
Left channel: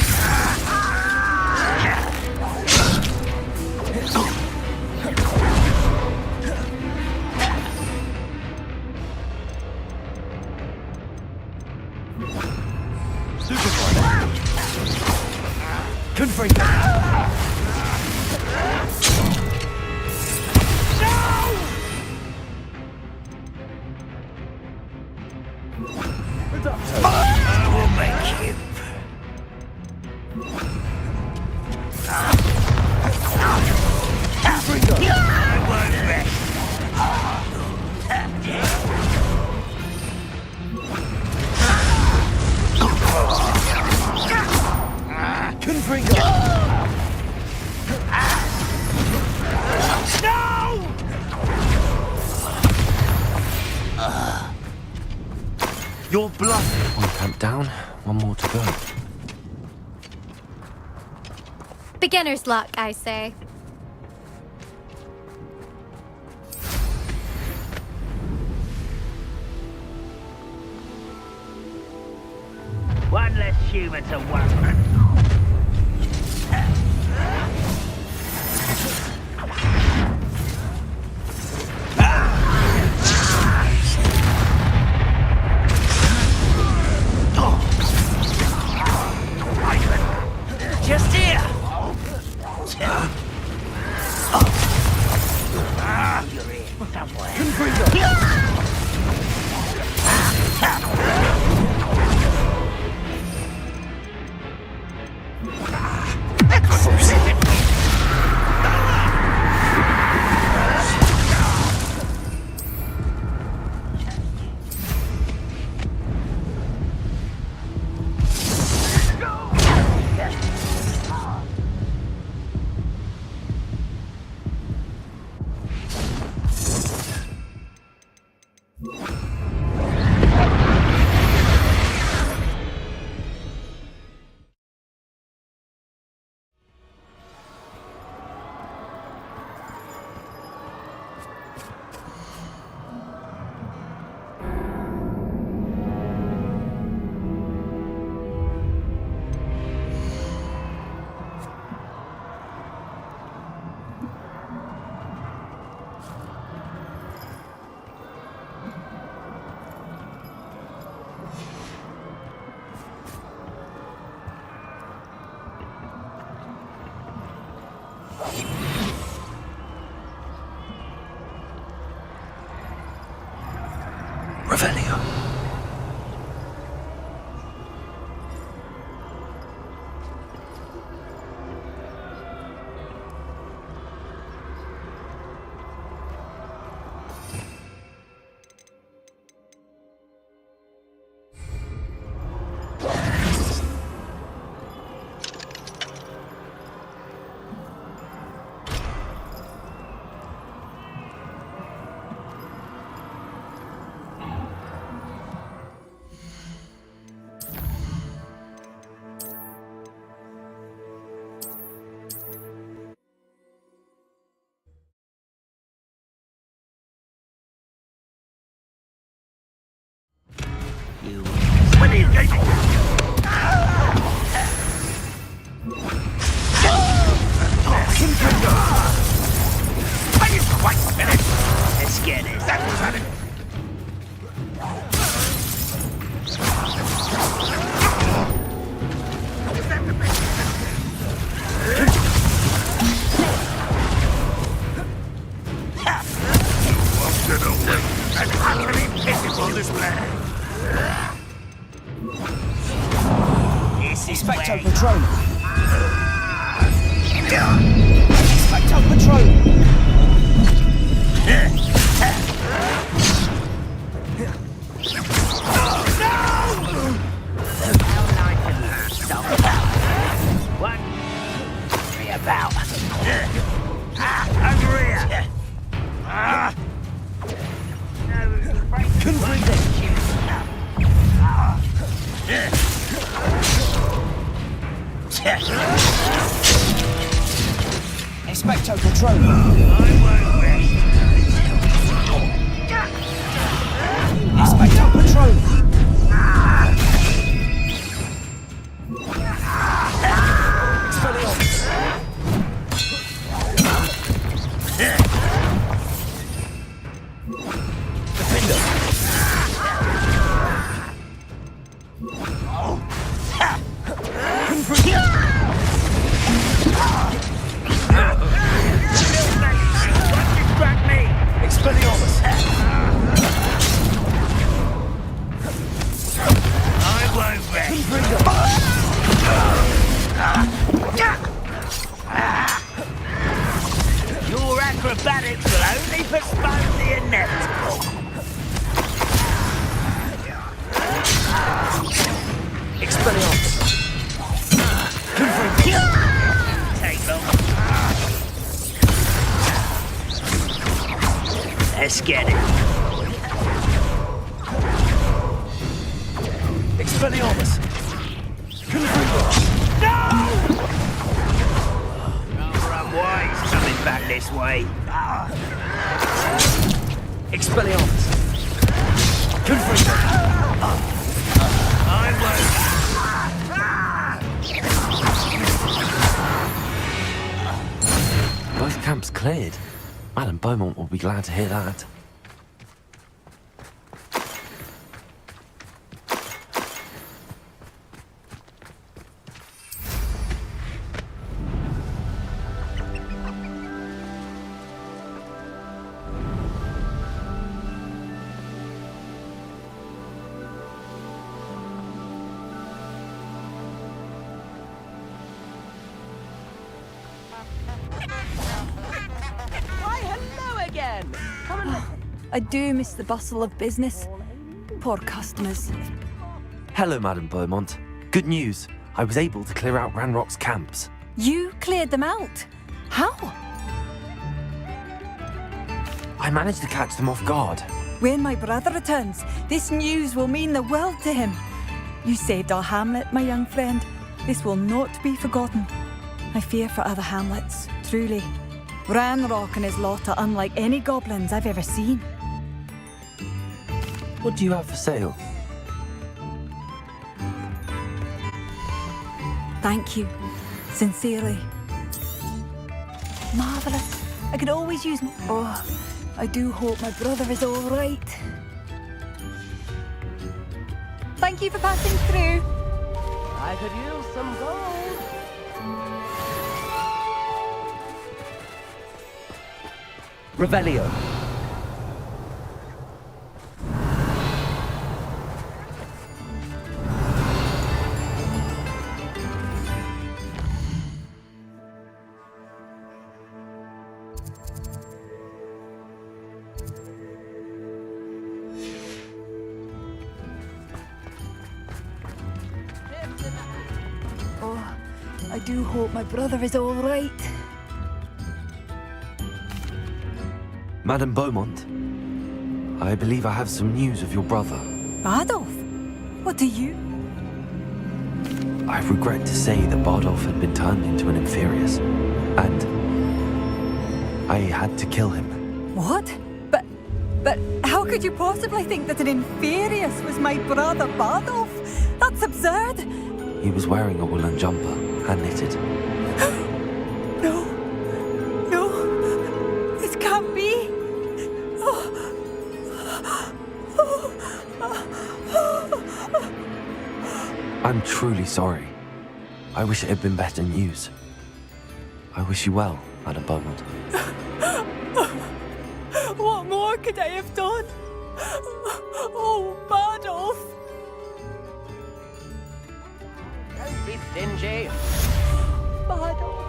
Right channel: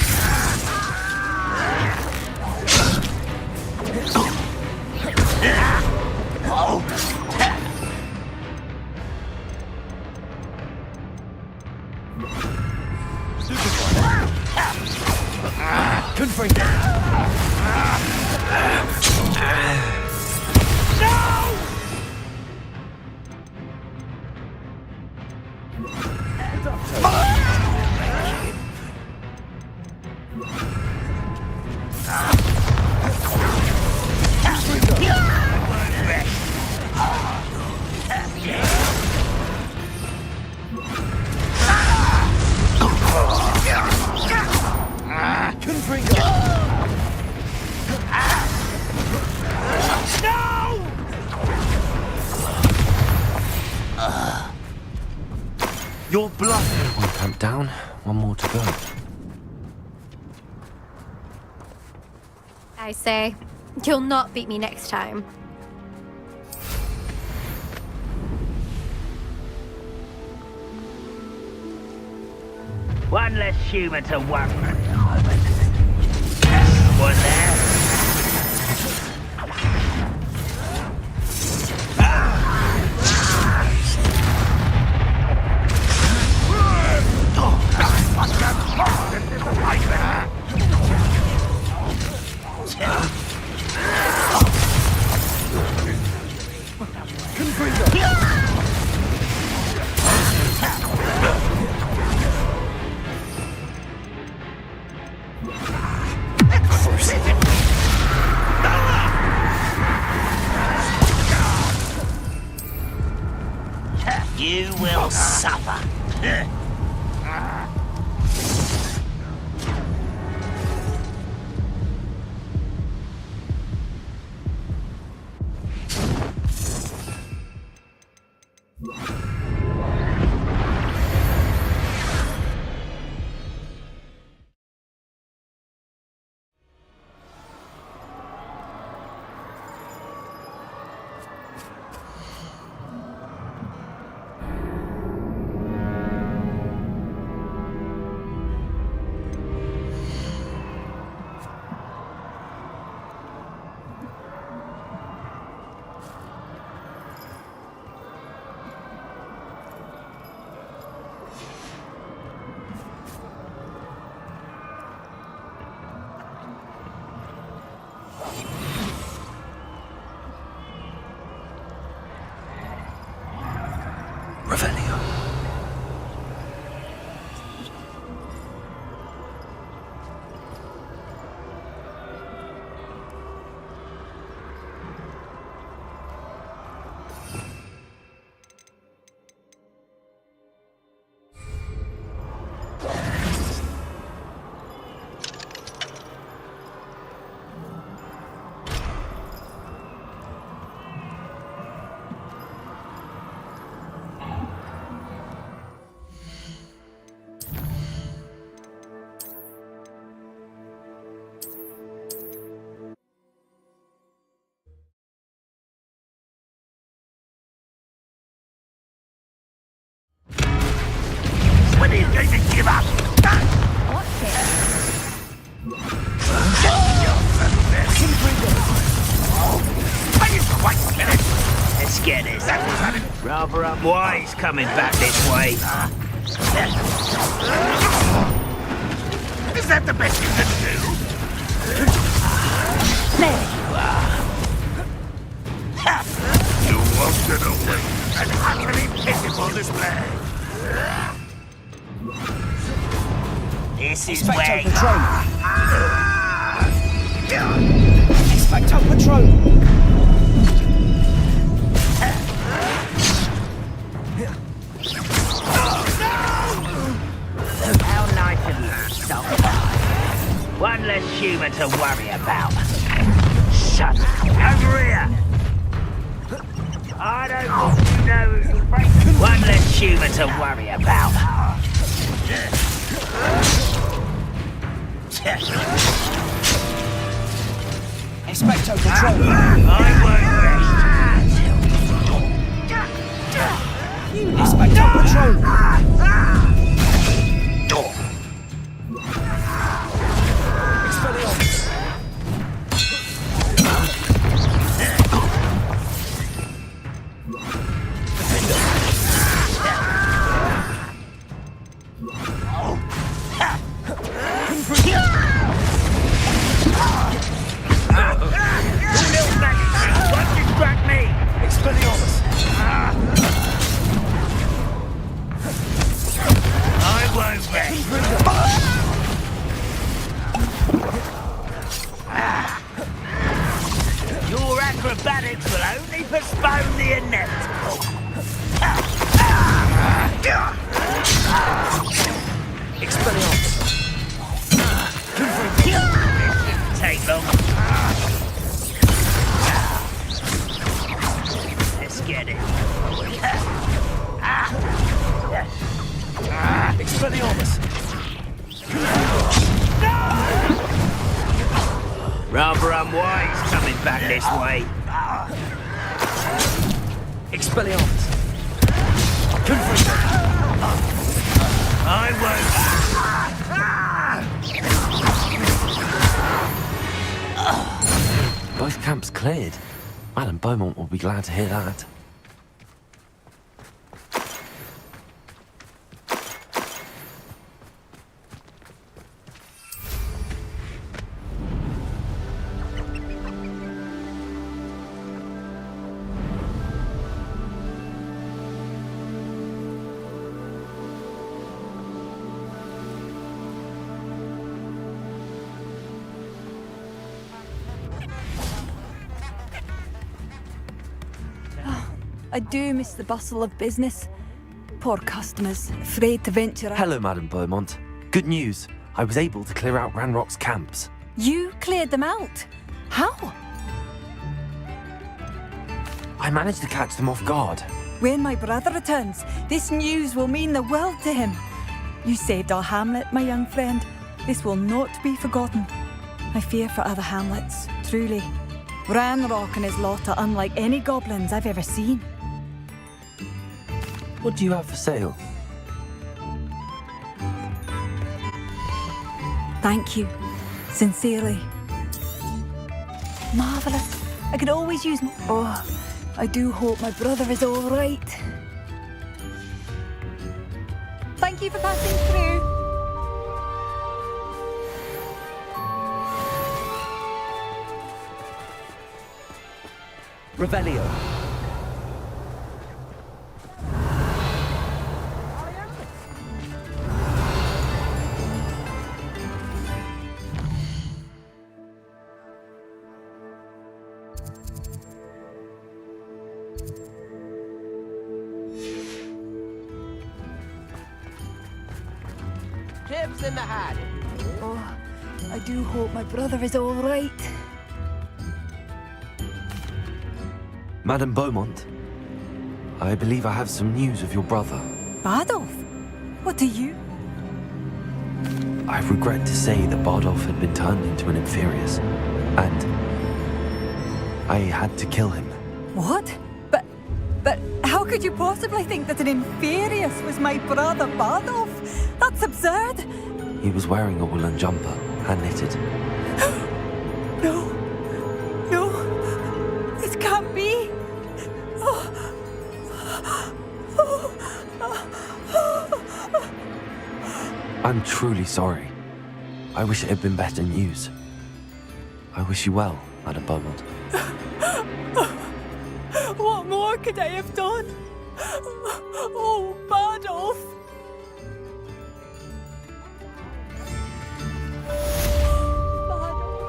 Confringo! You're bluffing! One camp down, one more to go. Beginner's luck, I say. You'll not beat me next time. One less human to worry. Was that? Just here. You will suffer. Rather unwise coming back this way. Is that the best you can do? You wanted away. An utterly pitiful display. This is Expecto where... Patronum! Expecto Patronum! How nice of you to stop. One less human to worry about. Shut up. Over here. I don't want to know who you break. One less human to worry about. Expecto Patronum! I won't rest. Expecto Patronum! Expelliarmus! Defender! Expelliarmus! I won't rest. Your acrobatics will only postpone the inevitable. Expelliarmus! Take long. Let's get it. Expelliarmus! Rather unwise coming back this way. Expelliarmus! Confringo! I won't. Both camps cleared. Madame Beaumont will be glad to hear that. I do miss the bustle of business. Poor customers, afraid to venture out. Hello, Madame Beaumont. Good news. I was able to clear out Ranrock's camps. You cleared them out? How? I managed to catch them off guard. When my brother returns, this news will mean the world to him. You saved our hamlet, my young friend. This will not be forgotten. I fear for other hamlets, truly. Ranrock and his lot are unlike any goblins I've ever seen. What do you have for sale? Thank you. Sincerely. Marvellous. I could always use... Oh, I do hope my brother is all right. Thank you for passing through. I could use some gold. Revelio. Chips in the hat. Oh, I do hope my brother is all right. Madame Beaumont, I believe I have some news of your brother. Bardolph? What do you? I regret to say that Bardolph had been turned into an Inferius, and I had to kill him. What? But how could you possibly think that an Inferius was my brother Bardolph? That's absurd! He was wearing a woolen jumper, hand-knitted. No, this can't be. Oh, I'm truly sorry. I wish it had been better news. I wish you well, Madam Beaumont. What more could I have done? Oh, Badolf! Badolf.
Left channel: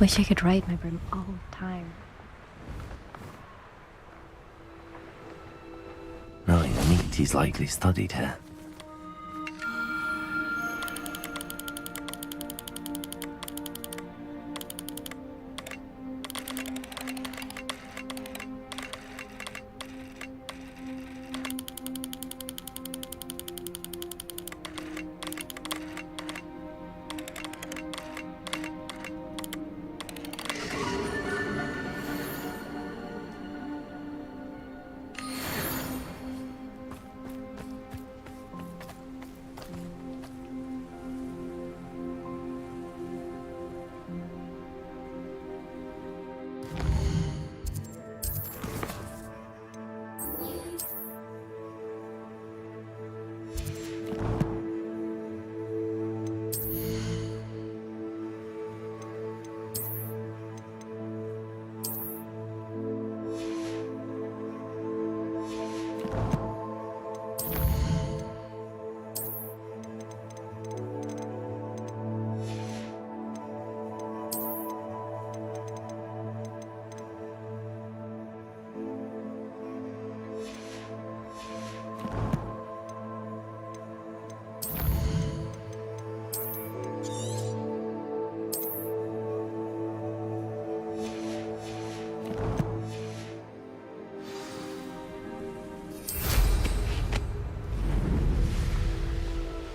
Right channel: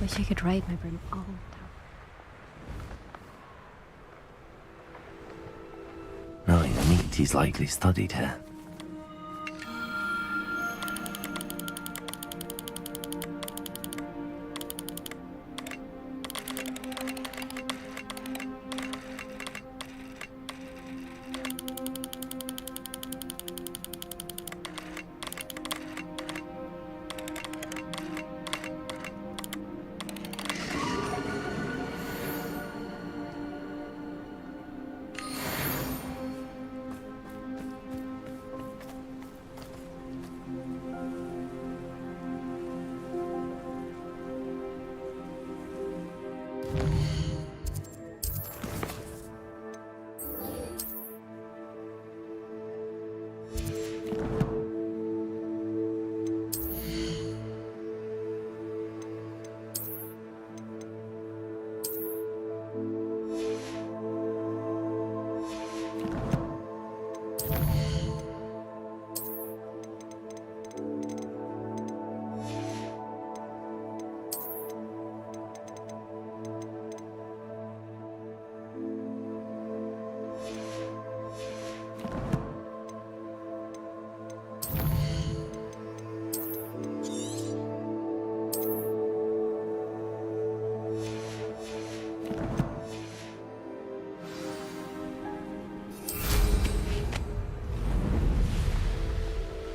Wish I could ride my broom all the time. Knowing the neat, he's likely studied here.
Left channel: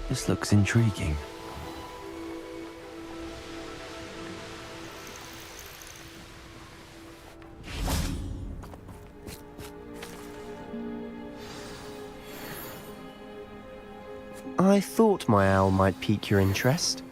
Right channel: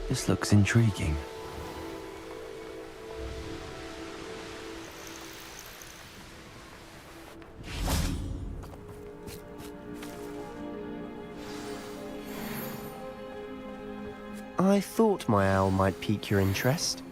This looks intriguing. I thought my owl might pique your interest.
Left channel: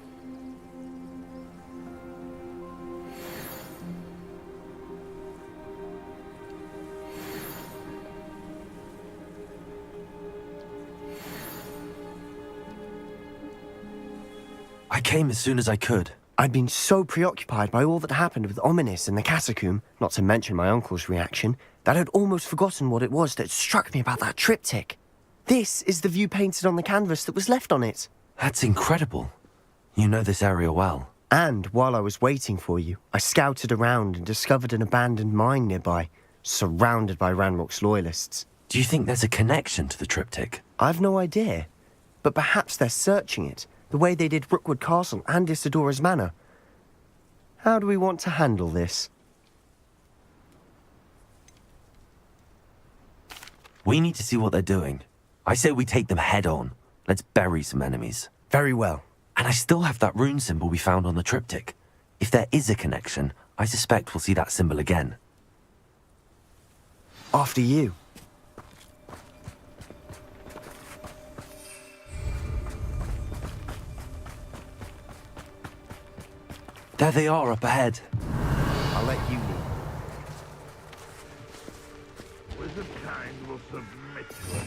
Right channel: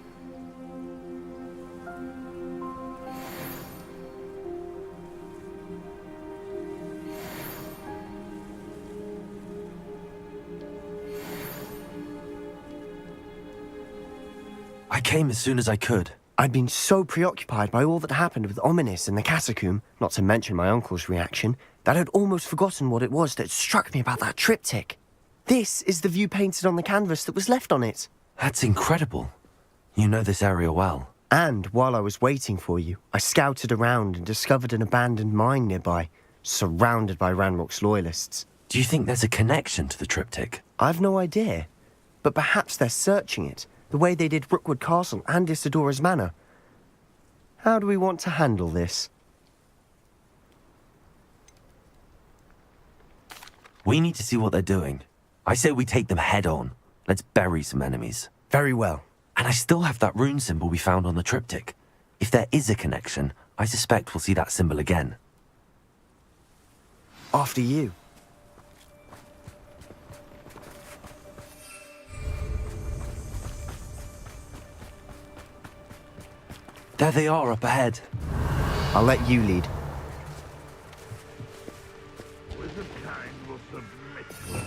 I came as soon as I could. I'd been so preoccupied by all that happened with Ominis in the catacomb, not to mention my uncle's reaction, that I'd almost forgotten what it was that struck me about that triptych. This is the view painted on the canvas that was left on it. That's incredible. You know this area well. And while I was waiting for you, I scouted around and discovered an abandoned mine nearby, surrounded by Ranrock's loyalists. Do you think there's a connection to the triptych? I've no idea, but perhaps they're searching it, the way they did Rookwood Castle and Isidora's Manor. How do we want to handle this? We need to see what they're doing. I say we take them head on. Let's bury some enemies. Very well. And I still have that rune symbol we found on the triptych. If there is a connection, I suspect we'll see that symbol again. After you. There they are up ahead. I'll let you lead. Wizard kind will submit to us.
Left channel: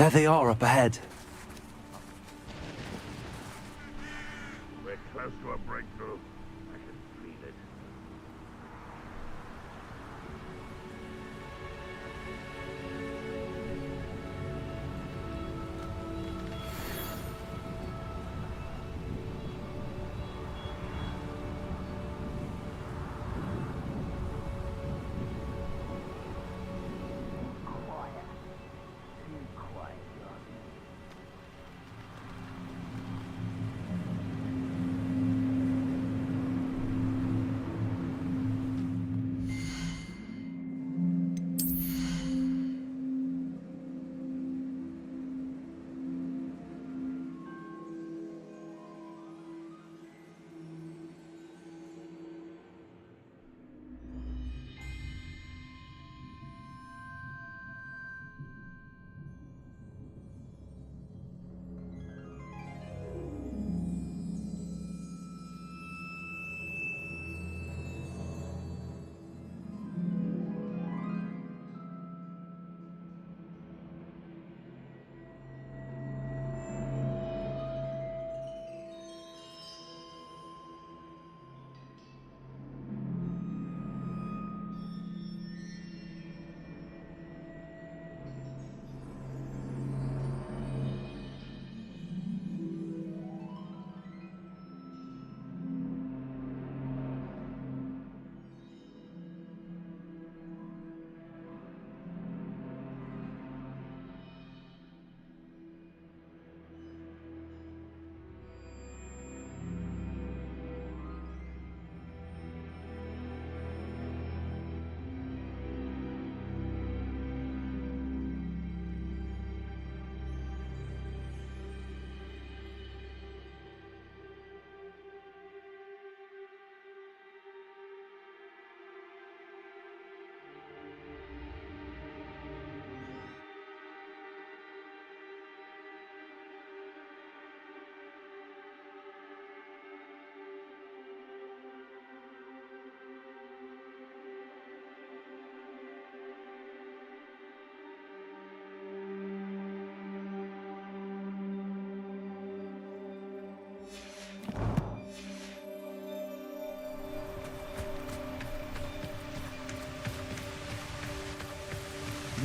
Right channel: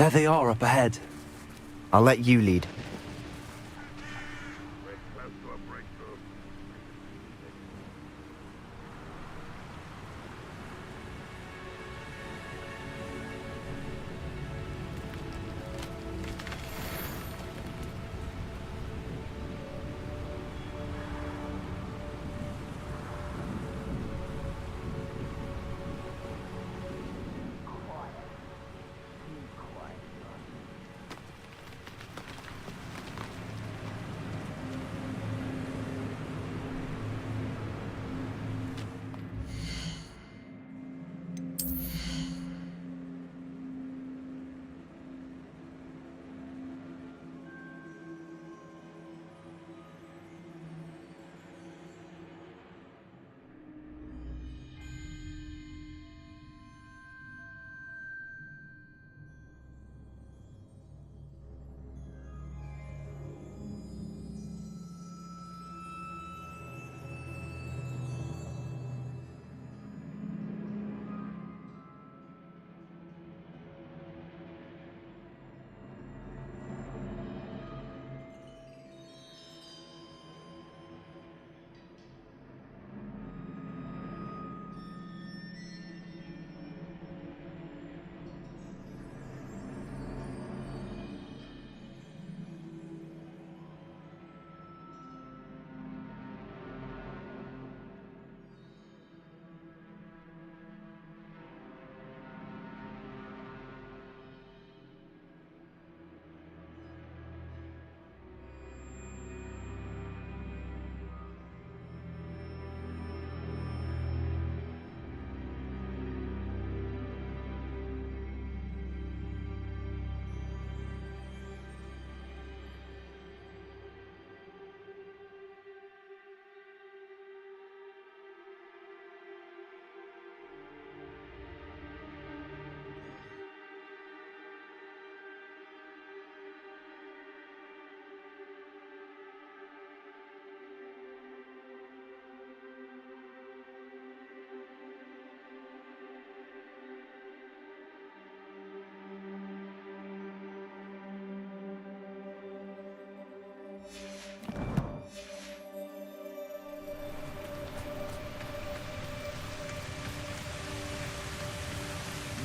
There they are up ahead. I'll let you lead. We're close to a breakthrough. I can feel it.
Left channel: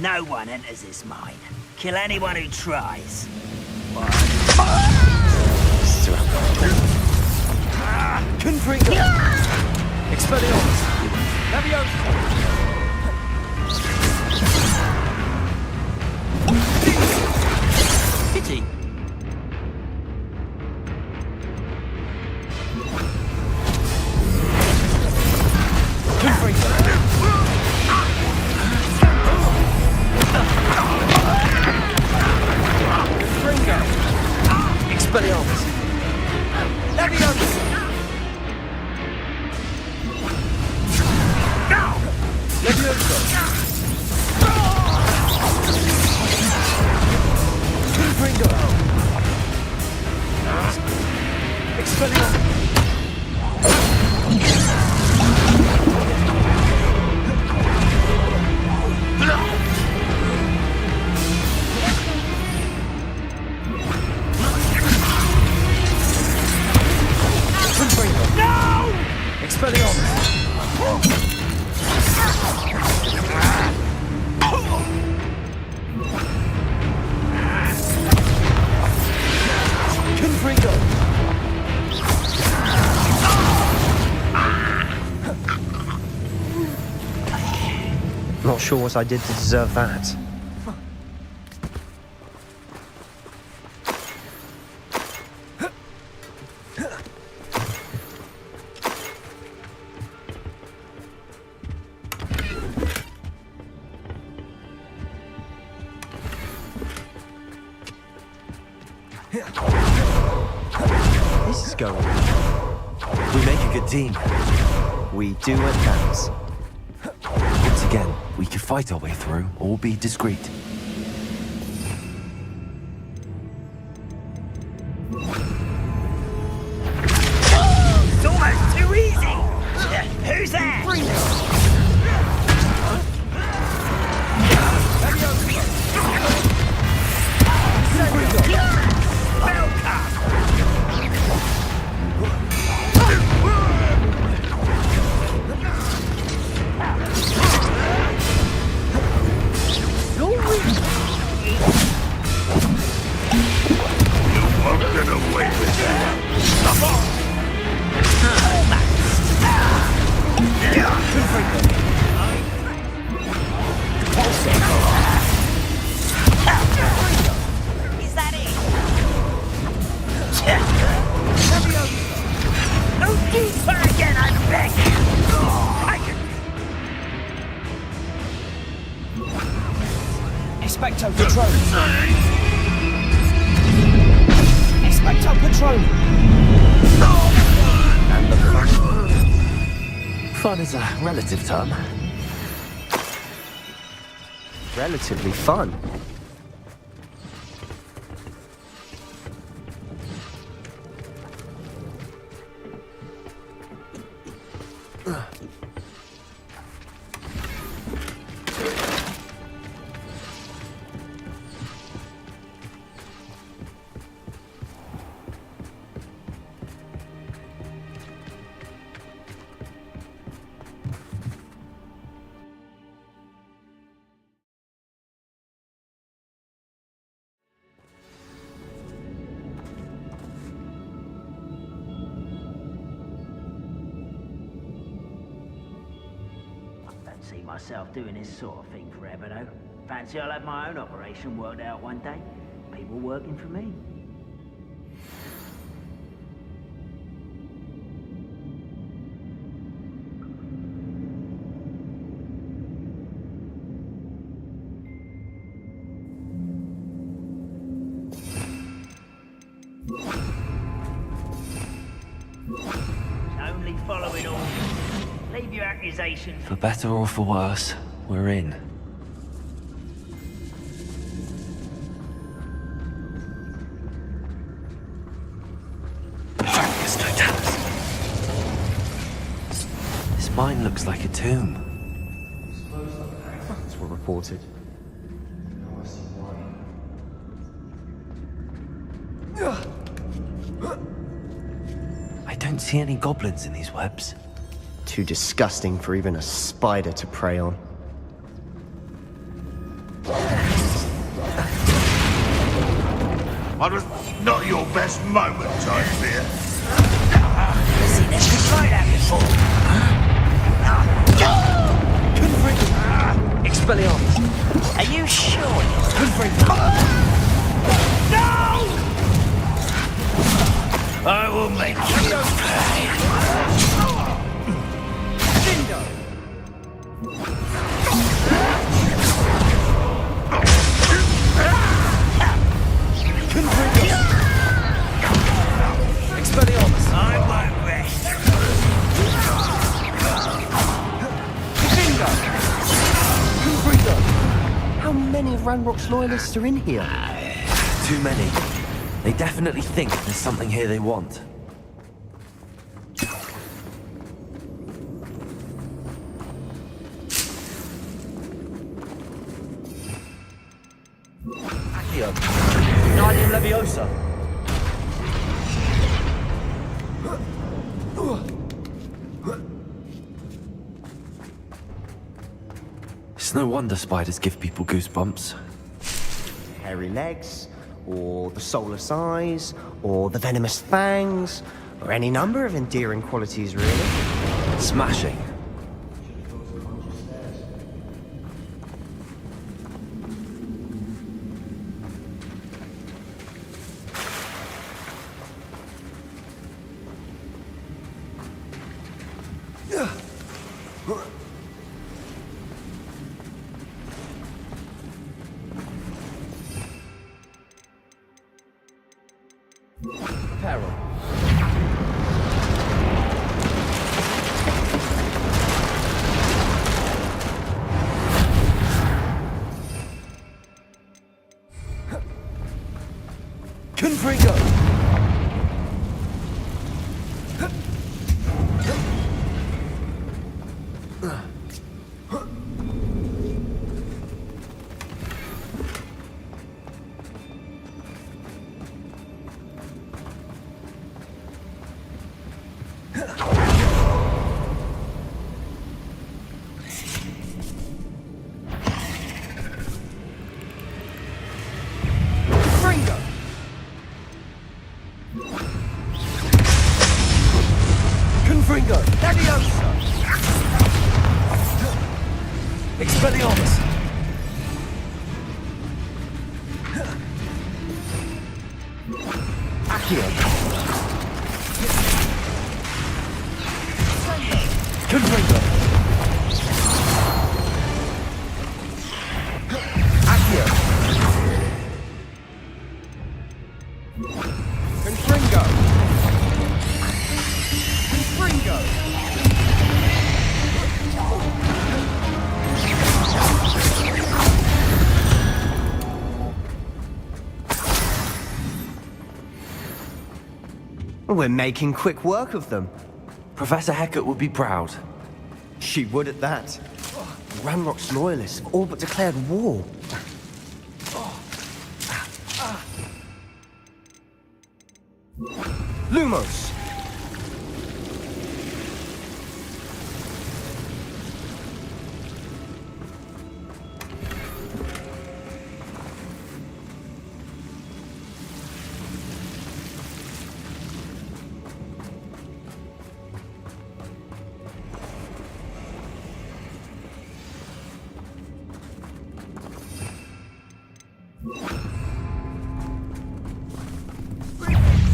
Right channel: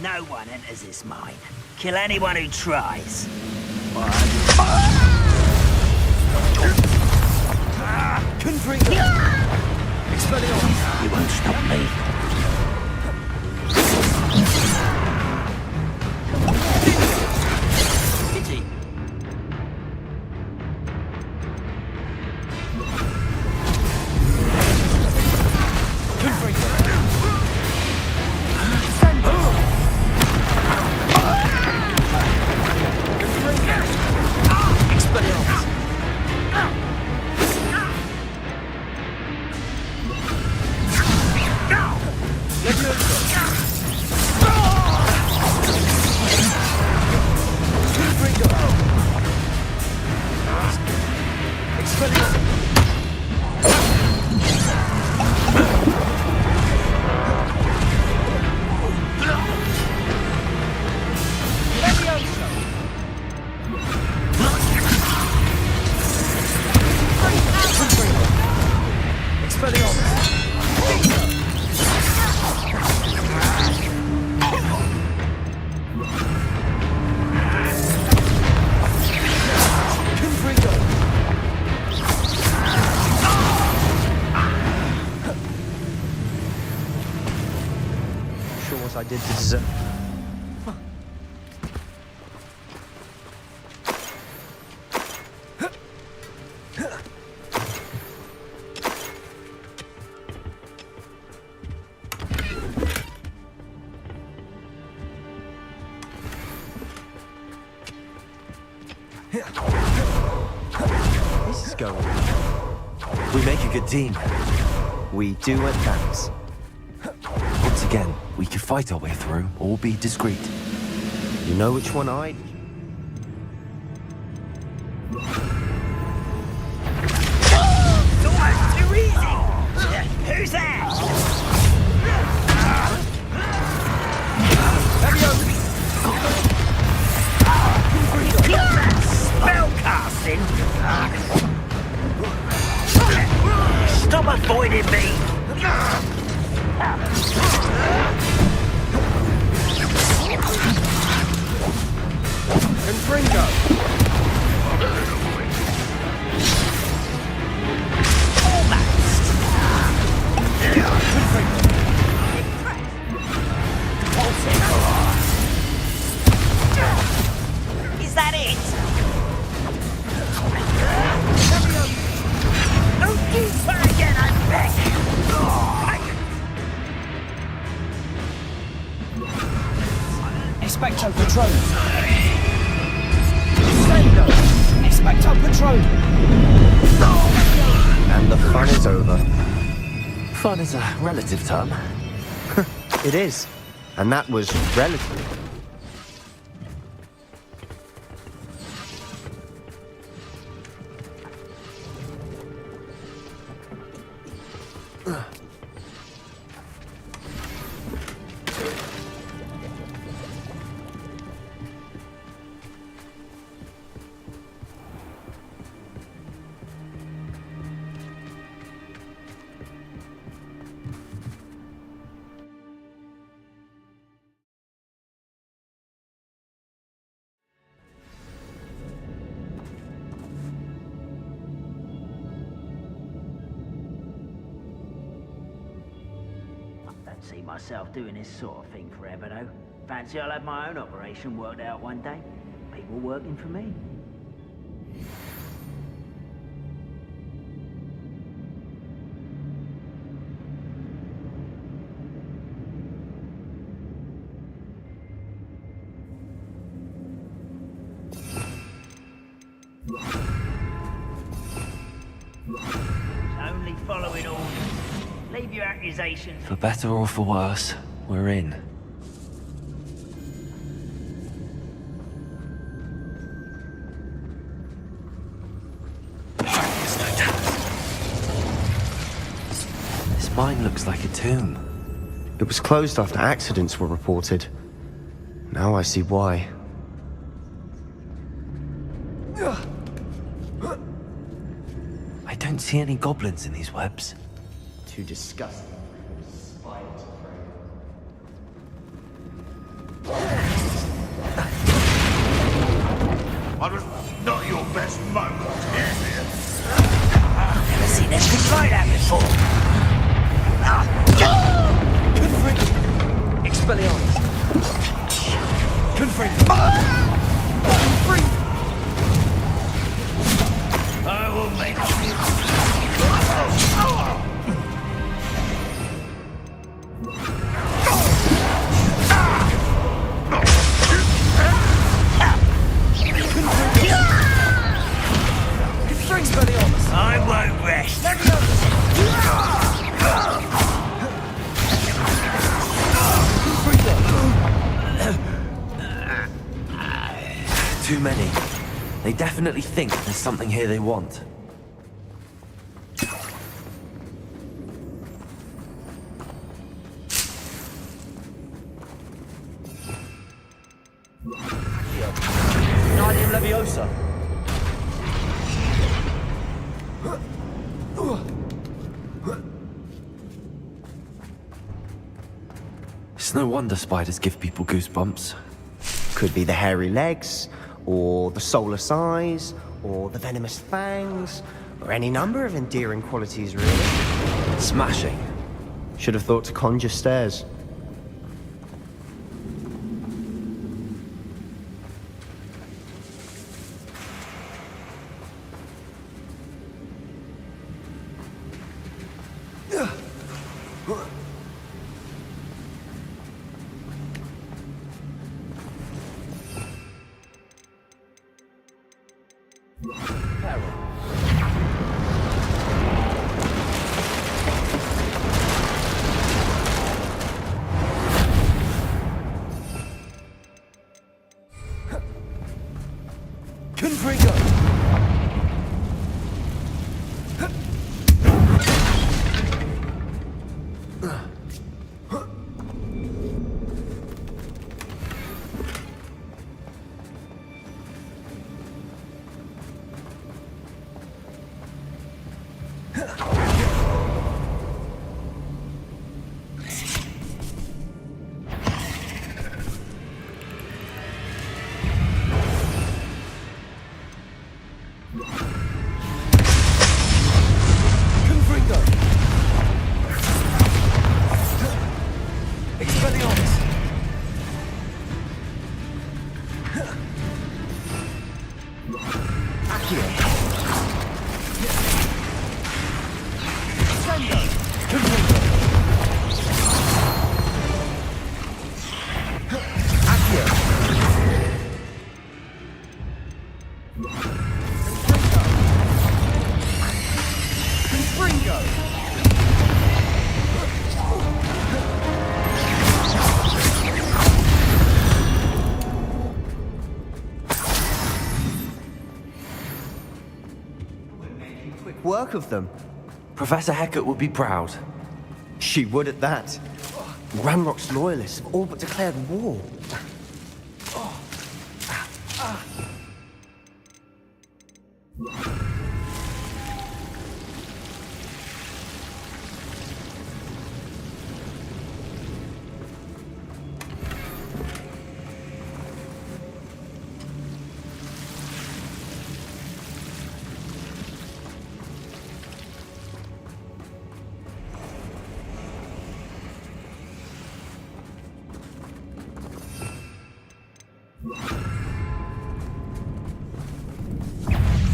No one enters this mine. Kill anyone who tries. Confringo! Expelliarmus! You won't stop. Pity! Confringo! Expelliarmus! Levioso! Confringo! Expelliarmus! Not sure what I did to deserve that. This is going. We make a good team. We do advance. Once again, we could fight our way through or be discreet. You know which one I... It's almost too easy! Who's there? Expecto Patron! Expecto Patron! And the fun is over. Fun is a relative term. It is. And that was relatively fun. See myself doing this sort of thing forever, though. Fancy I'll have my own operation worked out one day. People working for me. Only following orders. Leave your accusations. For better or for worse, we're in. This mine looks like a tomb. It was closed after accidents were reported. Now I see why. I don't see any goblins in these webs. Too disgusting for even a spider to prey on. That was not your best moment, I fear. I've seen anything like that before. Confringo! Expelliarmus! Are you sure? Confringo! I will make you. Expelliarmus! I won't rest. Confringo! How many of Ranrock's loyalists are in here? Too many. They definitely think there's something here they want. Accio. Guardian Leviosa. It's no wonder spiders give people goosebumps. Could be the hairy legs, or the soulless eyes, or the venomous fangs, or any number of endearing qualities, really. Smashing. Should have thought to conjure stairs. Peril. Confringo! Confringo! Expelliarmus! Accio! Confringo! Accio! We're making quick work of them. Professor Hecat would be proud. She would at that. Ranrock's loyalists have all but declared war. Lumos!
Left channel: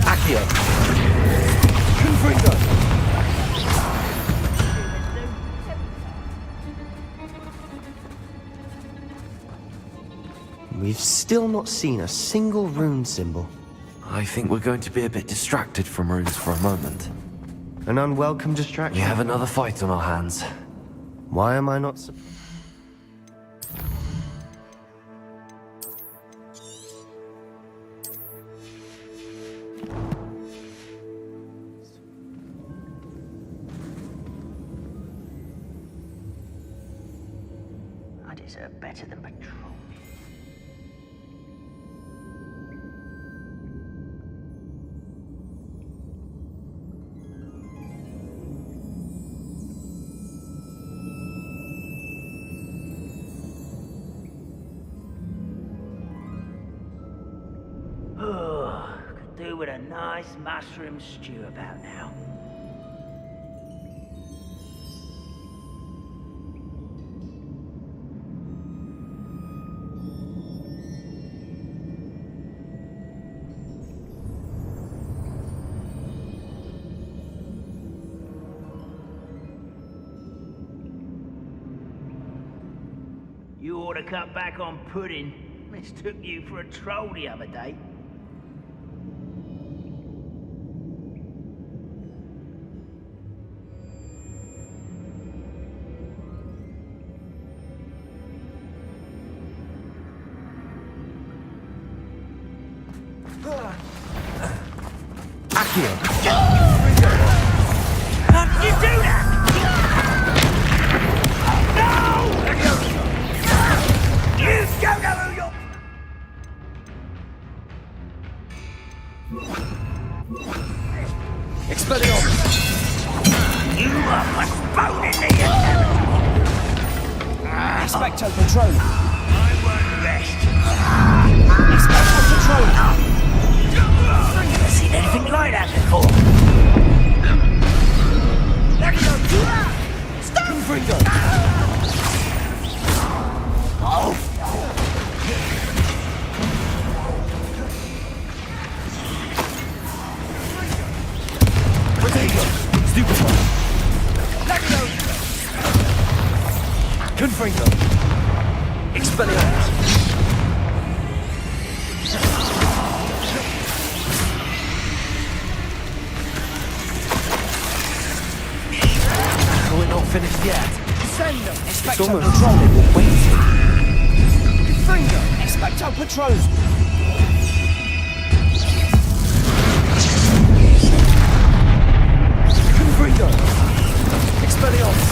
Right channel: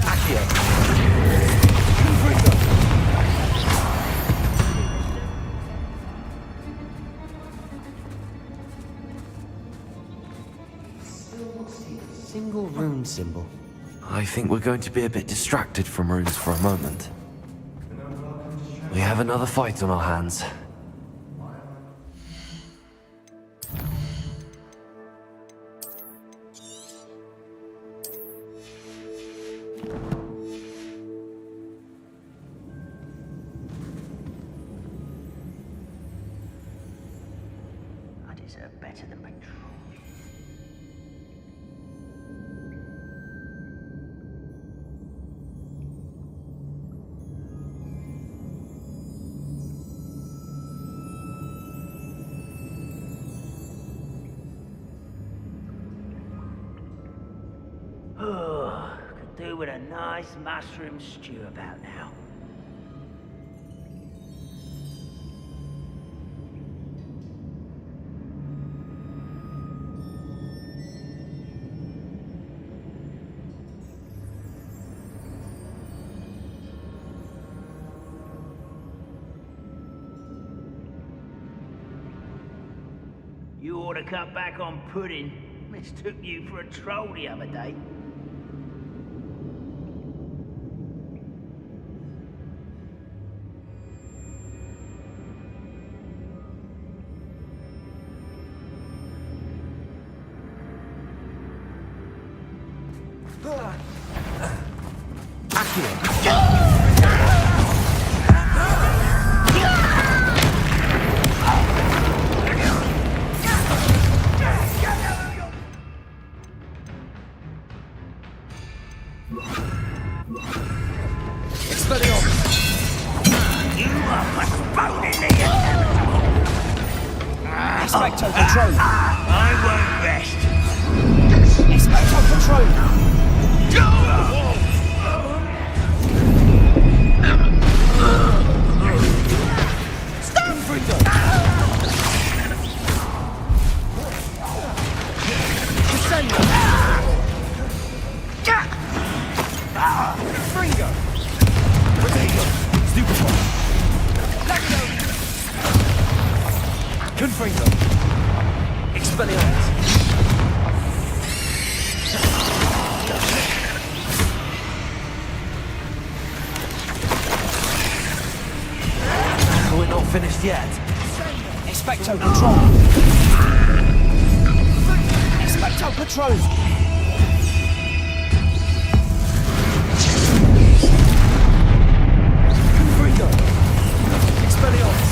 Accio! Confringo! We've still not seen a single rune symbol. I think we're going to be a bit distracted from runes for a moment. An unwelcome distraction. We have another fight on our hands. Why am I not... I deserve better than patrol. Oh, could do with a nice mushroom stew about now. You ought to cut back on pudding. Mistook you for a troll the other day. You are postponing the inevitable. Expecto Patronum! I won't rest. Expecto Patronum! Never seen anything like that before. Confringo! Confringo! Potato! Stupefy! Confringo! Expelliarmus! We're not finished yet. Sendo! Expecto Patronum! Confringo! Expecto Patronum! Confringo! Expelliarmus!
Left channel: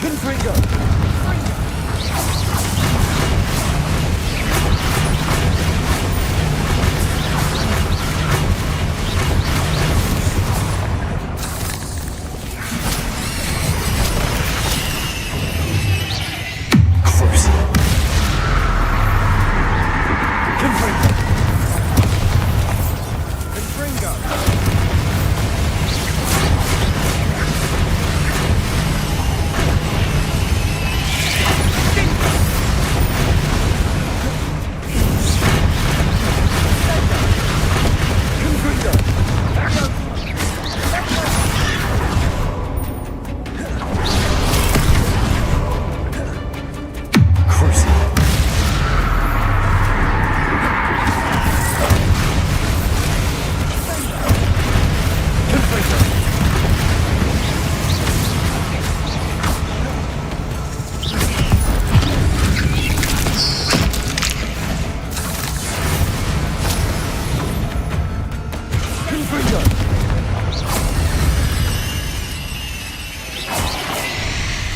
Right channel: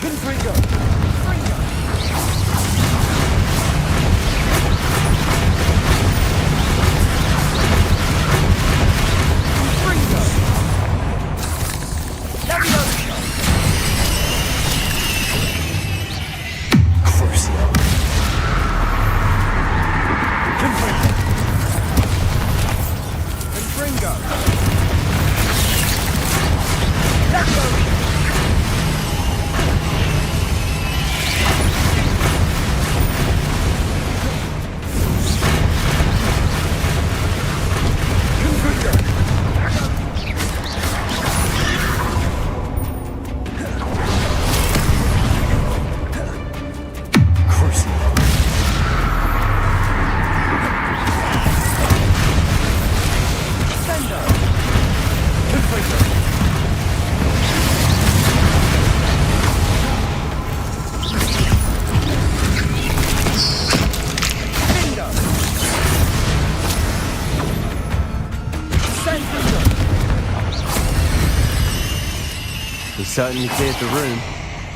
Confringo!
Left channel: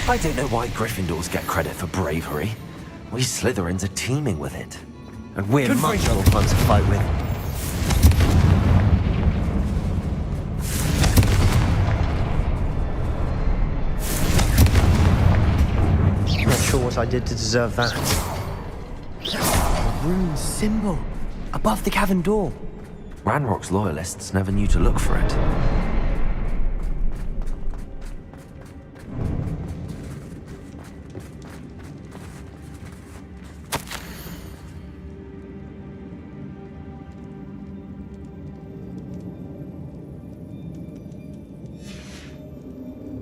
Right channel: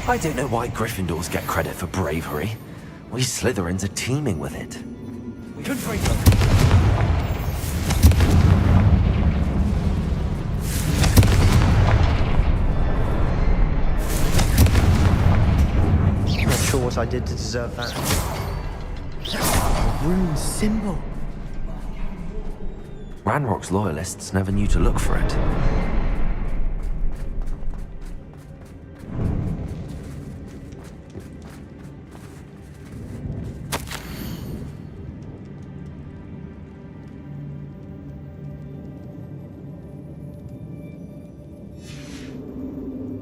I don't know why Gryffindors get credit for bravery. We Slytherins are teeming with it. And we're much more fun to fight with. Not sure what I did to deserve that. A rune symbol above the cavern door. Ranrock's loyalists never knew to look for it.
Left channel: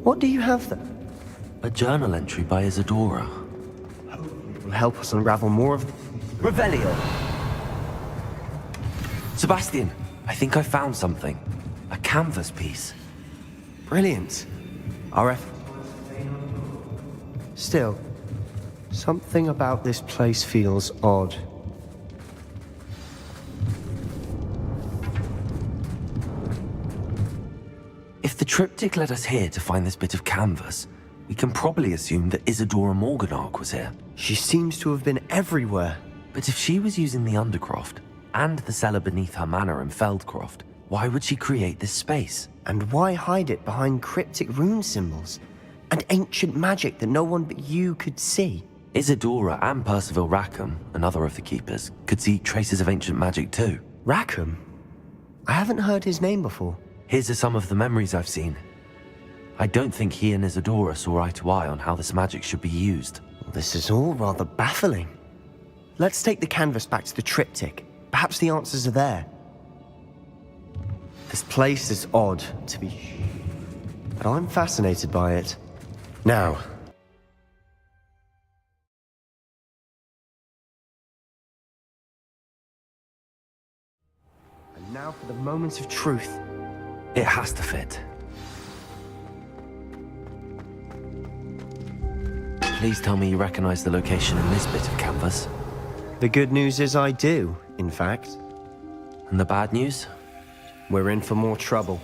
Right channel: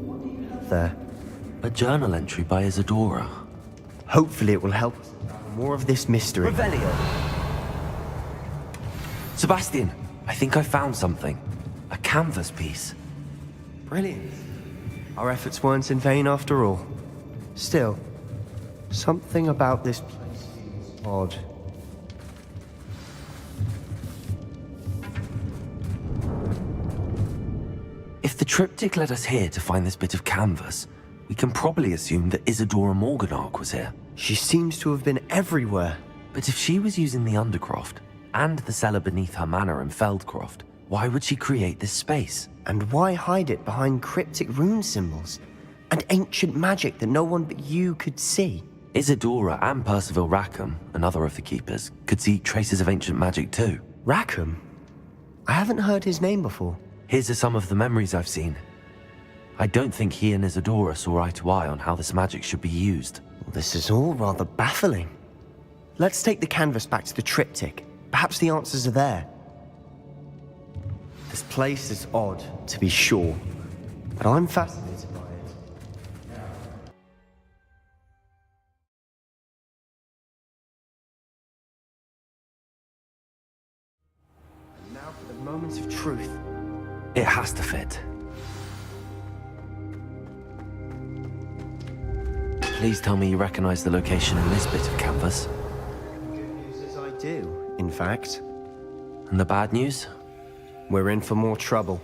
What do you have there? A journal entry by Isadora. Hopefully it will help us unravel more of this mystery. Revelio. Sebastian, I think I found something. A canvas piece. Brilliant. Our efforts weren't in vain after all. Still, something about this place feels odd. If the triptych led us here to find this bit of canvas, we can probably assume that Isadora Morganach was here. She seems to have been everywhere. But if she was using the Undercroft, and the cellar beneath her manor in Feldcroft, why would she create this space? And why hide it behind cryptic rune symbols? And ancient magic that no one but you could see? Isadora and Percival Rackham, another of the Keepers, could see traces of ancient magic too. Rackham? I haven't heard his name before. His are some of the memories I've seen. I don't think he and Isadora saw eye to eye on how this magic should be used. This is all rather baffling. Let's take the canvas back to the triptych. Perhaps the answers are there. This place is odd, to be sure, but I'm fascinated by it. Now, and now for the moments of truth. It has to fit. Please tell me you recognize the location in this bit of canvas. The good news is I do, in fact. And the bad news? We're in for more trouble.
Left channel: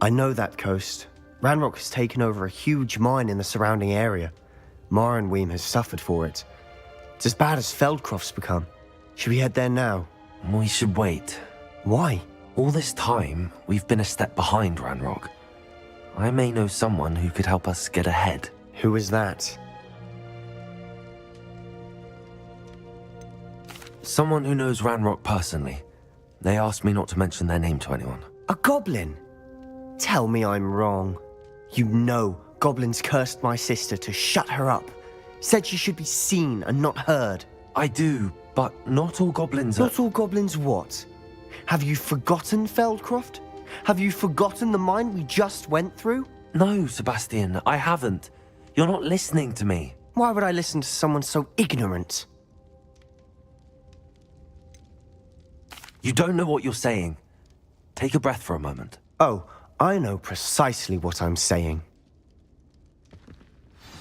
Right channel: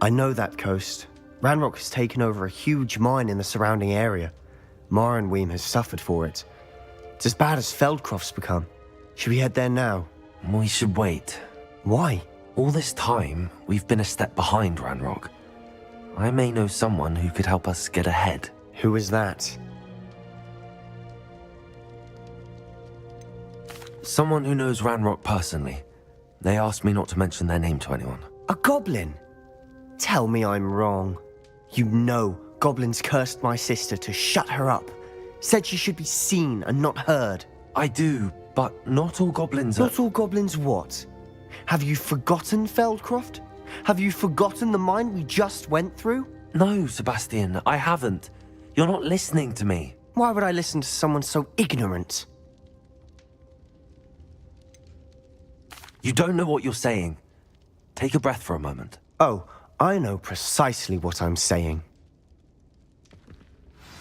I know that coast. Ranrock has taken over a huge mine in the surrounding area. Marrenweem has suffered for it. It's as bad as Feldcroft's become. Should we head there now? We should wait. Why? All this time, we've been a step behind Ranrock. I may know someone who could help us get ahead. Who is that? Someone who knows Ranrock personally. They asked me not to mention their name to anyone. A goblin? Tell me I'm wrong. You know goblins cursed my sister to shut her up. Said she should be seen and not heard. I do, but not all goblins are... Not all goblins what? Have you forgotten Feldcroft? Have you forgotten the mine we just went through? No, Sebastian, I haven't. You're not listening to me. Why would I listen to someone so ignorant? You don't know what you're saying. Take a breath for a moment. Oh, I know precisely what I'm saying.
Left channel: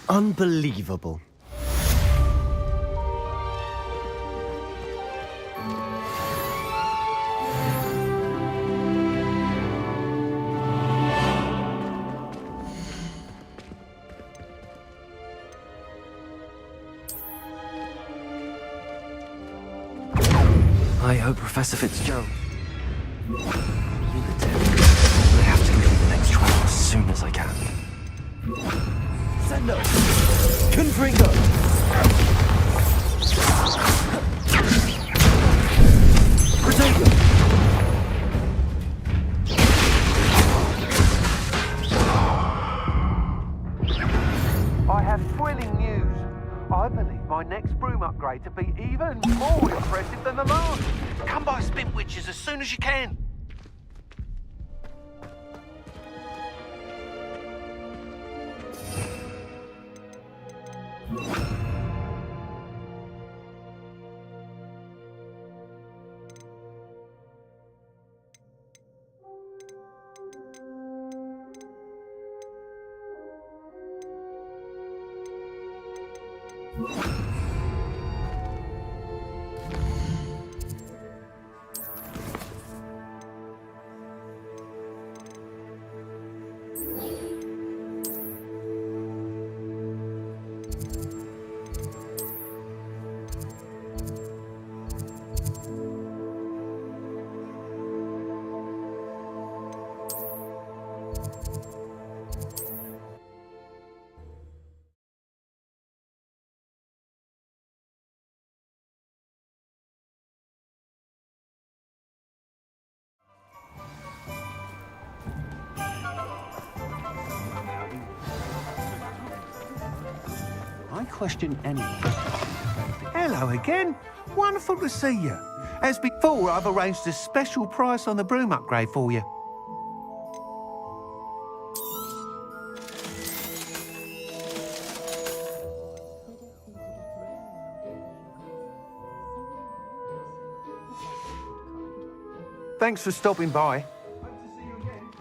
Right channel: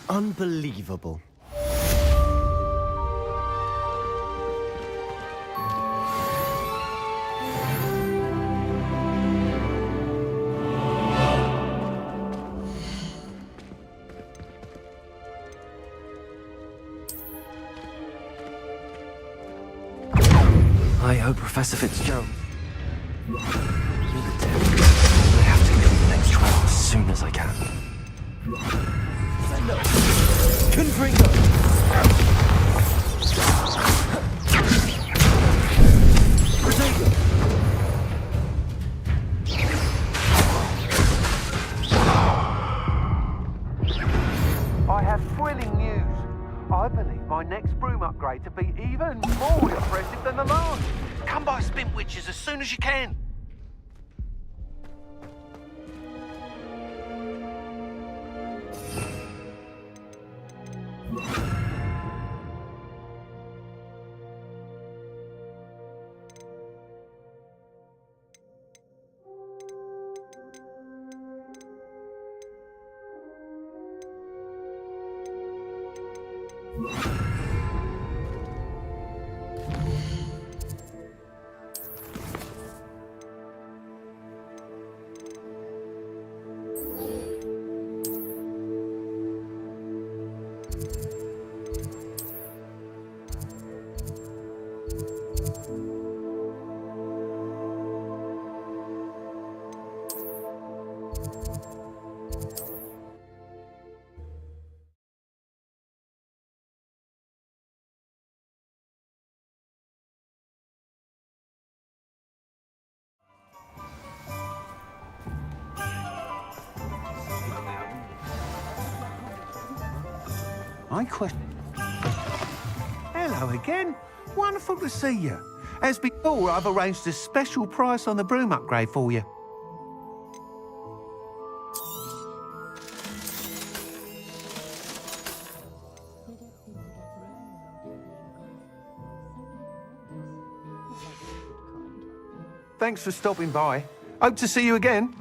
Unbelievable. I hope Professor Fitzgerald... I have to complete the next trial as soon as I can. Sendo! Confringo! Protego! I have thrilling news. I believe my next broom upgrade to be even more impressive than the last. Come by Spintwitches as soon as you can. I question any. Hello again. Wonderful to see you. As before, I've arranged a special price on the broom upgrade for you. Thanks for stopping by. Hope to see you again.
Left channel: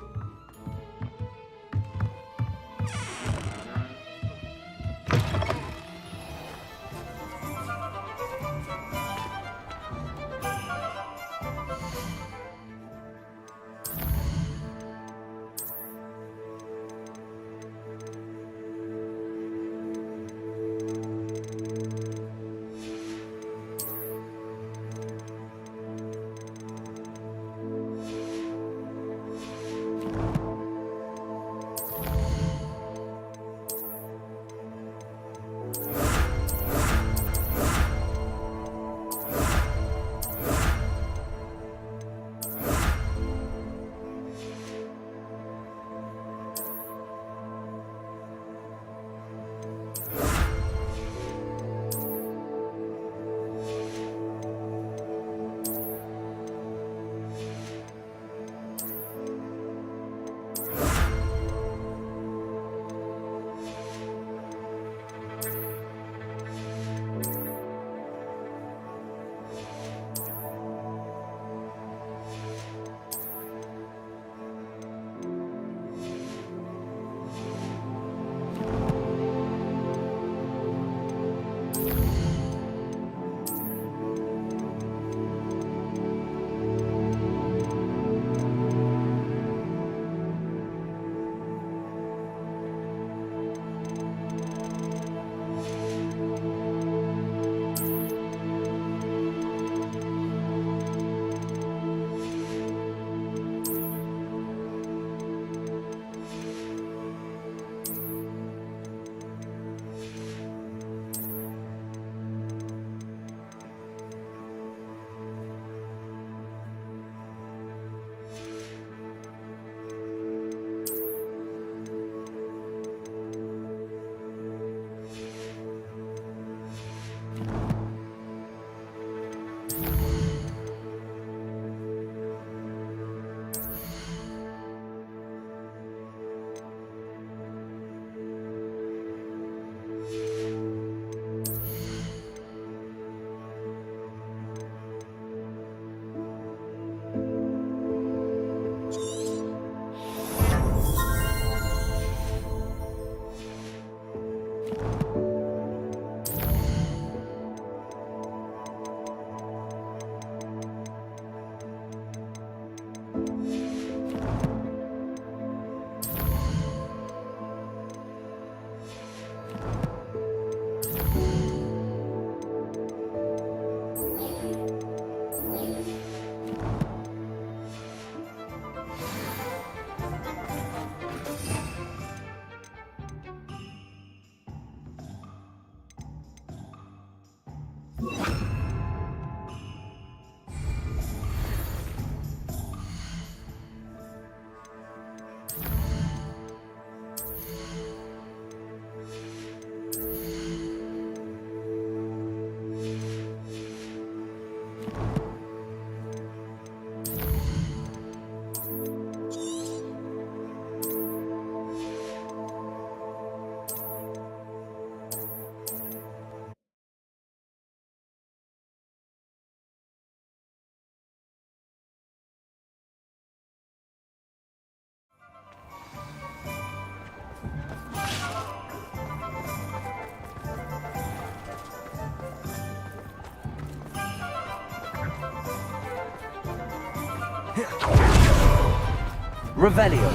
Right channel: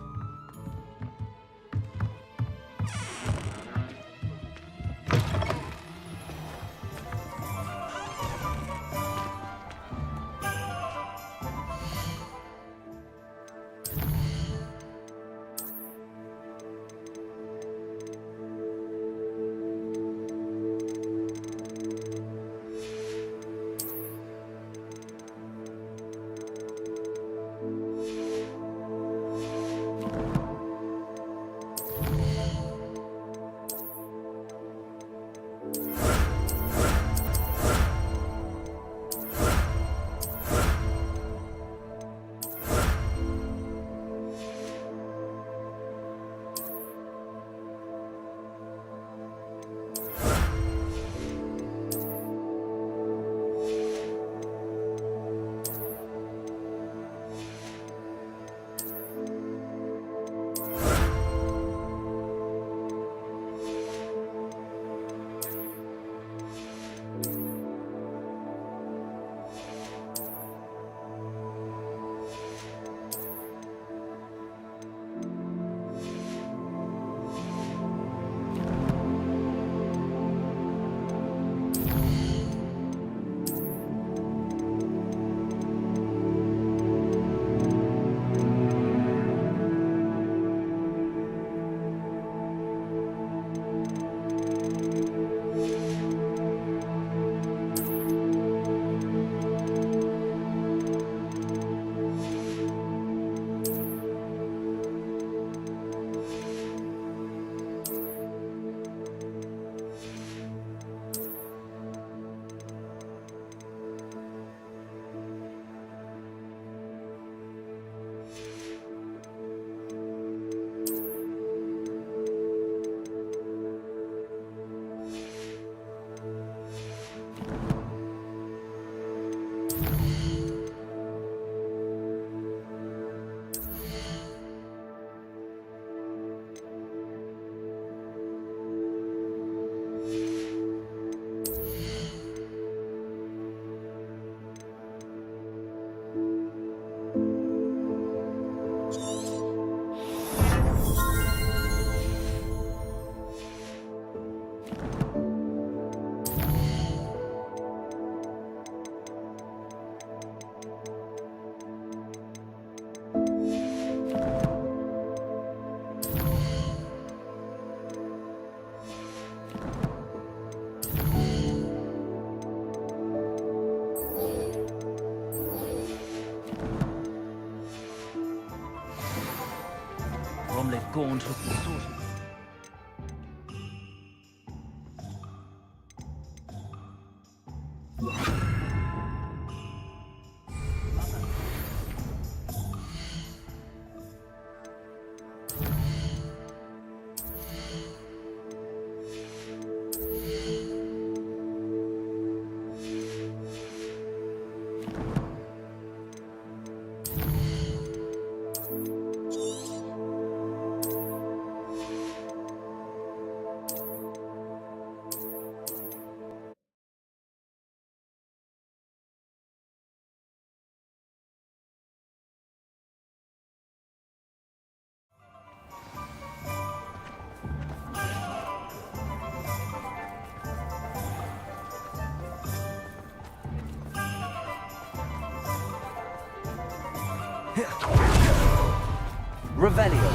Revelio.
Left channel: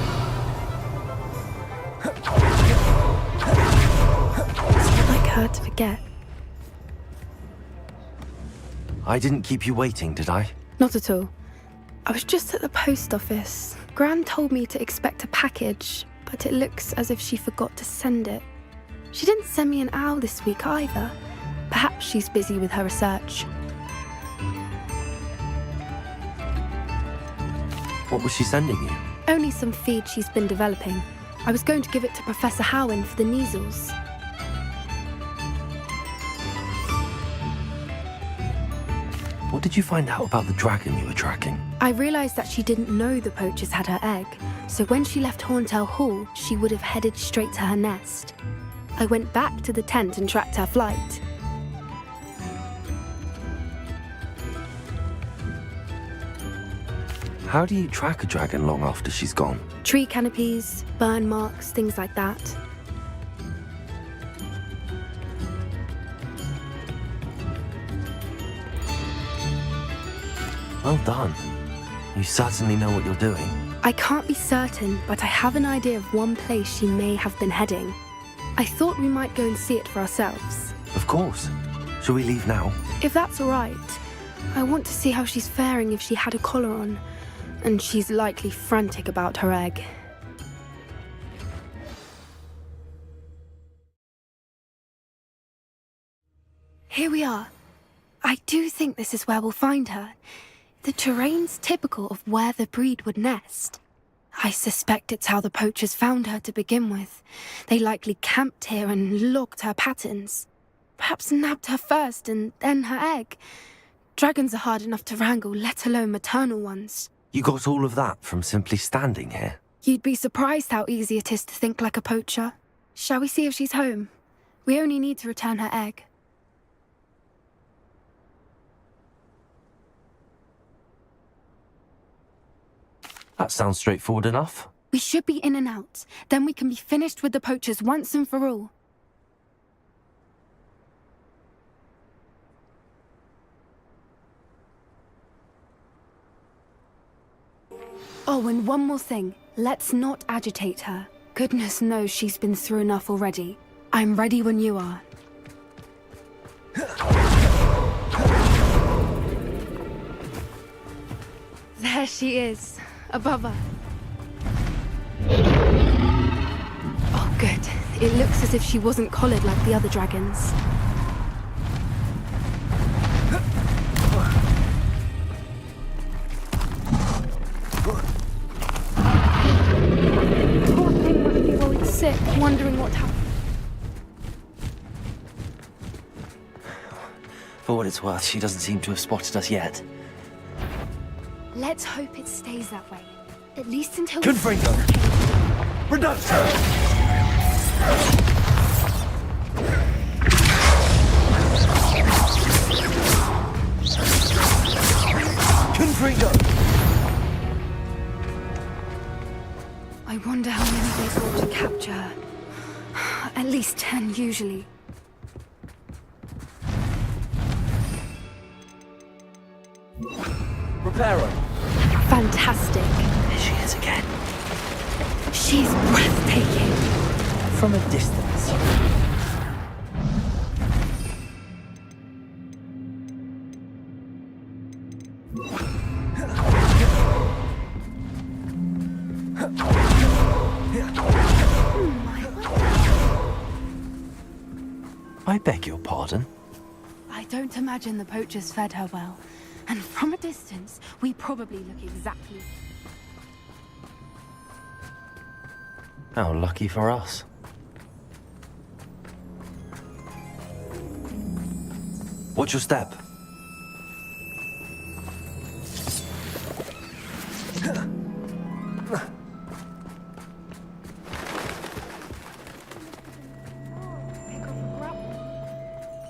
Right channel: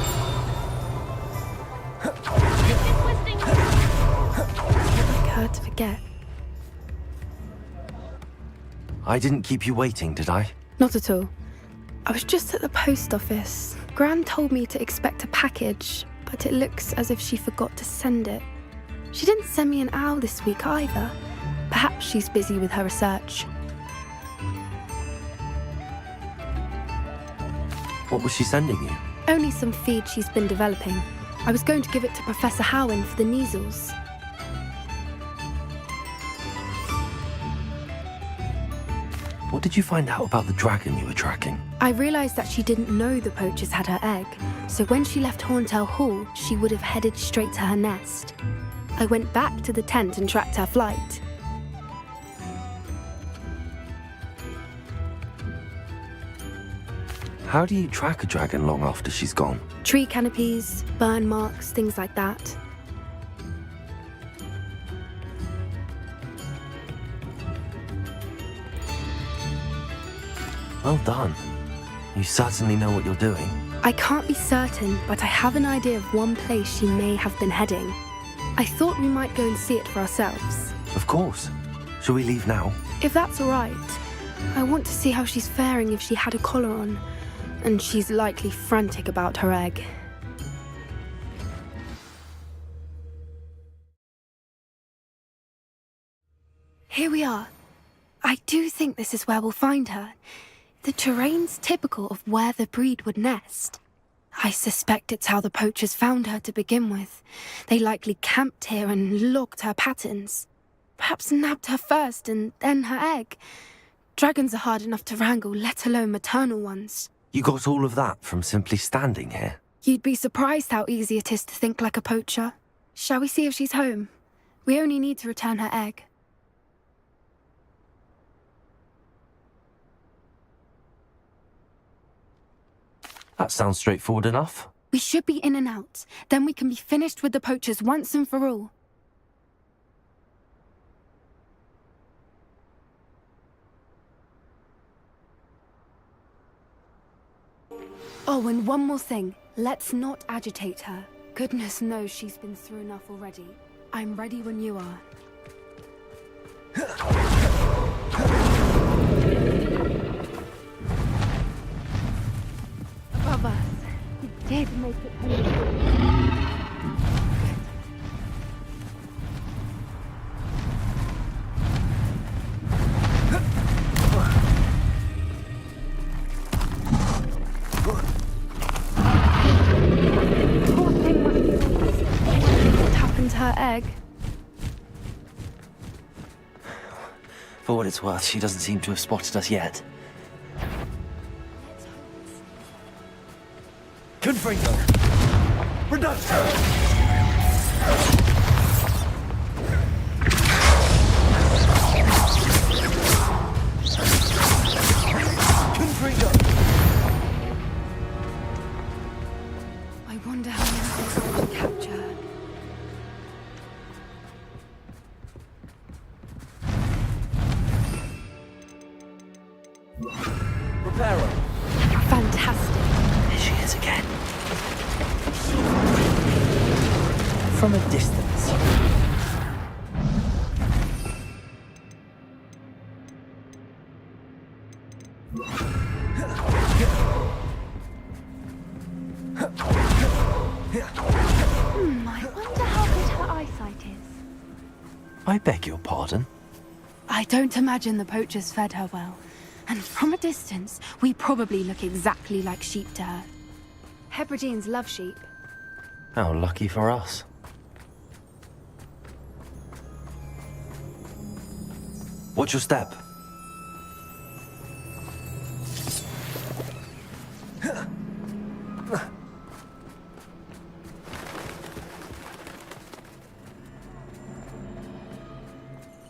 It's like her to forget. I didn't keep you waiting, did I? Not at all. I was just at the post office. Gran told me to expect a package, but it looks as if she forgot to send it. She didn't send me an owl this week either. Perhaps she's busy with her research. What was she sending you? Only some feed she's been developing. I was going to give it to Professor Howin for the measles. What did you find out about the dragon you were tracking? I realised that she didn't know the poachers had her egg, so when she left Horntail Hall, she would have headed straight to her nest. I went back to the tent and tracked her flight. How do you track a dragon long after she's gone? Tree canopies, burn marks, things like that. Well done. You certainly know what you're doing. I can't be certain, but I have an idea of one place she may have been heading. I thought we might go and see it for ourselves. Of course. Shall we leave now? If that's all right. I want to see how she's faring if she had a collar on. And she's likely frantic about her egg. Here we are. I do think this is where we'll find her. The terrain's typical of where the breed would nest. I suspect it's how the poachers found her to begin with. They likely camped here and logged her patterns. Perhaps nabbed her first and then her egg. Dragons are hard enough to wrangle, let alone maternal ones. You got all of that from simply standing here? You'd be surprised how easy it is to think like a poacher. Shall we see if she's home? We only need to return her egg. That sounds straightforward enough. We should be in and out. Then we can be finished with the poachers once and for all. Oh, and one more thing. Let's not agitate her. Goodness knows she's been through enough already. I'm ready when you are. There she is, above us. Oh, good. It looks as if she wasn't collared like the other dragons. Poor thing must be all sick, wondering what happened to her egg. For what it's worth, she doesn't seem to have spotted us yet. Let's hope it stays that way. At least until... Confringo! Reduction! Confringo! I wonder how many they got to capture her. At least 10 usually. Reparo! Fantastic. There she is again. She's breathtaking. From a distance. I wonder how good her eyesight is. I beg your pardon? I don't imagine the poachers fed her well. And from a distance, we probably look exactly like sheep to her. Hebrideans love sheep. How lucky for us. Watch your step.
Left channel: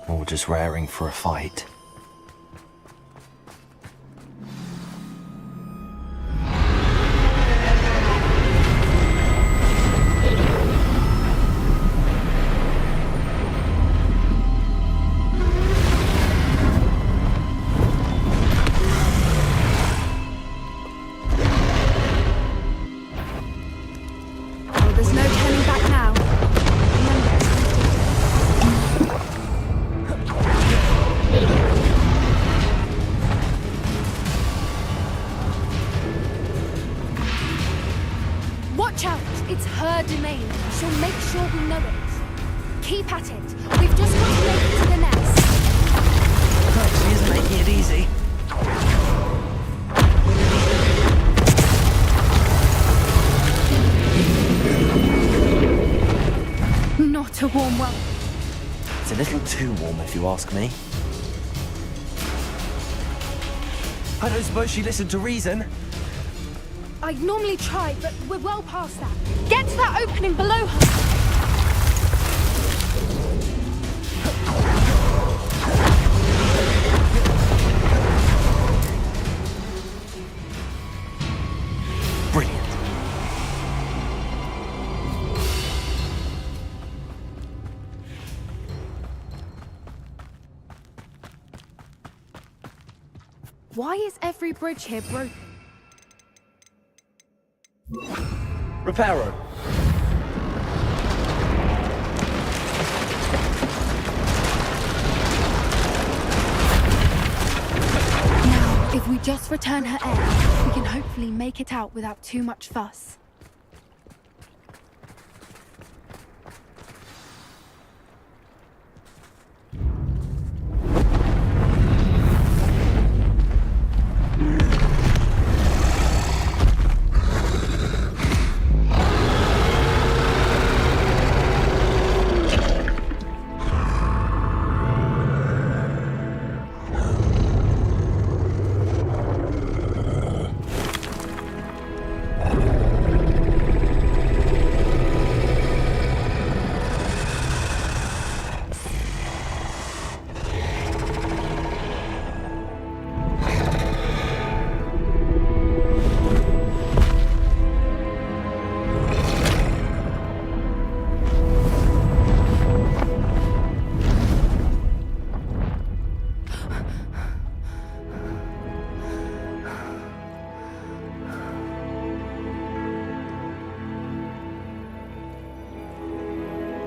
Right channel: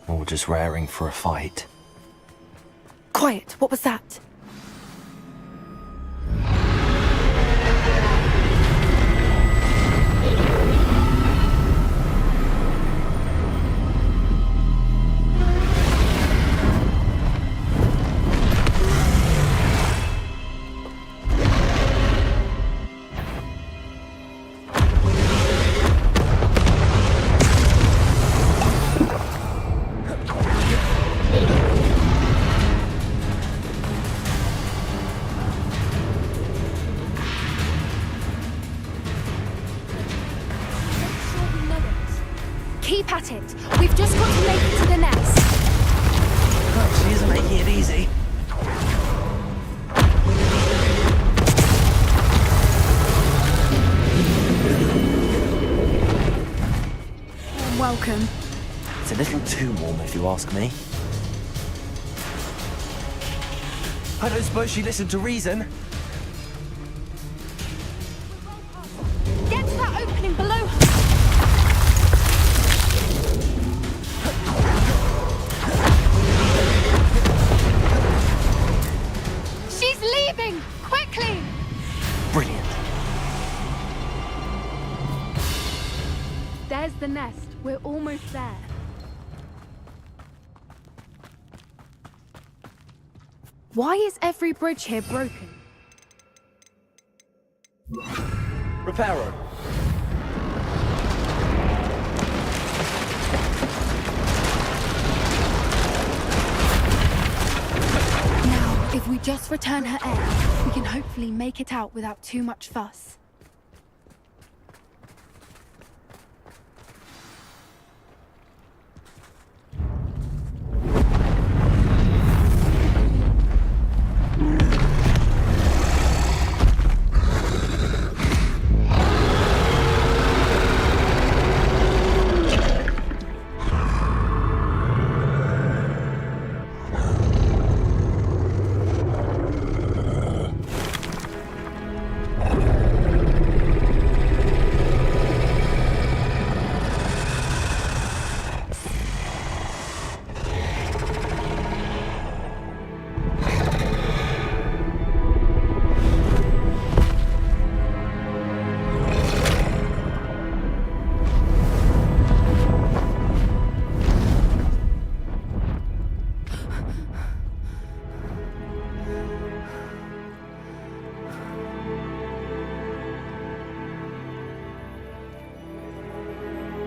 Or just raring for a fight. Quiet, what was that? her domain. She'll make sure we know it. Keep at it. We've just got to make it to the nest. Oh, she isn't making it easy. Not a warm welcome. It's a little too warm, if you ask me. I don't suppose she listened to reason. I'd normally try, but we're well past that. Get to that opening below her. She's leaving! Quickly! Brilliant. There's the nest. We're almost there. Why is every bridge here broken? Reparo. Now, if we just return her egg, we can hopefully make it out without too much fuss.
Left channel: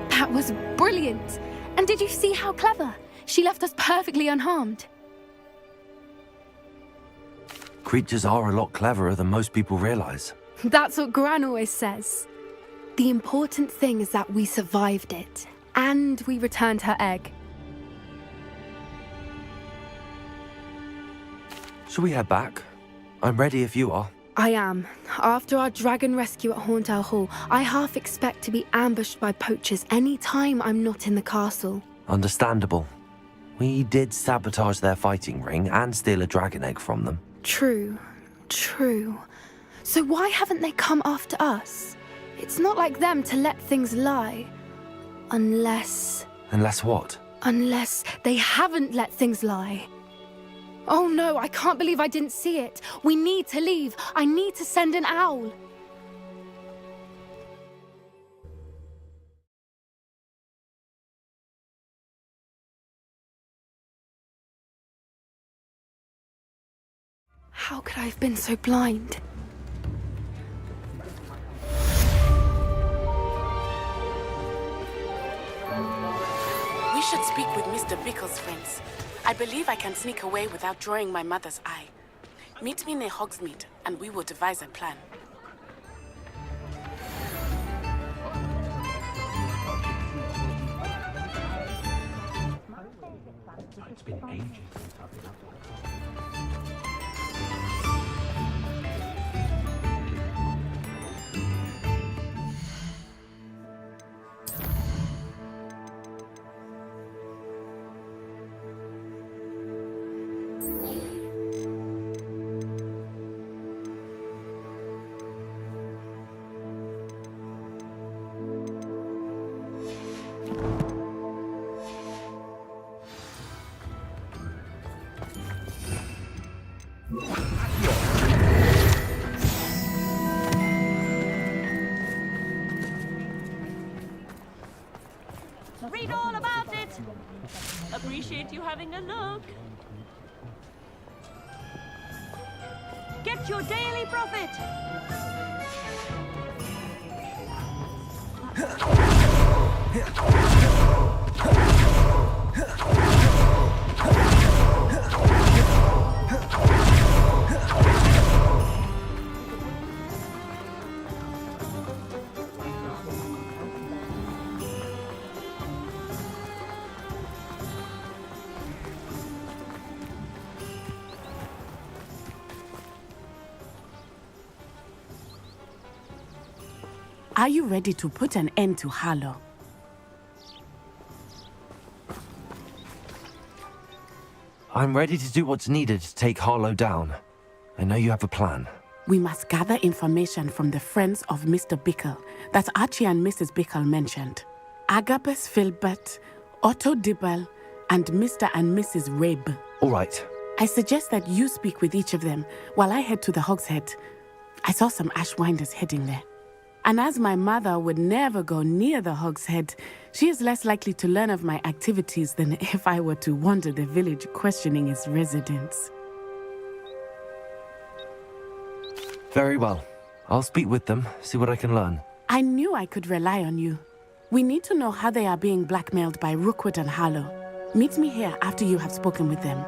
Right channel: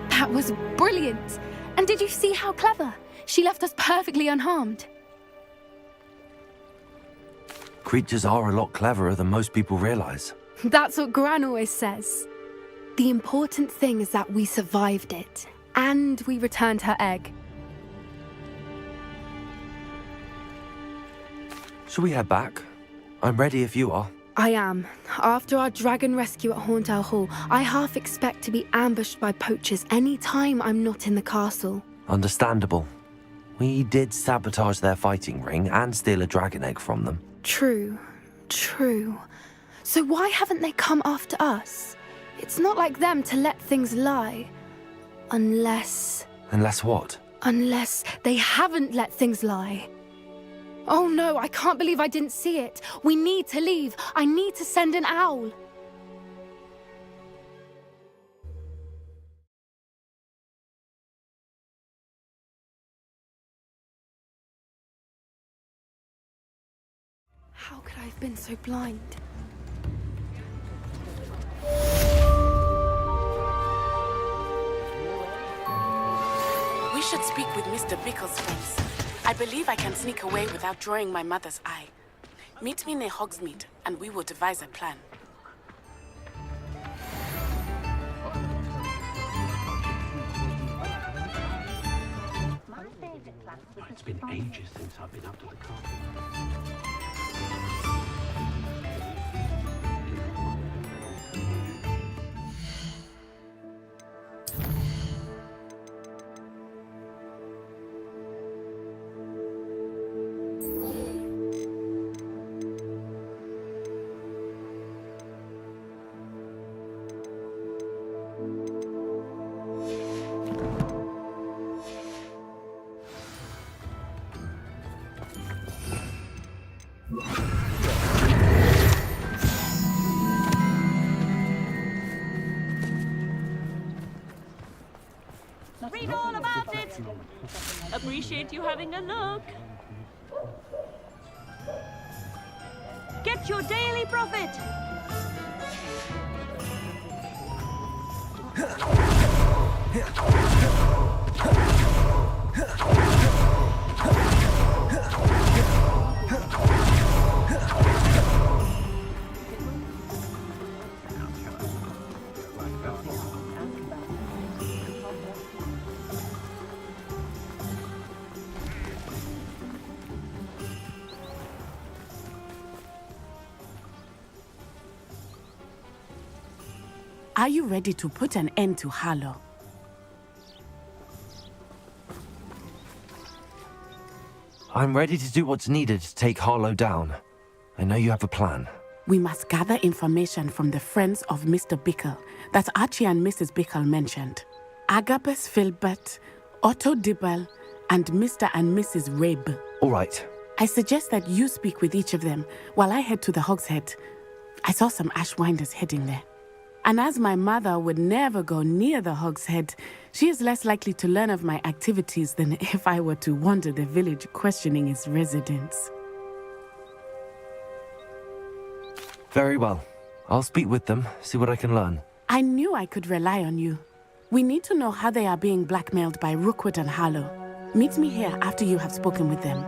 That was brilliant! And did you see how clever? She left us perfectly unharmed. Creatures are a lot cleverer than most people realize. That's what Gran always says. The important thing is that we survived it, and we returned her egg. Shall we head back? I'm ready if you are. I am. After our dragon rescue at Hauntow Hall, I half expect to be ambushed by poachers any time I'm not in the castle. Understandable. We did sabotage their fighting ring and steal a dragon egg from them. True. So why haven't they come after us? It's not like them to let things lie. Unless what? Unless they haven't let things lie. Oh no, I can't believe I didn't see it. We need to leave. I need to send an owl. How could I have been so blind? We should speak with Mr. Bickle's friends. I believe I can sneak away without drawing my mother's eye. Meet me near Hogsmeade, and we will devise a plan. It's been ages since I've been up to the castle. Read all about it. Appreciate you having a look. Get your daily profit. Are you ready to put an end to Harlow? I'm ready to do what's needed to take Harlow down. I know you have a plan. We must gather information from the friends of Mr. Bickle that Archie and Mrs. Bickle mentioned. Agabus Filbert, Otto Dibble, and Mr. and Mrs. Rabe. All right. I suggest that you speak with each of them while I head to the Hogshead. I saw some Ashwinders heading there. And as my mother would never go near the Hogshead, she is less likely to learn of my activities than if I were to wander the village questioning its residents. Very well. I'll speak with them, see what I can learn. I knew I could rely on you. We need to know how they are being blackmailed by Rookwood and Harlow. Meet me here after you have spoken with them.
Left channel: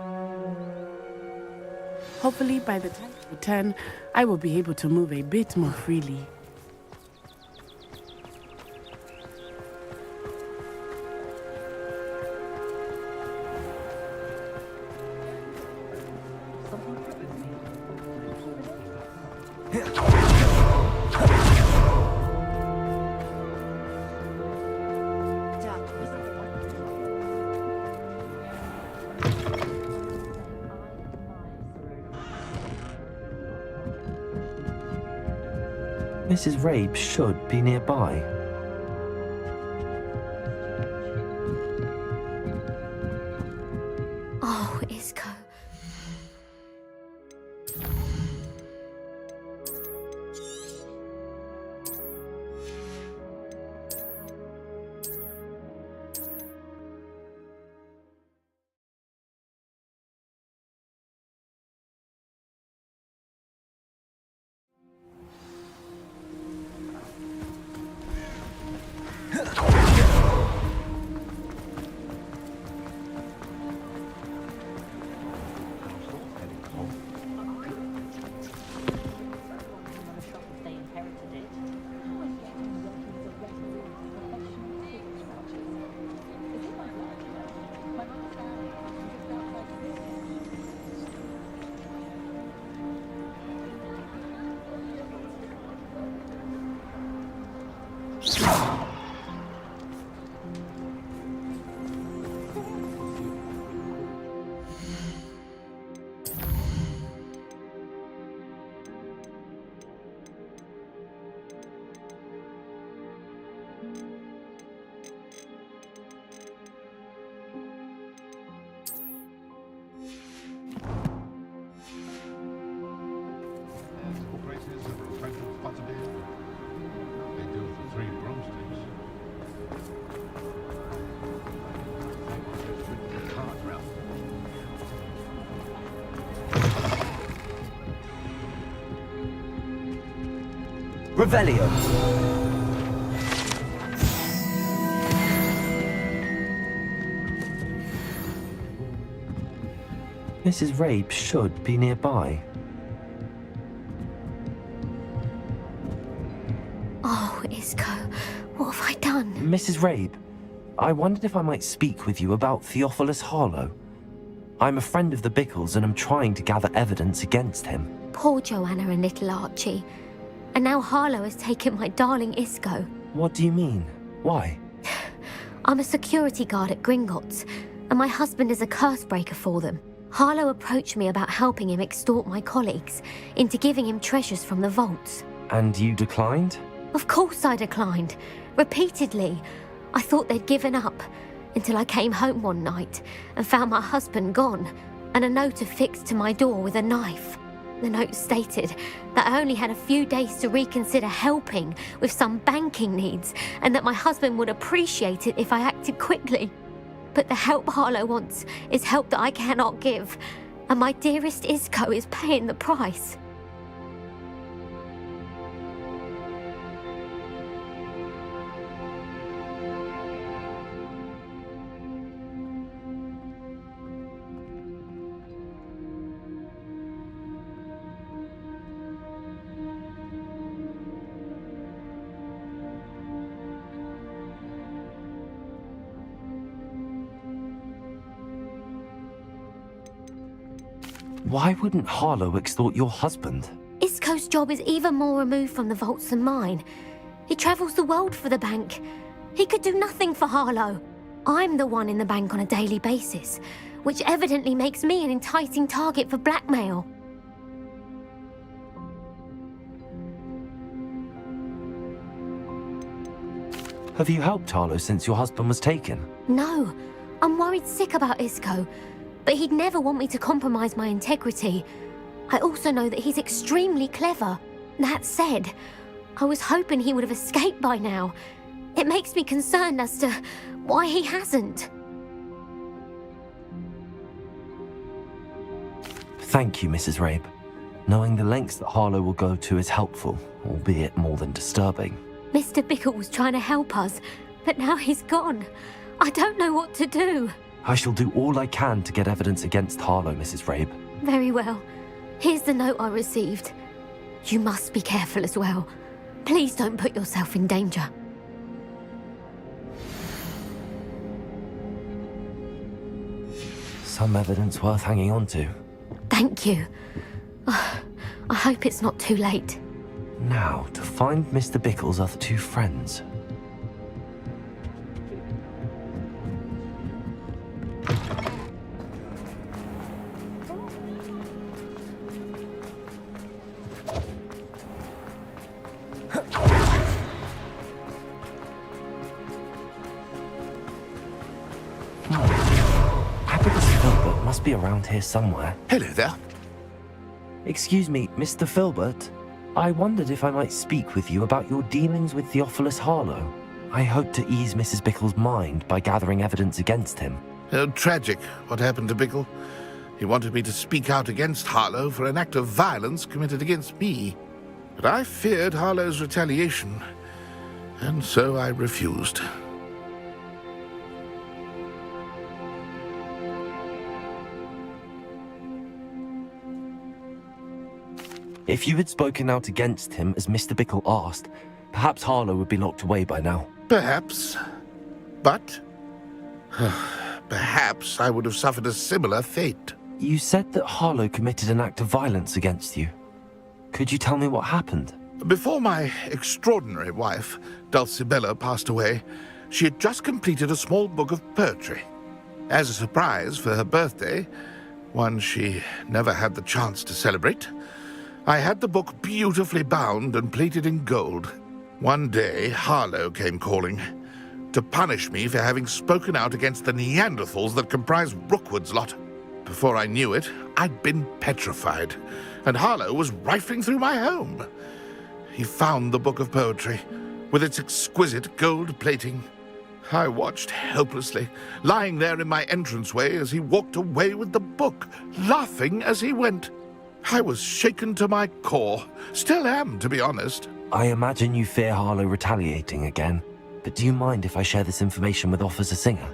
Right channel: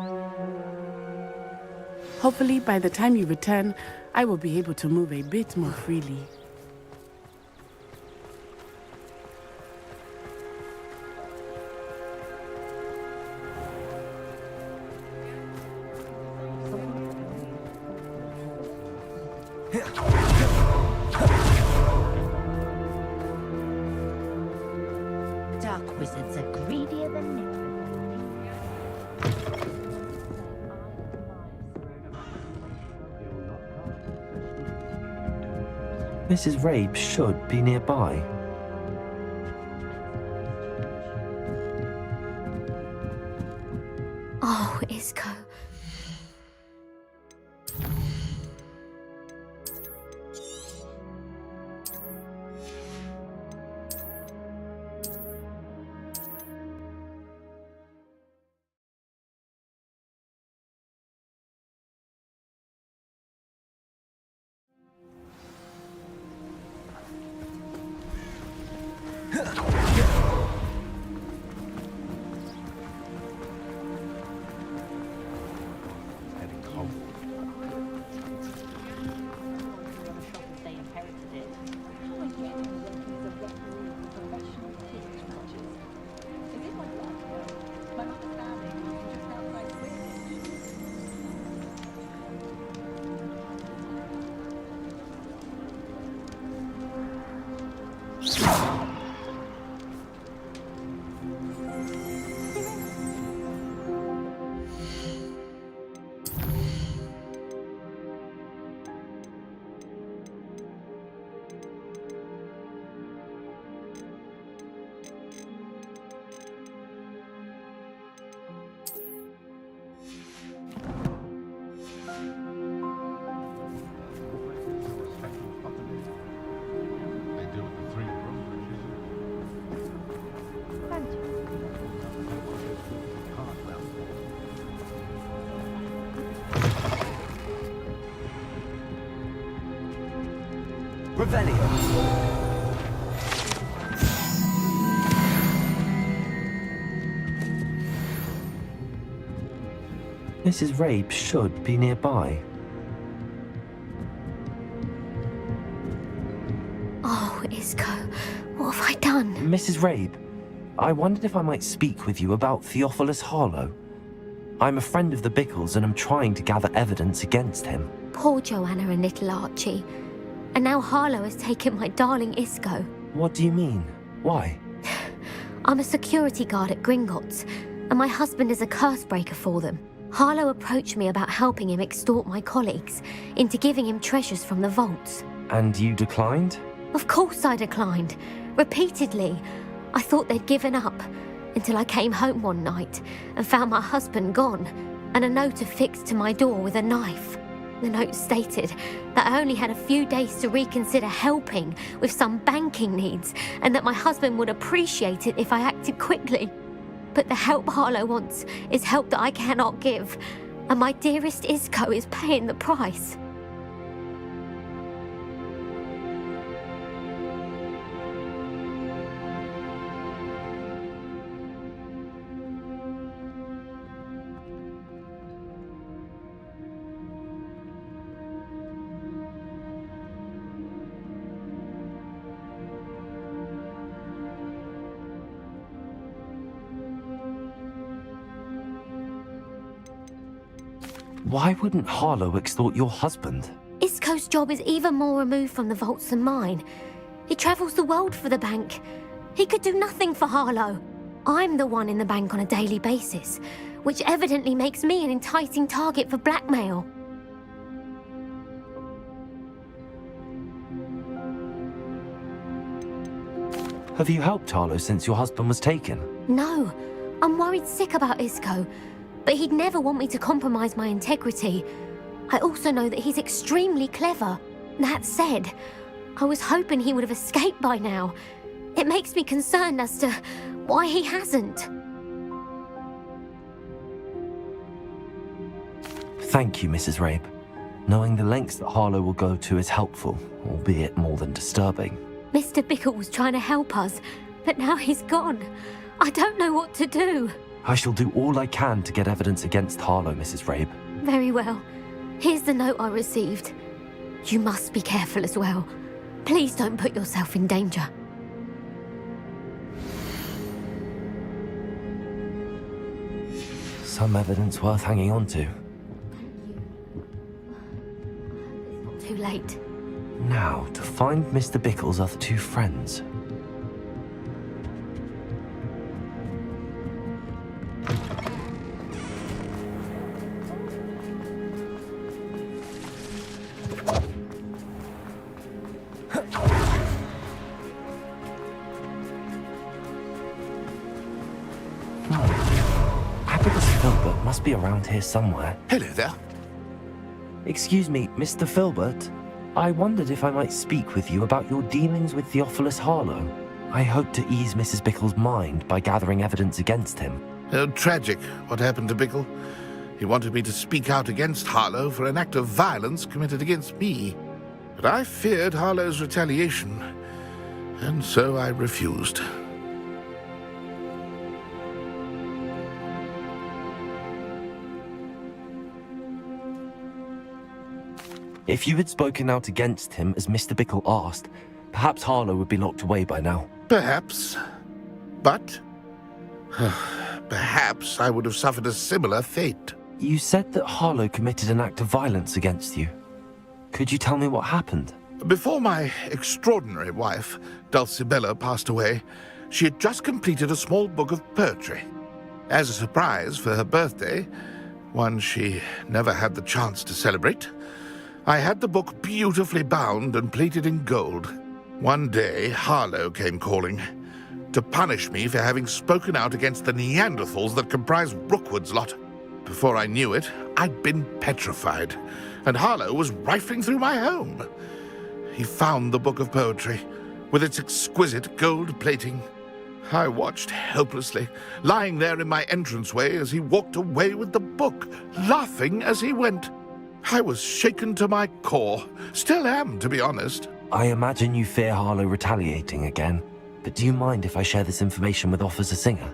Hopefully, by the time you return, I will be able to move a bit more freely. Dark wizards are greedier than Mrs. Rabe should be nearby. Oh, Isco. Revelio. Mrs. Rabe should be nearby. Oh, Isco, what have I done? Mrs. Rabe, I wondered if I might speak with you about Theophilus Harlow. I'm a friend of the Bickles and I'm trying to gather evidence against him. Poor Joanna and little Archie. And now Harlow has taken my darling Isco. What do you mean? Why? I'm a security guard at Gringotts, and my husband is a curse breaker for them. Harlow approached me about helping him extort my colleagues into giving him treasures from the vaults. And you declined? Of course I declined. Repeatedly. I thought they'd given up, until I came home one night and found my husband gone, and a note affixed to my door with a knife. The note stated that I only had a few days to reconsider helping with some banking needs, and that my husband would appreciate it if I acted quickly. But the help Harlow wants is help that I cannot give, and my dearest Isco is paying the price. Why wouldn't Harlow extort your husband? Isco's job is even more removed from the vaults than mine. He travels the world for the bank. He could do nothing for Harlow. I'm the one in the bank on a daily basis, which evidently makes me an enticing target for blackmail. Have you helped Harlow since your husband was taken? No, I'm worried sick about Isco, but he'd never want me to compromise my integrity. I also know that he's extremely clever. That said, I was hoping he would have escaped by now. It makes me concerned as to why he hasn't. Thank you, Mrs. Rabe. Knowing the lengths that Harlow will go to is helpful, albeit more than disturbing. Mr. Bickle was trying to help us, but now he's gone. I don't know what to do. I shall do all I can to get evidence against Harlow, Mrs. Rabe. Very well. Here's the note I received. You must be careful as well. Please don't put yourself in danger. Some evidence worth hanging on to. Thank you. I hope it's not too late. Now, to find Mr. Bickle's other two friends. Filbert must be around here somewhere. Hello there. Excuse me, Mr. Filbert. I wondered if I might speak with you about your dealings with Theophilus Harlow. I hope to ease Mrs. Bickle's mind by gathering evidence against him. Tragic, what happened to Bickle. He wanted me to speak out against Harlow for an act of violence committed against me. But I feared Harlow's retaliation, and so I refused. If you had spoken out against him as Mr. Bickle asked, perhaps Harlow would be locked away by now. Perhaps. But perhaps I would have suffered a similar fate. You said that Harlow committed an act of violence against you. Could you tell me what happened? Before my extraordinary wife, Dulcibella, passed away, she had just completed a small book of poetry. As a surprise for her birthday, one she never had the chance to celebrate, I had the book beautifully bound and plated in gold. One day, Harlow came calling to punish me for having spoken out against the Neanderthals that comprise Rookwood's lot. Before I knew it, I'd been petrified, and Harlow was rifling through my home. He found the book of poetry, with its exquisite gold plating. I watched helplessly, lying there in my entranceway as he walked away with the book, laughing as he went. I was shaken to my core. Still am, to be honest. I imagine you fear Harlow retaliating again, but do you mind if I share this information with Officer Singer?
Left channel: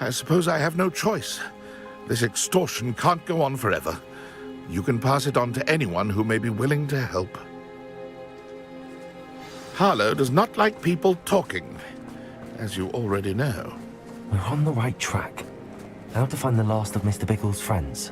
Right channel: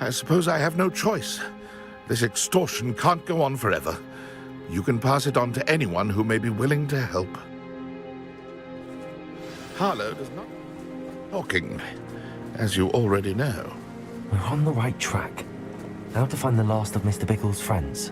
I suppose I have no choice. This extortion can't go on forever. You can pass it on to anyone who may be willing to help. Harlow does not like people talking, as you already know. We're on the right track. Now to find the last of Mr. Bickle's friends.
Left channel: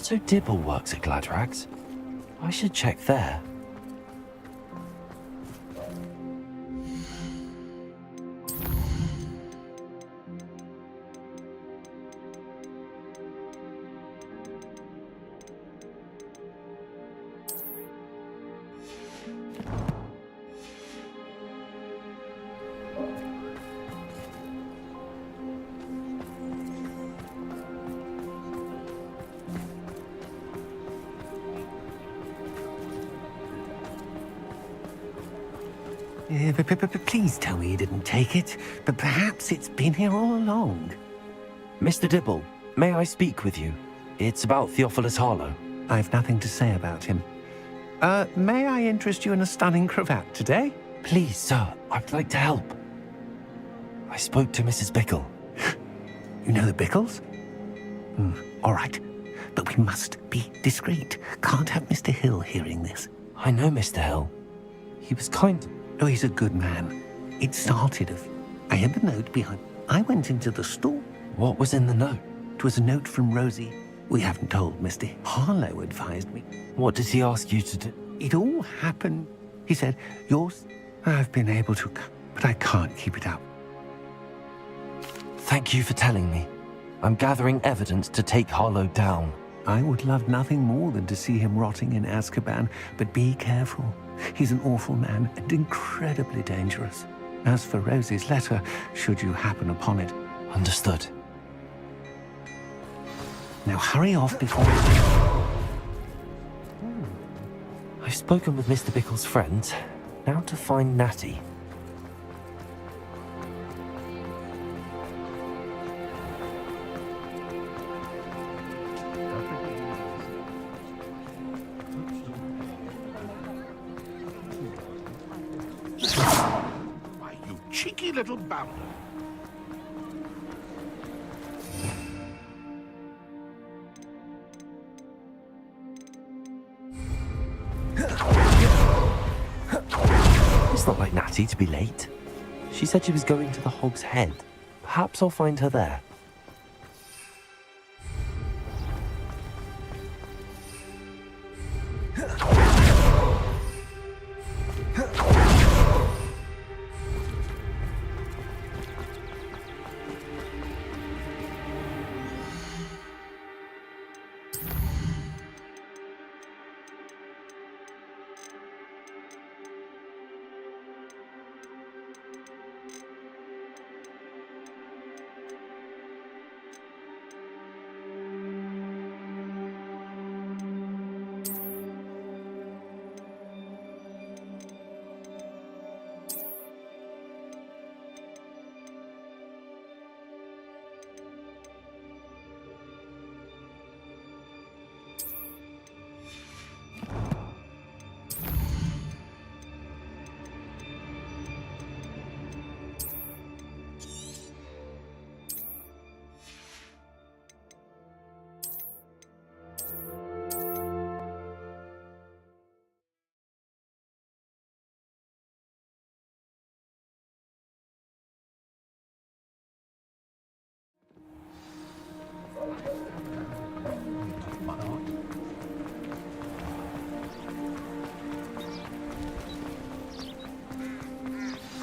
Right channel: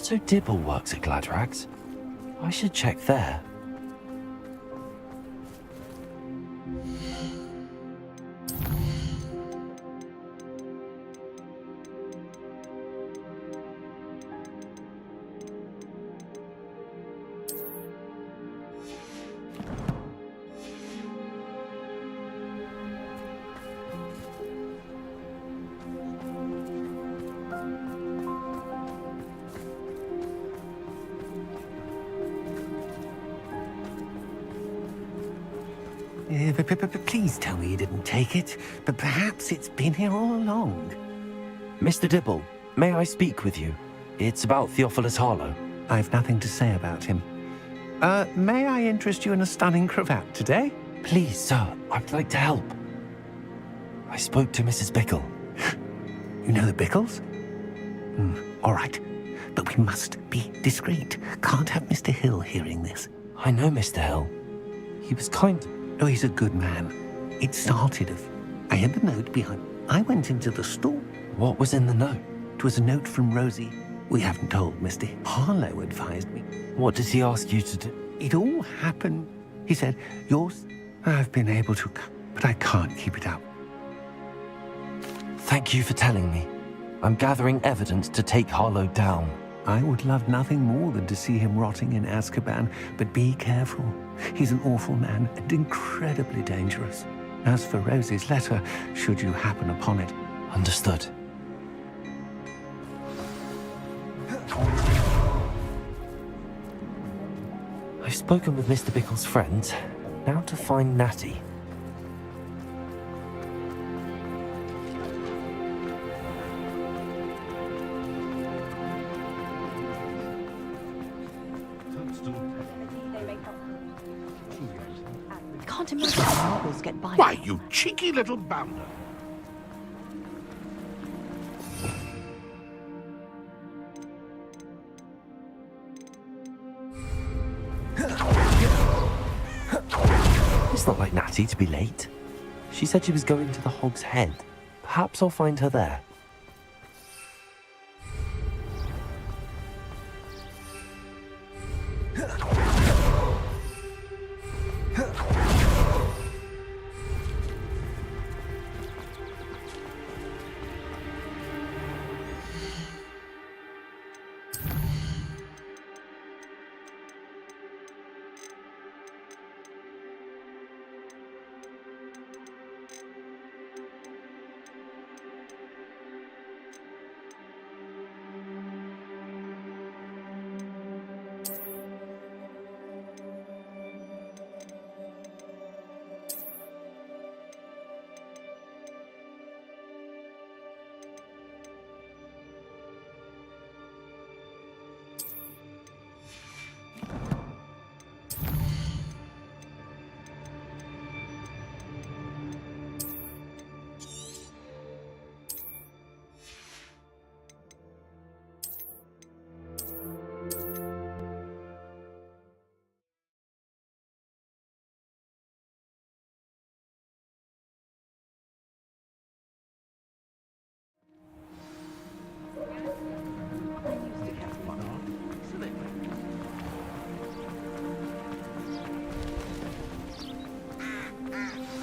Otto Dibble works at Gladrags. I should check there. Please tell me you didn't take it, but perhaps it's been here all along. Mr. Dibble, may I speak with you? It's about Theophilus Harlow. I've nothing to say about him. May I interest you in a stunning cravat today? Please, sir, I'd like to help. I spoke to Mrs. Bickle. You know the Bickles? All right, but we must be discreet. Can't have Mr. Hill hearing this. I know Mr. Hill. He was kind. Oh, he's a good man. It started I had the note behind. I went into the store. What was in the note? It was a note from Rosie. We haven't told Mr. Harlow advised me. What does he ask you to do? It all happened. He said, yours, I've been able to, but I can't keep it up. Thank you for telling me. I'm gathering evidence to take Harlow down. I would love nothing more than to see him rotting in Azkaban, but be careful. He's an awful man and incredibly dangerous. As for Rosie's letter, should you happen upon it. Understood. Now hurry off before... I've spoken with Mr. Bickle's friends. Now to find Natty. Why, you cheeky little bounder. It's not like Natty to be late. She said she was going to the Hog's Head. Perhaps I'll find her there.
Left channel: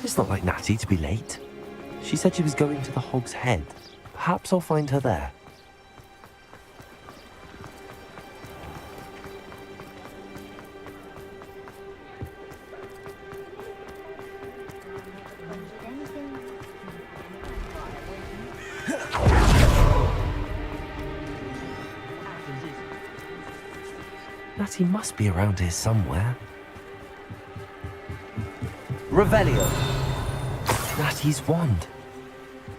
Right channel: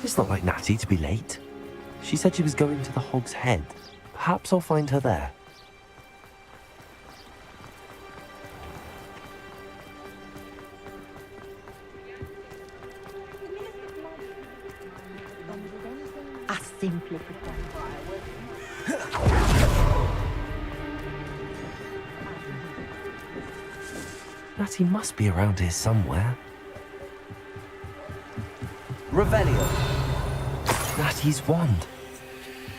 It's not like Natty to be late. She said she was going to the Hog's Head. Perhaps I'll find her there. Natty must be around here somewhere. Revelio. Natty's wand.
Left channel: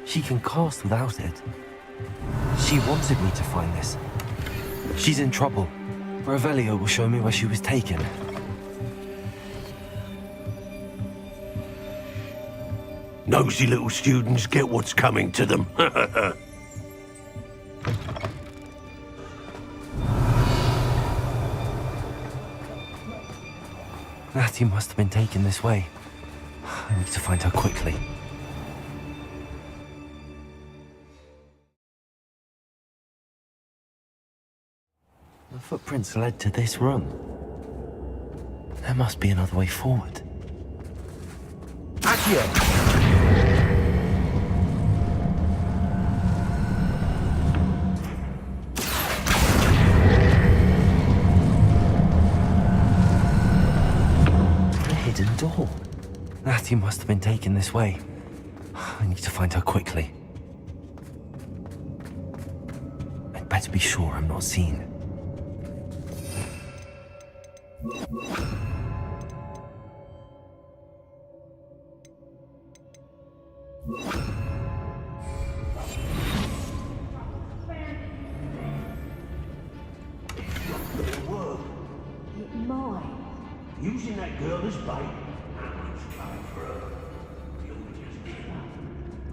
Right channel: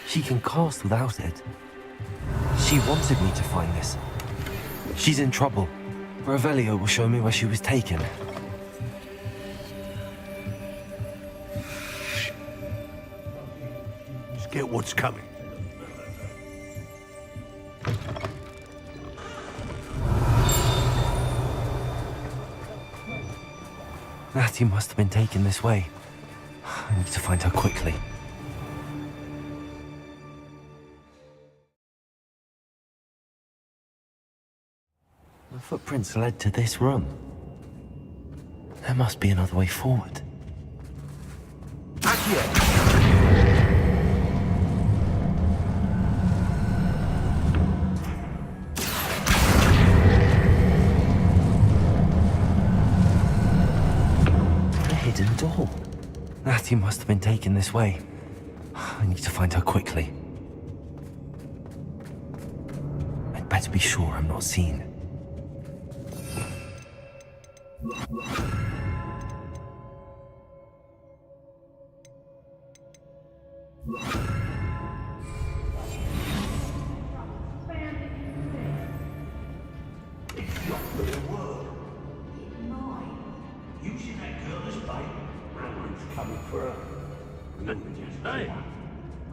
She can cast without it. She wanted me to find this. She's in trouble. Revelio will show me where she was taken. Nosy little students get what's coming to them. Natty must have been taken this way. I need to find her quickly. Footprints led to this room. There must be another way forward. A hidden door. Natty must have been taken this way. I need to find her quickly. I'd better be sure I'm not seen. Using that girl as bait, Alan's coming for her.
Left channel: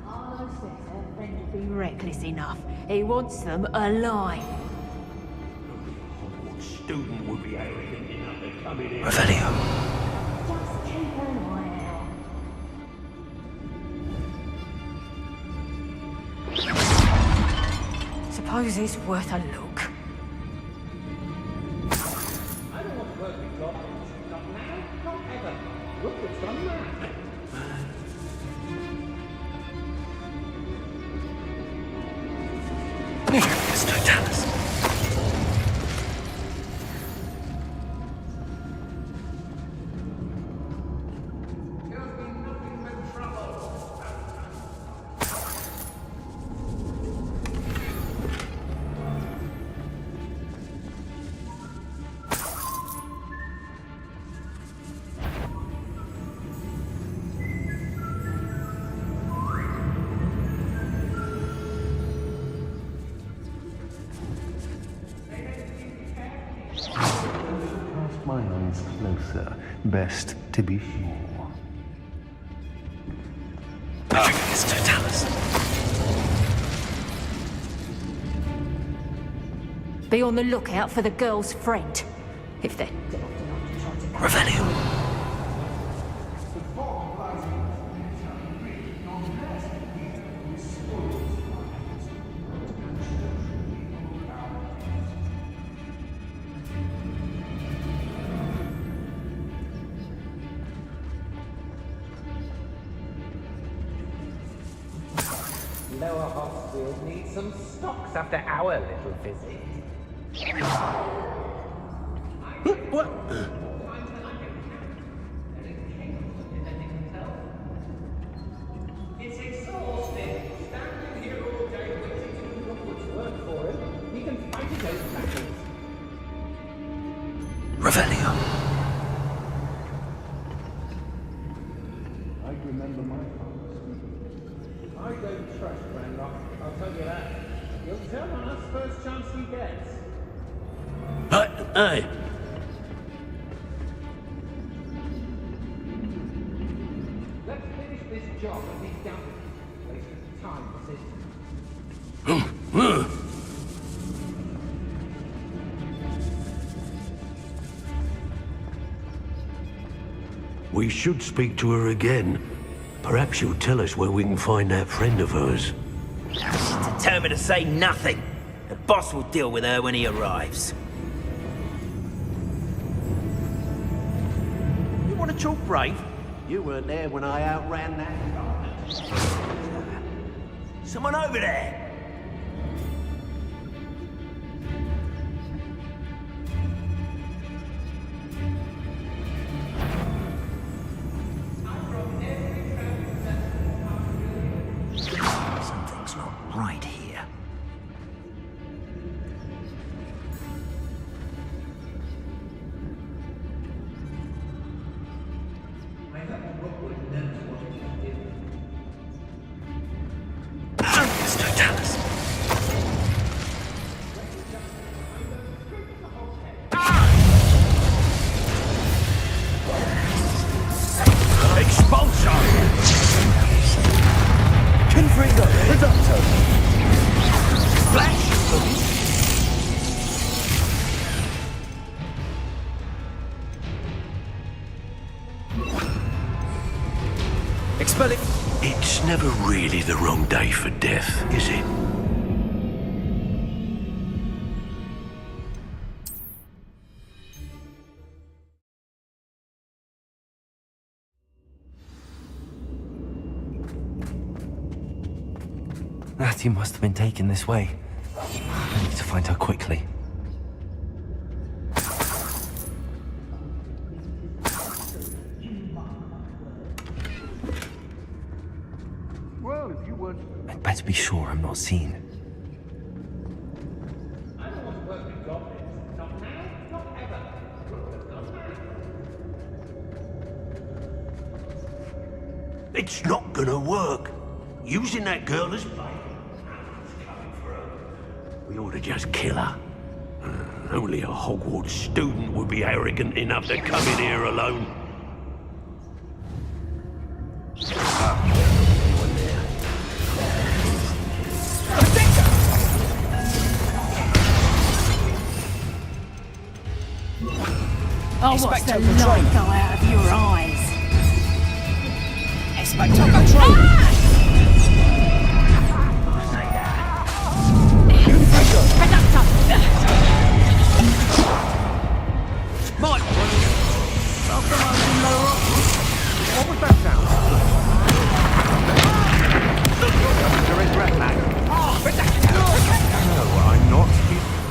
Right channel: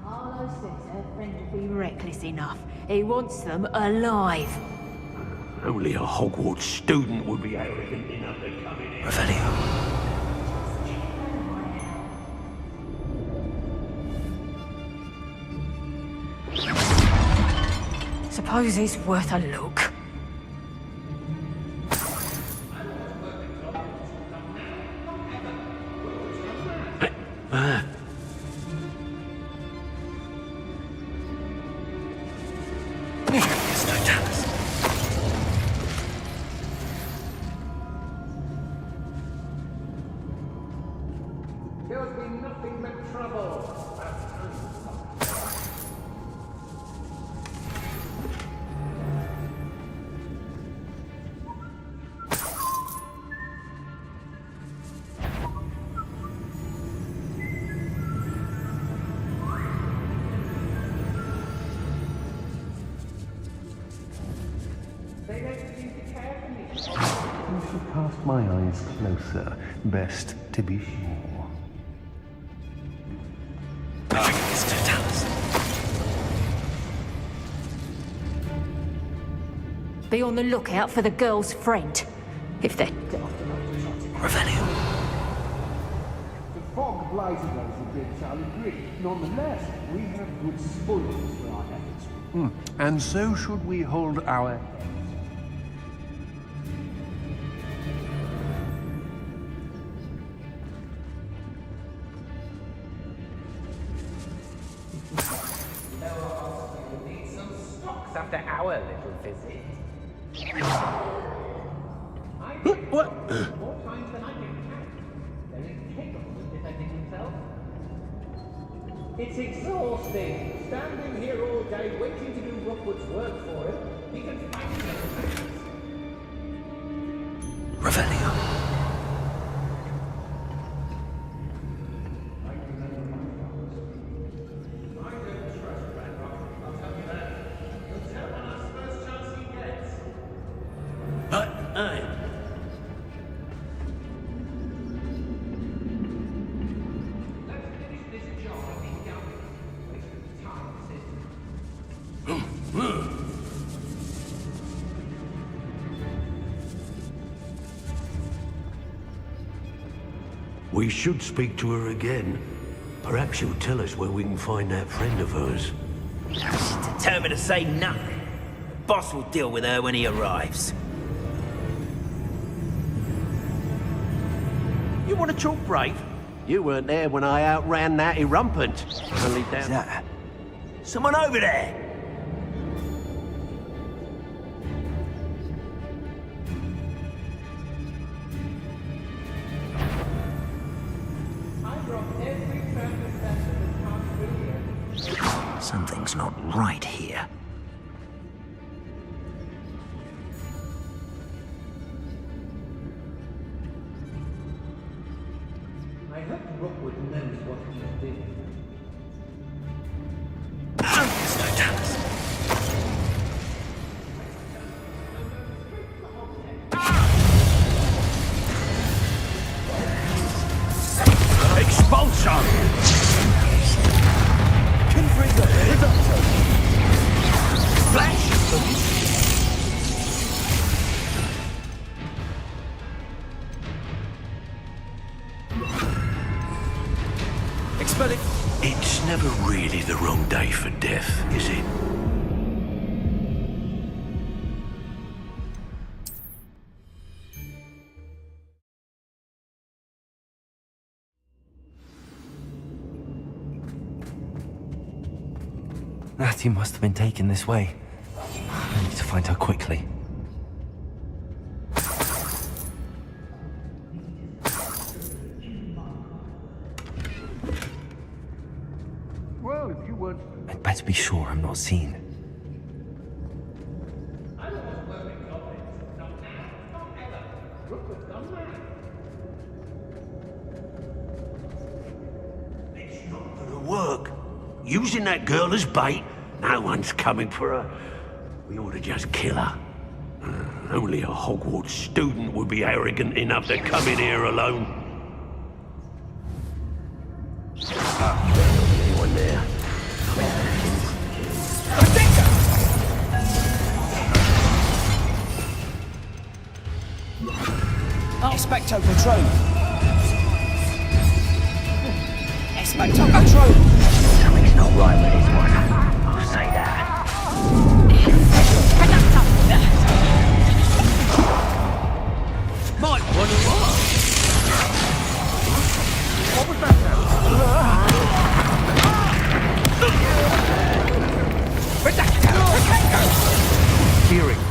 Harlow says her friend would be reckless enough. He wants them alive. Only a Hogwarts student would be arrogant enough to come in here. Revelio. Suppose it's worth a look. Cast my eyes closer, best to be sure. It's Totalis. Be on the lookout for the girl's friend. If they're daft enough to try to... Revelio. The fog blazing off a bit unread. Nonetheless, we have good spoilers for our efforts. And so should we hold our... Lower Hospital needs some stocks after our little visit. What? It's exhausting. Standing here all day waiting to do Rookwood's work for him. He can find his own facts. Revelio. I don't trust Ranrock, I'll tell you that. He'll turn on us first chance he gets. Hey! Let's finish this job and be done. Waste of time, this is. We should speak to her again. Perhaps she'll tell us where we can find that friend of hers. She's determined to say nothing. The boss will deal with her when he arrives. You want to talk brave? You weren't there when I outran Natty Rumpant. Is that someone over there? Something's not right here. I hope Rookwood knows what he's doing. It's Totalis. Expulsor! Confringo, Reducto. Flash! Expel it. It's never really the wrong day for death, is it? Natty must have been taken this way. I need to find her quickly. Well, if you weren't... I'd better be sure I'm not seen. It's not gonna work. Using that girl as bait, no one's coming for her. We ought to just kill her. Only a Hogwarts student would be arrogant enough to come in here alone. Anyone there? Expecto Patronum. Expecto Patronum. Not right, I'll say that. Mike, what was that sound? I'm not hearing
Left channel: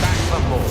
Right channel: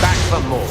Back for more.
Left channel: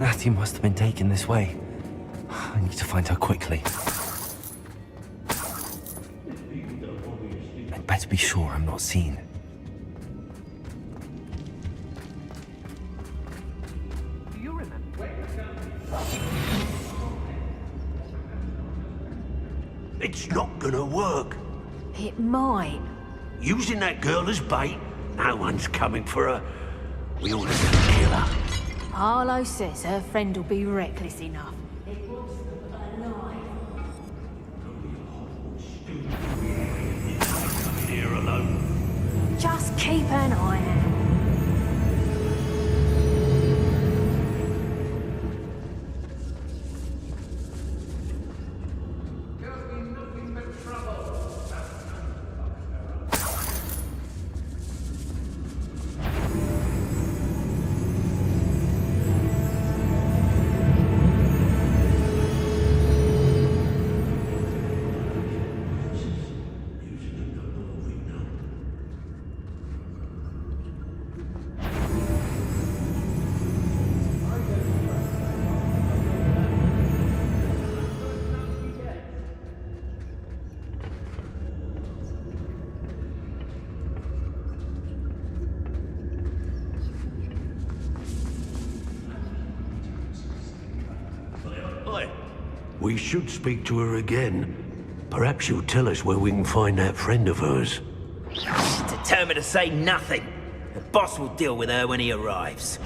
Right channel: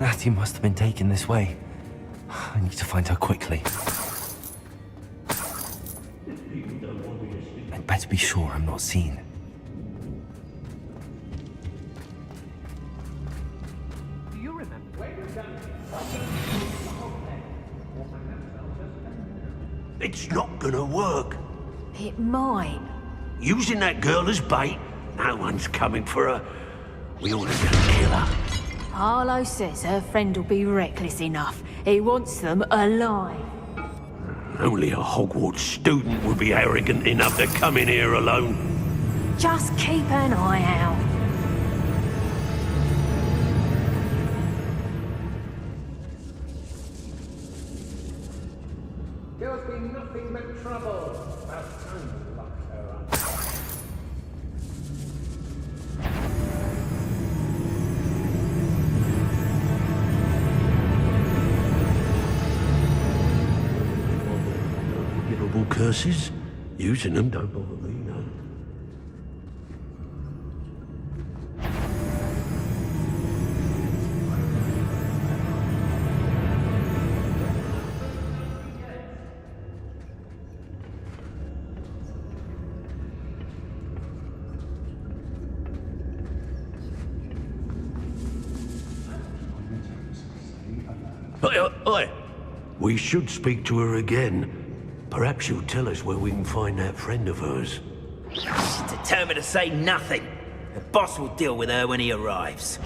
Natty must have been taken this way. I need to find her quickly. I'd better be sure I'm not seen. Do you remember? It's not gonna work. It might. Using that girl as bait, no one's coming for her. We ought to just kill her. Harlow says her friend will be reckless enough. He wants them alive. Only a Hogwarts student would be arrogant enough to come in here alone. Just keep an eye out. There's been nothing but trouble. curses. Using them don't bother me none. Oi. We should speak to her again. Perhaps she'll tell us where we can find that friend of hers. She's determined to say nothing. The boss will deal with her when he arrives.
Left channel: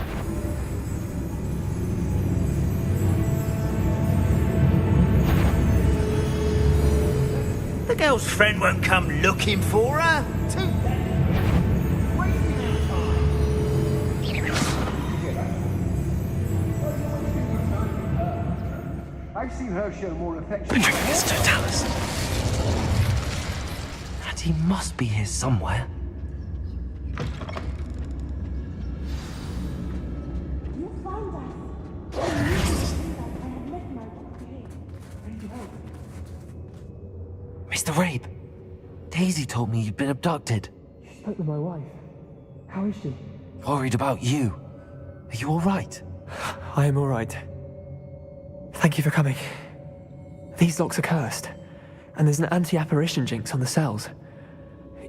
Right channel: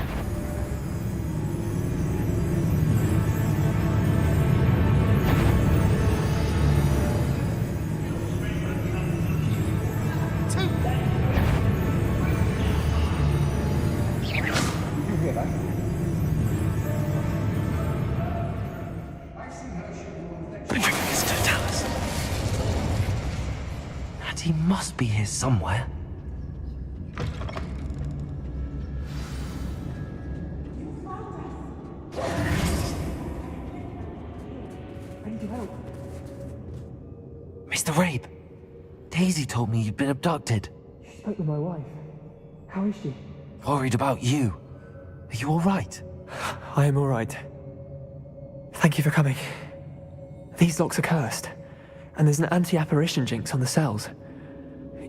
The girl's friend won't come looking for her. Too late. I've seen her show more affection. Patricius Totalis. And he must be here somewhere. Mr. Rabe, Daisy told me you'd been abducted. You spoke with my wife. How is she? Worried about you. Are you all right? I am all right. Thank you for coming. These locks are cursed, and there's an anti-apparition jinx on the cells.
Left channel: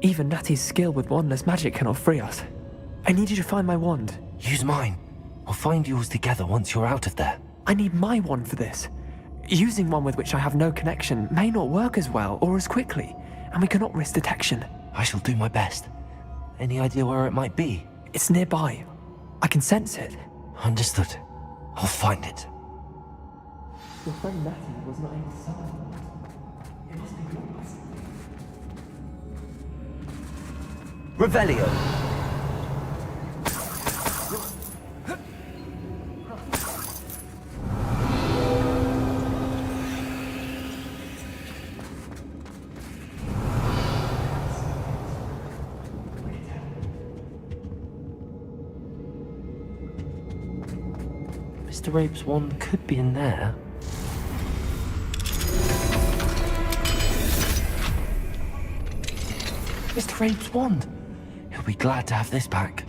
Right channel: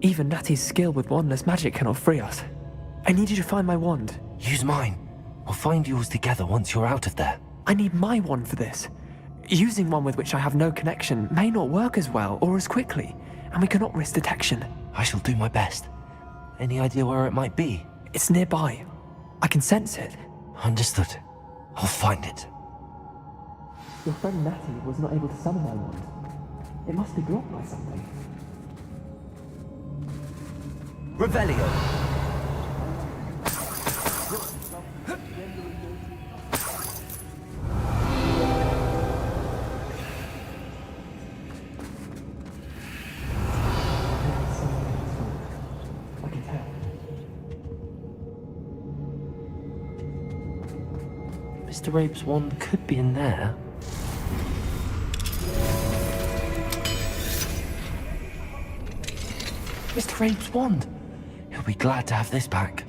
Even Natty's skill with wandless magic cannot free us. I need you to find my wand. Use mine. We'll find yours together once you're out of there. I need my wand for this. Using one with which I have no connection may not work as well or as quickly, and we cannot risk detection. I shall do my best. Any idea where it might be? It's nearby. I can sense it. Understood. I'll find it. Your friend Natty was not able to summon my wand. It must be blocked by something. Revelio. Mr. Rabe's wand could be in there. Mr. Rabe's wand! He'll be glad to have this back.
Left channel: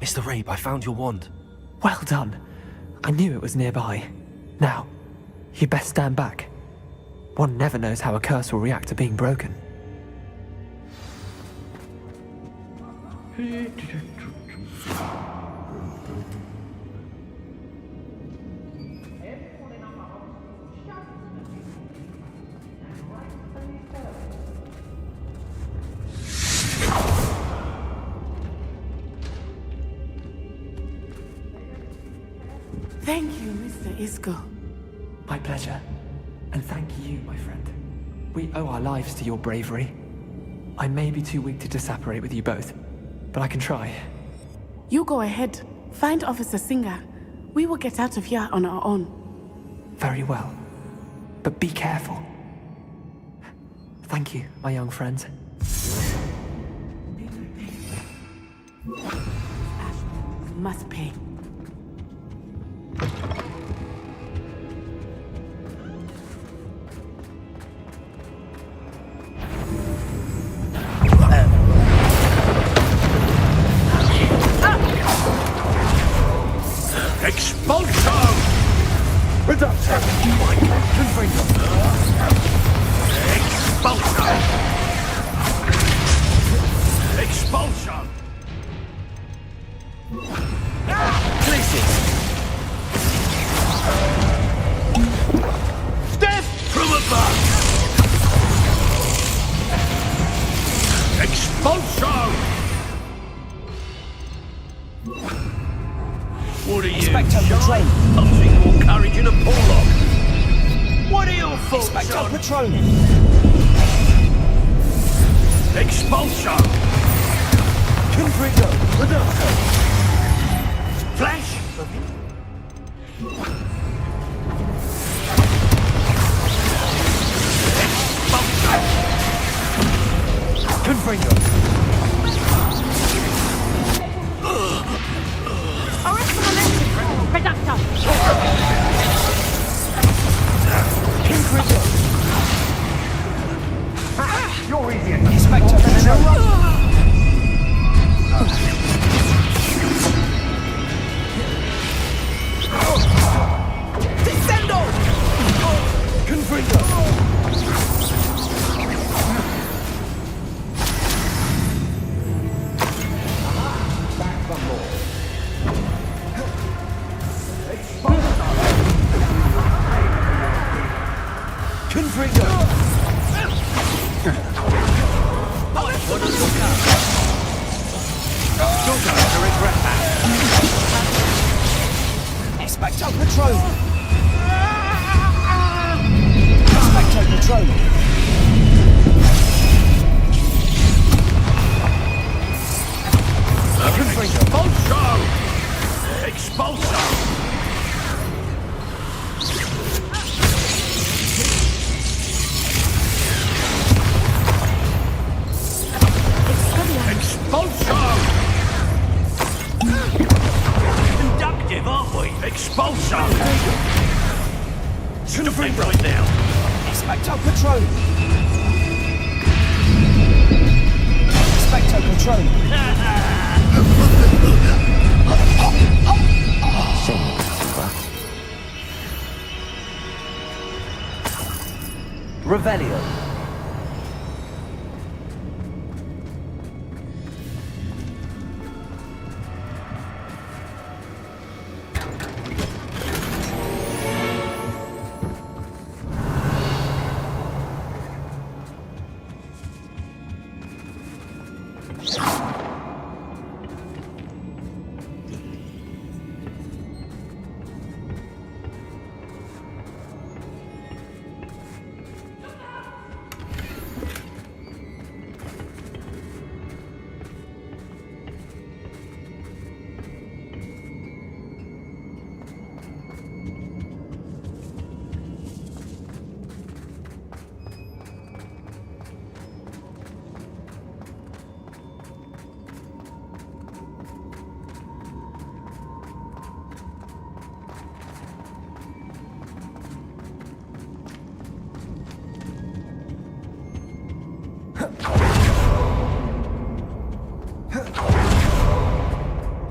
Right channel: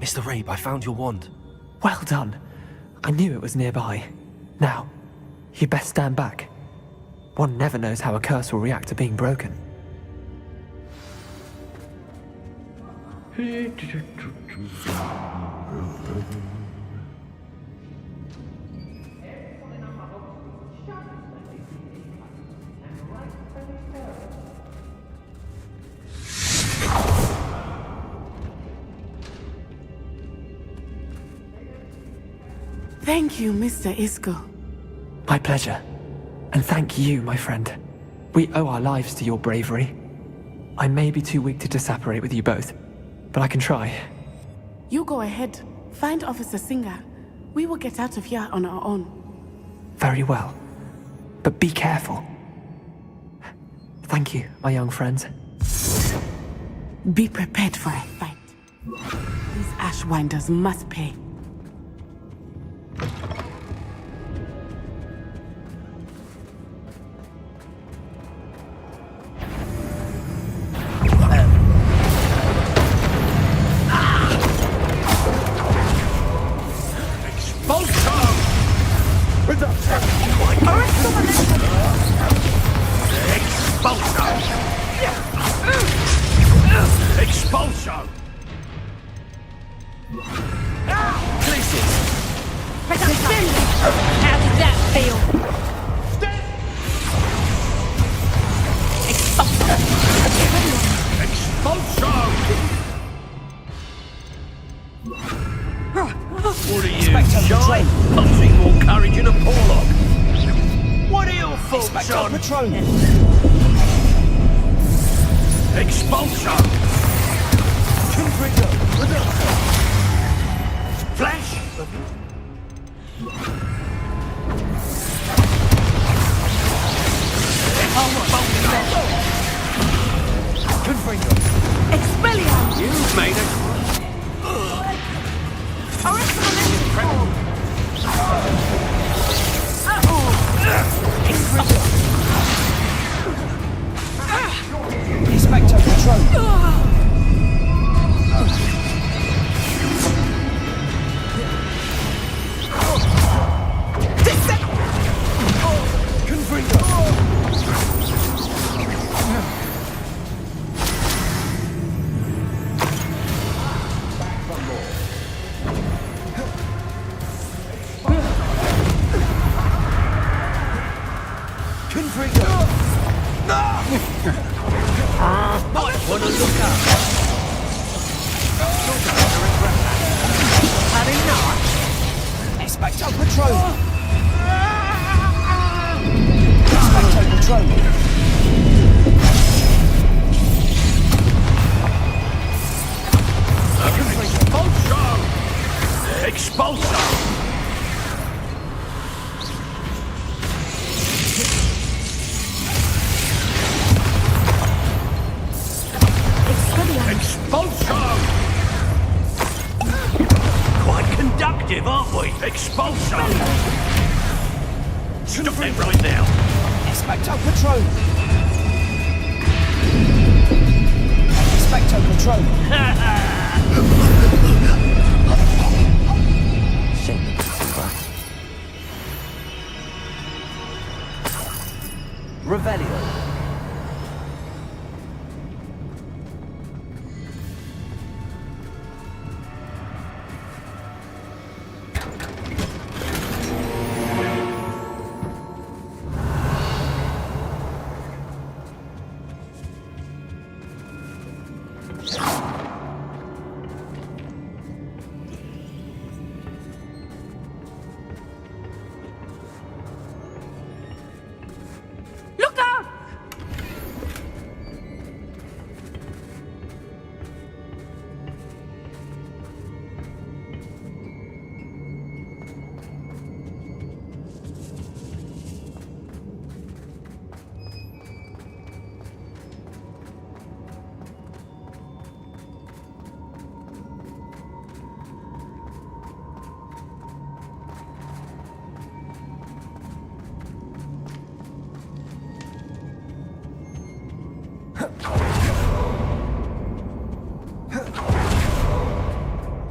Mr. Rabe, I found your wand. Well done. I knew it was nearby. Now, you best stand back. One never knows how a curse will react to being broken. Thank you, Mr. Isco. My pleasure. And thank you, my friend. We owe our lives to your bravery. I may be too weak to disapparate with you both, but I can try. You go ahead. Find Officer Singer. We will get out of here on our own. Very well. But be careful. Thank you, my young friends. Be prepared for a fight. These Ashwinders must pay. Expulso! Reduction! Expulso! Expulso! Glacius! How did that feel? Step! From above! Expulso! What are you, shy? Punching more courage in a porlock? What are your thoughts on? Patronum! Expulso! Confringo! Reduction! Flash! Confringo! Mate. control. Descendo! Confringo! Back for more. Confringo! Might want to look up. You're going to regret that. Expecto Patronum. Expecto Patronum. Expulso! Expulso! Expulso! Quite conductive, aren't we? Expulso! Stop it right now! Expecto Patronum. Expecto Patronum. Shame not to see that. Revelio.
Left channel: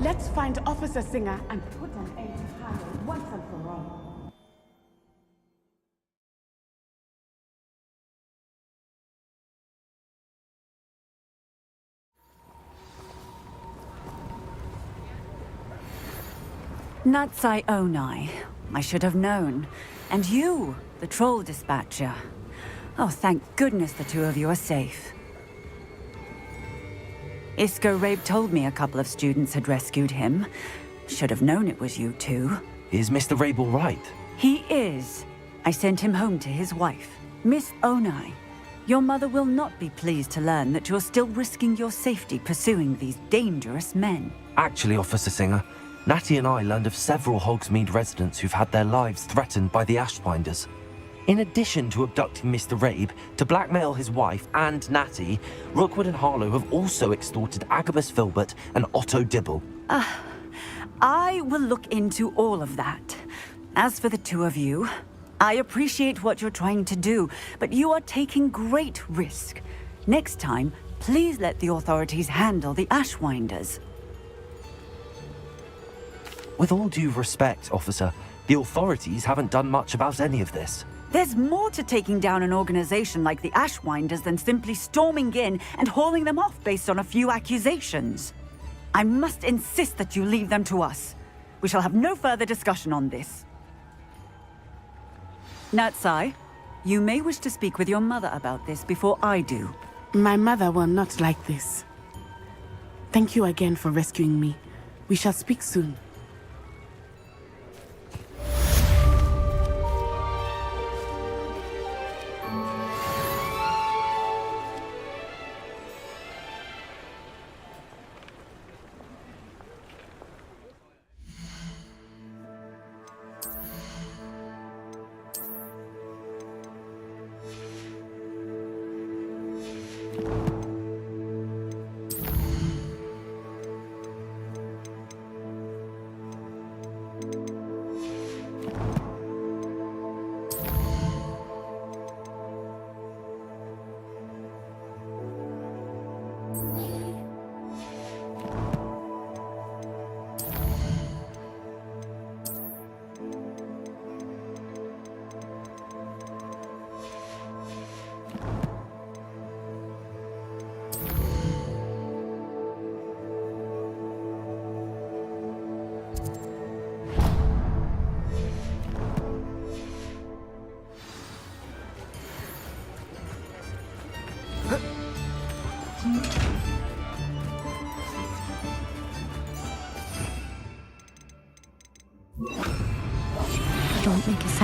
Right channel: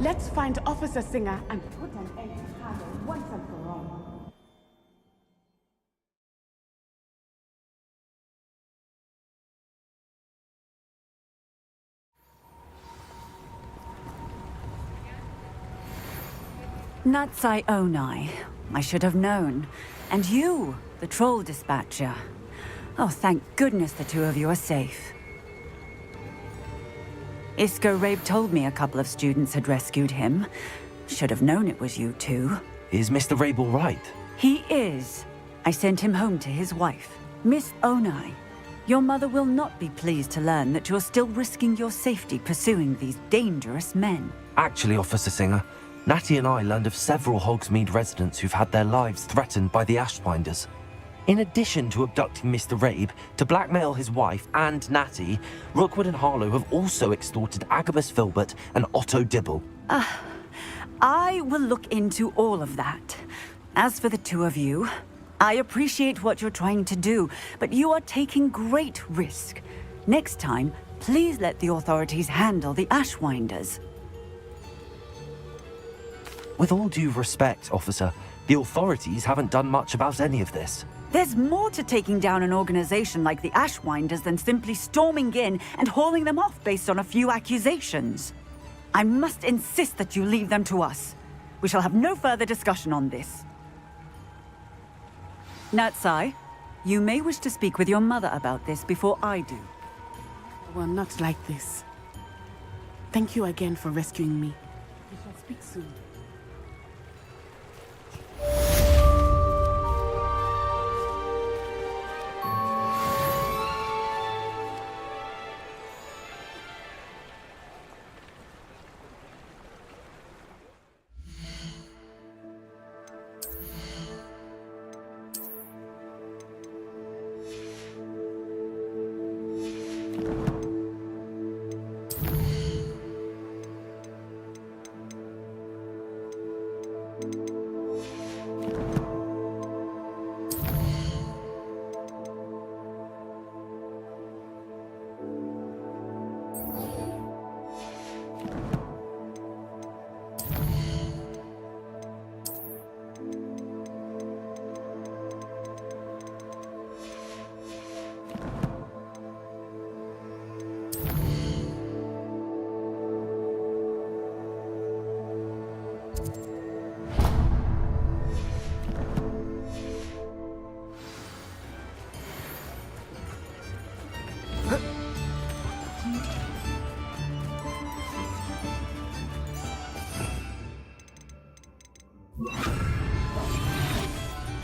Let's find Officer Singer and put an end to Harlow once and for all. Natsai Onai. I should have known. And you, the troll dispatcher. Oh, thank goodness the two of you are safe. Isco Rabe told me a couple of students had rescued him. Should have known it was you two. Is Mr. Rabe all right? He is. I sent him home to his wife, Miss Onai. Your mother will not be pleased to learn that you're still risking your safety pursuing these dangerous men. Actually, Officer Singer, Natty and I learned of several Hogsmeade residents who've had their lives threatened by the Ashbinders. In addition to abducting Mr. Rabe to blackmail his wife and Natty, Rookwood and Harlow have also extorted Agabus Filbert and Otto Dibble. I will look into all of that. As for the two of you, I appreciate what you're trying to do, but you are taking great risk. Next time, please let the authorities handle the Ashwinders. With all due respect, officer, the authorities haven't done much about any of this. There's more to taking down an organization like the Ashwinders than simply storming in and hauling them off based on a few accusations. I must insist that you leave them to us. We shall have no further discussion on this. Natsai, you may wish to speak with your mother about this before I do. My mother will not like this. Thank you again for rescuing me. We shall speak soon.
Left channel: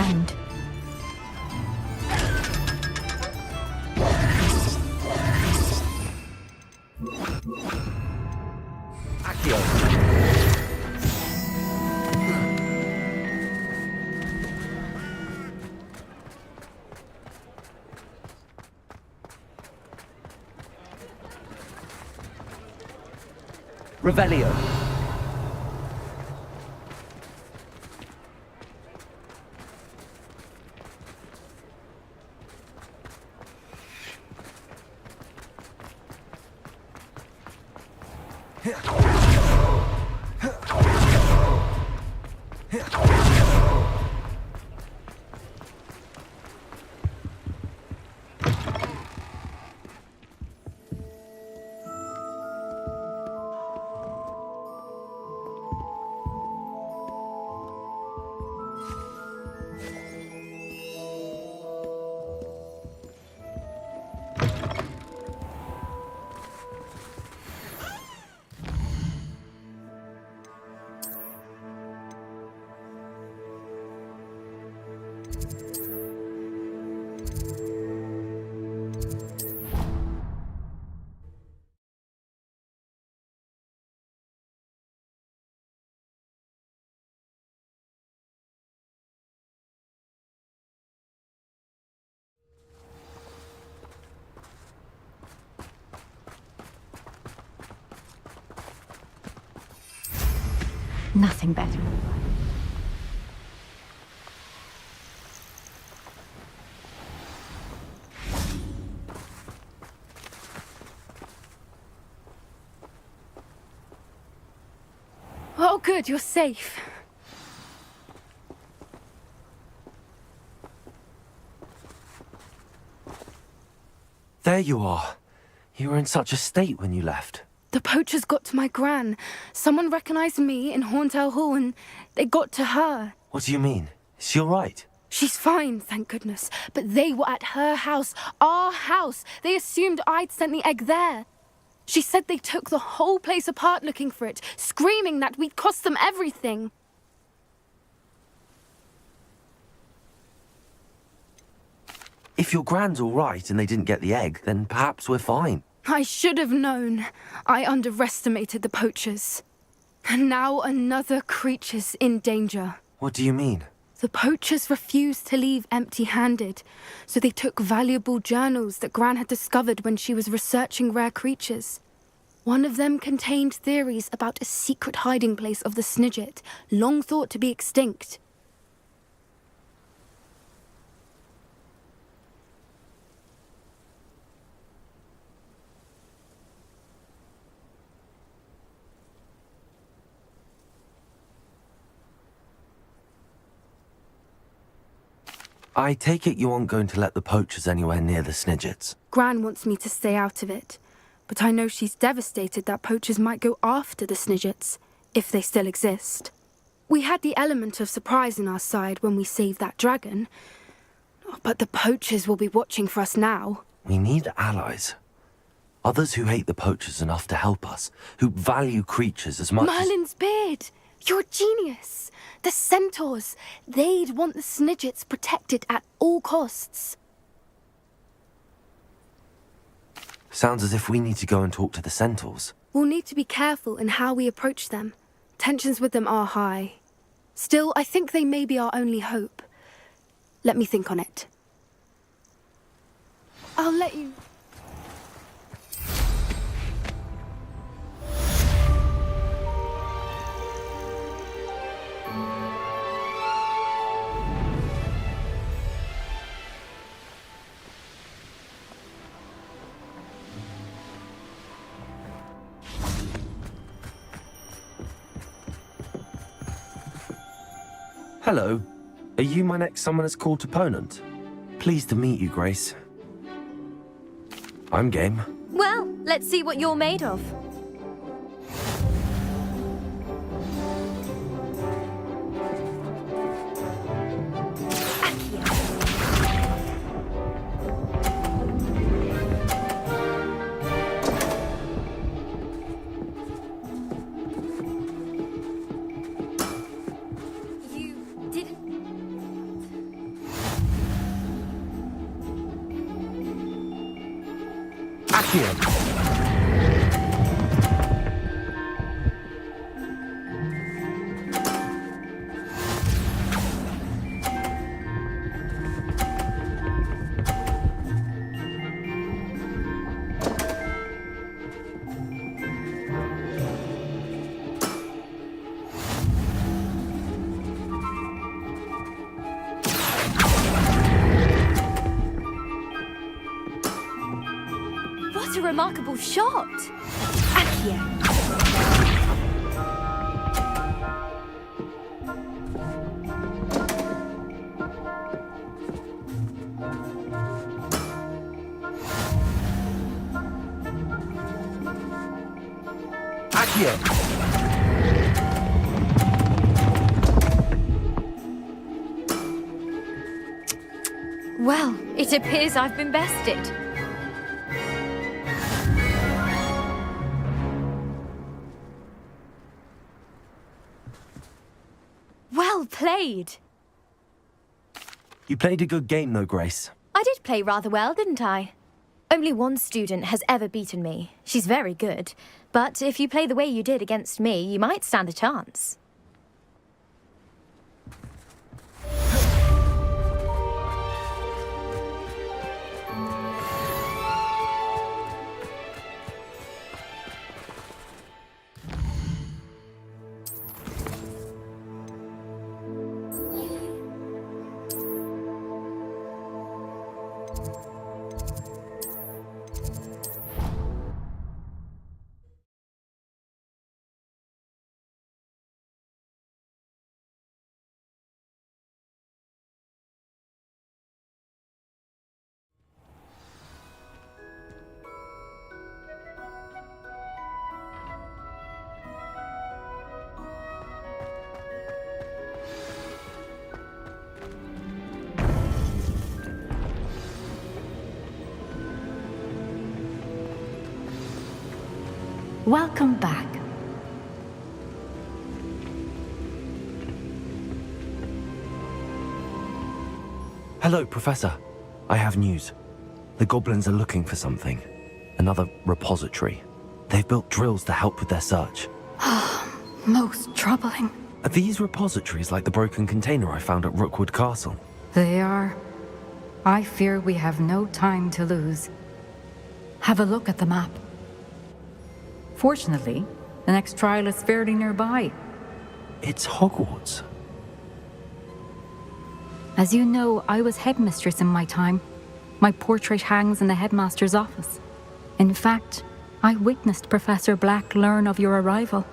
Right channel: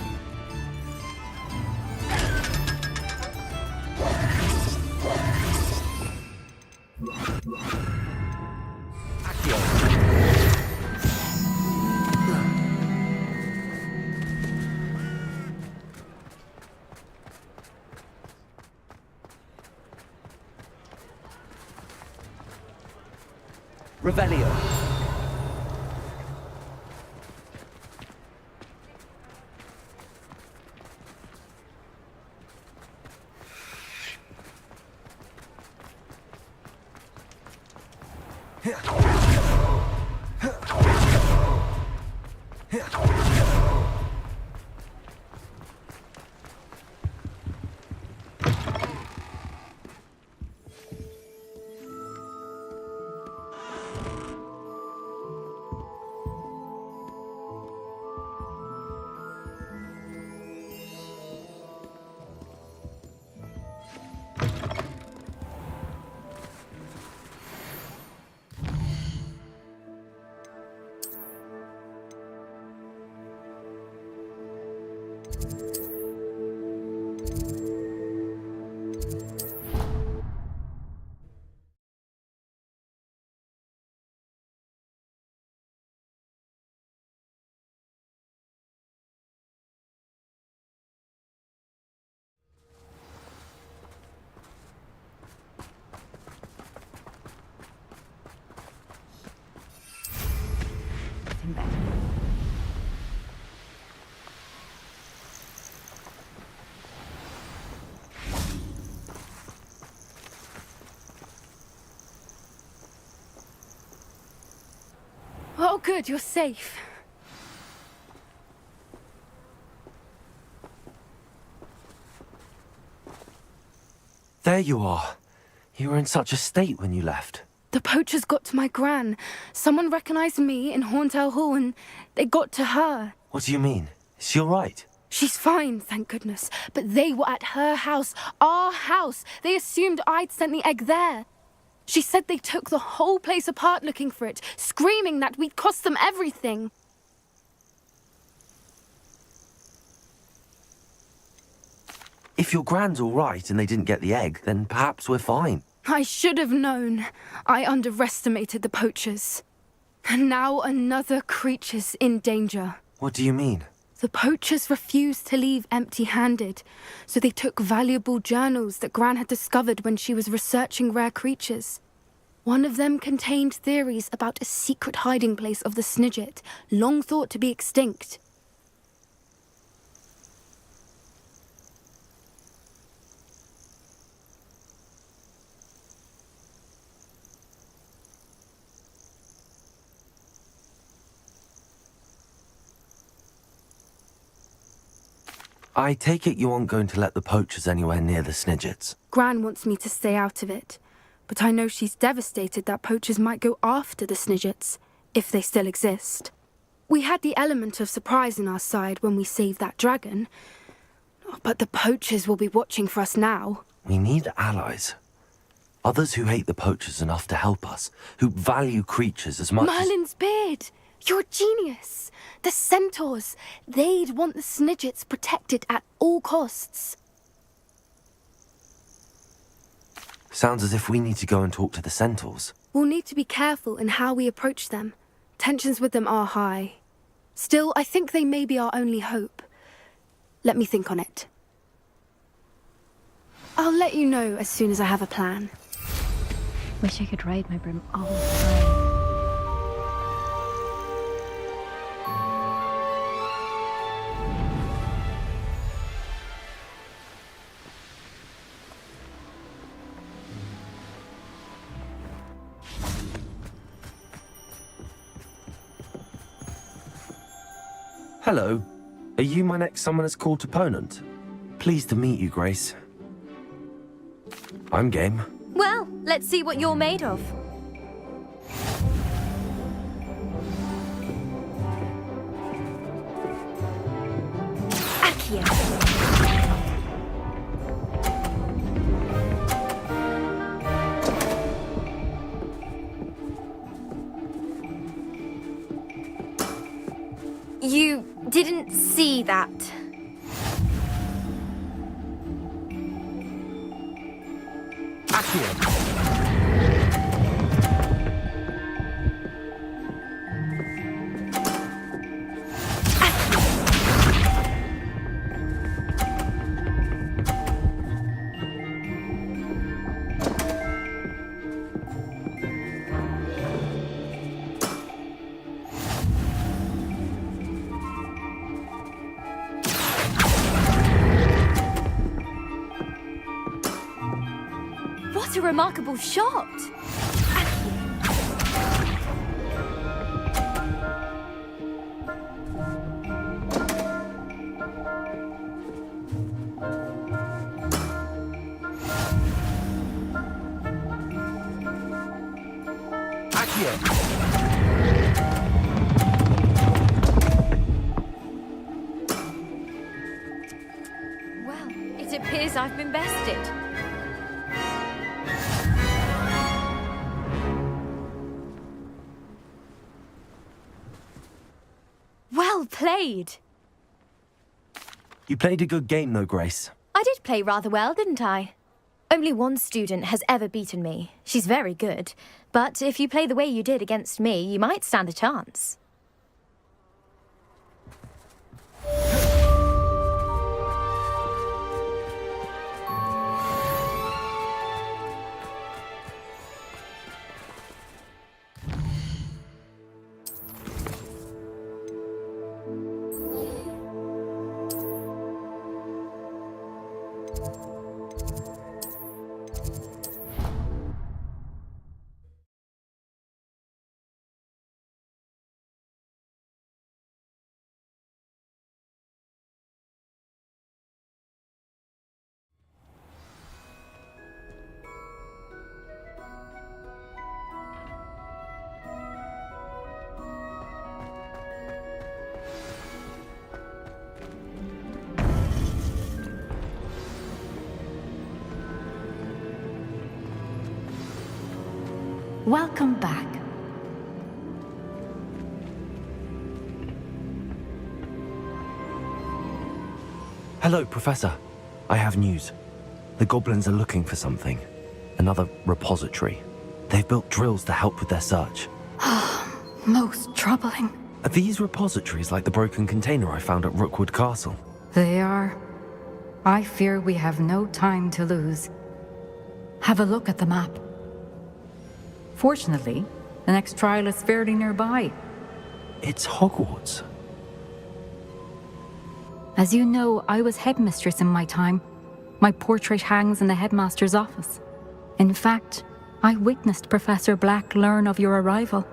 hand. Revelio. Nothing better. Oh, good, you're safe. There you are. You were in such a state when you left. The poachers got to my gran. Someone recognized me in Horntail Hall and they got to her. What do you mean? Is she all right? She's fine, thank goodness. But they were at her house, our house. They assumed I'd sent the egg there. She said they took the whole place apart looking for it, screaming that we'd cost them everything. If your gran's all right and they didn't get the egg, then perhaps we're fine. I should have known. I underestimated the poachers. And now another creature's in danger. What do you mean? The poachers refused to leave empty-handed, so they took valuable journals that Gran had discovered when she was researching rare creatures. One of them contained theories about a secret hiding place of the Snidget, long thought to be extinct. I take it you aren't going to let the poachers anywhere near the Snidgets. Gran wants me to stay out of it, but I know she's devastated that poachers might go after the Snidgets, if they still exist. We had the element of surprise on our side when we saved that dragon, but the poachers will be watching for us now. We need allies. Others who hate the poachers enough to help us, who value creatures as much Merlin's beard! You're a genius! The centaurs! They'd want the Snidgets protected at all costs. Sounds as if we need to go and talk to the centaurs. We'll need to be careful in how we approach them. Tensions with them are high. Still, I think they may be our only hope. Let me think on it. I'll let you know as soon as I have a plan. Wish I could ride my broom all the time. Hello. Are you my next Summoner's Court opponent? Pleased to meet you, Grace. I'm game. Well, let's see what you're made of. You didn't see that. What a remarkable shot! Accio. Well, it appears I've been bested. Well played. You played a good game, though, Grace. I did play rather well, didn't I? Only one student has ever beaten me. She's very good. But if you play the way you did against me, you might stand a chance. Welcome back. Hello, Professor. I have news. The goblins are looking for something. Another repository. They've built drills to help with their search. Most troubling. Are these repositories like the broken container I found at Rookwood Castle? They are. I fear we have no time to lose. Have a look at the map. Fortunately, the next trial is fairly nearby. It's Hogwarts. As you know, I was headmistress in my time. My portrait hangs in the headmaster's office. In fact, I witnessed Professor Black learn of your arrival.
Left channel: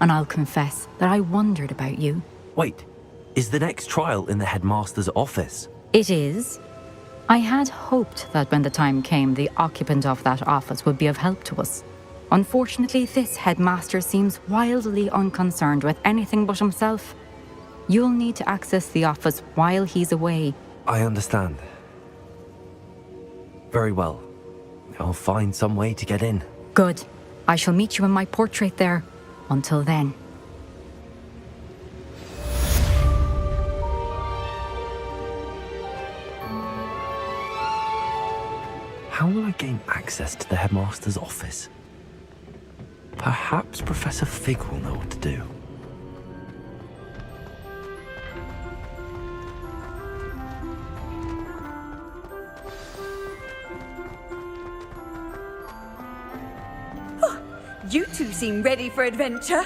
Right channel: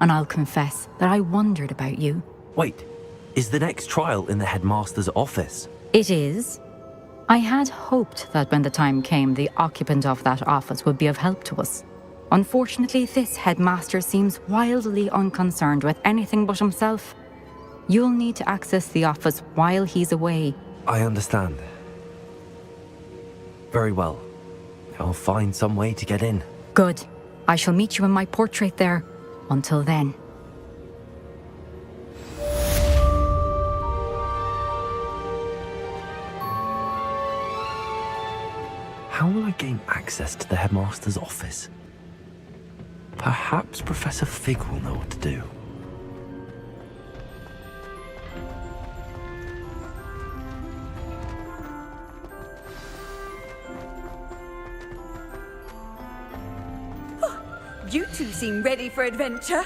And I'll confess that I wondered about you. Wait, is the next trial in the headmaster's office? It is. I had hoped that when the time came, the occupant of that office would be of help to us. Unfortunately, this headmaster seems wildly unconcerned with anything but himself. You'll need to access the office while he's away. I understand. Very well. I'll find some way to get in. Good. I shall meet you in my portrait there. Until then. How will I gain access to the headmaster's office? Perhaps Professor Fig will know what to do. You two seem ready for adventure.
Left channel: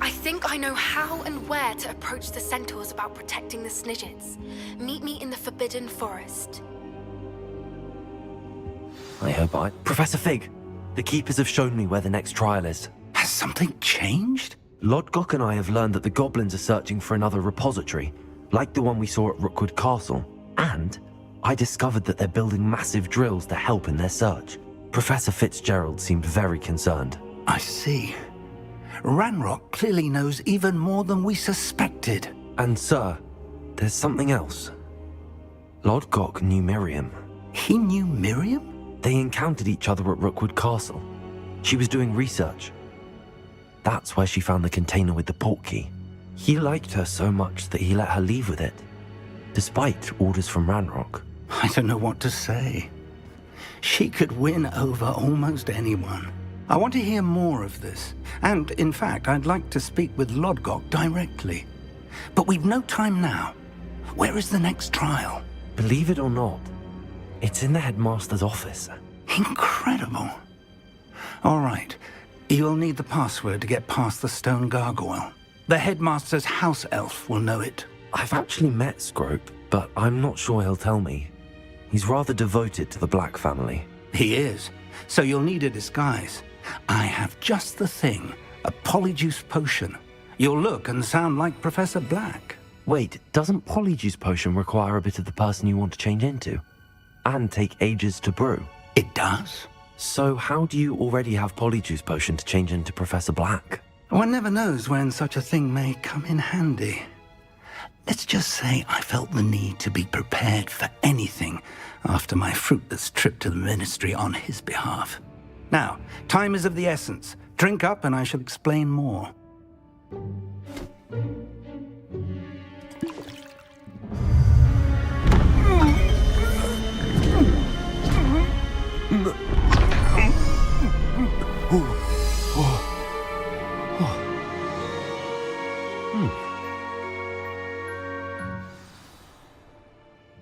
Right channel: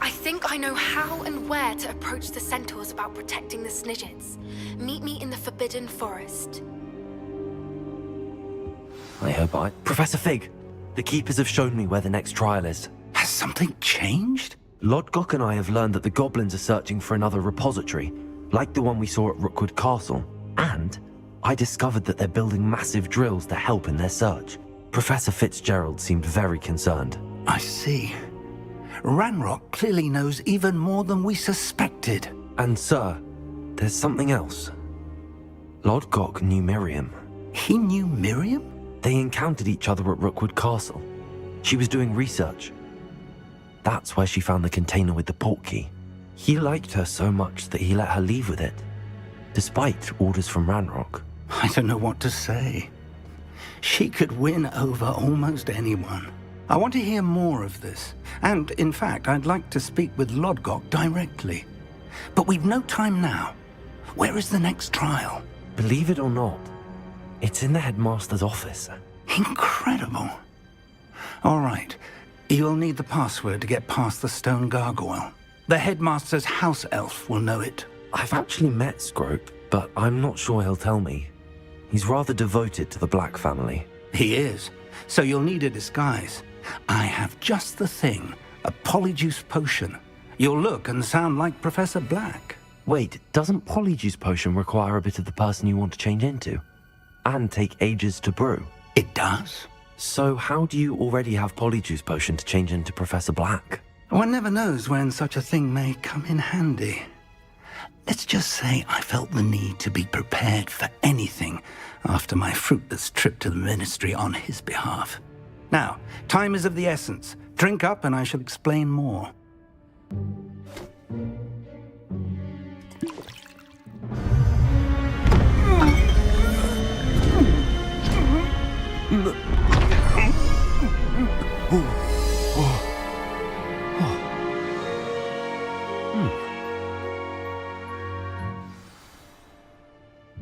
I think I know how and where to approach the centaurs about protecting the Snidgets. Meet me in the Forbidden Forest. I hope Professor Fig, the Keepers have shown me where the next trial is. Has something changed? Lodgok and I have learned that the goblins are searching for another repository, like the one we saw at Rookwood Castle. And I discovered that they're building massive drills to help in their search. Professor Fitzgerald seemed very concerned. I see. Ranrock clearly knows even more than we suspected. And sir, there's something else. Lodgok knew Miriam. He knew Miriam? They encountered each other at Rookwood Castle. She was doing research. That's where she found the container with the portkey. He liked her so much that he let her leave with it, despite orders from Ranrock. I don't know what to say. She could win over almost anyone. I want to hear more of this. And, in fact, I'd like to speak with Lodgok directly. But we've no time now. Where is the next trial? Believe it or not, it's in the headmaster's office. Incredible. All right. You'll need the password to get past the stone gargoyle. The headmaster's house elf will know it. I've actually met Scrope, but I'm not sure he'll tell me. He's rather devoted to the Black family. He is. So you'll need a disguise. I have just the thing. A polyjuice potion. You'll look and sound like Professor Black. Wait, doesn't polyjuice potion require a bit of the person you want to change into? And take ages to brew? It does. So how do you already have polyjuice potion to change into Professor Black? One never knows when such a thing may come in handy. Let's just say I felt the need to be prepared for anything after my fruitless trip to the ministry on his behalf. Now, time is of the essence. Drink up and I shall explain more.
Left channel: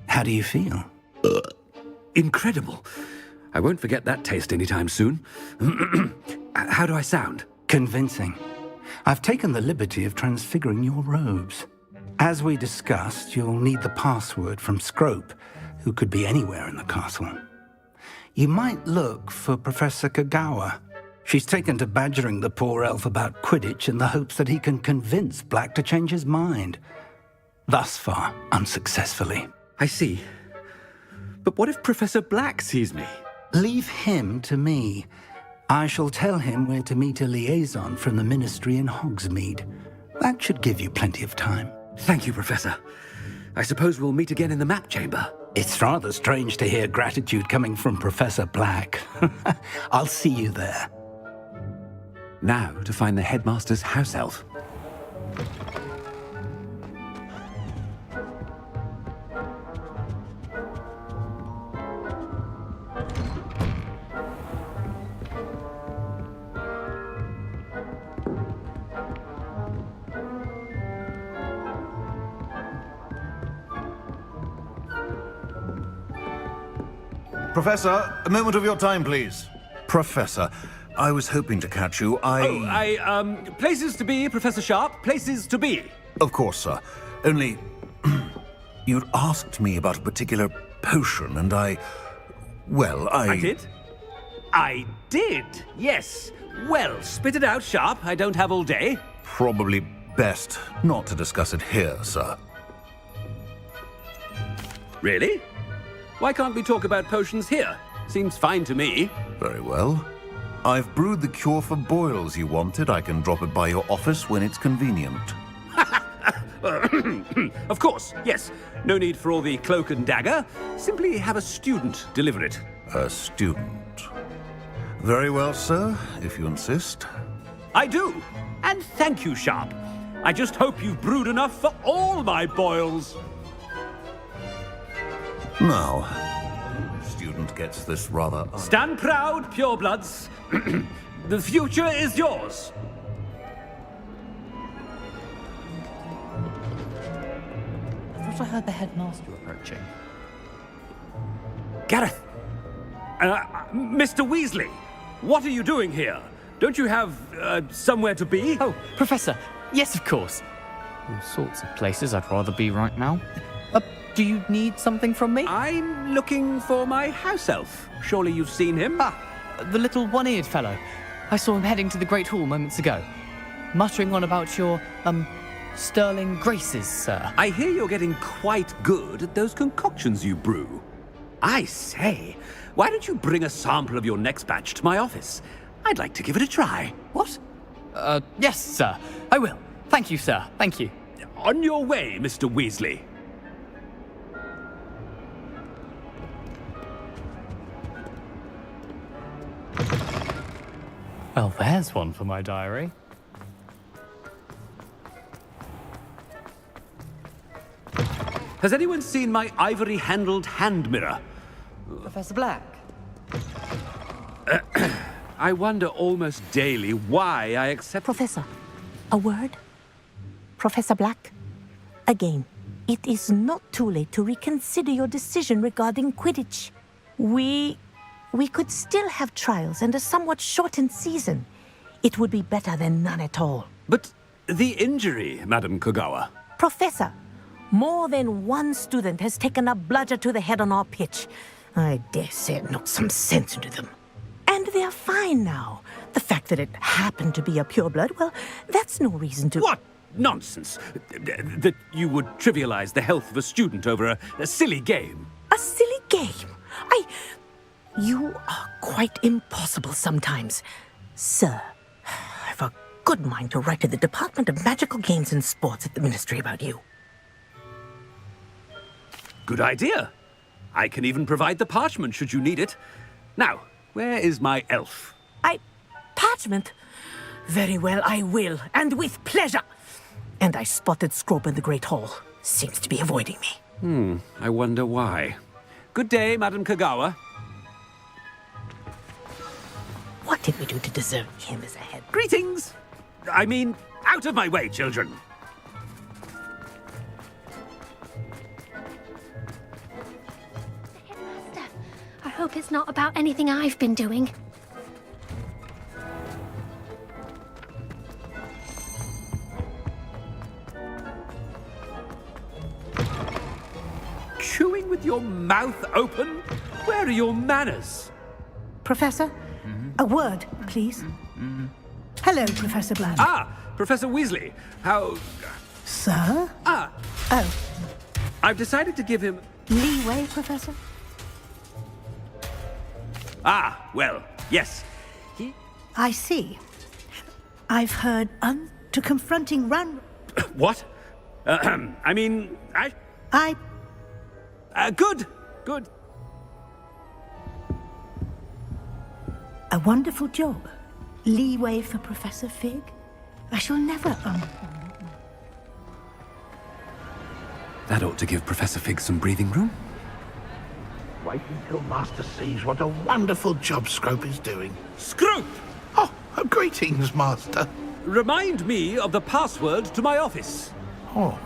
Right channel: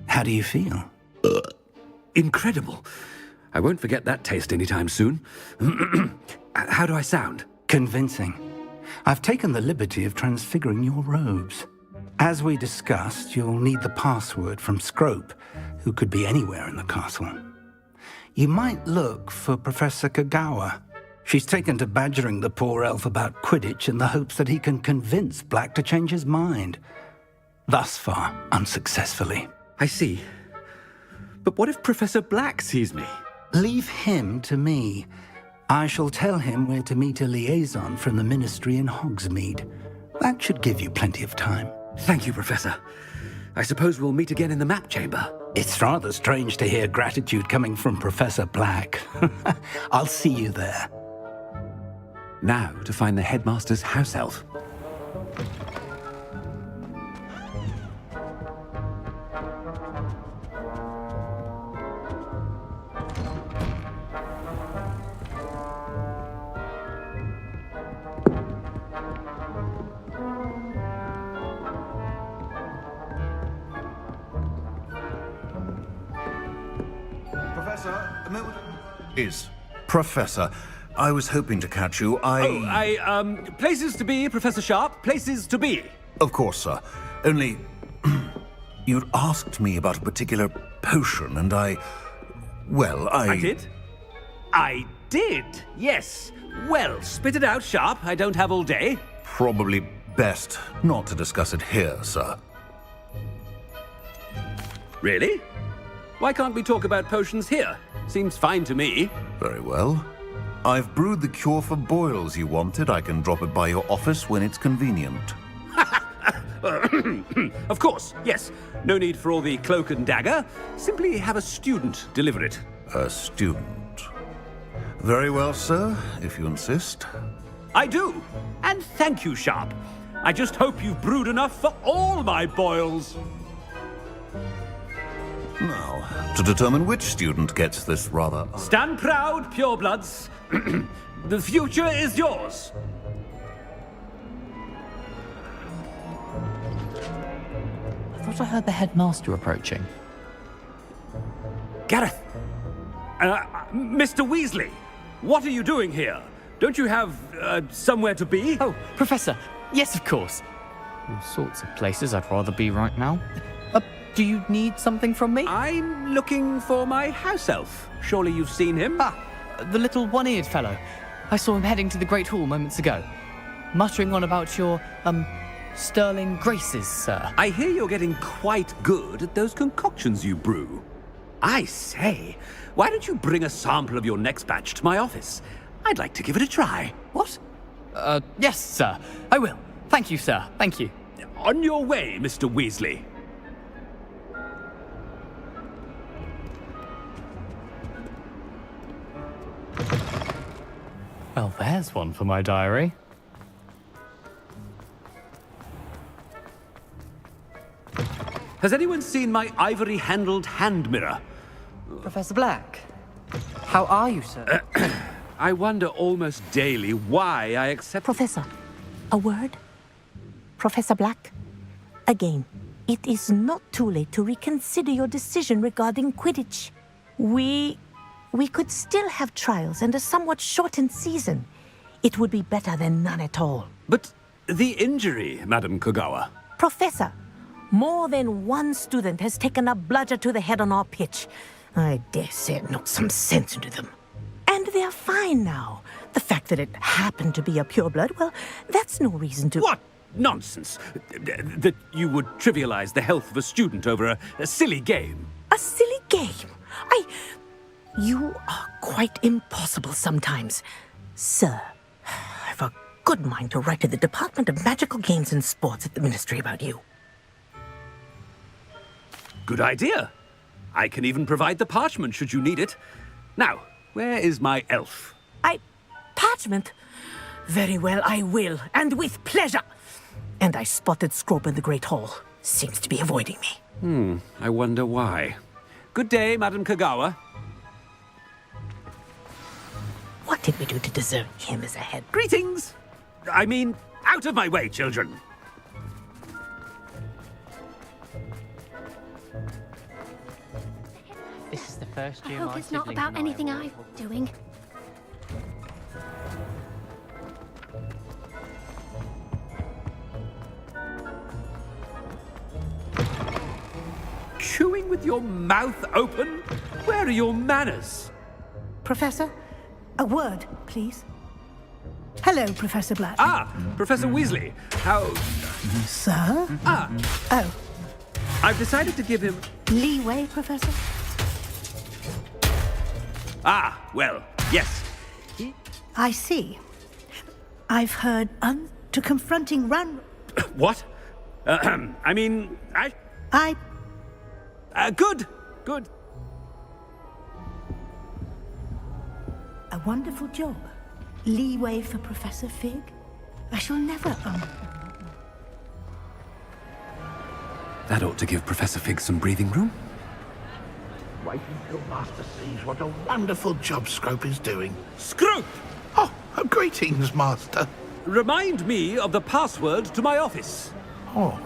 How do you feel? Incredible. I won't forget that taste anytime soon. How do I sound? Convincing. I've taken the liberty of transfiguring your robes. As we discussed, you'll need the password from Scrope, who could be anywhere in the castle. You might look for Professor Kagawa. She's taken to badgering the poor elf about Quidditch in the hopes that he can convince Black to change his mind. Thus far, unsuccessfully. I see. But what if Professor Black sees me? Leave him to me. I shall tell him where to meet a liaison from the ministry in Hogsmeade. That should give you plenty of time. Thank you, Professor. I suppose we'll meet again in the map chamber. It's rather strange to hear gratitude coming from Professor Black. I'll see you there. Now to find the headmaster's house elf. Professor, a moment of your time, please. Professor, I was hoping to catch you. Places to be, Professor Sharp. Places to be. Of course, sir. Only, you'd asked me about a particular potion, and I did? I did, yes. Well, spit it out, Sharp. I don't have all day. Probably best not to discuss it here, sir. Really? Why can't we talk about potions here? Seems fine to me. Very well. I've brewed the cure for boils you wanted. I can drop it by your office when it's convenient. Of course, yes. No need for all the cloak and dagger. Simply have a student deliver it. A student. Very well, sir, if you insist. I do. And thank you, Sharp. I just hope you've brewed enough for all my boils. Now, to determine which student gets this rather... Stand proud, purebloods. The future is yours. I thought I heard the headmaster approaching. Gareth! Mr. Weasley, what are you doing here? Don't you have, somewhere to be? Oh, Professor, yes, of course. All sorts of places I'd rather be right now. Do you need something from me? I'm looking for my house elf. Surely you've seen him? Ah, the little one-eared fellow. I saw him heading to the Great Hall moments ago. muttering on about your, sterling graces, sir. I hear you're getting quite good at those concoctions you brew. I say, why don't you bring a sample of your next batch to my office? I'd like to give it a try. What? Yes, sir. I will. Thank you, sir. Thank you. On your way, Mr. Weasley. Well, there's one for my diary. Has anyone seen my ivory-handled hand mirror? Professor Black, how are you, sir? I wonder almost daily why I accept... Professor, a word? Professor Black, again, it is not too late to reconsider your decision regarding Quidditch. We could still have trials and a somewhat shortened season. It would be better than none at all. But the injury, Madam Kogawa... Professor, more than one student has taken a bludger to the head on our pitch. I dare say it knocked some sense into them. And they're fine now. The fact that it happened to be a pureblood, well, that's no reason to... What nonsense! That you would trivialize the health of a student over a silly game. A silly game? You are quite impossible sometimes. Sir, I've a good mind to write to the Department of Magical Games and Sports at the Ministry about you. Good idea. I can even provide the parchment should you need it. Now, where is my elf? Parchment? Very well, I will, and with pleasure. And I spotted Scrope in the Great Hall. Seems to be avoiding me. I wonder why. Good day, Madam Kogawa. What did we do to deserve him as a head? Greetings! I mean, out of my way, children. I hope it's not about anything I've been doing. Chewing with your mouth open? Where are your manners? Professor, a word, please. Hello, Professor Black. Ah, Professor Weasley. How... Sir? Ah. Oh. I've decided to give him... Leeway, Professor? Ah, well, yes. I see. I've heard to confronting Ran... What? I mean, good. A wonderful job. Leeway for Professor Fig? I shall never... That ought to give Professor Fig some breathing room. Wait until Master sees what a wonderful job Scrope is doing. Scrope! Oh, greetings, Master. Remind me of the password to my office. Oh,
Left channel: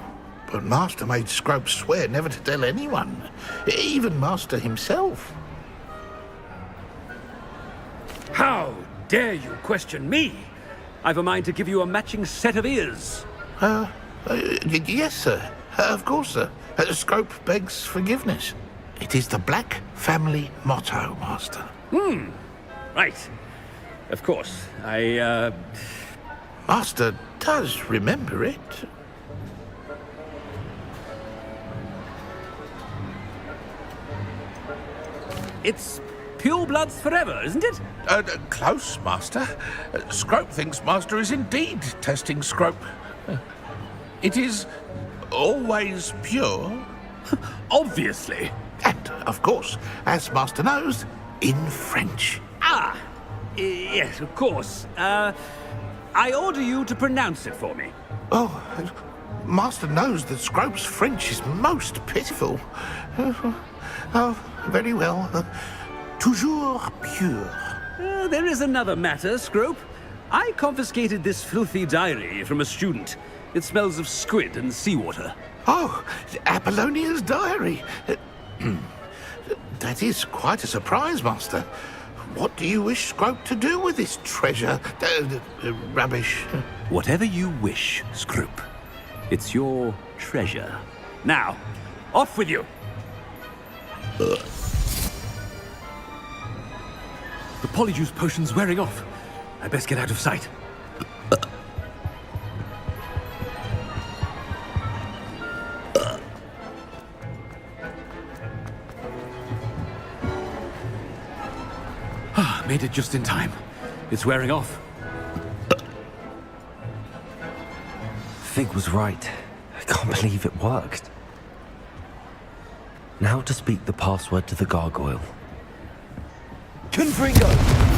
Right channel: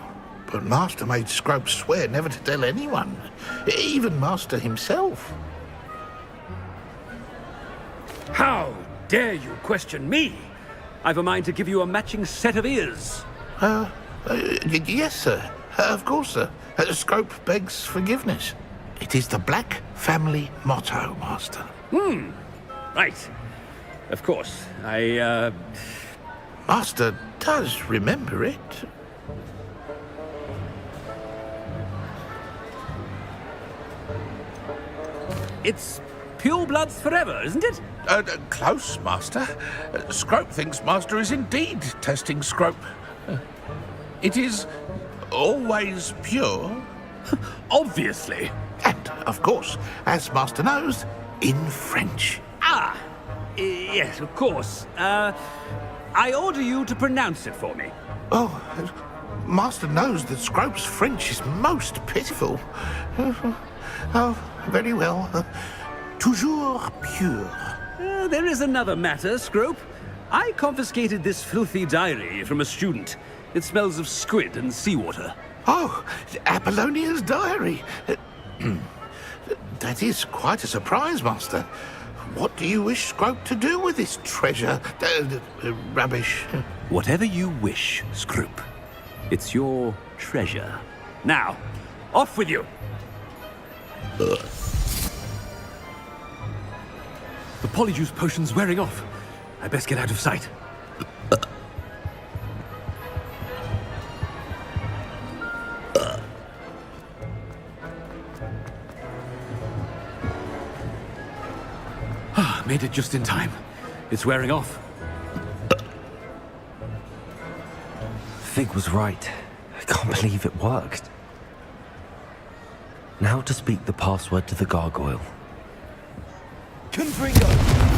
but Master made Scrope swear never to tell anyone, even Master himself. How dare you question me? I've a mind to give you a matching set of ears. Yes, sir. Of course, sir. Scrope begs forgiveness. It is the Black family motto, Master. Right. Of course. Master does remember it. It's purebloods forever, isn't it? Close, Master. Scrope thinks Master is indeed testing Scrope. It is always pure. Obviously. And, of course, as Master knows, in French. Ah! Yes, of course. I order you to pronounce it for me. Oh, Master knows that Scrope's French is most pitiful. Oh, very well. Toujours pure. There is another matter, Scrope. I confiscated this filthy diary from a student. It smells of squid and seawater. Oh, Apollonia's diary. That is quite a surprise, Master. What do you wish Scrope to do with this treasure? Rubbish. Whatever you wish, Scrope. It's your treasure. Now, off with you. The polyjuice potion's wearing off. I best get out of sight. Made it just in time. It's wearing off. Fig was right. I can't believe it worked. Now to speak the password to the gargoyle. Confringo!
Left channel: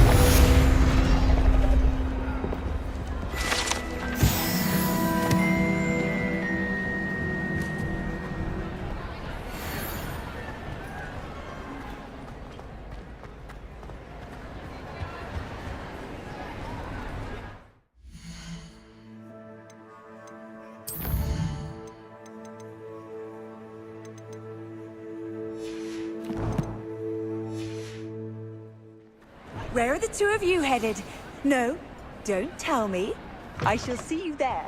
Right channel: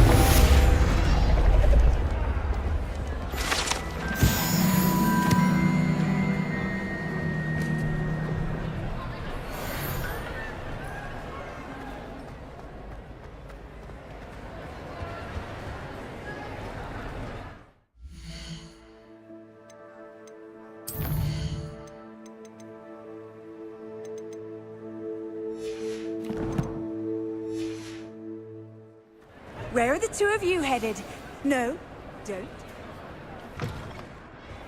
Where are the two of you headed? No, don't tell me. I shall see you there.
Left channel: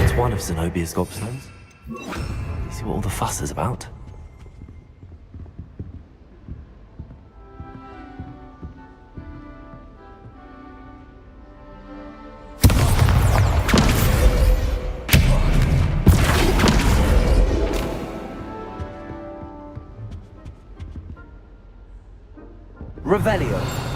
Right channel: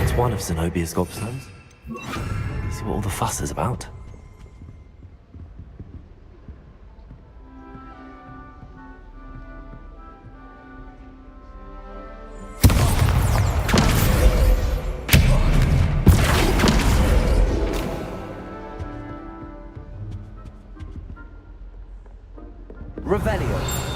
It's one of Zenobia's gobstones. You see what all the fuss is about? Revelio.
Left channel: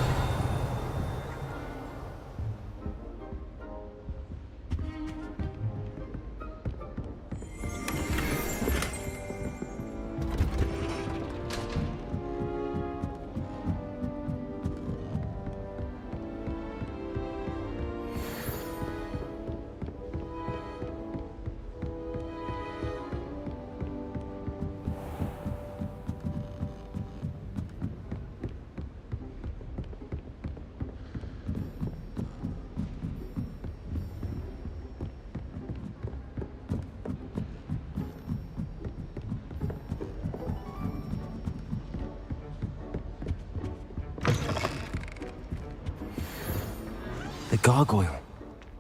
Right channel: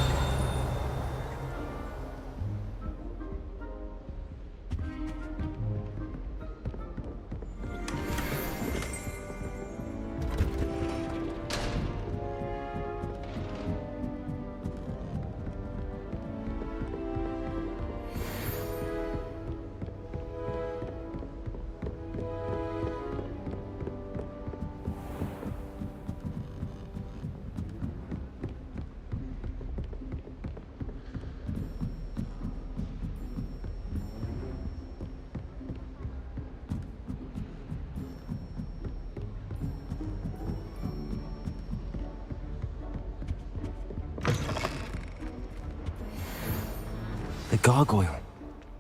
The gargoyle.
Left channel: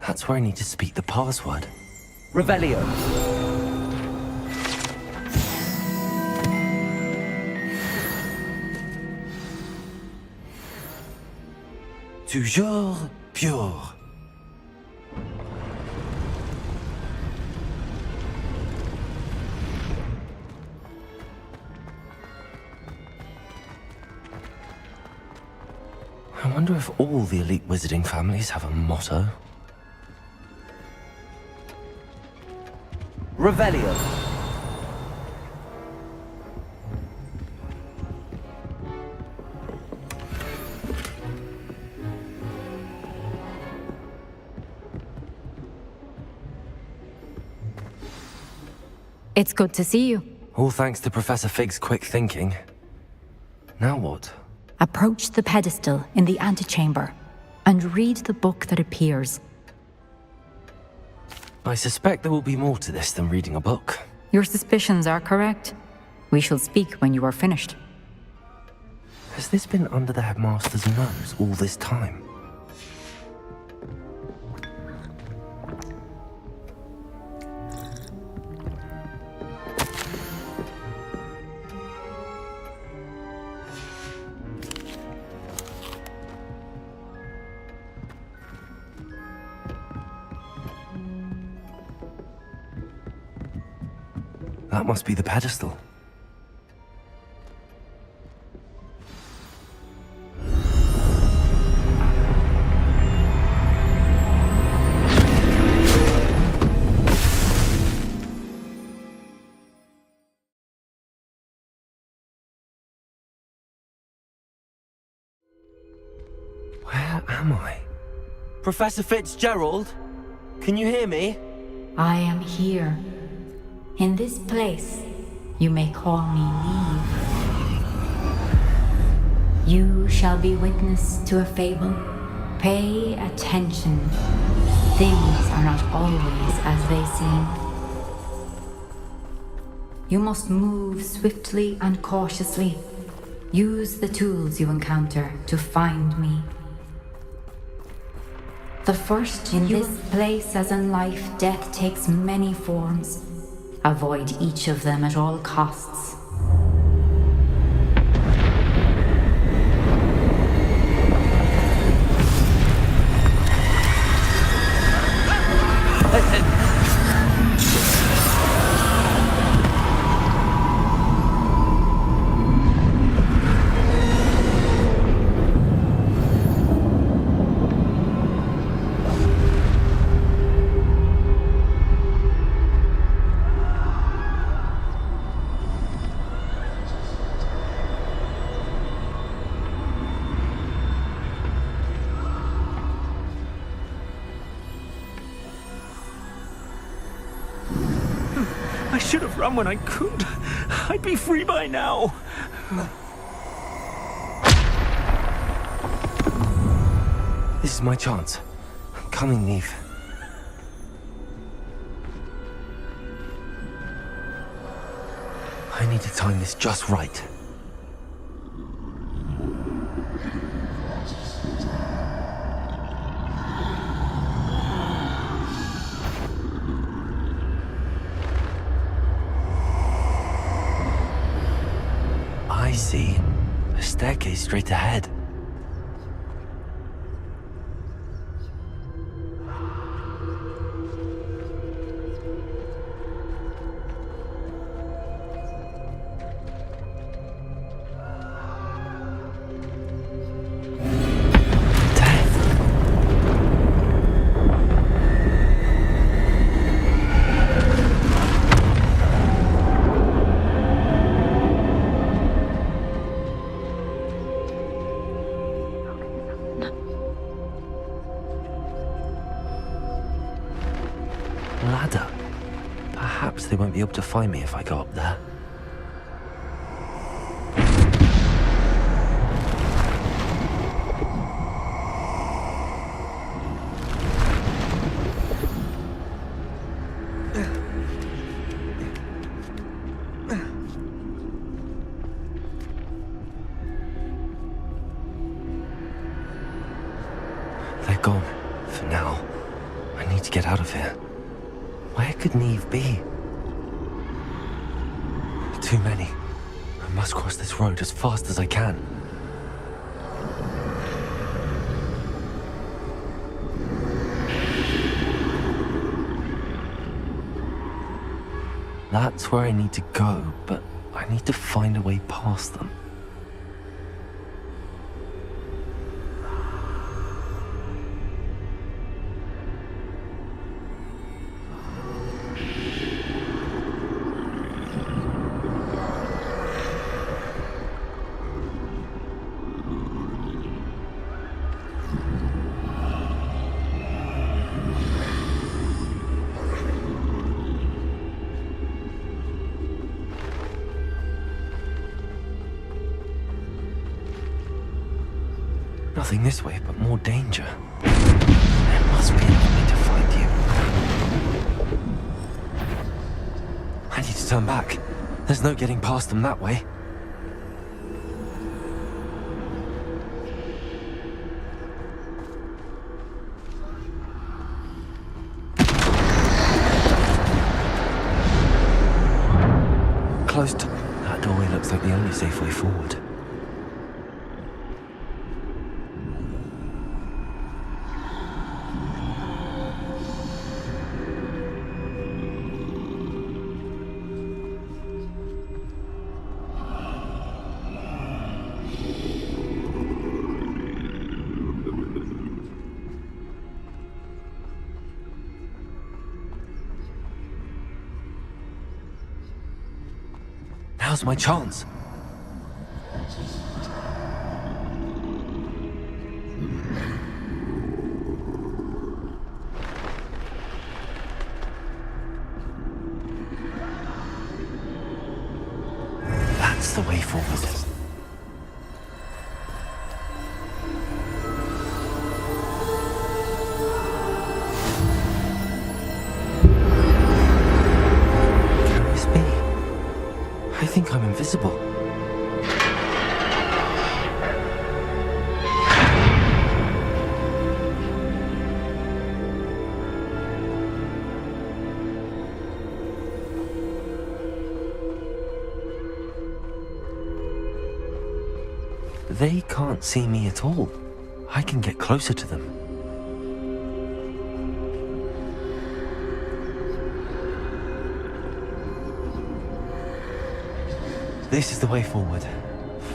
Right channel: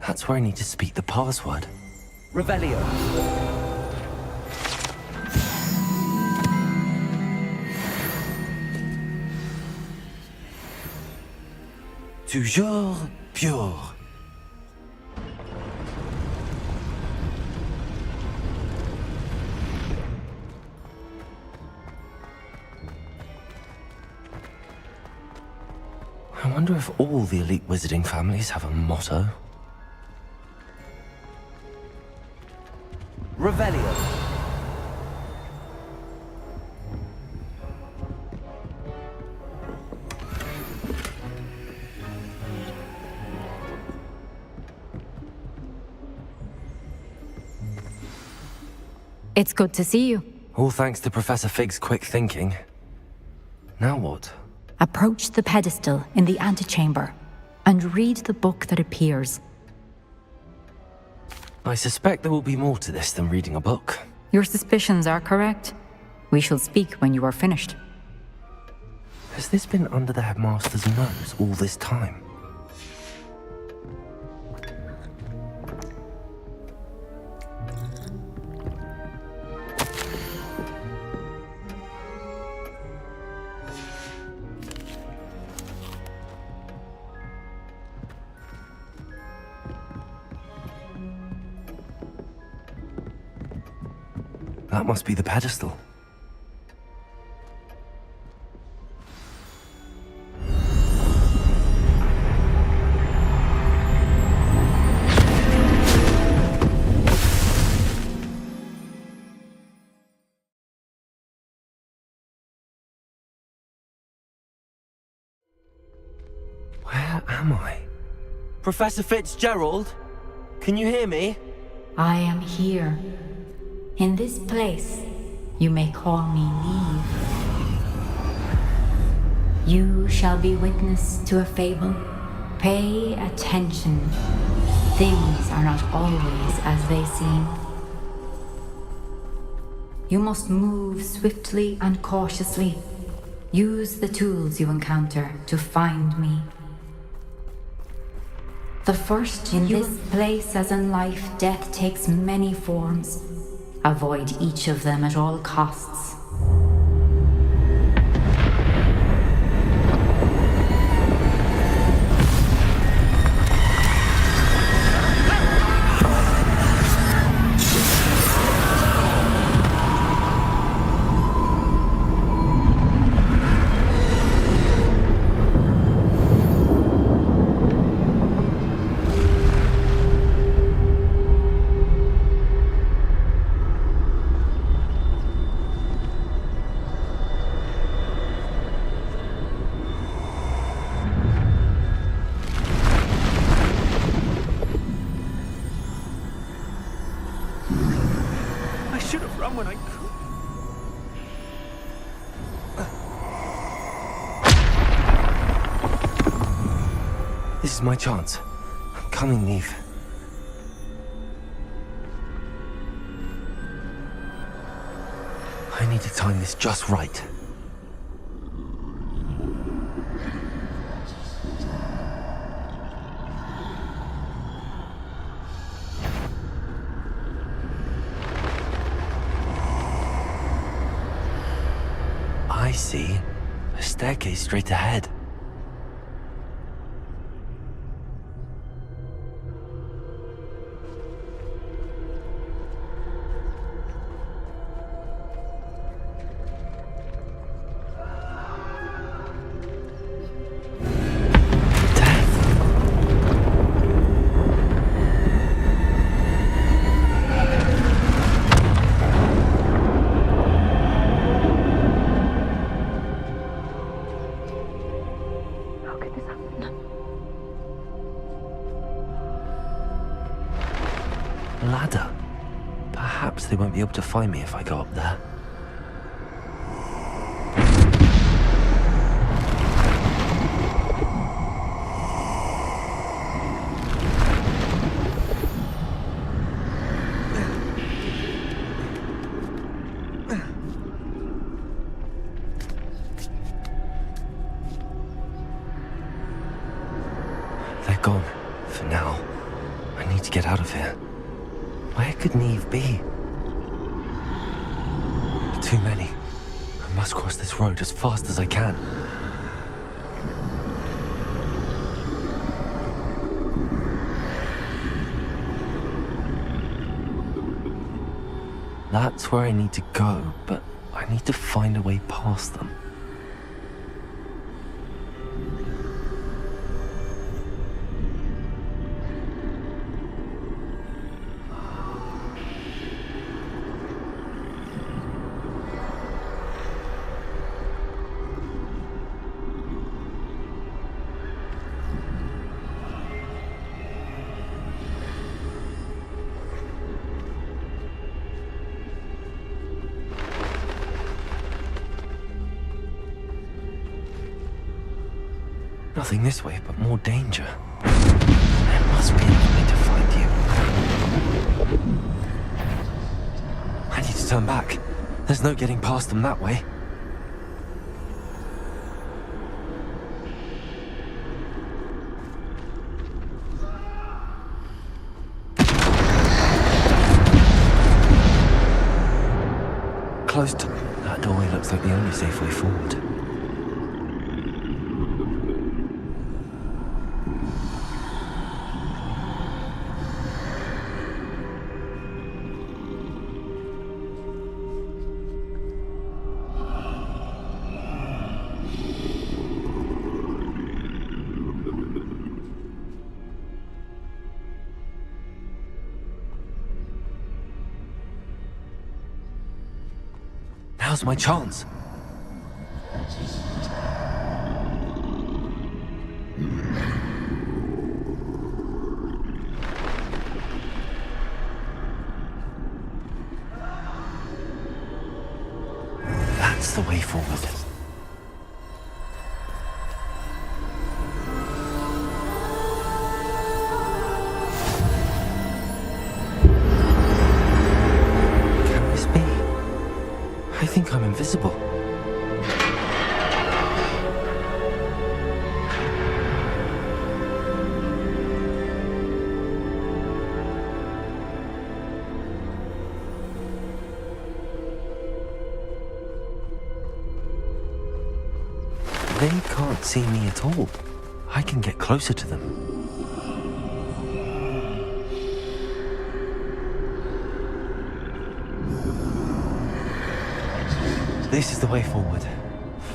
That's where I need to speak the password. Revelio. Toujours pure. I wonder if all the elite wizarding families have a motto. Revelio. It's good to see you. All thanks to Professor Fig's quick thinking. Now what? Approach the pedestal in the antechamber and read the book that appears. I suspect there will be more to this than reading a book. Your suspicions are correct. We shall speak when you are finished. Has this been under the headmaster's nose all this time? That must be the pedestal. Where am I? Professor Fitzgerald? Can you hear me? I am here. In this place, you may call me Neve. You shall be witness to a fable. Pay attention. Things are not always as they seem. You must move swiftly and cautiously. Use the tools you encounter to find me. The first in this place, as in life, death takes many forms. Avoid each of them at all costs. I should have run when I could. I'd be free by now. This is my chance. I'm coming, Neve. I need to time this just right. I see a staircase straight ahead. Ladder. Perhaps they won't be able to find me if I go up there. They're gone, for now. I need to get out of here. Where could Neve be? Too many. I must cross this road as fast as I can. That's where I need to go, but I need to find a way past them. Nothing this way, but more danger. There must be another way to find you. I need to turn back. There's no getting past them that way. Closed. That doorway looks like the only safe way forward. Now's my chance. That's the way forward. Can this be? I think I'm invisible. They can't see me at all. I can get closer to them. This is the way forward.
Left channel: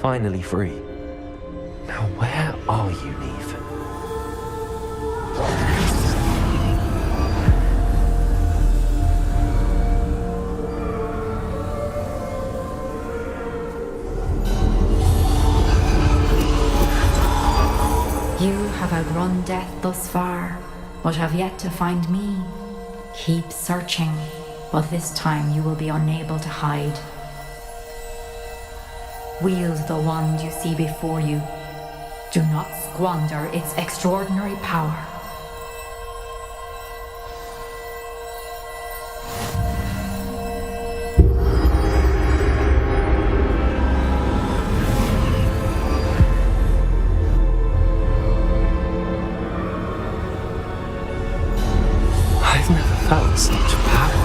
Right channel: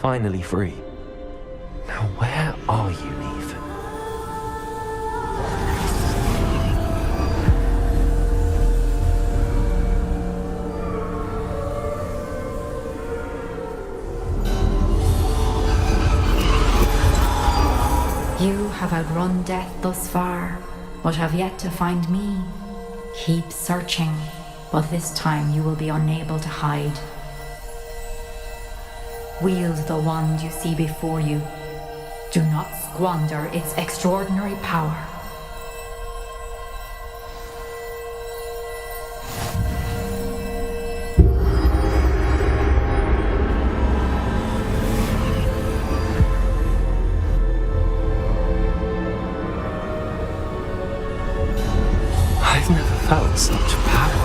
Finally free. Now where are you, Neve? You have outrun death thus far, but have yet to find me. Keep searching, but this time you will be unable to hide. Wield the wand you see before you. Do not squander its extraordinary power. I've never felt such power.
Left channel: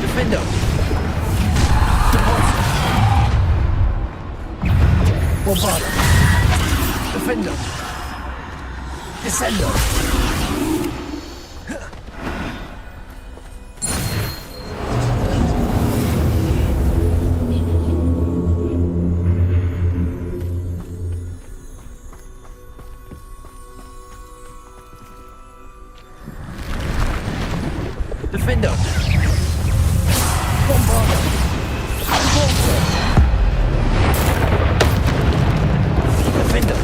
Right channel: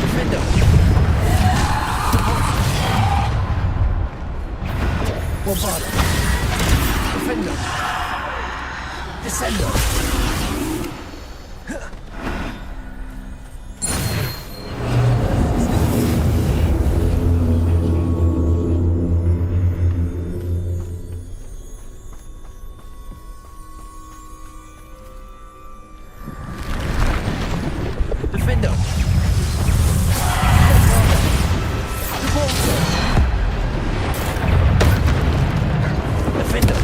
Defender! Bombarda! Defender! Descender! Defender! Bombarda! Revolver! Defender!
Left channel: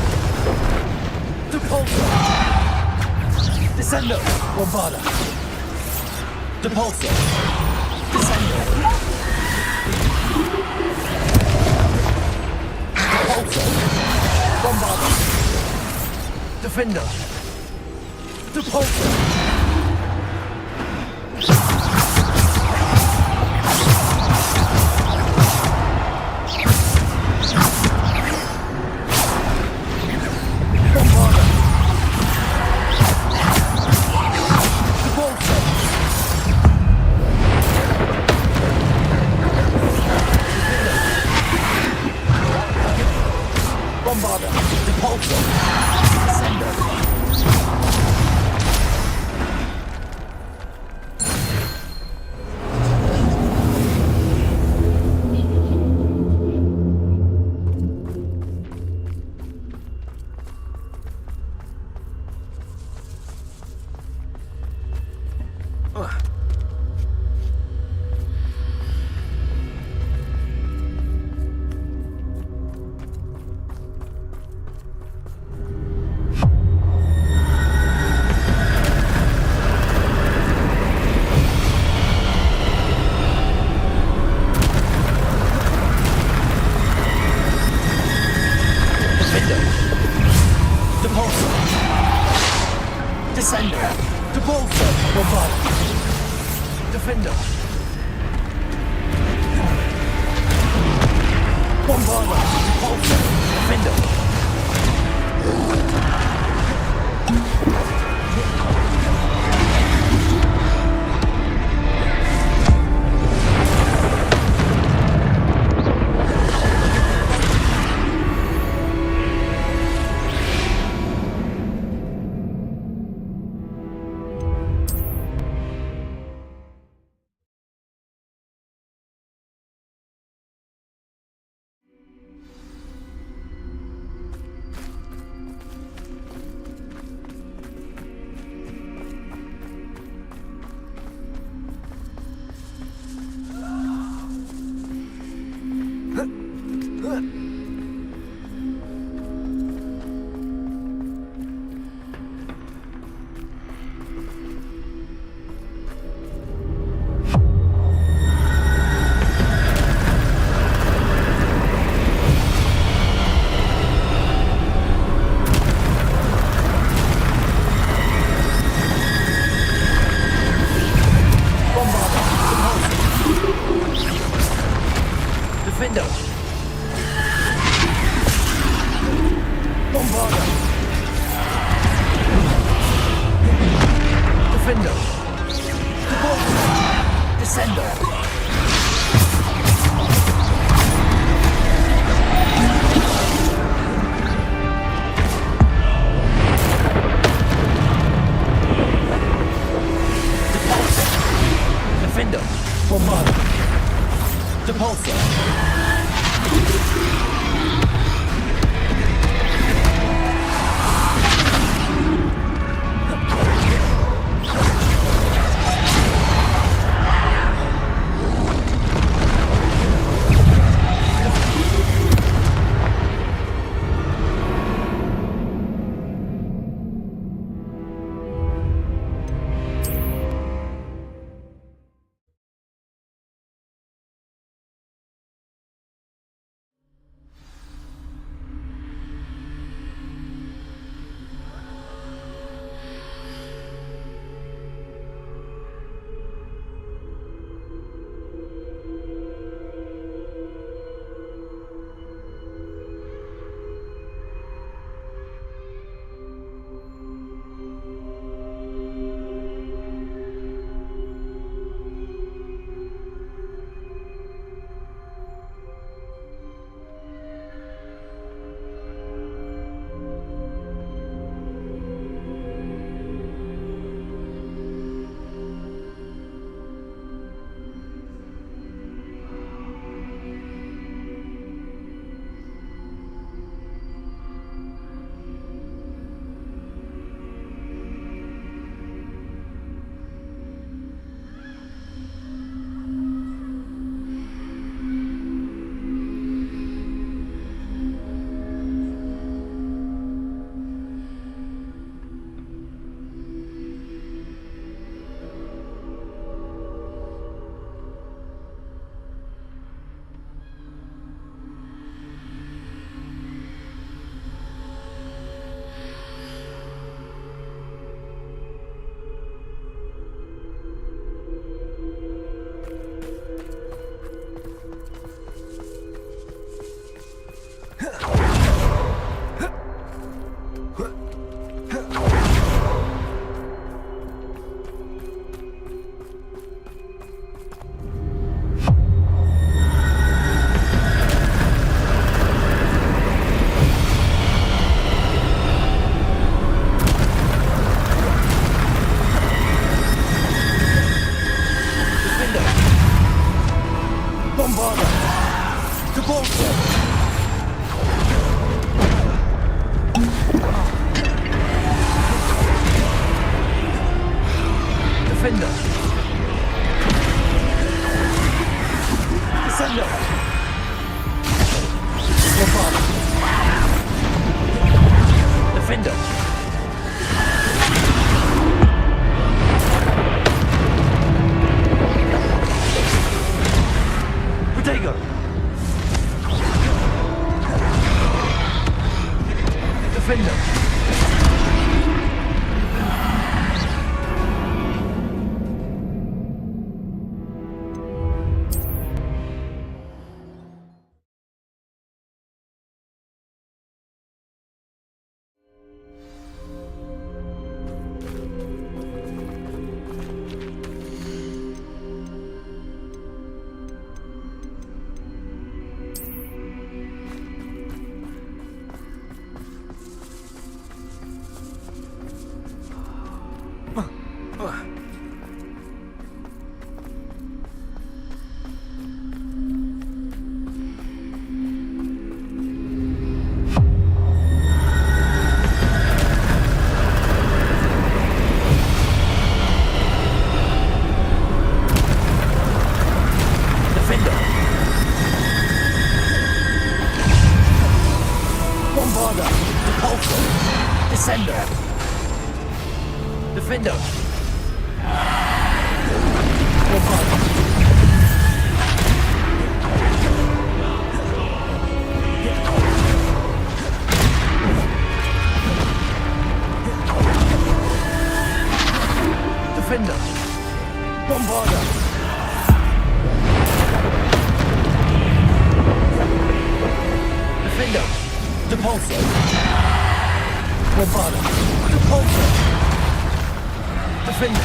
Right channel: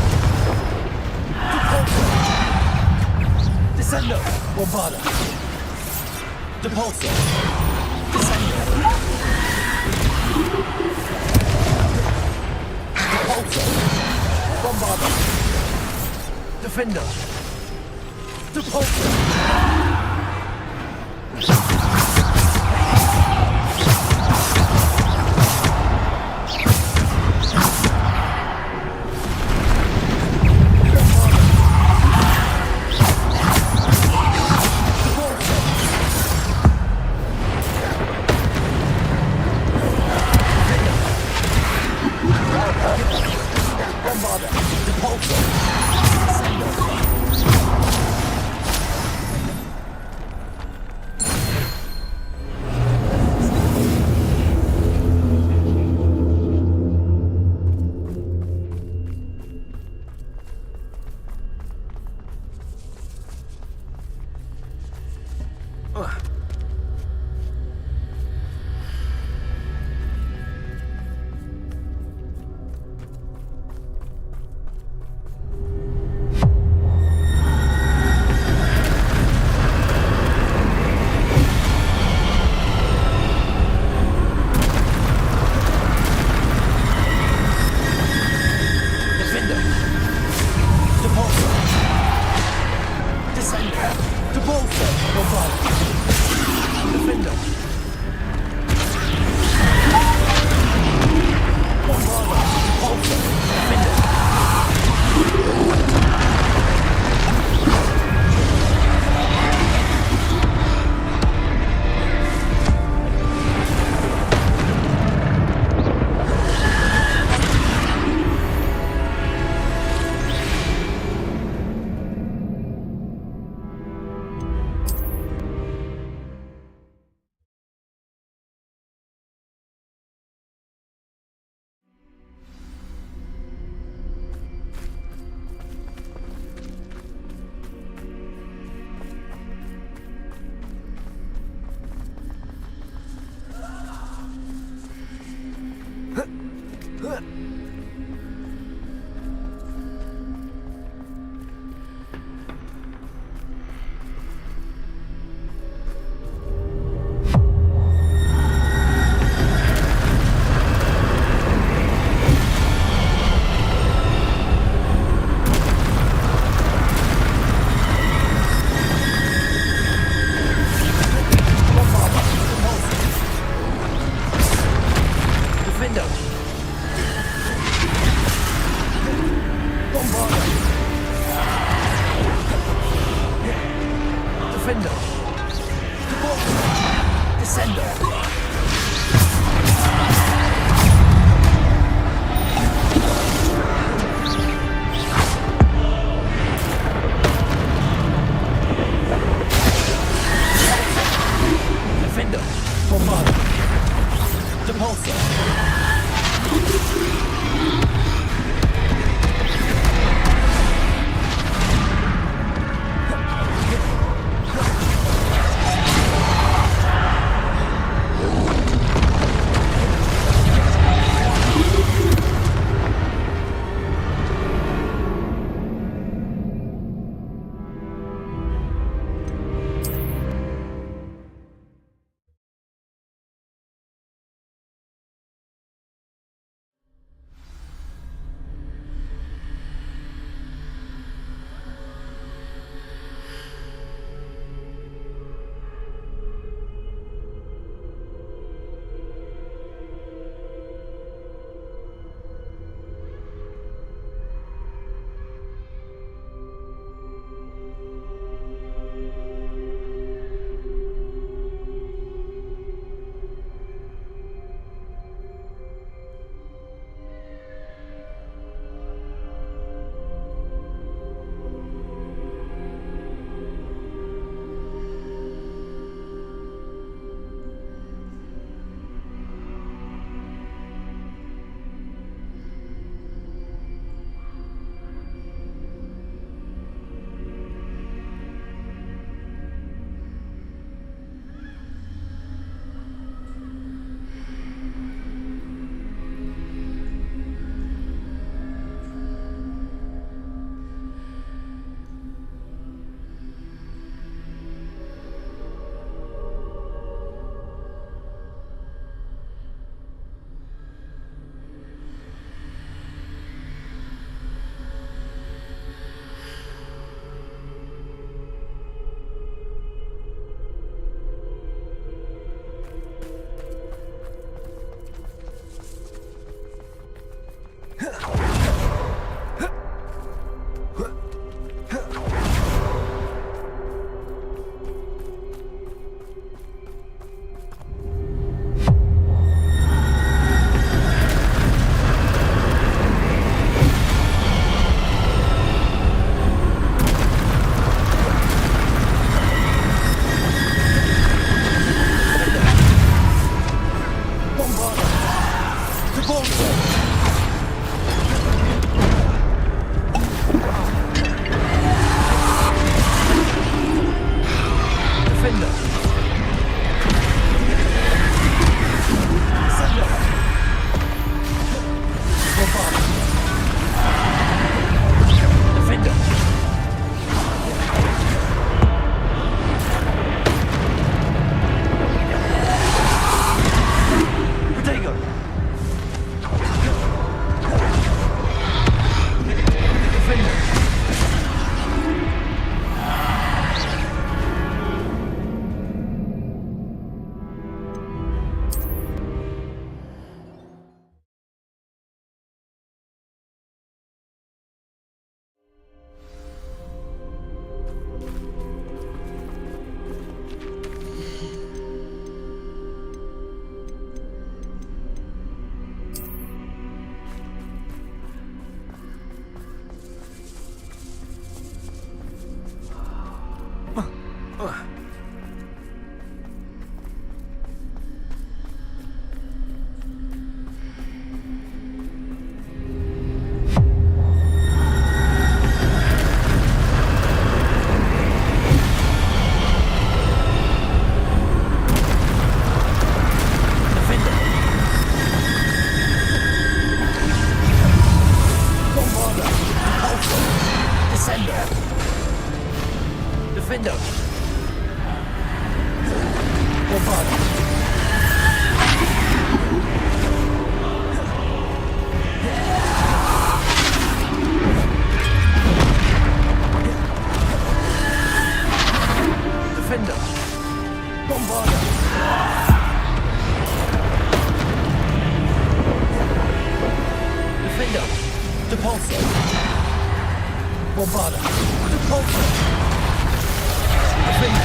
Repulsor! Descender! Bombarda! Repulsor! Descender! Repulsor! Bombarda! Defender! Repulsor! Bombarda! Repulsor! Descender! Defender! Repulsor! Descender! Repulsor! Bombarda! Defender! Bombarda! Repulsor! Defender! Defender! Bombarder! Defender! Descender! Defender! Bombarder! Depulsor! Defender! Bombarder! Defender! Depulsor! Bombarder! Depulsor! Defender!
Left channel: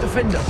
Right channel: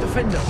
Defender!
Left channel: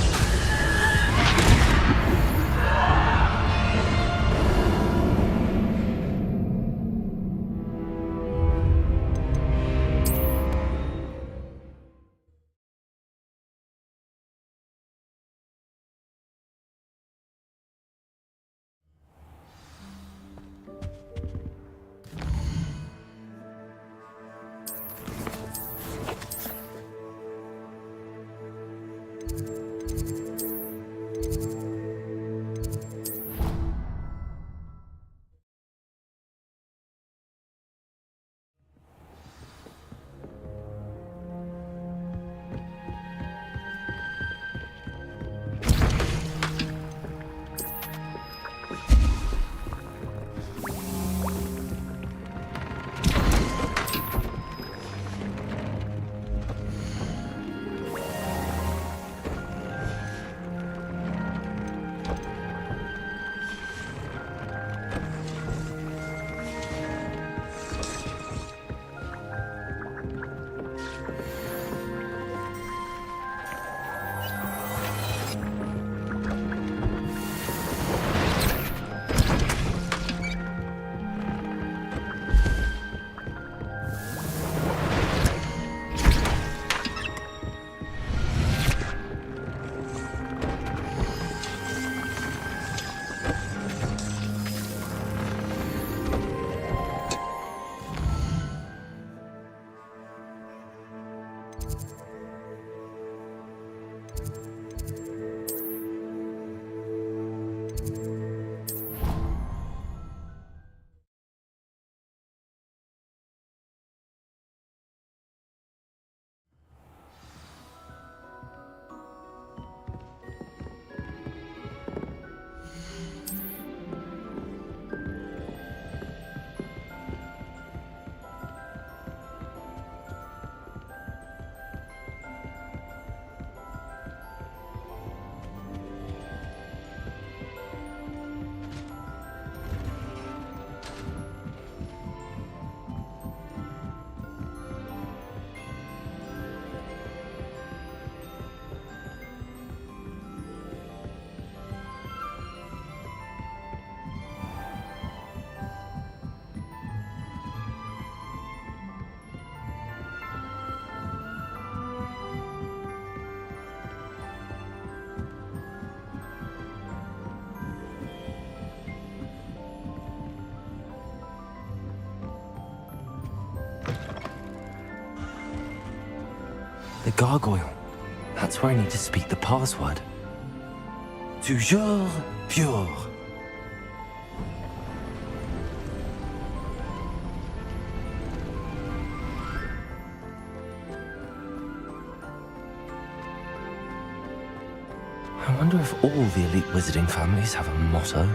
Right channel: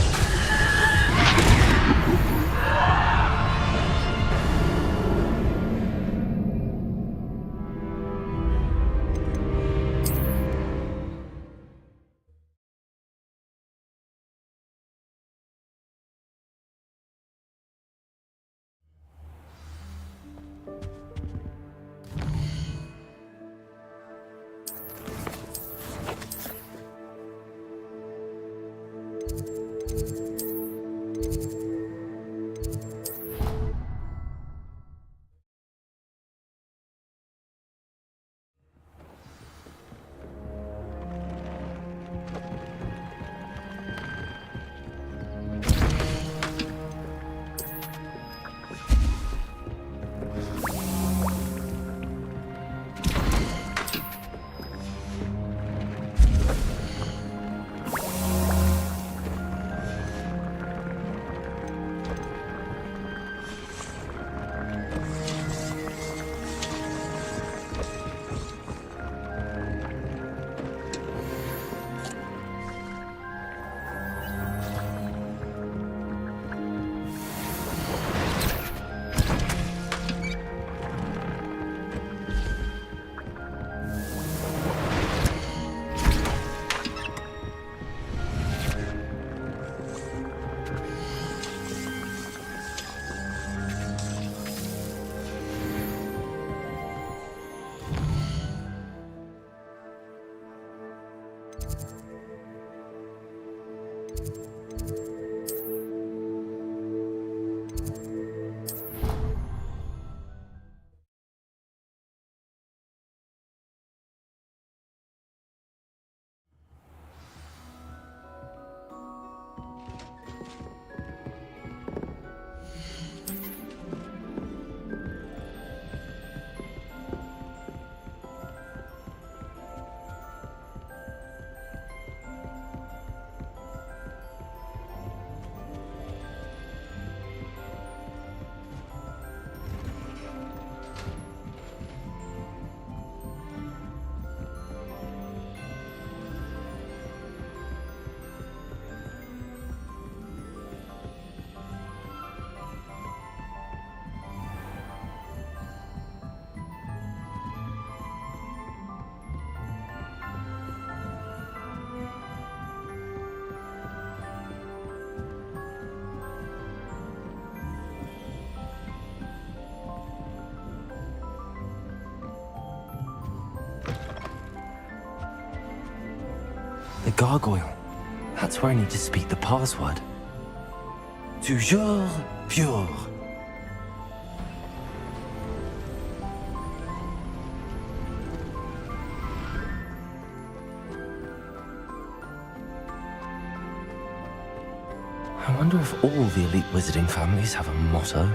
The gargoyle. That's where I need to speak the password. Toujours pure. I wonder if all the elite wizarding families have a motto.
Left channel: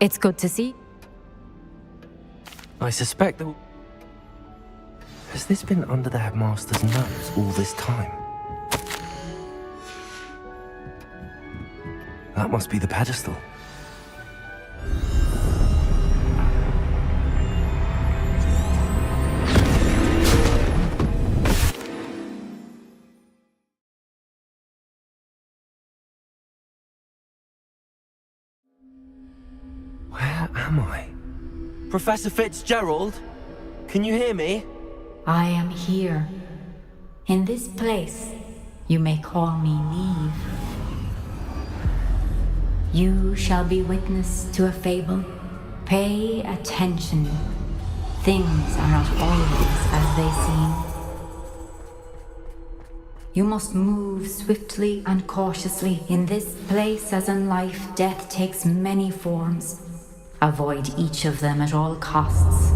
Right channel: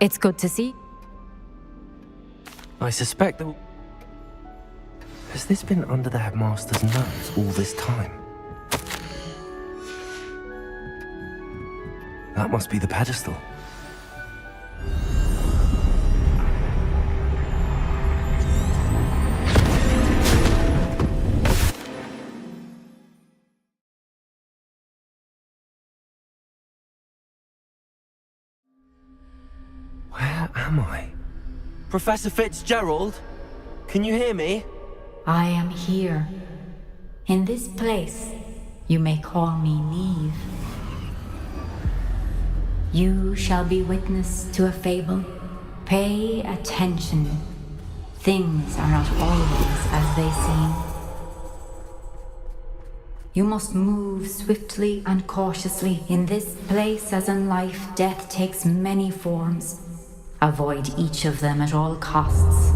It's good to see. I suspect that... Has this been under the headmaster's nose all this time? That must be the pedestal. Professor Fitzgerald? Can you hear me? I am here. In this place, you may call me Neve. You shall be witness to a fable. Pay attention. Things are not always as they seem. You must move swiftly and cautiously. In this place, as in life, death takes many forms. Avoid each of them at all costs.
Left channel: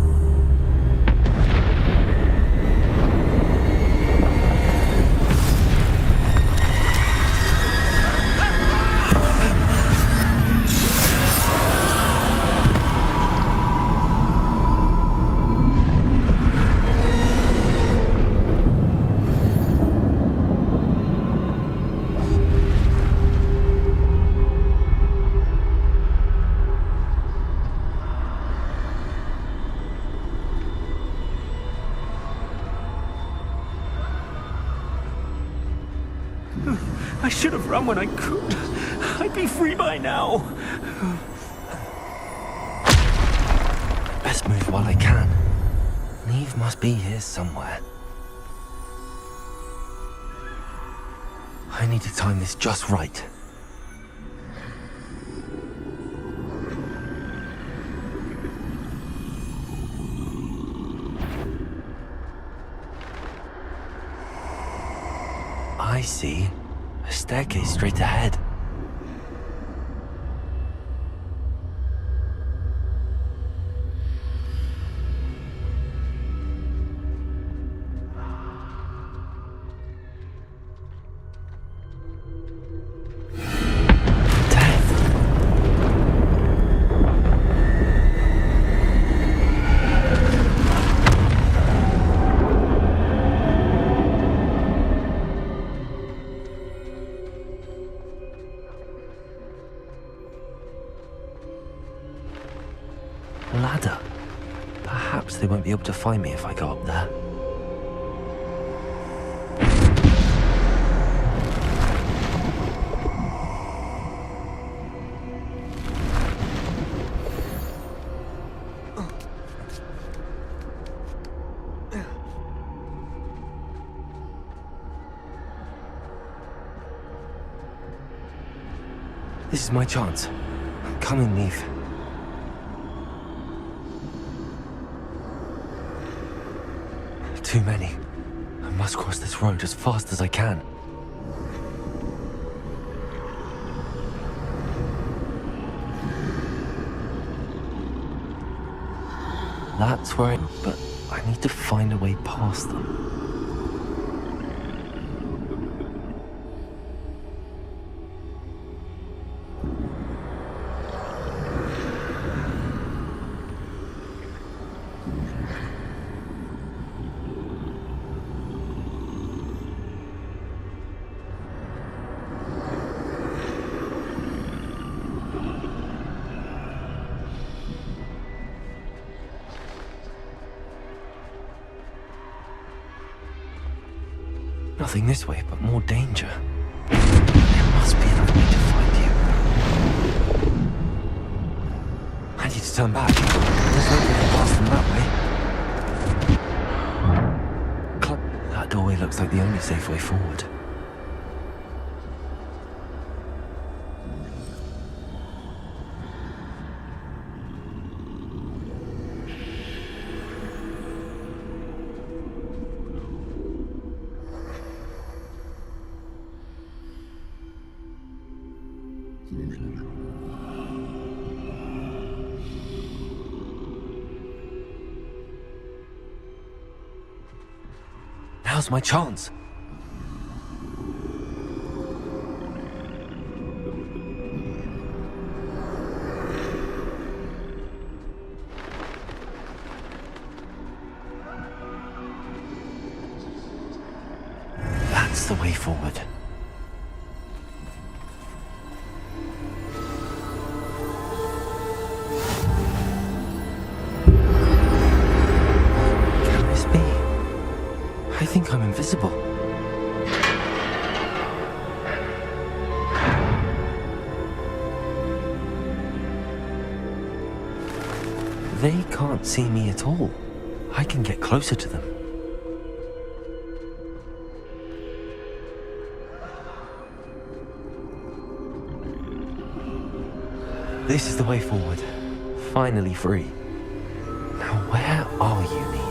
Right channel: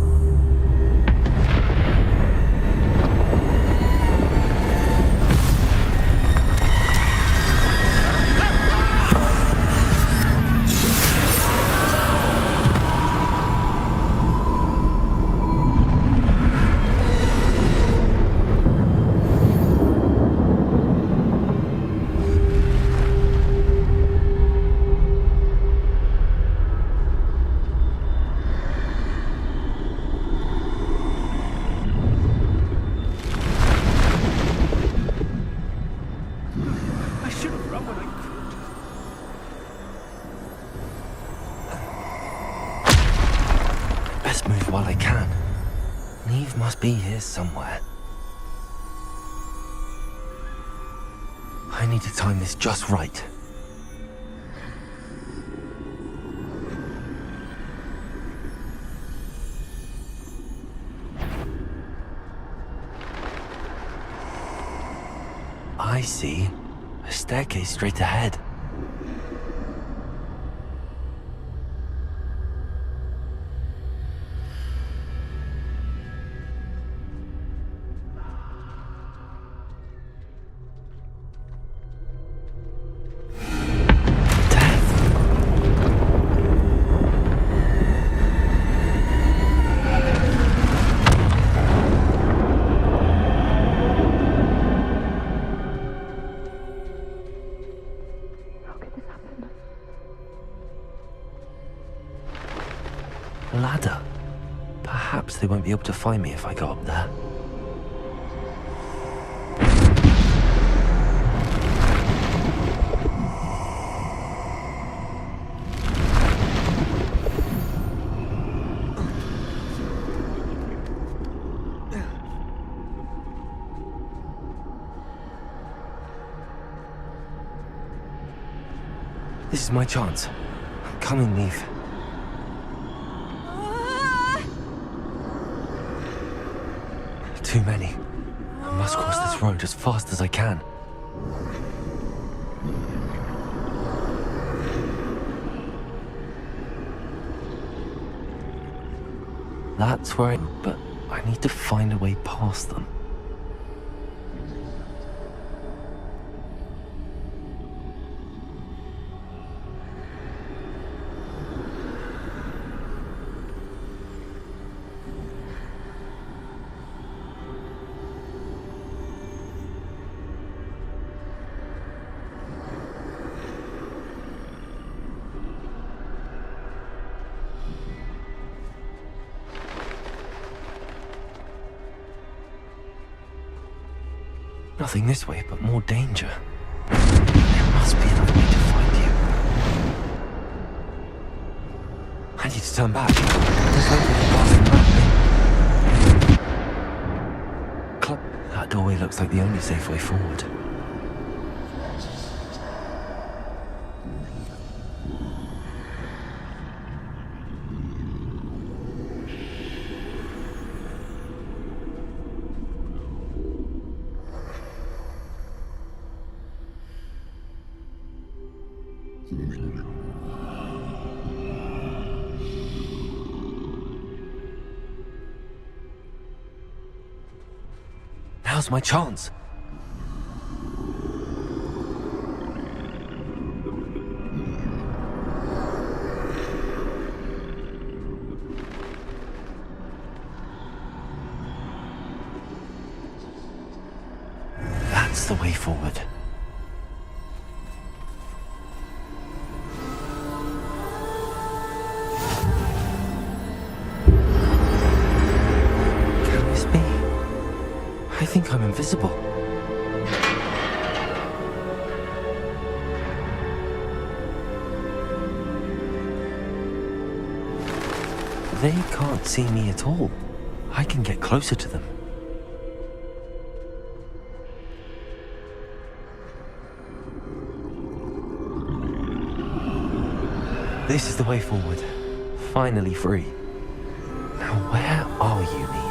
I should have run when I could. I'd be free by now. Best move while I can. Neve must be here somewhere. I need to time this just right. I see. A staircase straight ahead. Ladder. Perhaps they won't be able to find me if I go up there. This is my chance. I'm coming, Neve. Too many. I must cross this road as fast as I can. That's where but I need to find a way past them. Nothing this way, but more danger. There must be another way to find you. I need to turn back. There's no way past them that way. That doorway looks like the only safe way forward. Now's my chance. That's the way forward. I think I'm invisible. They can't see me at all. I can get closer to them. This is the way forward. Finally free. Now where are you, Neve?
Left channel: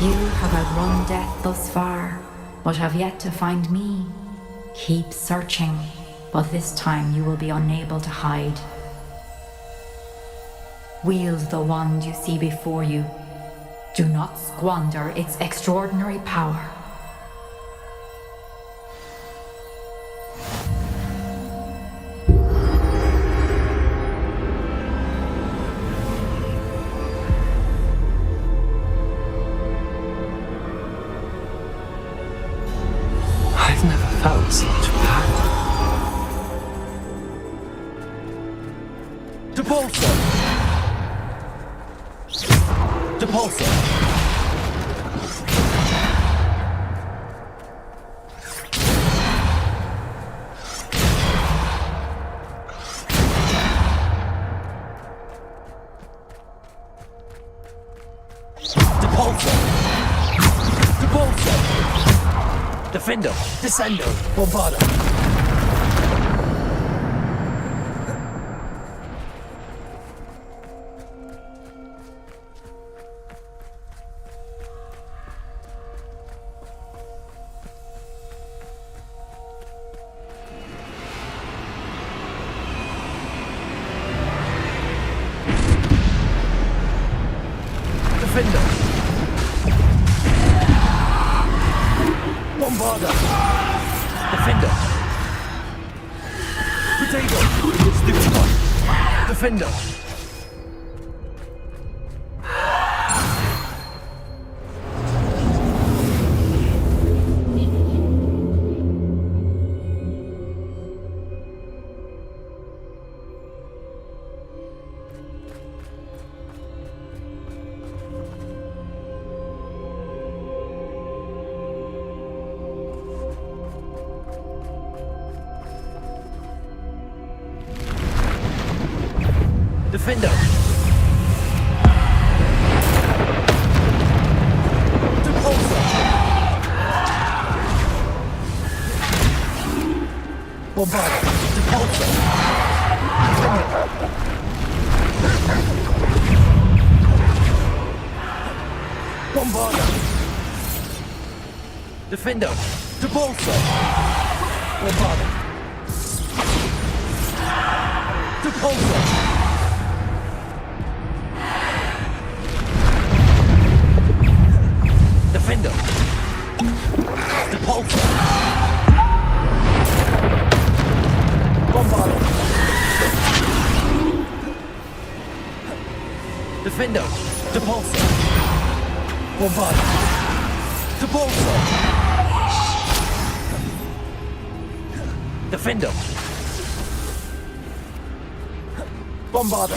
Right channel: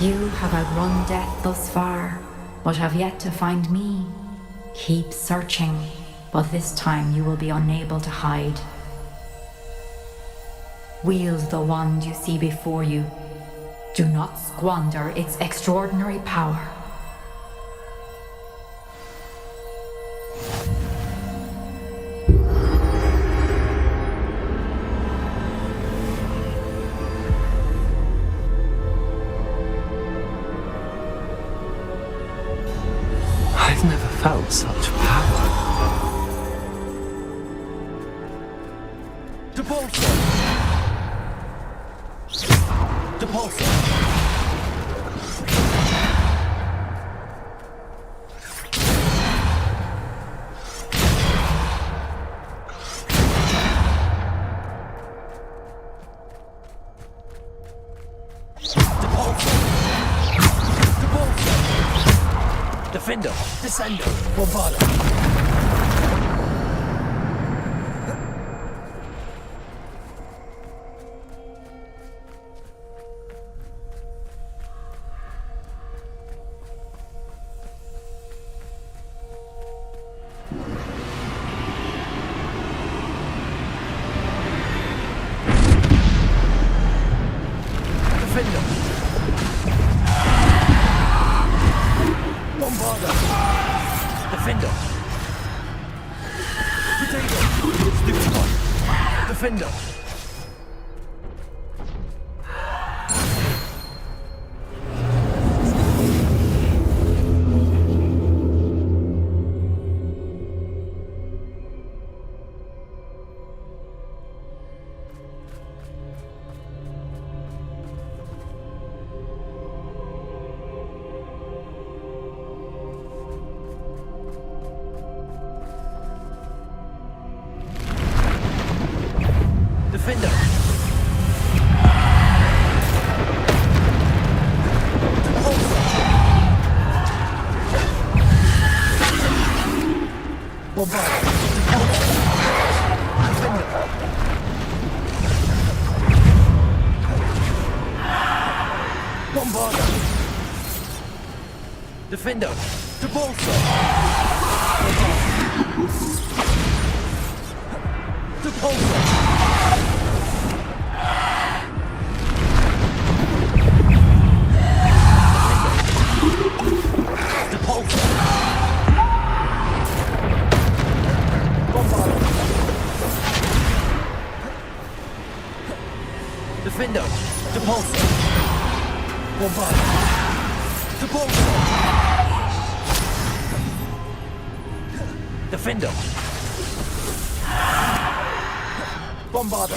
You have outrun death thus far, but have yet to find me. Keep searching, but this time you will be unable to hide. Wield the wand you see before you. Do not squander its extraordinary power. I've never felt such power. Depulso! Depulso! Defendo, Descendo, Bombarda. Defendo. Bombarda. Defender. Potato. Stupid. Defender. Defender. Bombarda. Depulso. Defender. Bombarda. Defender. Depulso. Bombarda. Depulso. Depulso. Bombarda. Defendo. Depulso. Bombarda. Depulso. Defendo. Bombarda.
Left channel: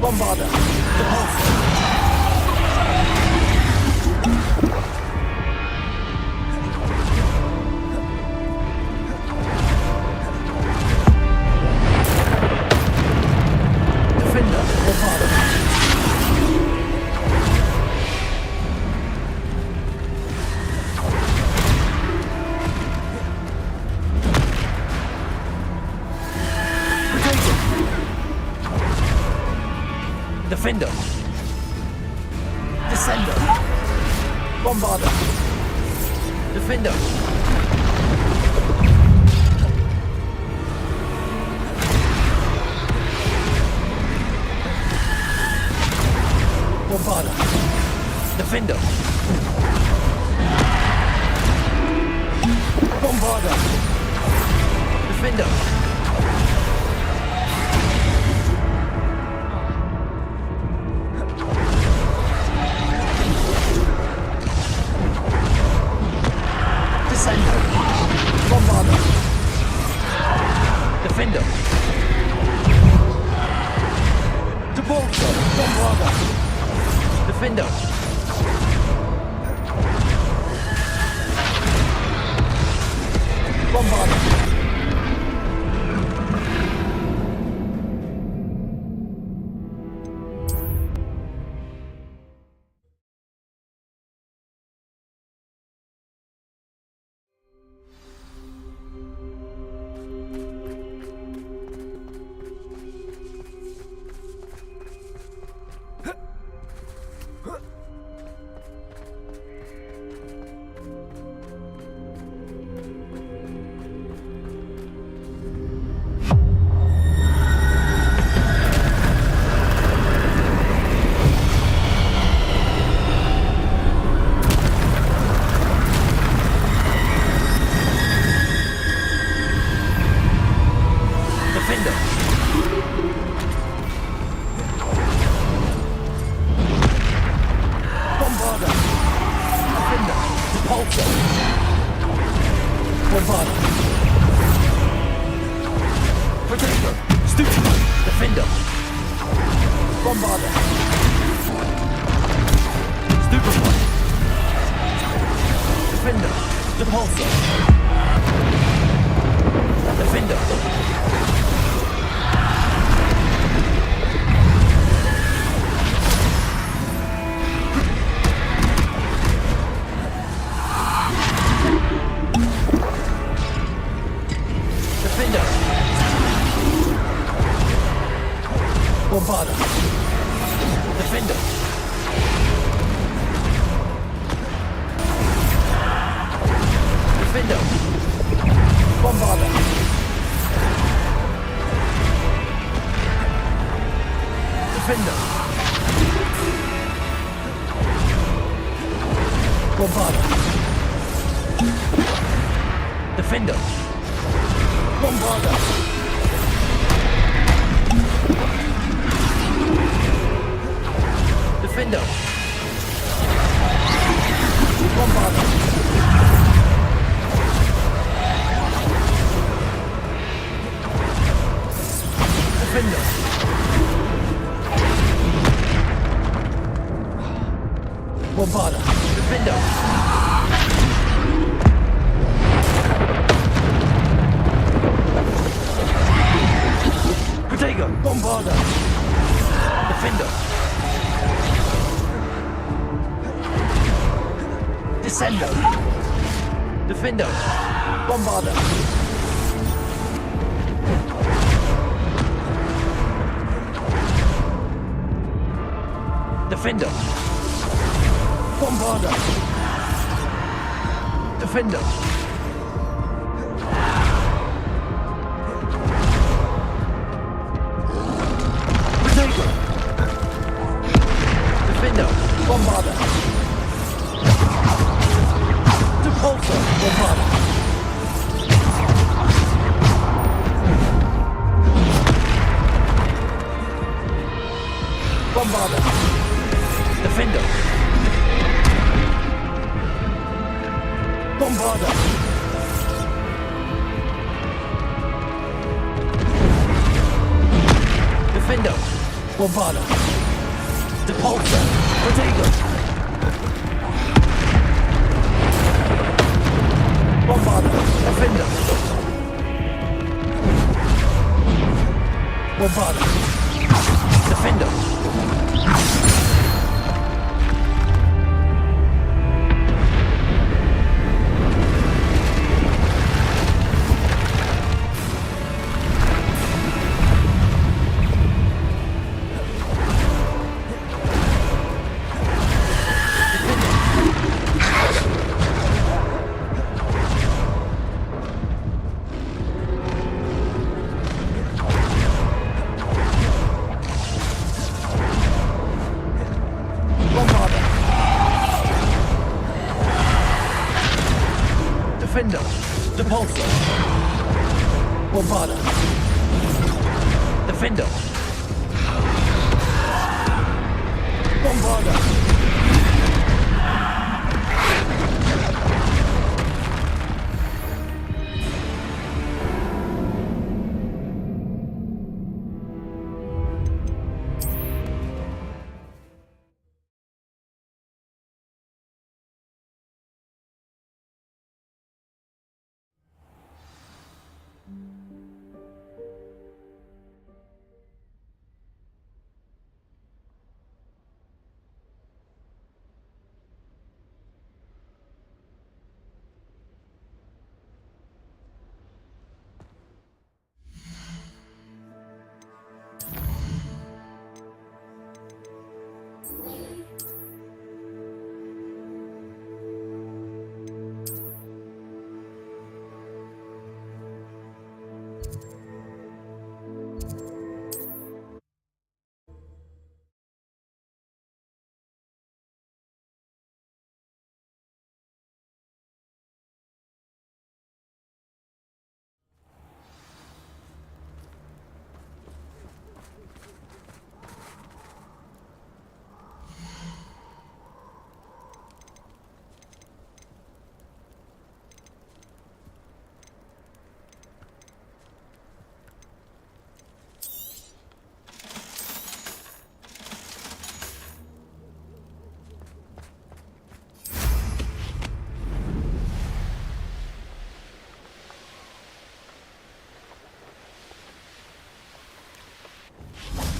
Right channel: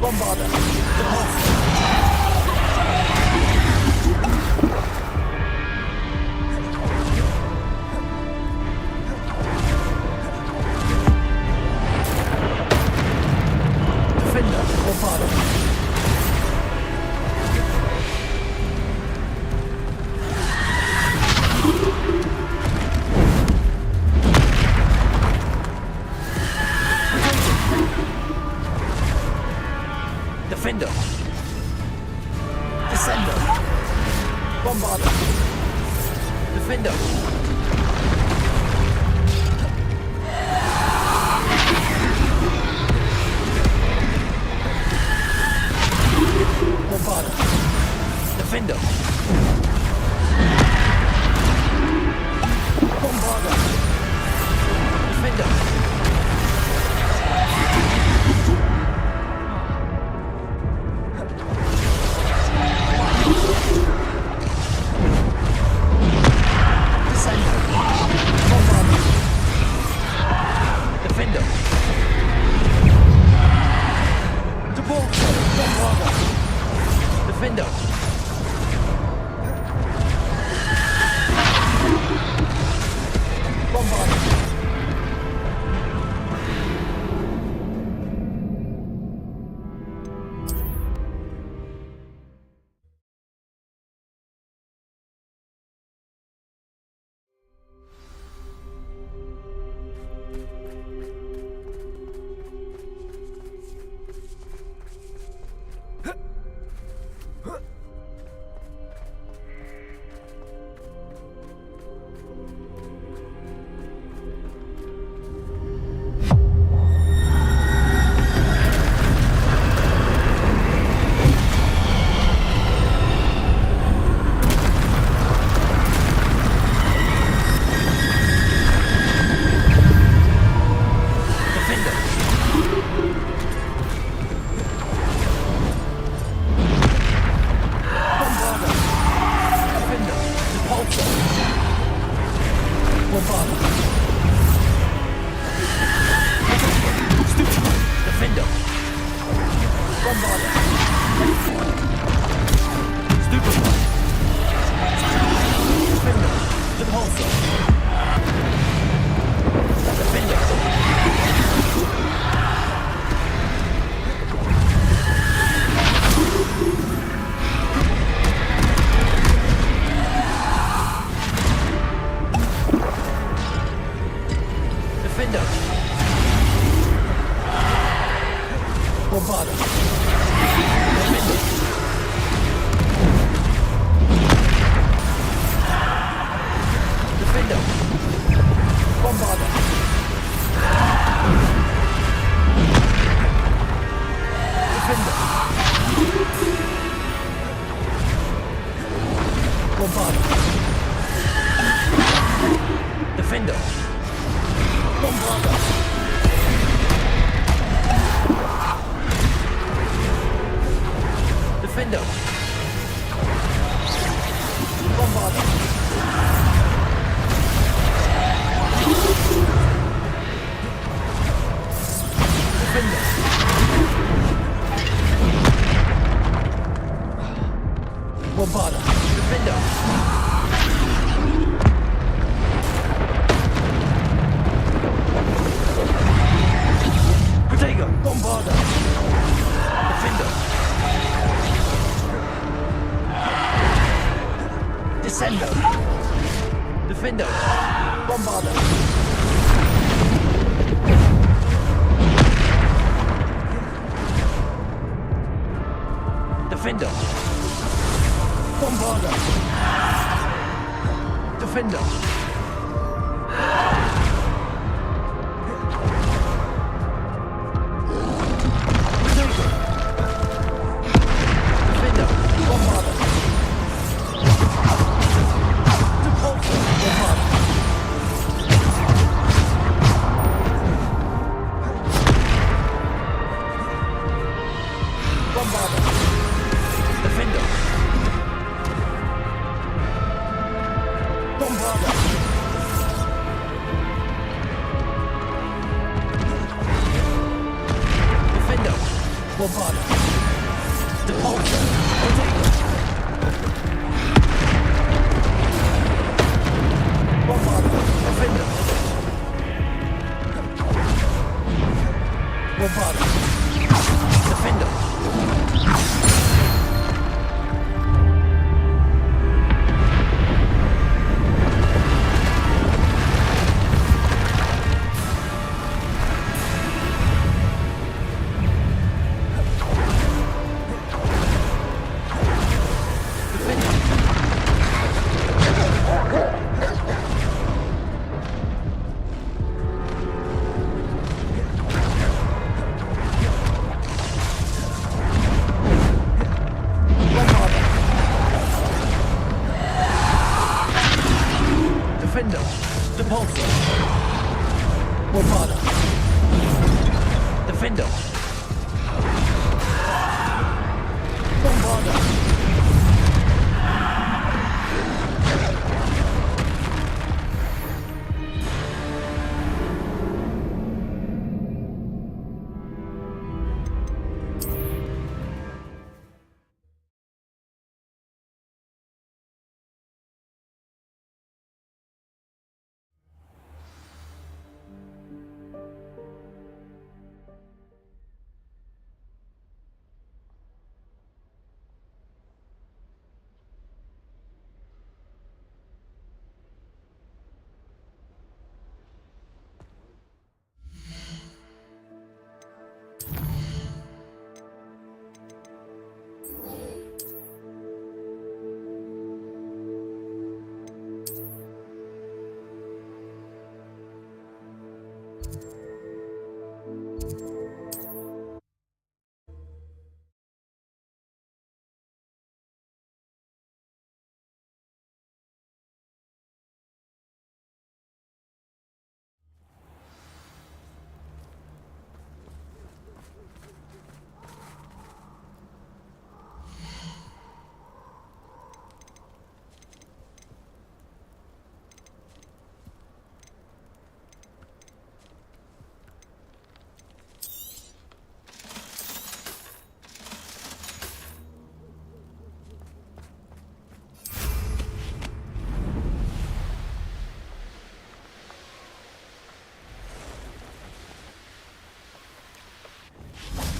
Bombarda. Depulso. Defender. Bombarda. Defender. Descender. Bombarder. Defender. Bombarder. Defender. Bombarder. Defender. Descender. Bombarder. Defender. Debolter. Bombarder. Defender. Bombarder. Defender. Bombarder. Defender. Bombarder. Defender. Potato. Defender. Bombarder. Depulsor. Bombarder. Bombarder. Defender. Bombarder. Defender. Bombarder. Depulsor. Potato. Bombarder. Defender. Bombarder. Defender. Bombarda. Defender. Bombarda.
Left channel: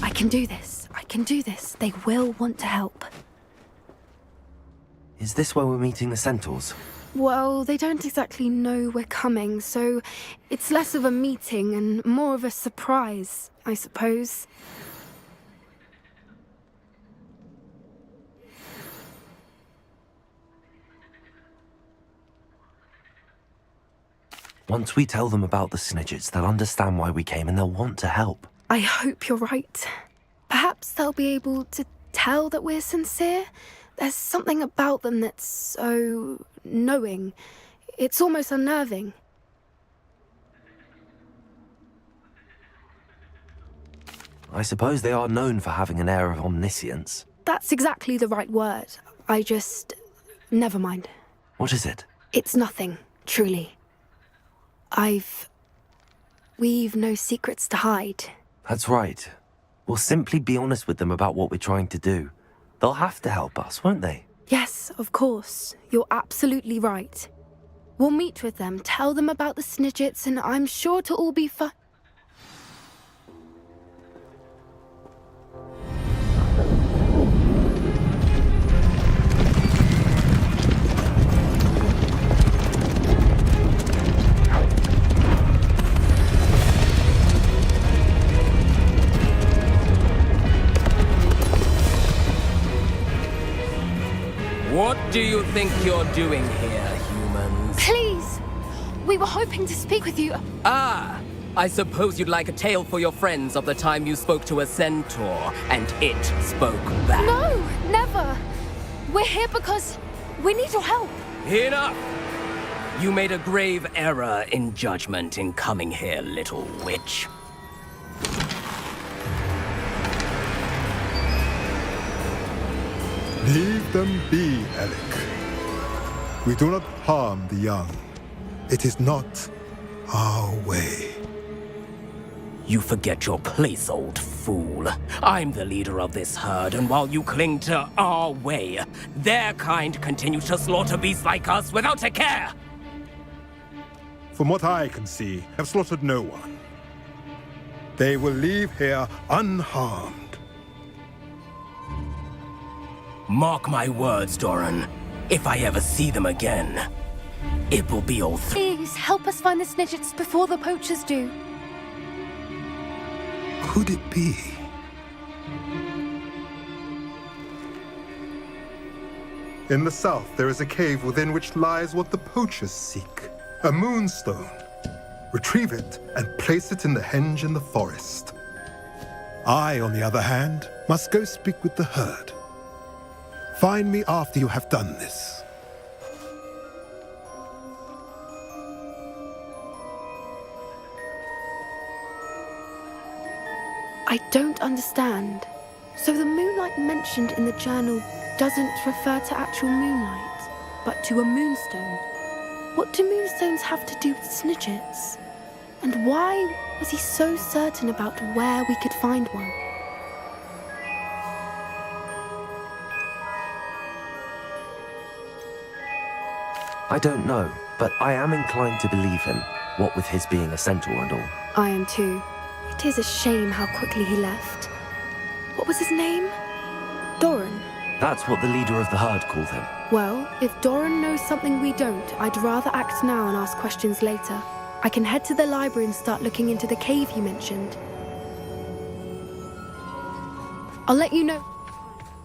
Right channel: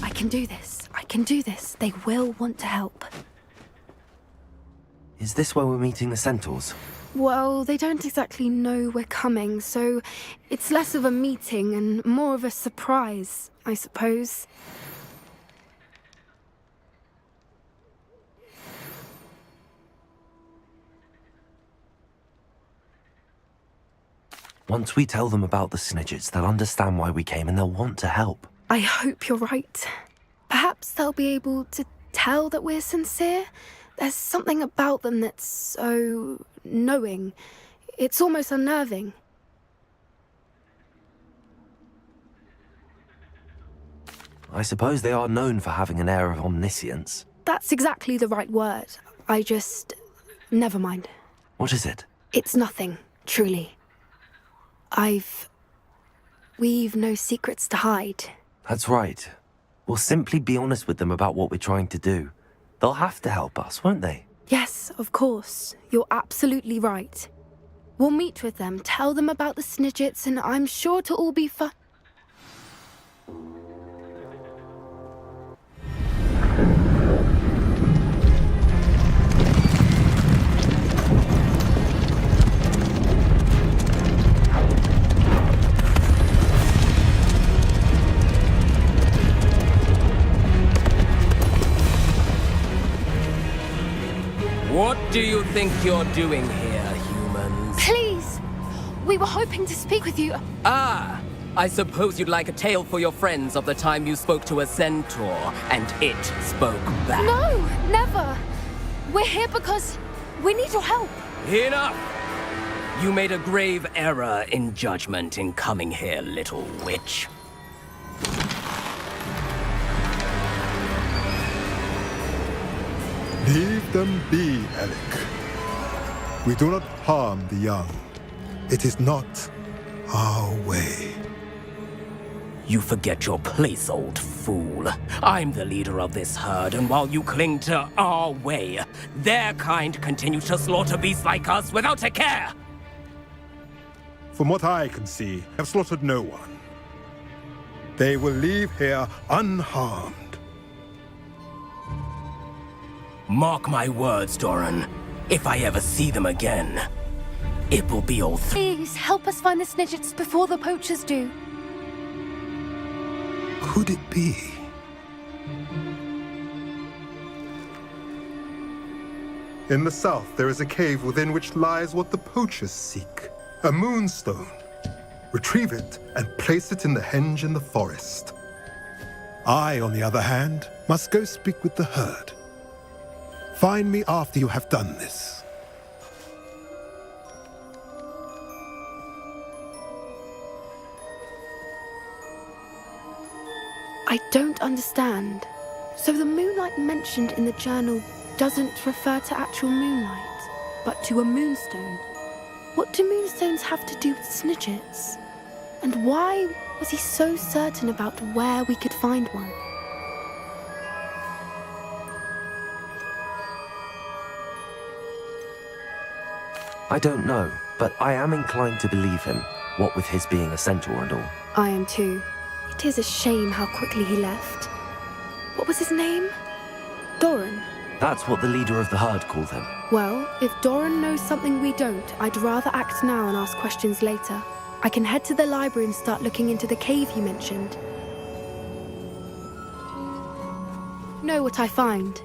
I can do this. I can do this. They will want to help. Is this where we're meeting the centaurs? Well, they don't exactly know we're coming, so it's less of a meeting and more of a surprise, I suppose. Once we tell them about the Snidgets, they'll understand why we came and they'll want to help. I hope you're right. Perhaps they'll be able to tell that we're sincere. There's something about them that's so knowing. It's almost unnerving. I suppose they are known for having an air of omniscience. That's exactly the right word. Never mind. What is it? It's nothing, truly. We've no secrets to hide. That's right. We'll simply be honest with them about what we're trying to do. They'll have to help us, won't they? Yes, of course. You're absolutely right. We'll meet with them, tell them about the Snidgets, and I'm sure to all be fine. What do you think you're doing here, humans? Please! We were hoping to speak with you. Ah! I suppose you'd like a tale for your friends of the time you spoke to a centaur, and it spoke back. No, never! We're here because we need your help. Enough! You made a grave error in judgment in coming here, little witch. Leave them be, Alec. We do not harm the young. It is not our way. You forget your place, old fool. I'm the leader of this herd, and while you cling to our way, their kind continue to slaughter beasts like us without a care! From what I can see, have slaughtered no one. They will leave here unharmed. Mark my words, Doran. If I ever see them again, it will be all Please, help us find the Snidgets before the poachers do. Could it be? In the south, there is a cave within which lies what the poachers seek. A moonstone. Retrieve it and place it in the henge in the forest. I, on the other hand, must go speak with the herd. Find me after you have done this. I don't understand. So the moonlight mentioned in the journal doesn't refer to actual moonlight, but to a moonstone. What do moonstones have to do with snidgets? And why was he so certain about where we could find one? I don't know, but I am inclined to believe him, what with his being a centaur and all. I am too. It is a shame how quickly he left. What was his name? Doran. That's what the leader of the herd called him. Well, if Doran knows something we don't, I'd rather act now and ask questions later. I can head to the library and start looking into the cave you mentioned. I'll let you know what I find.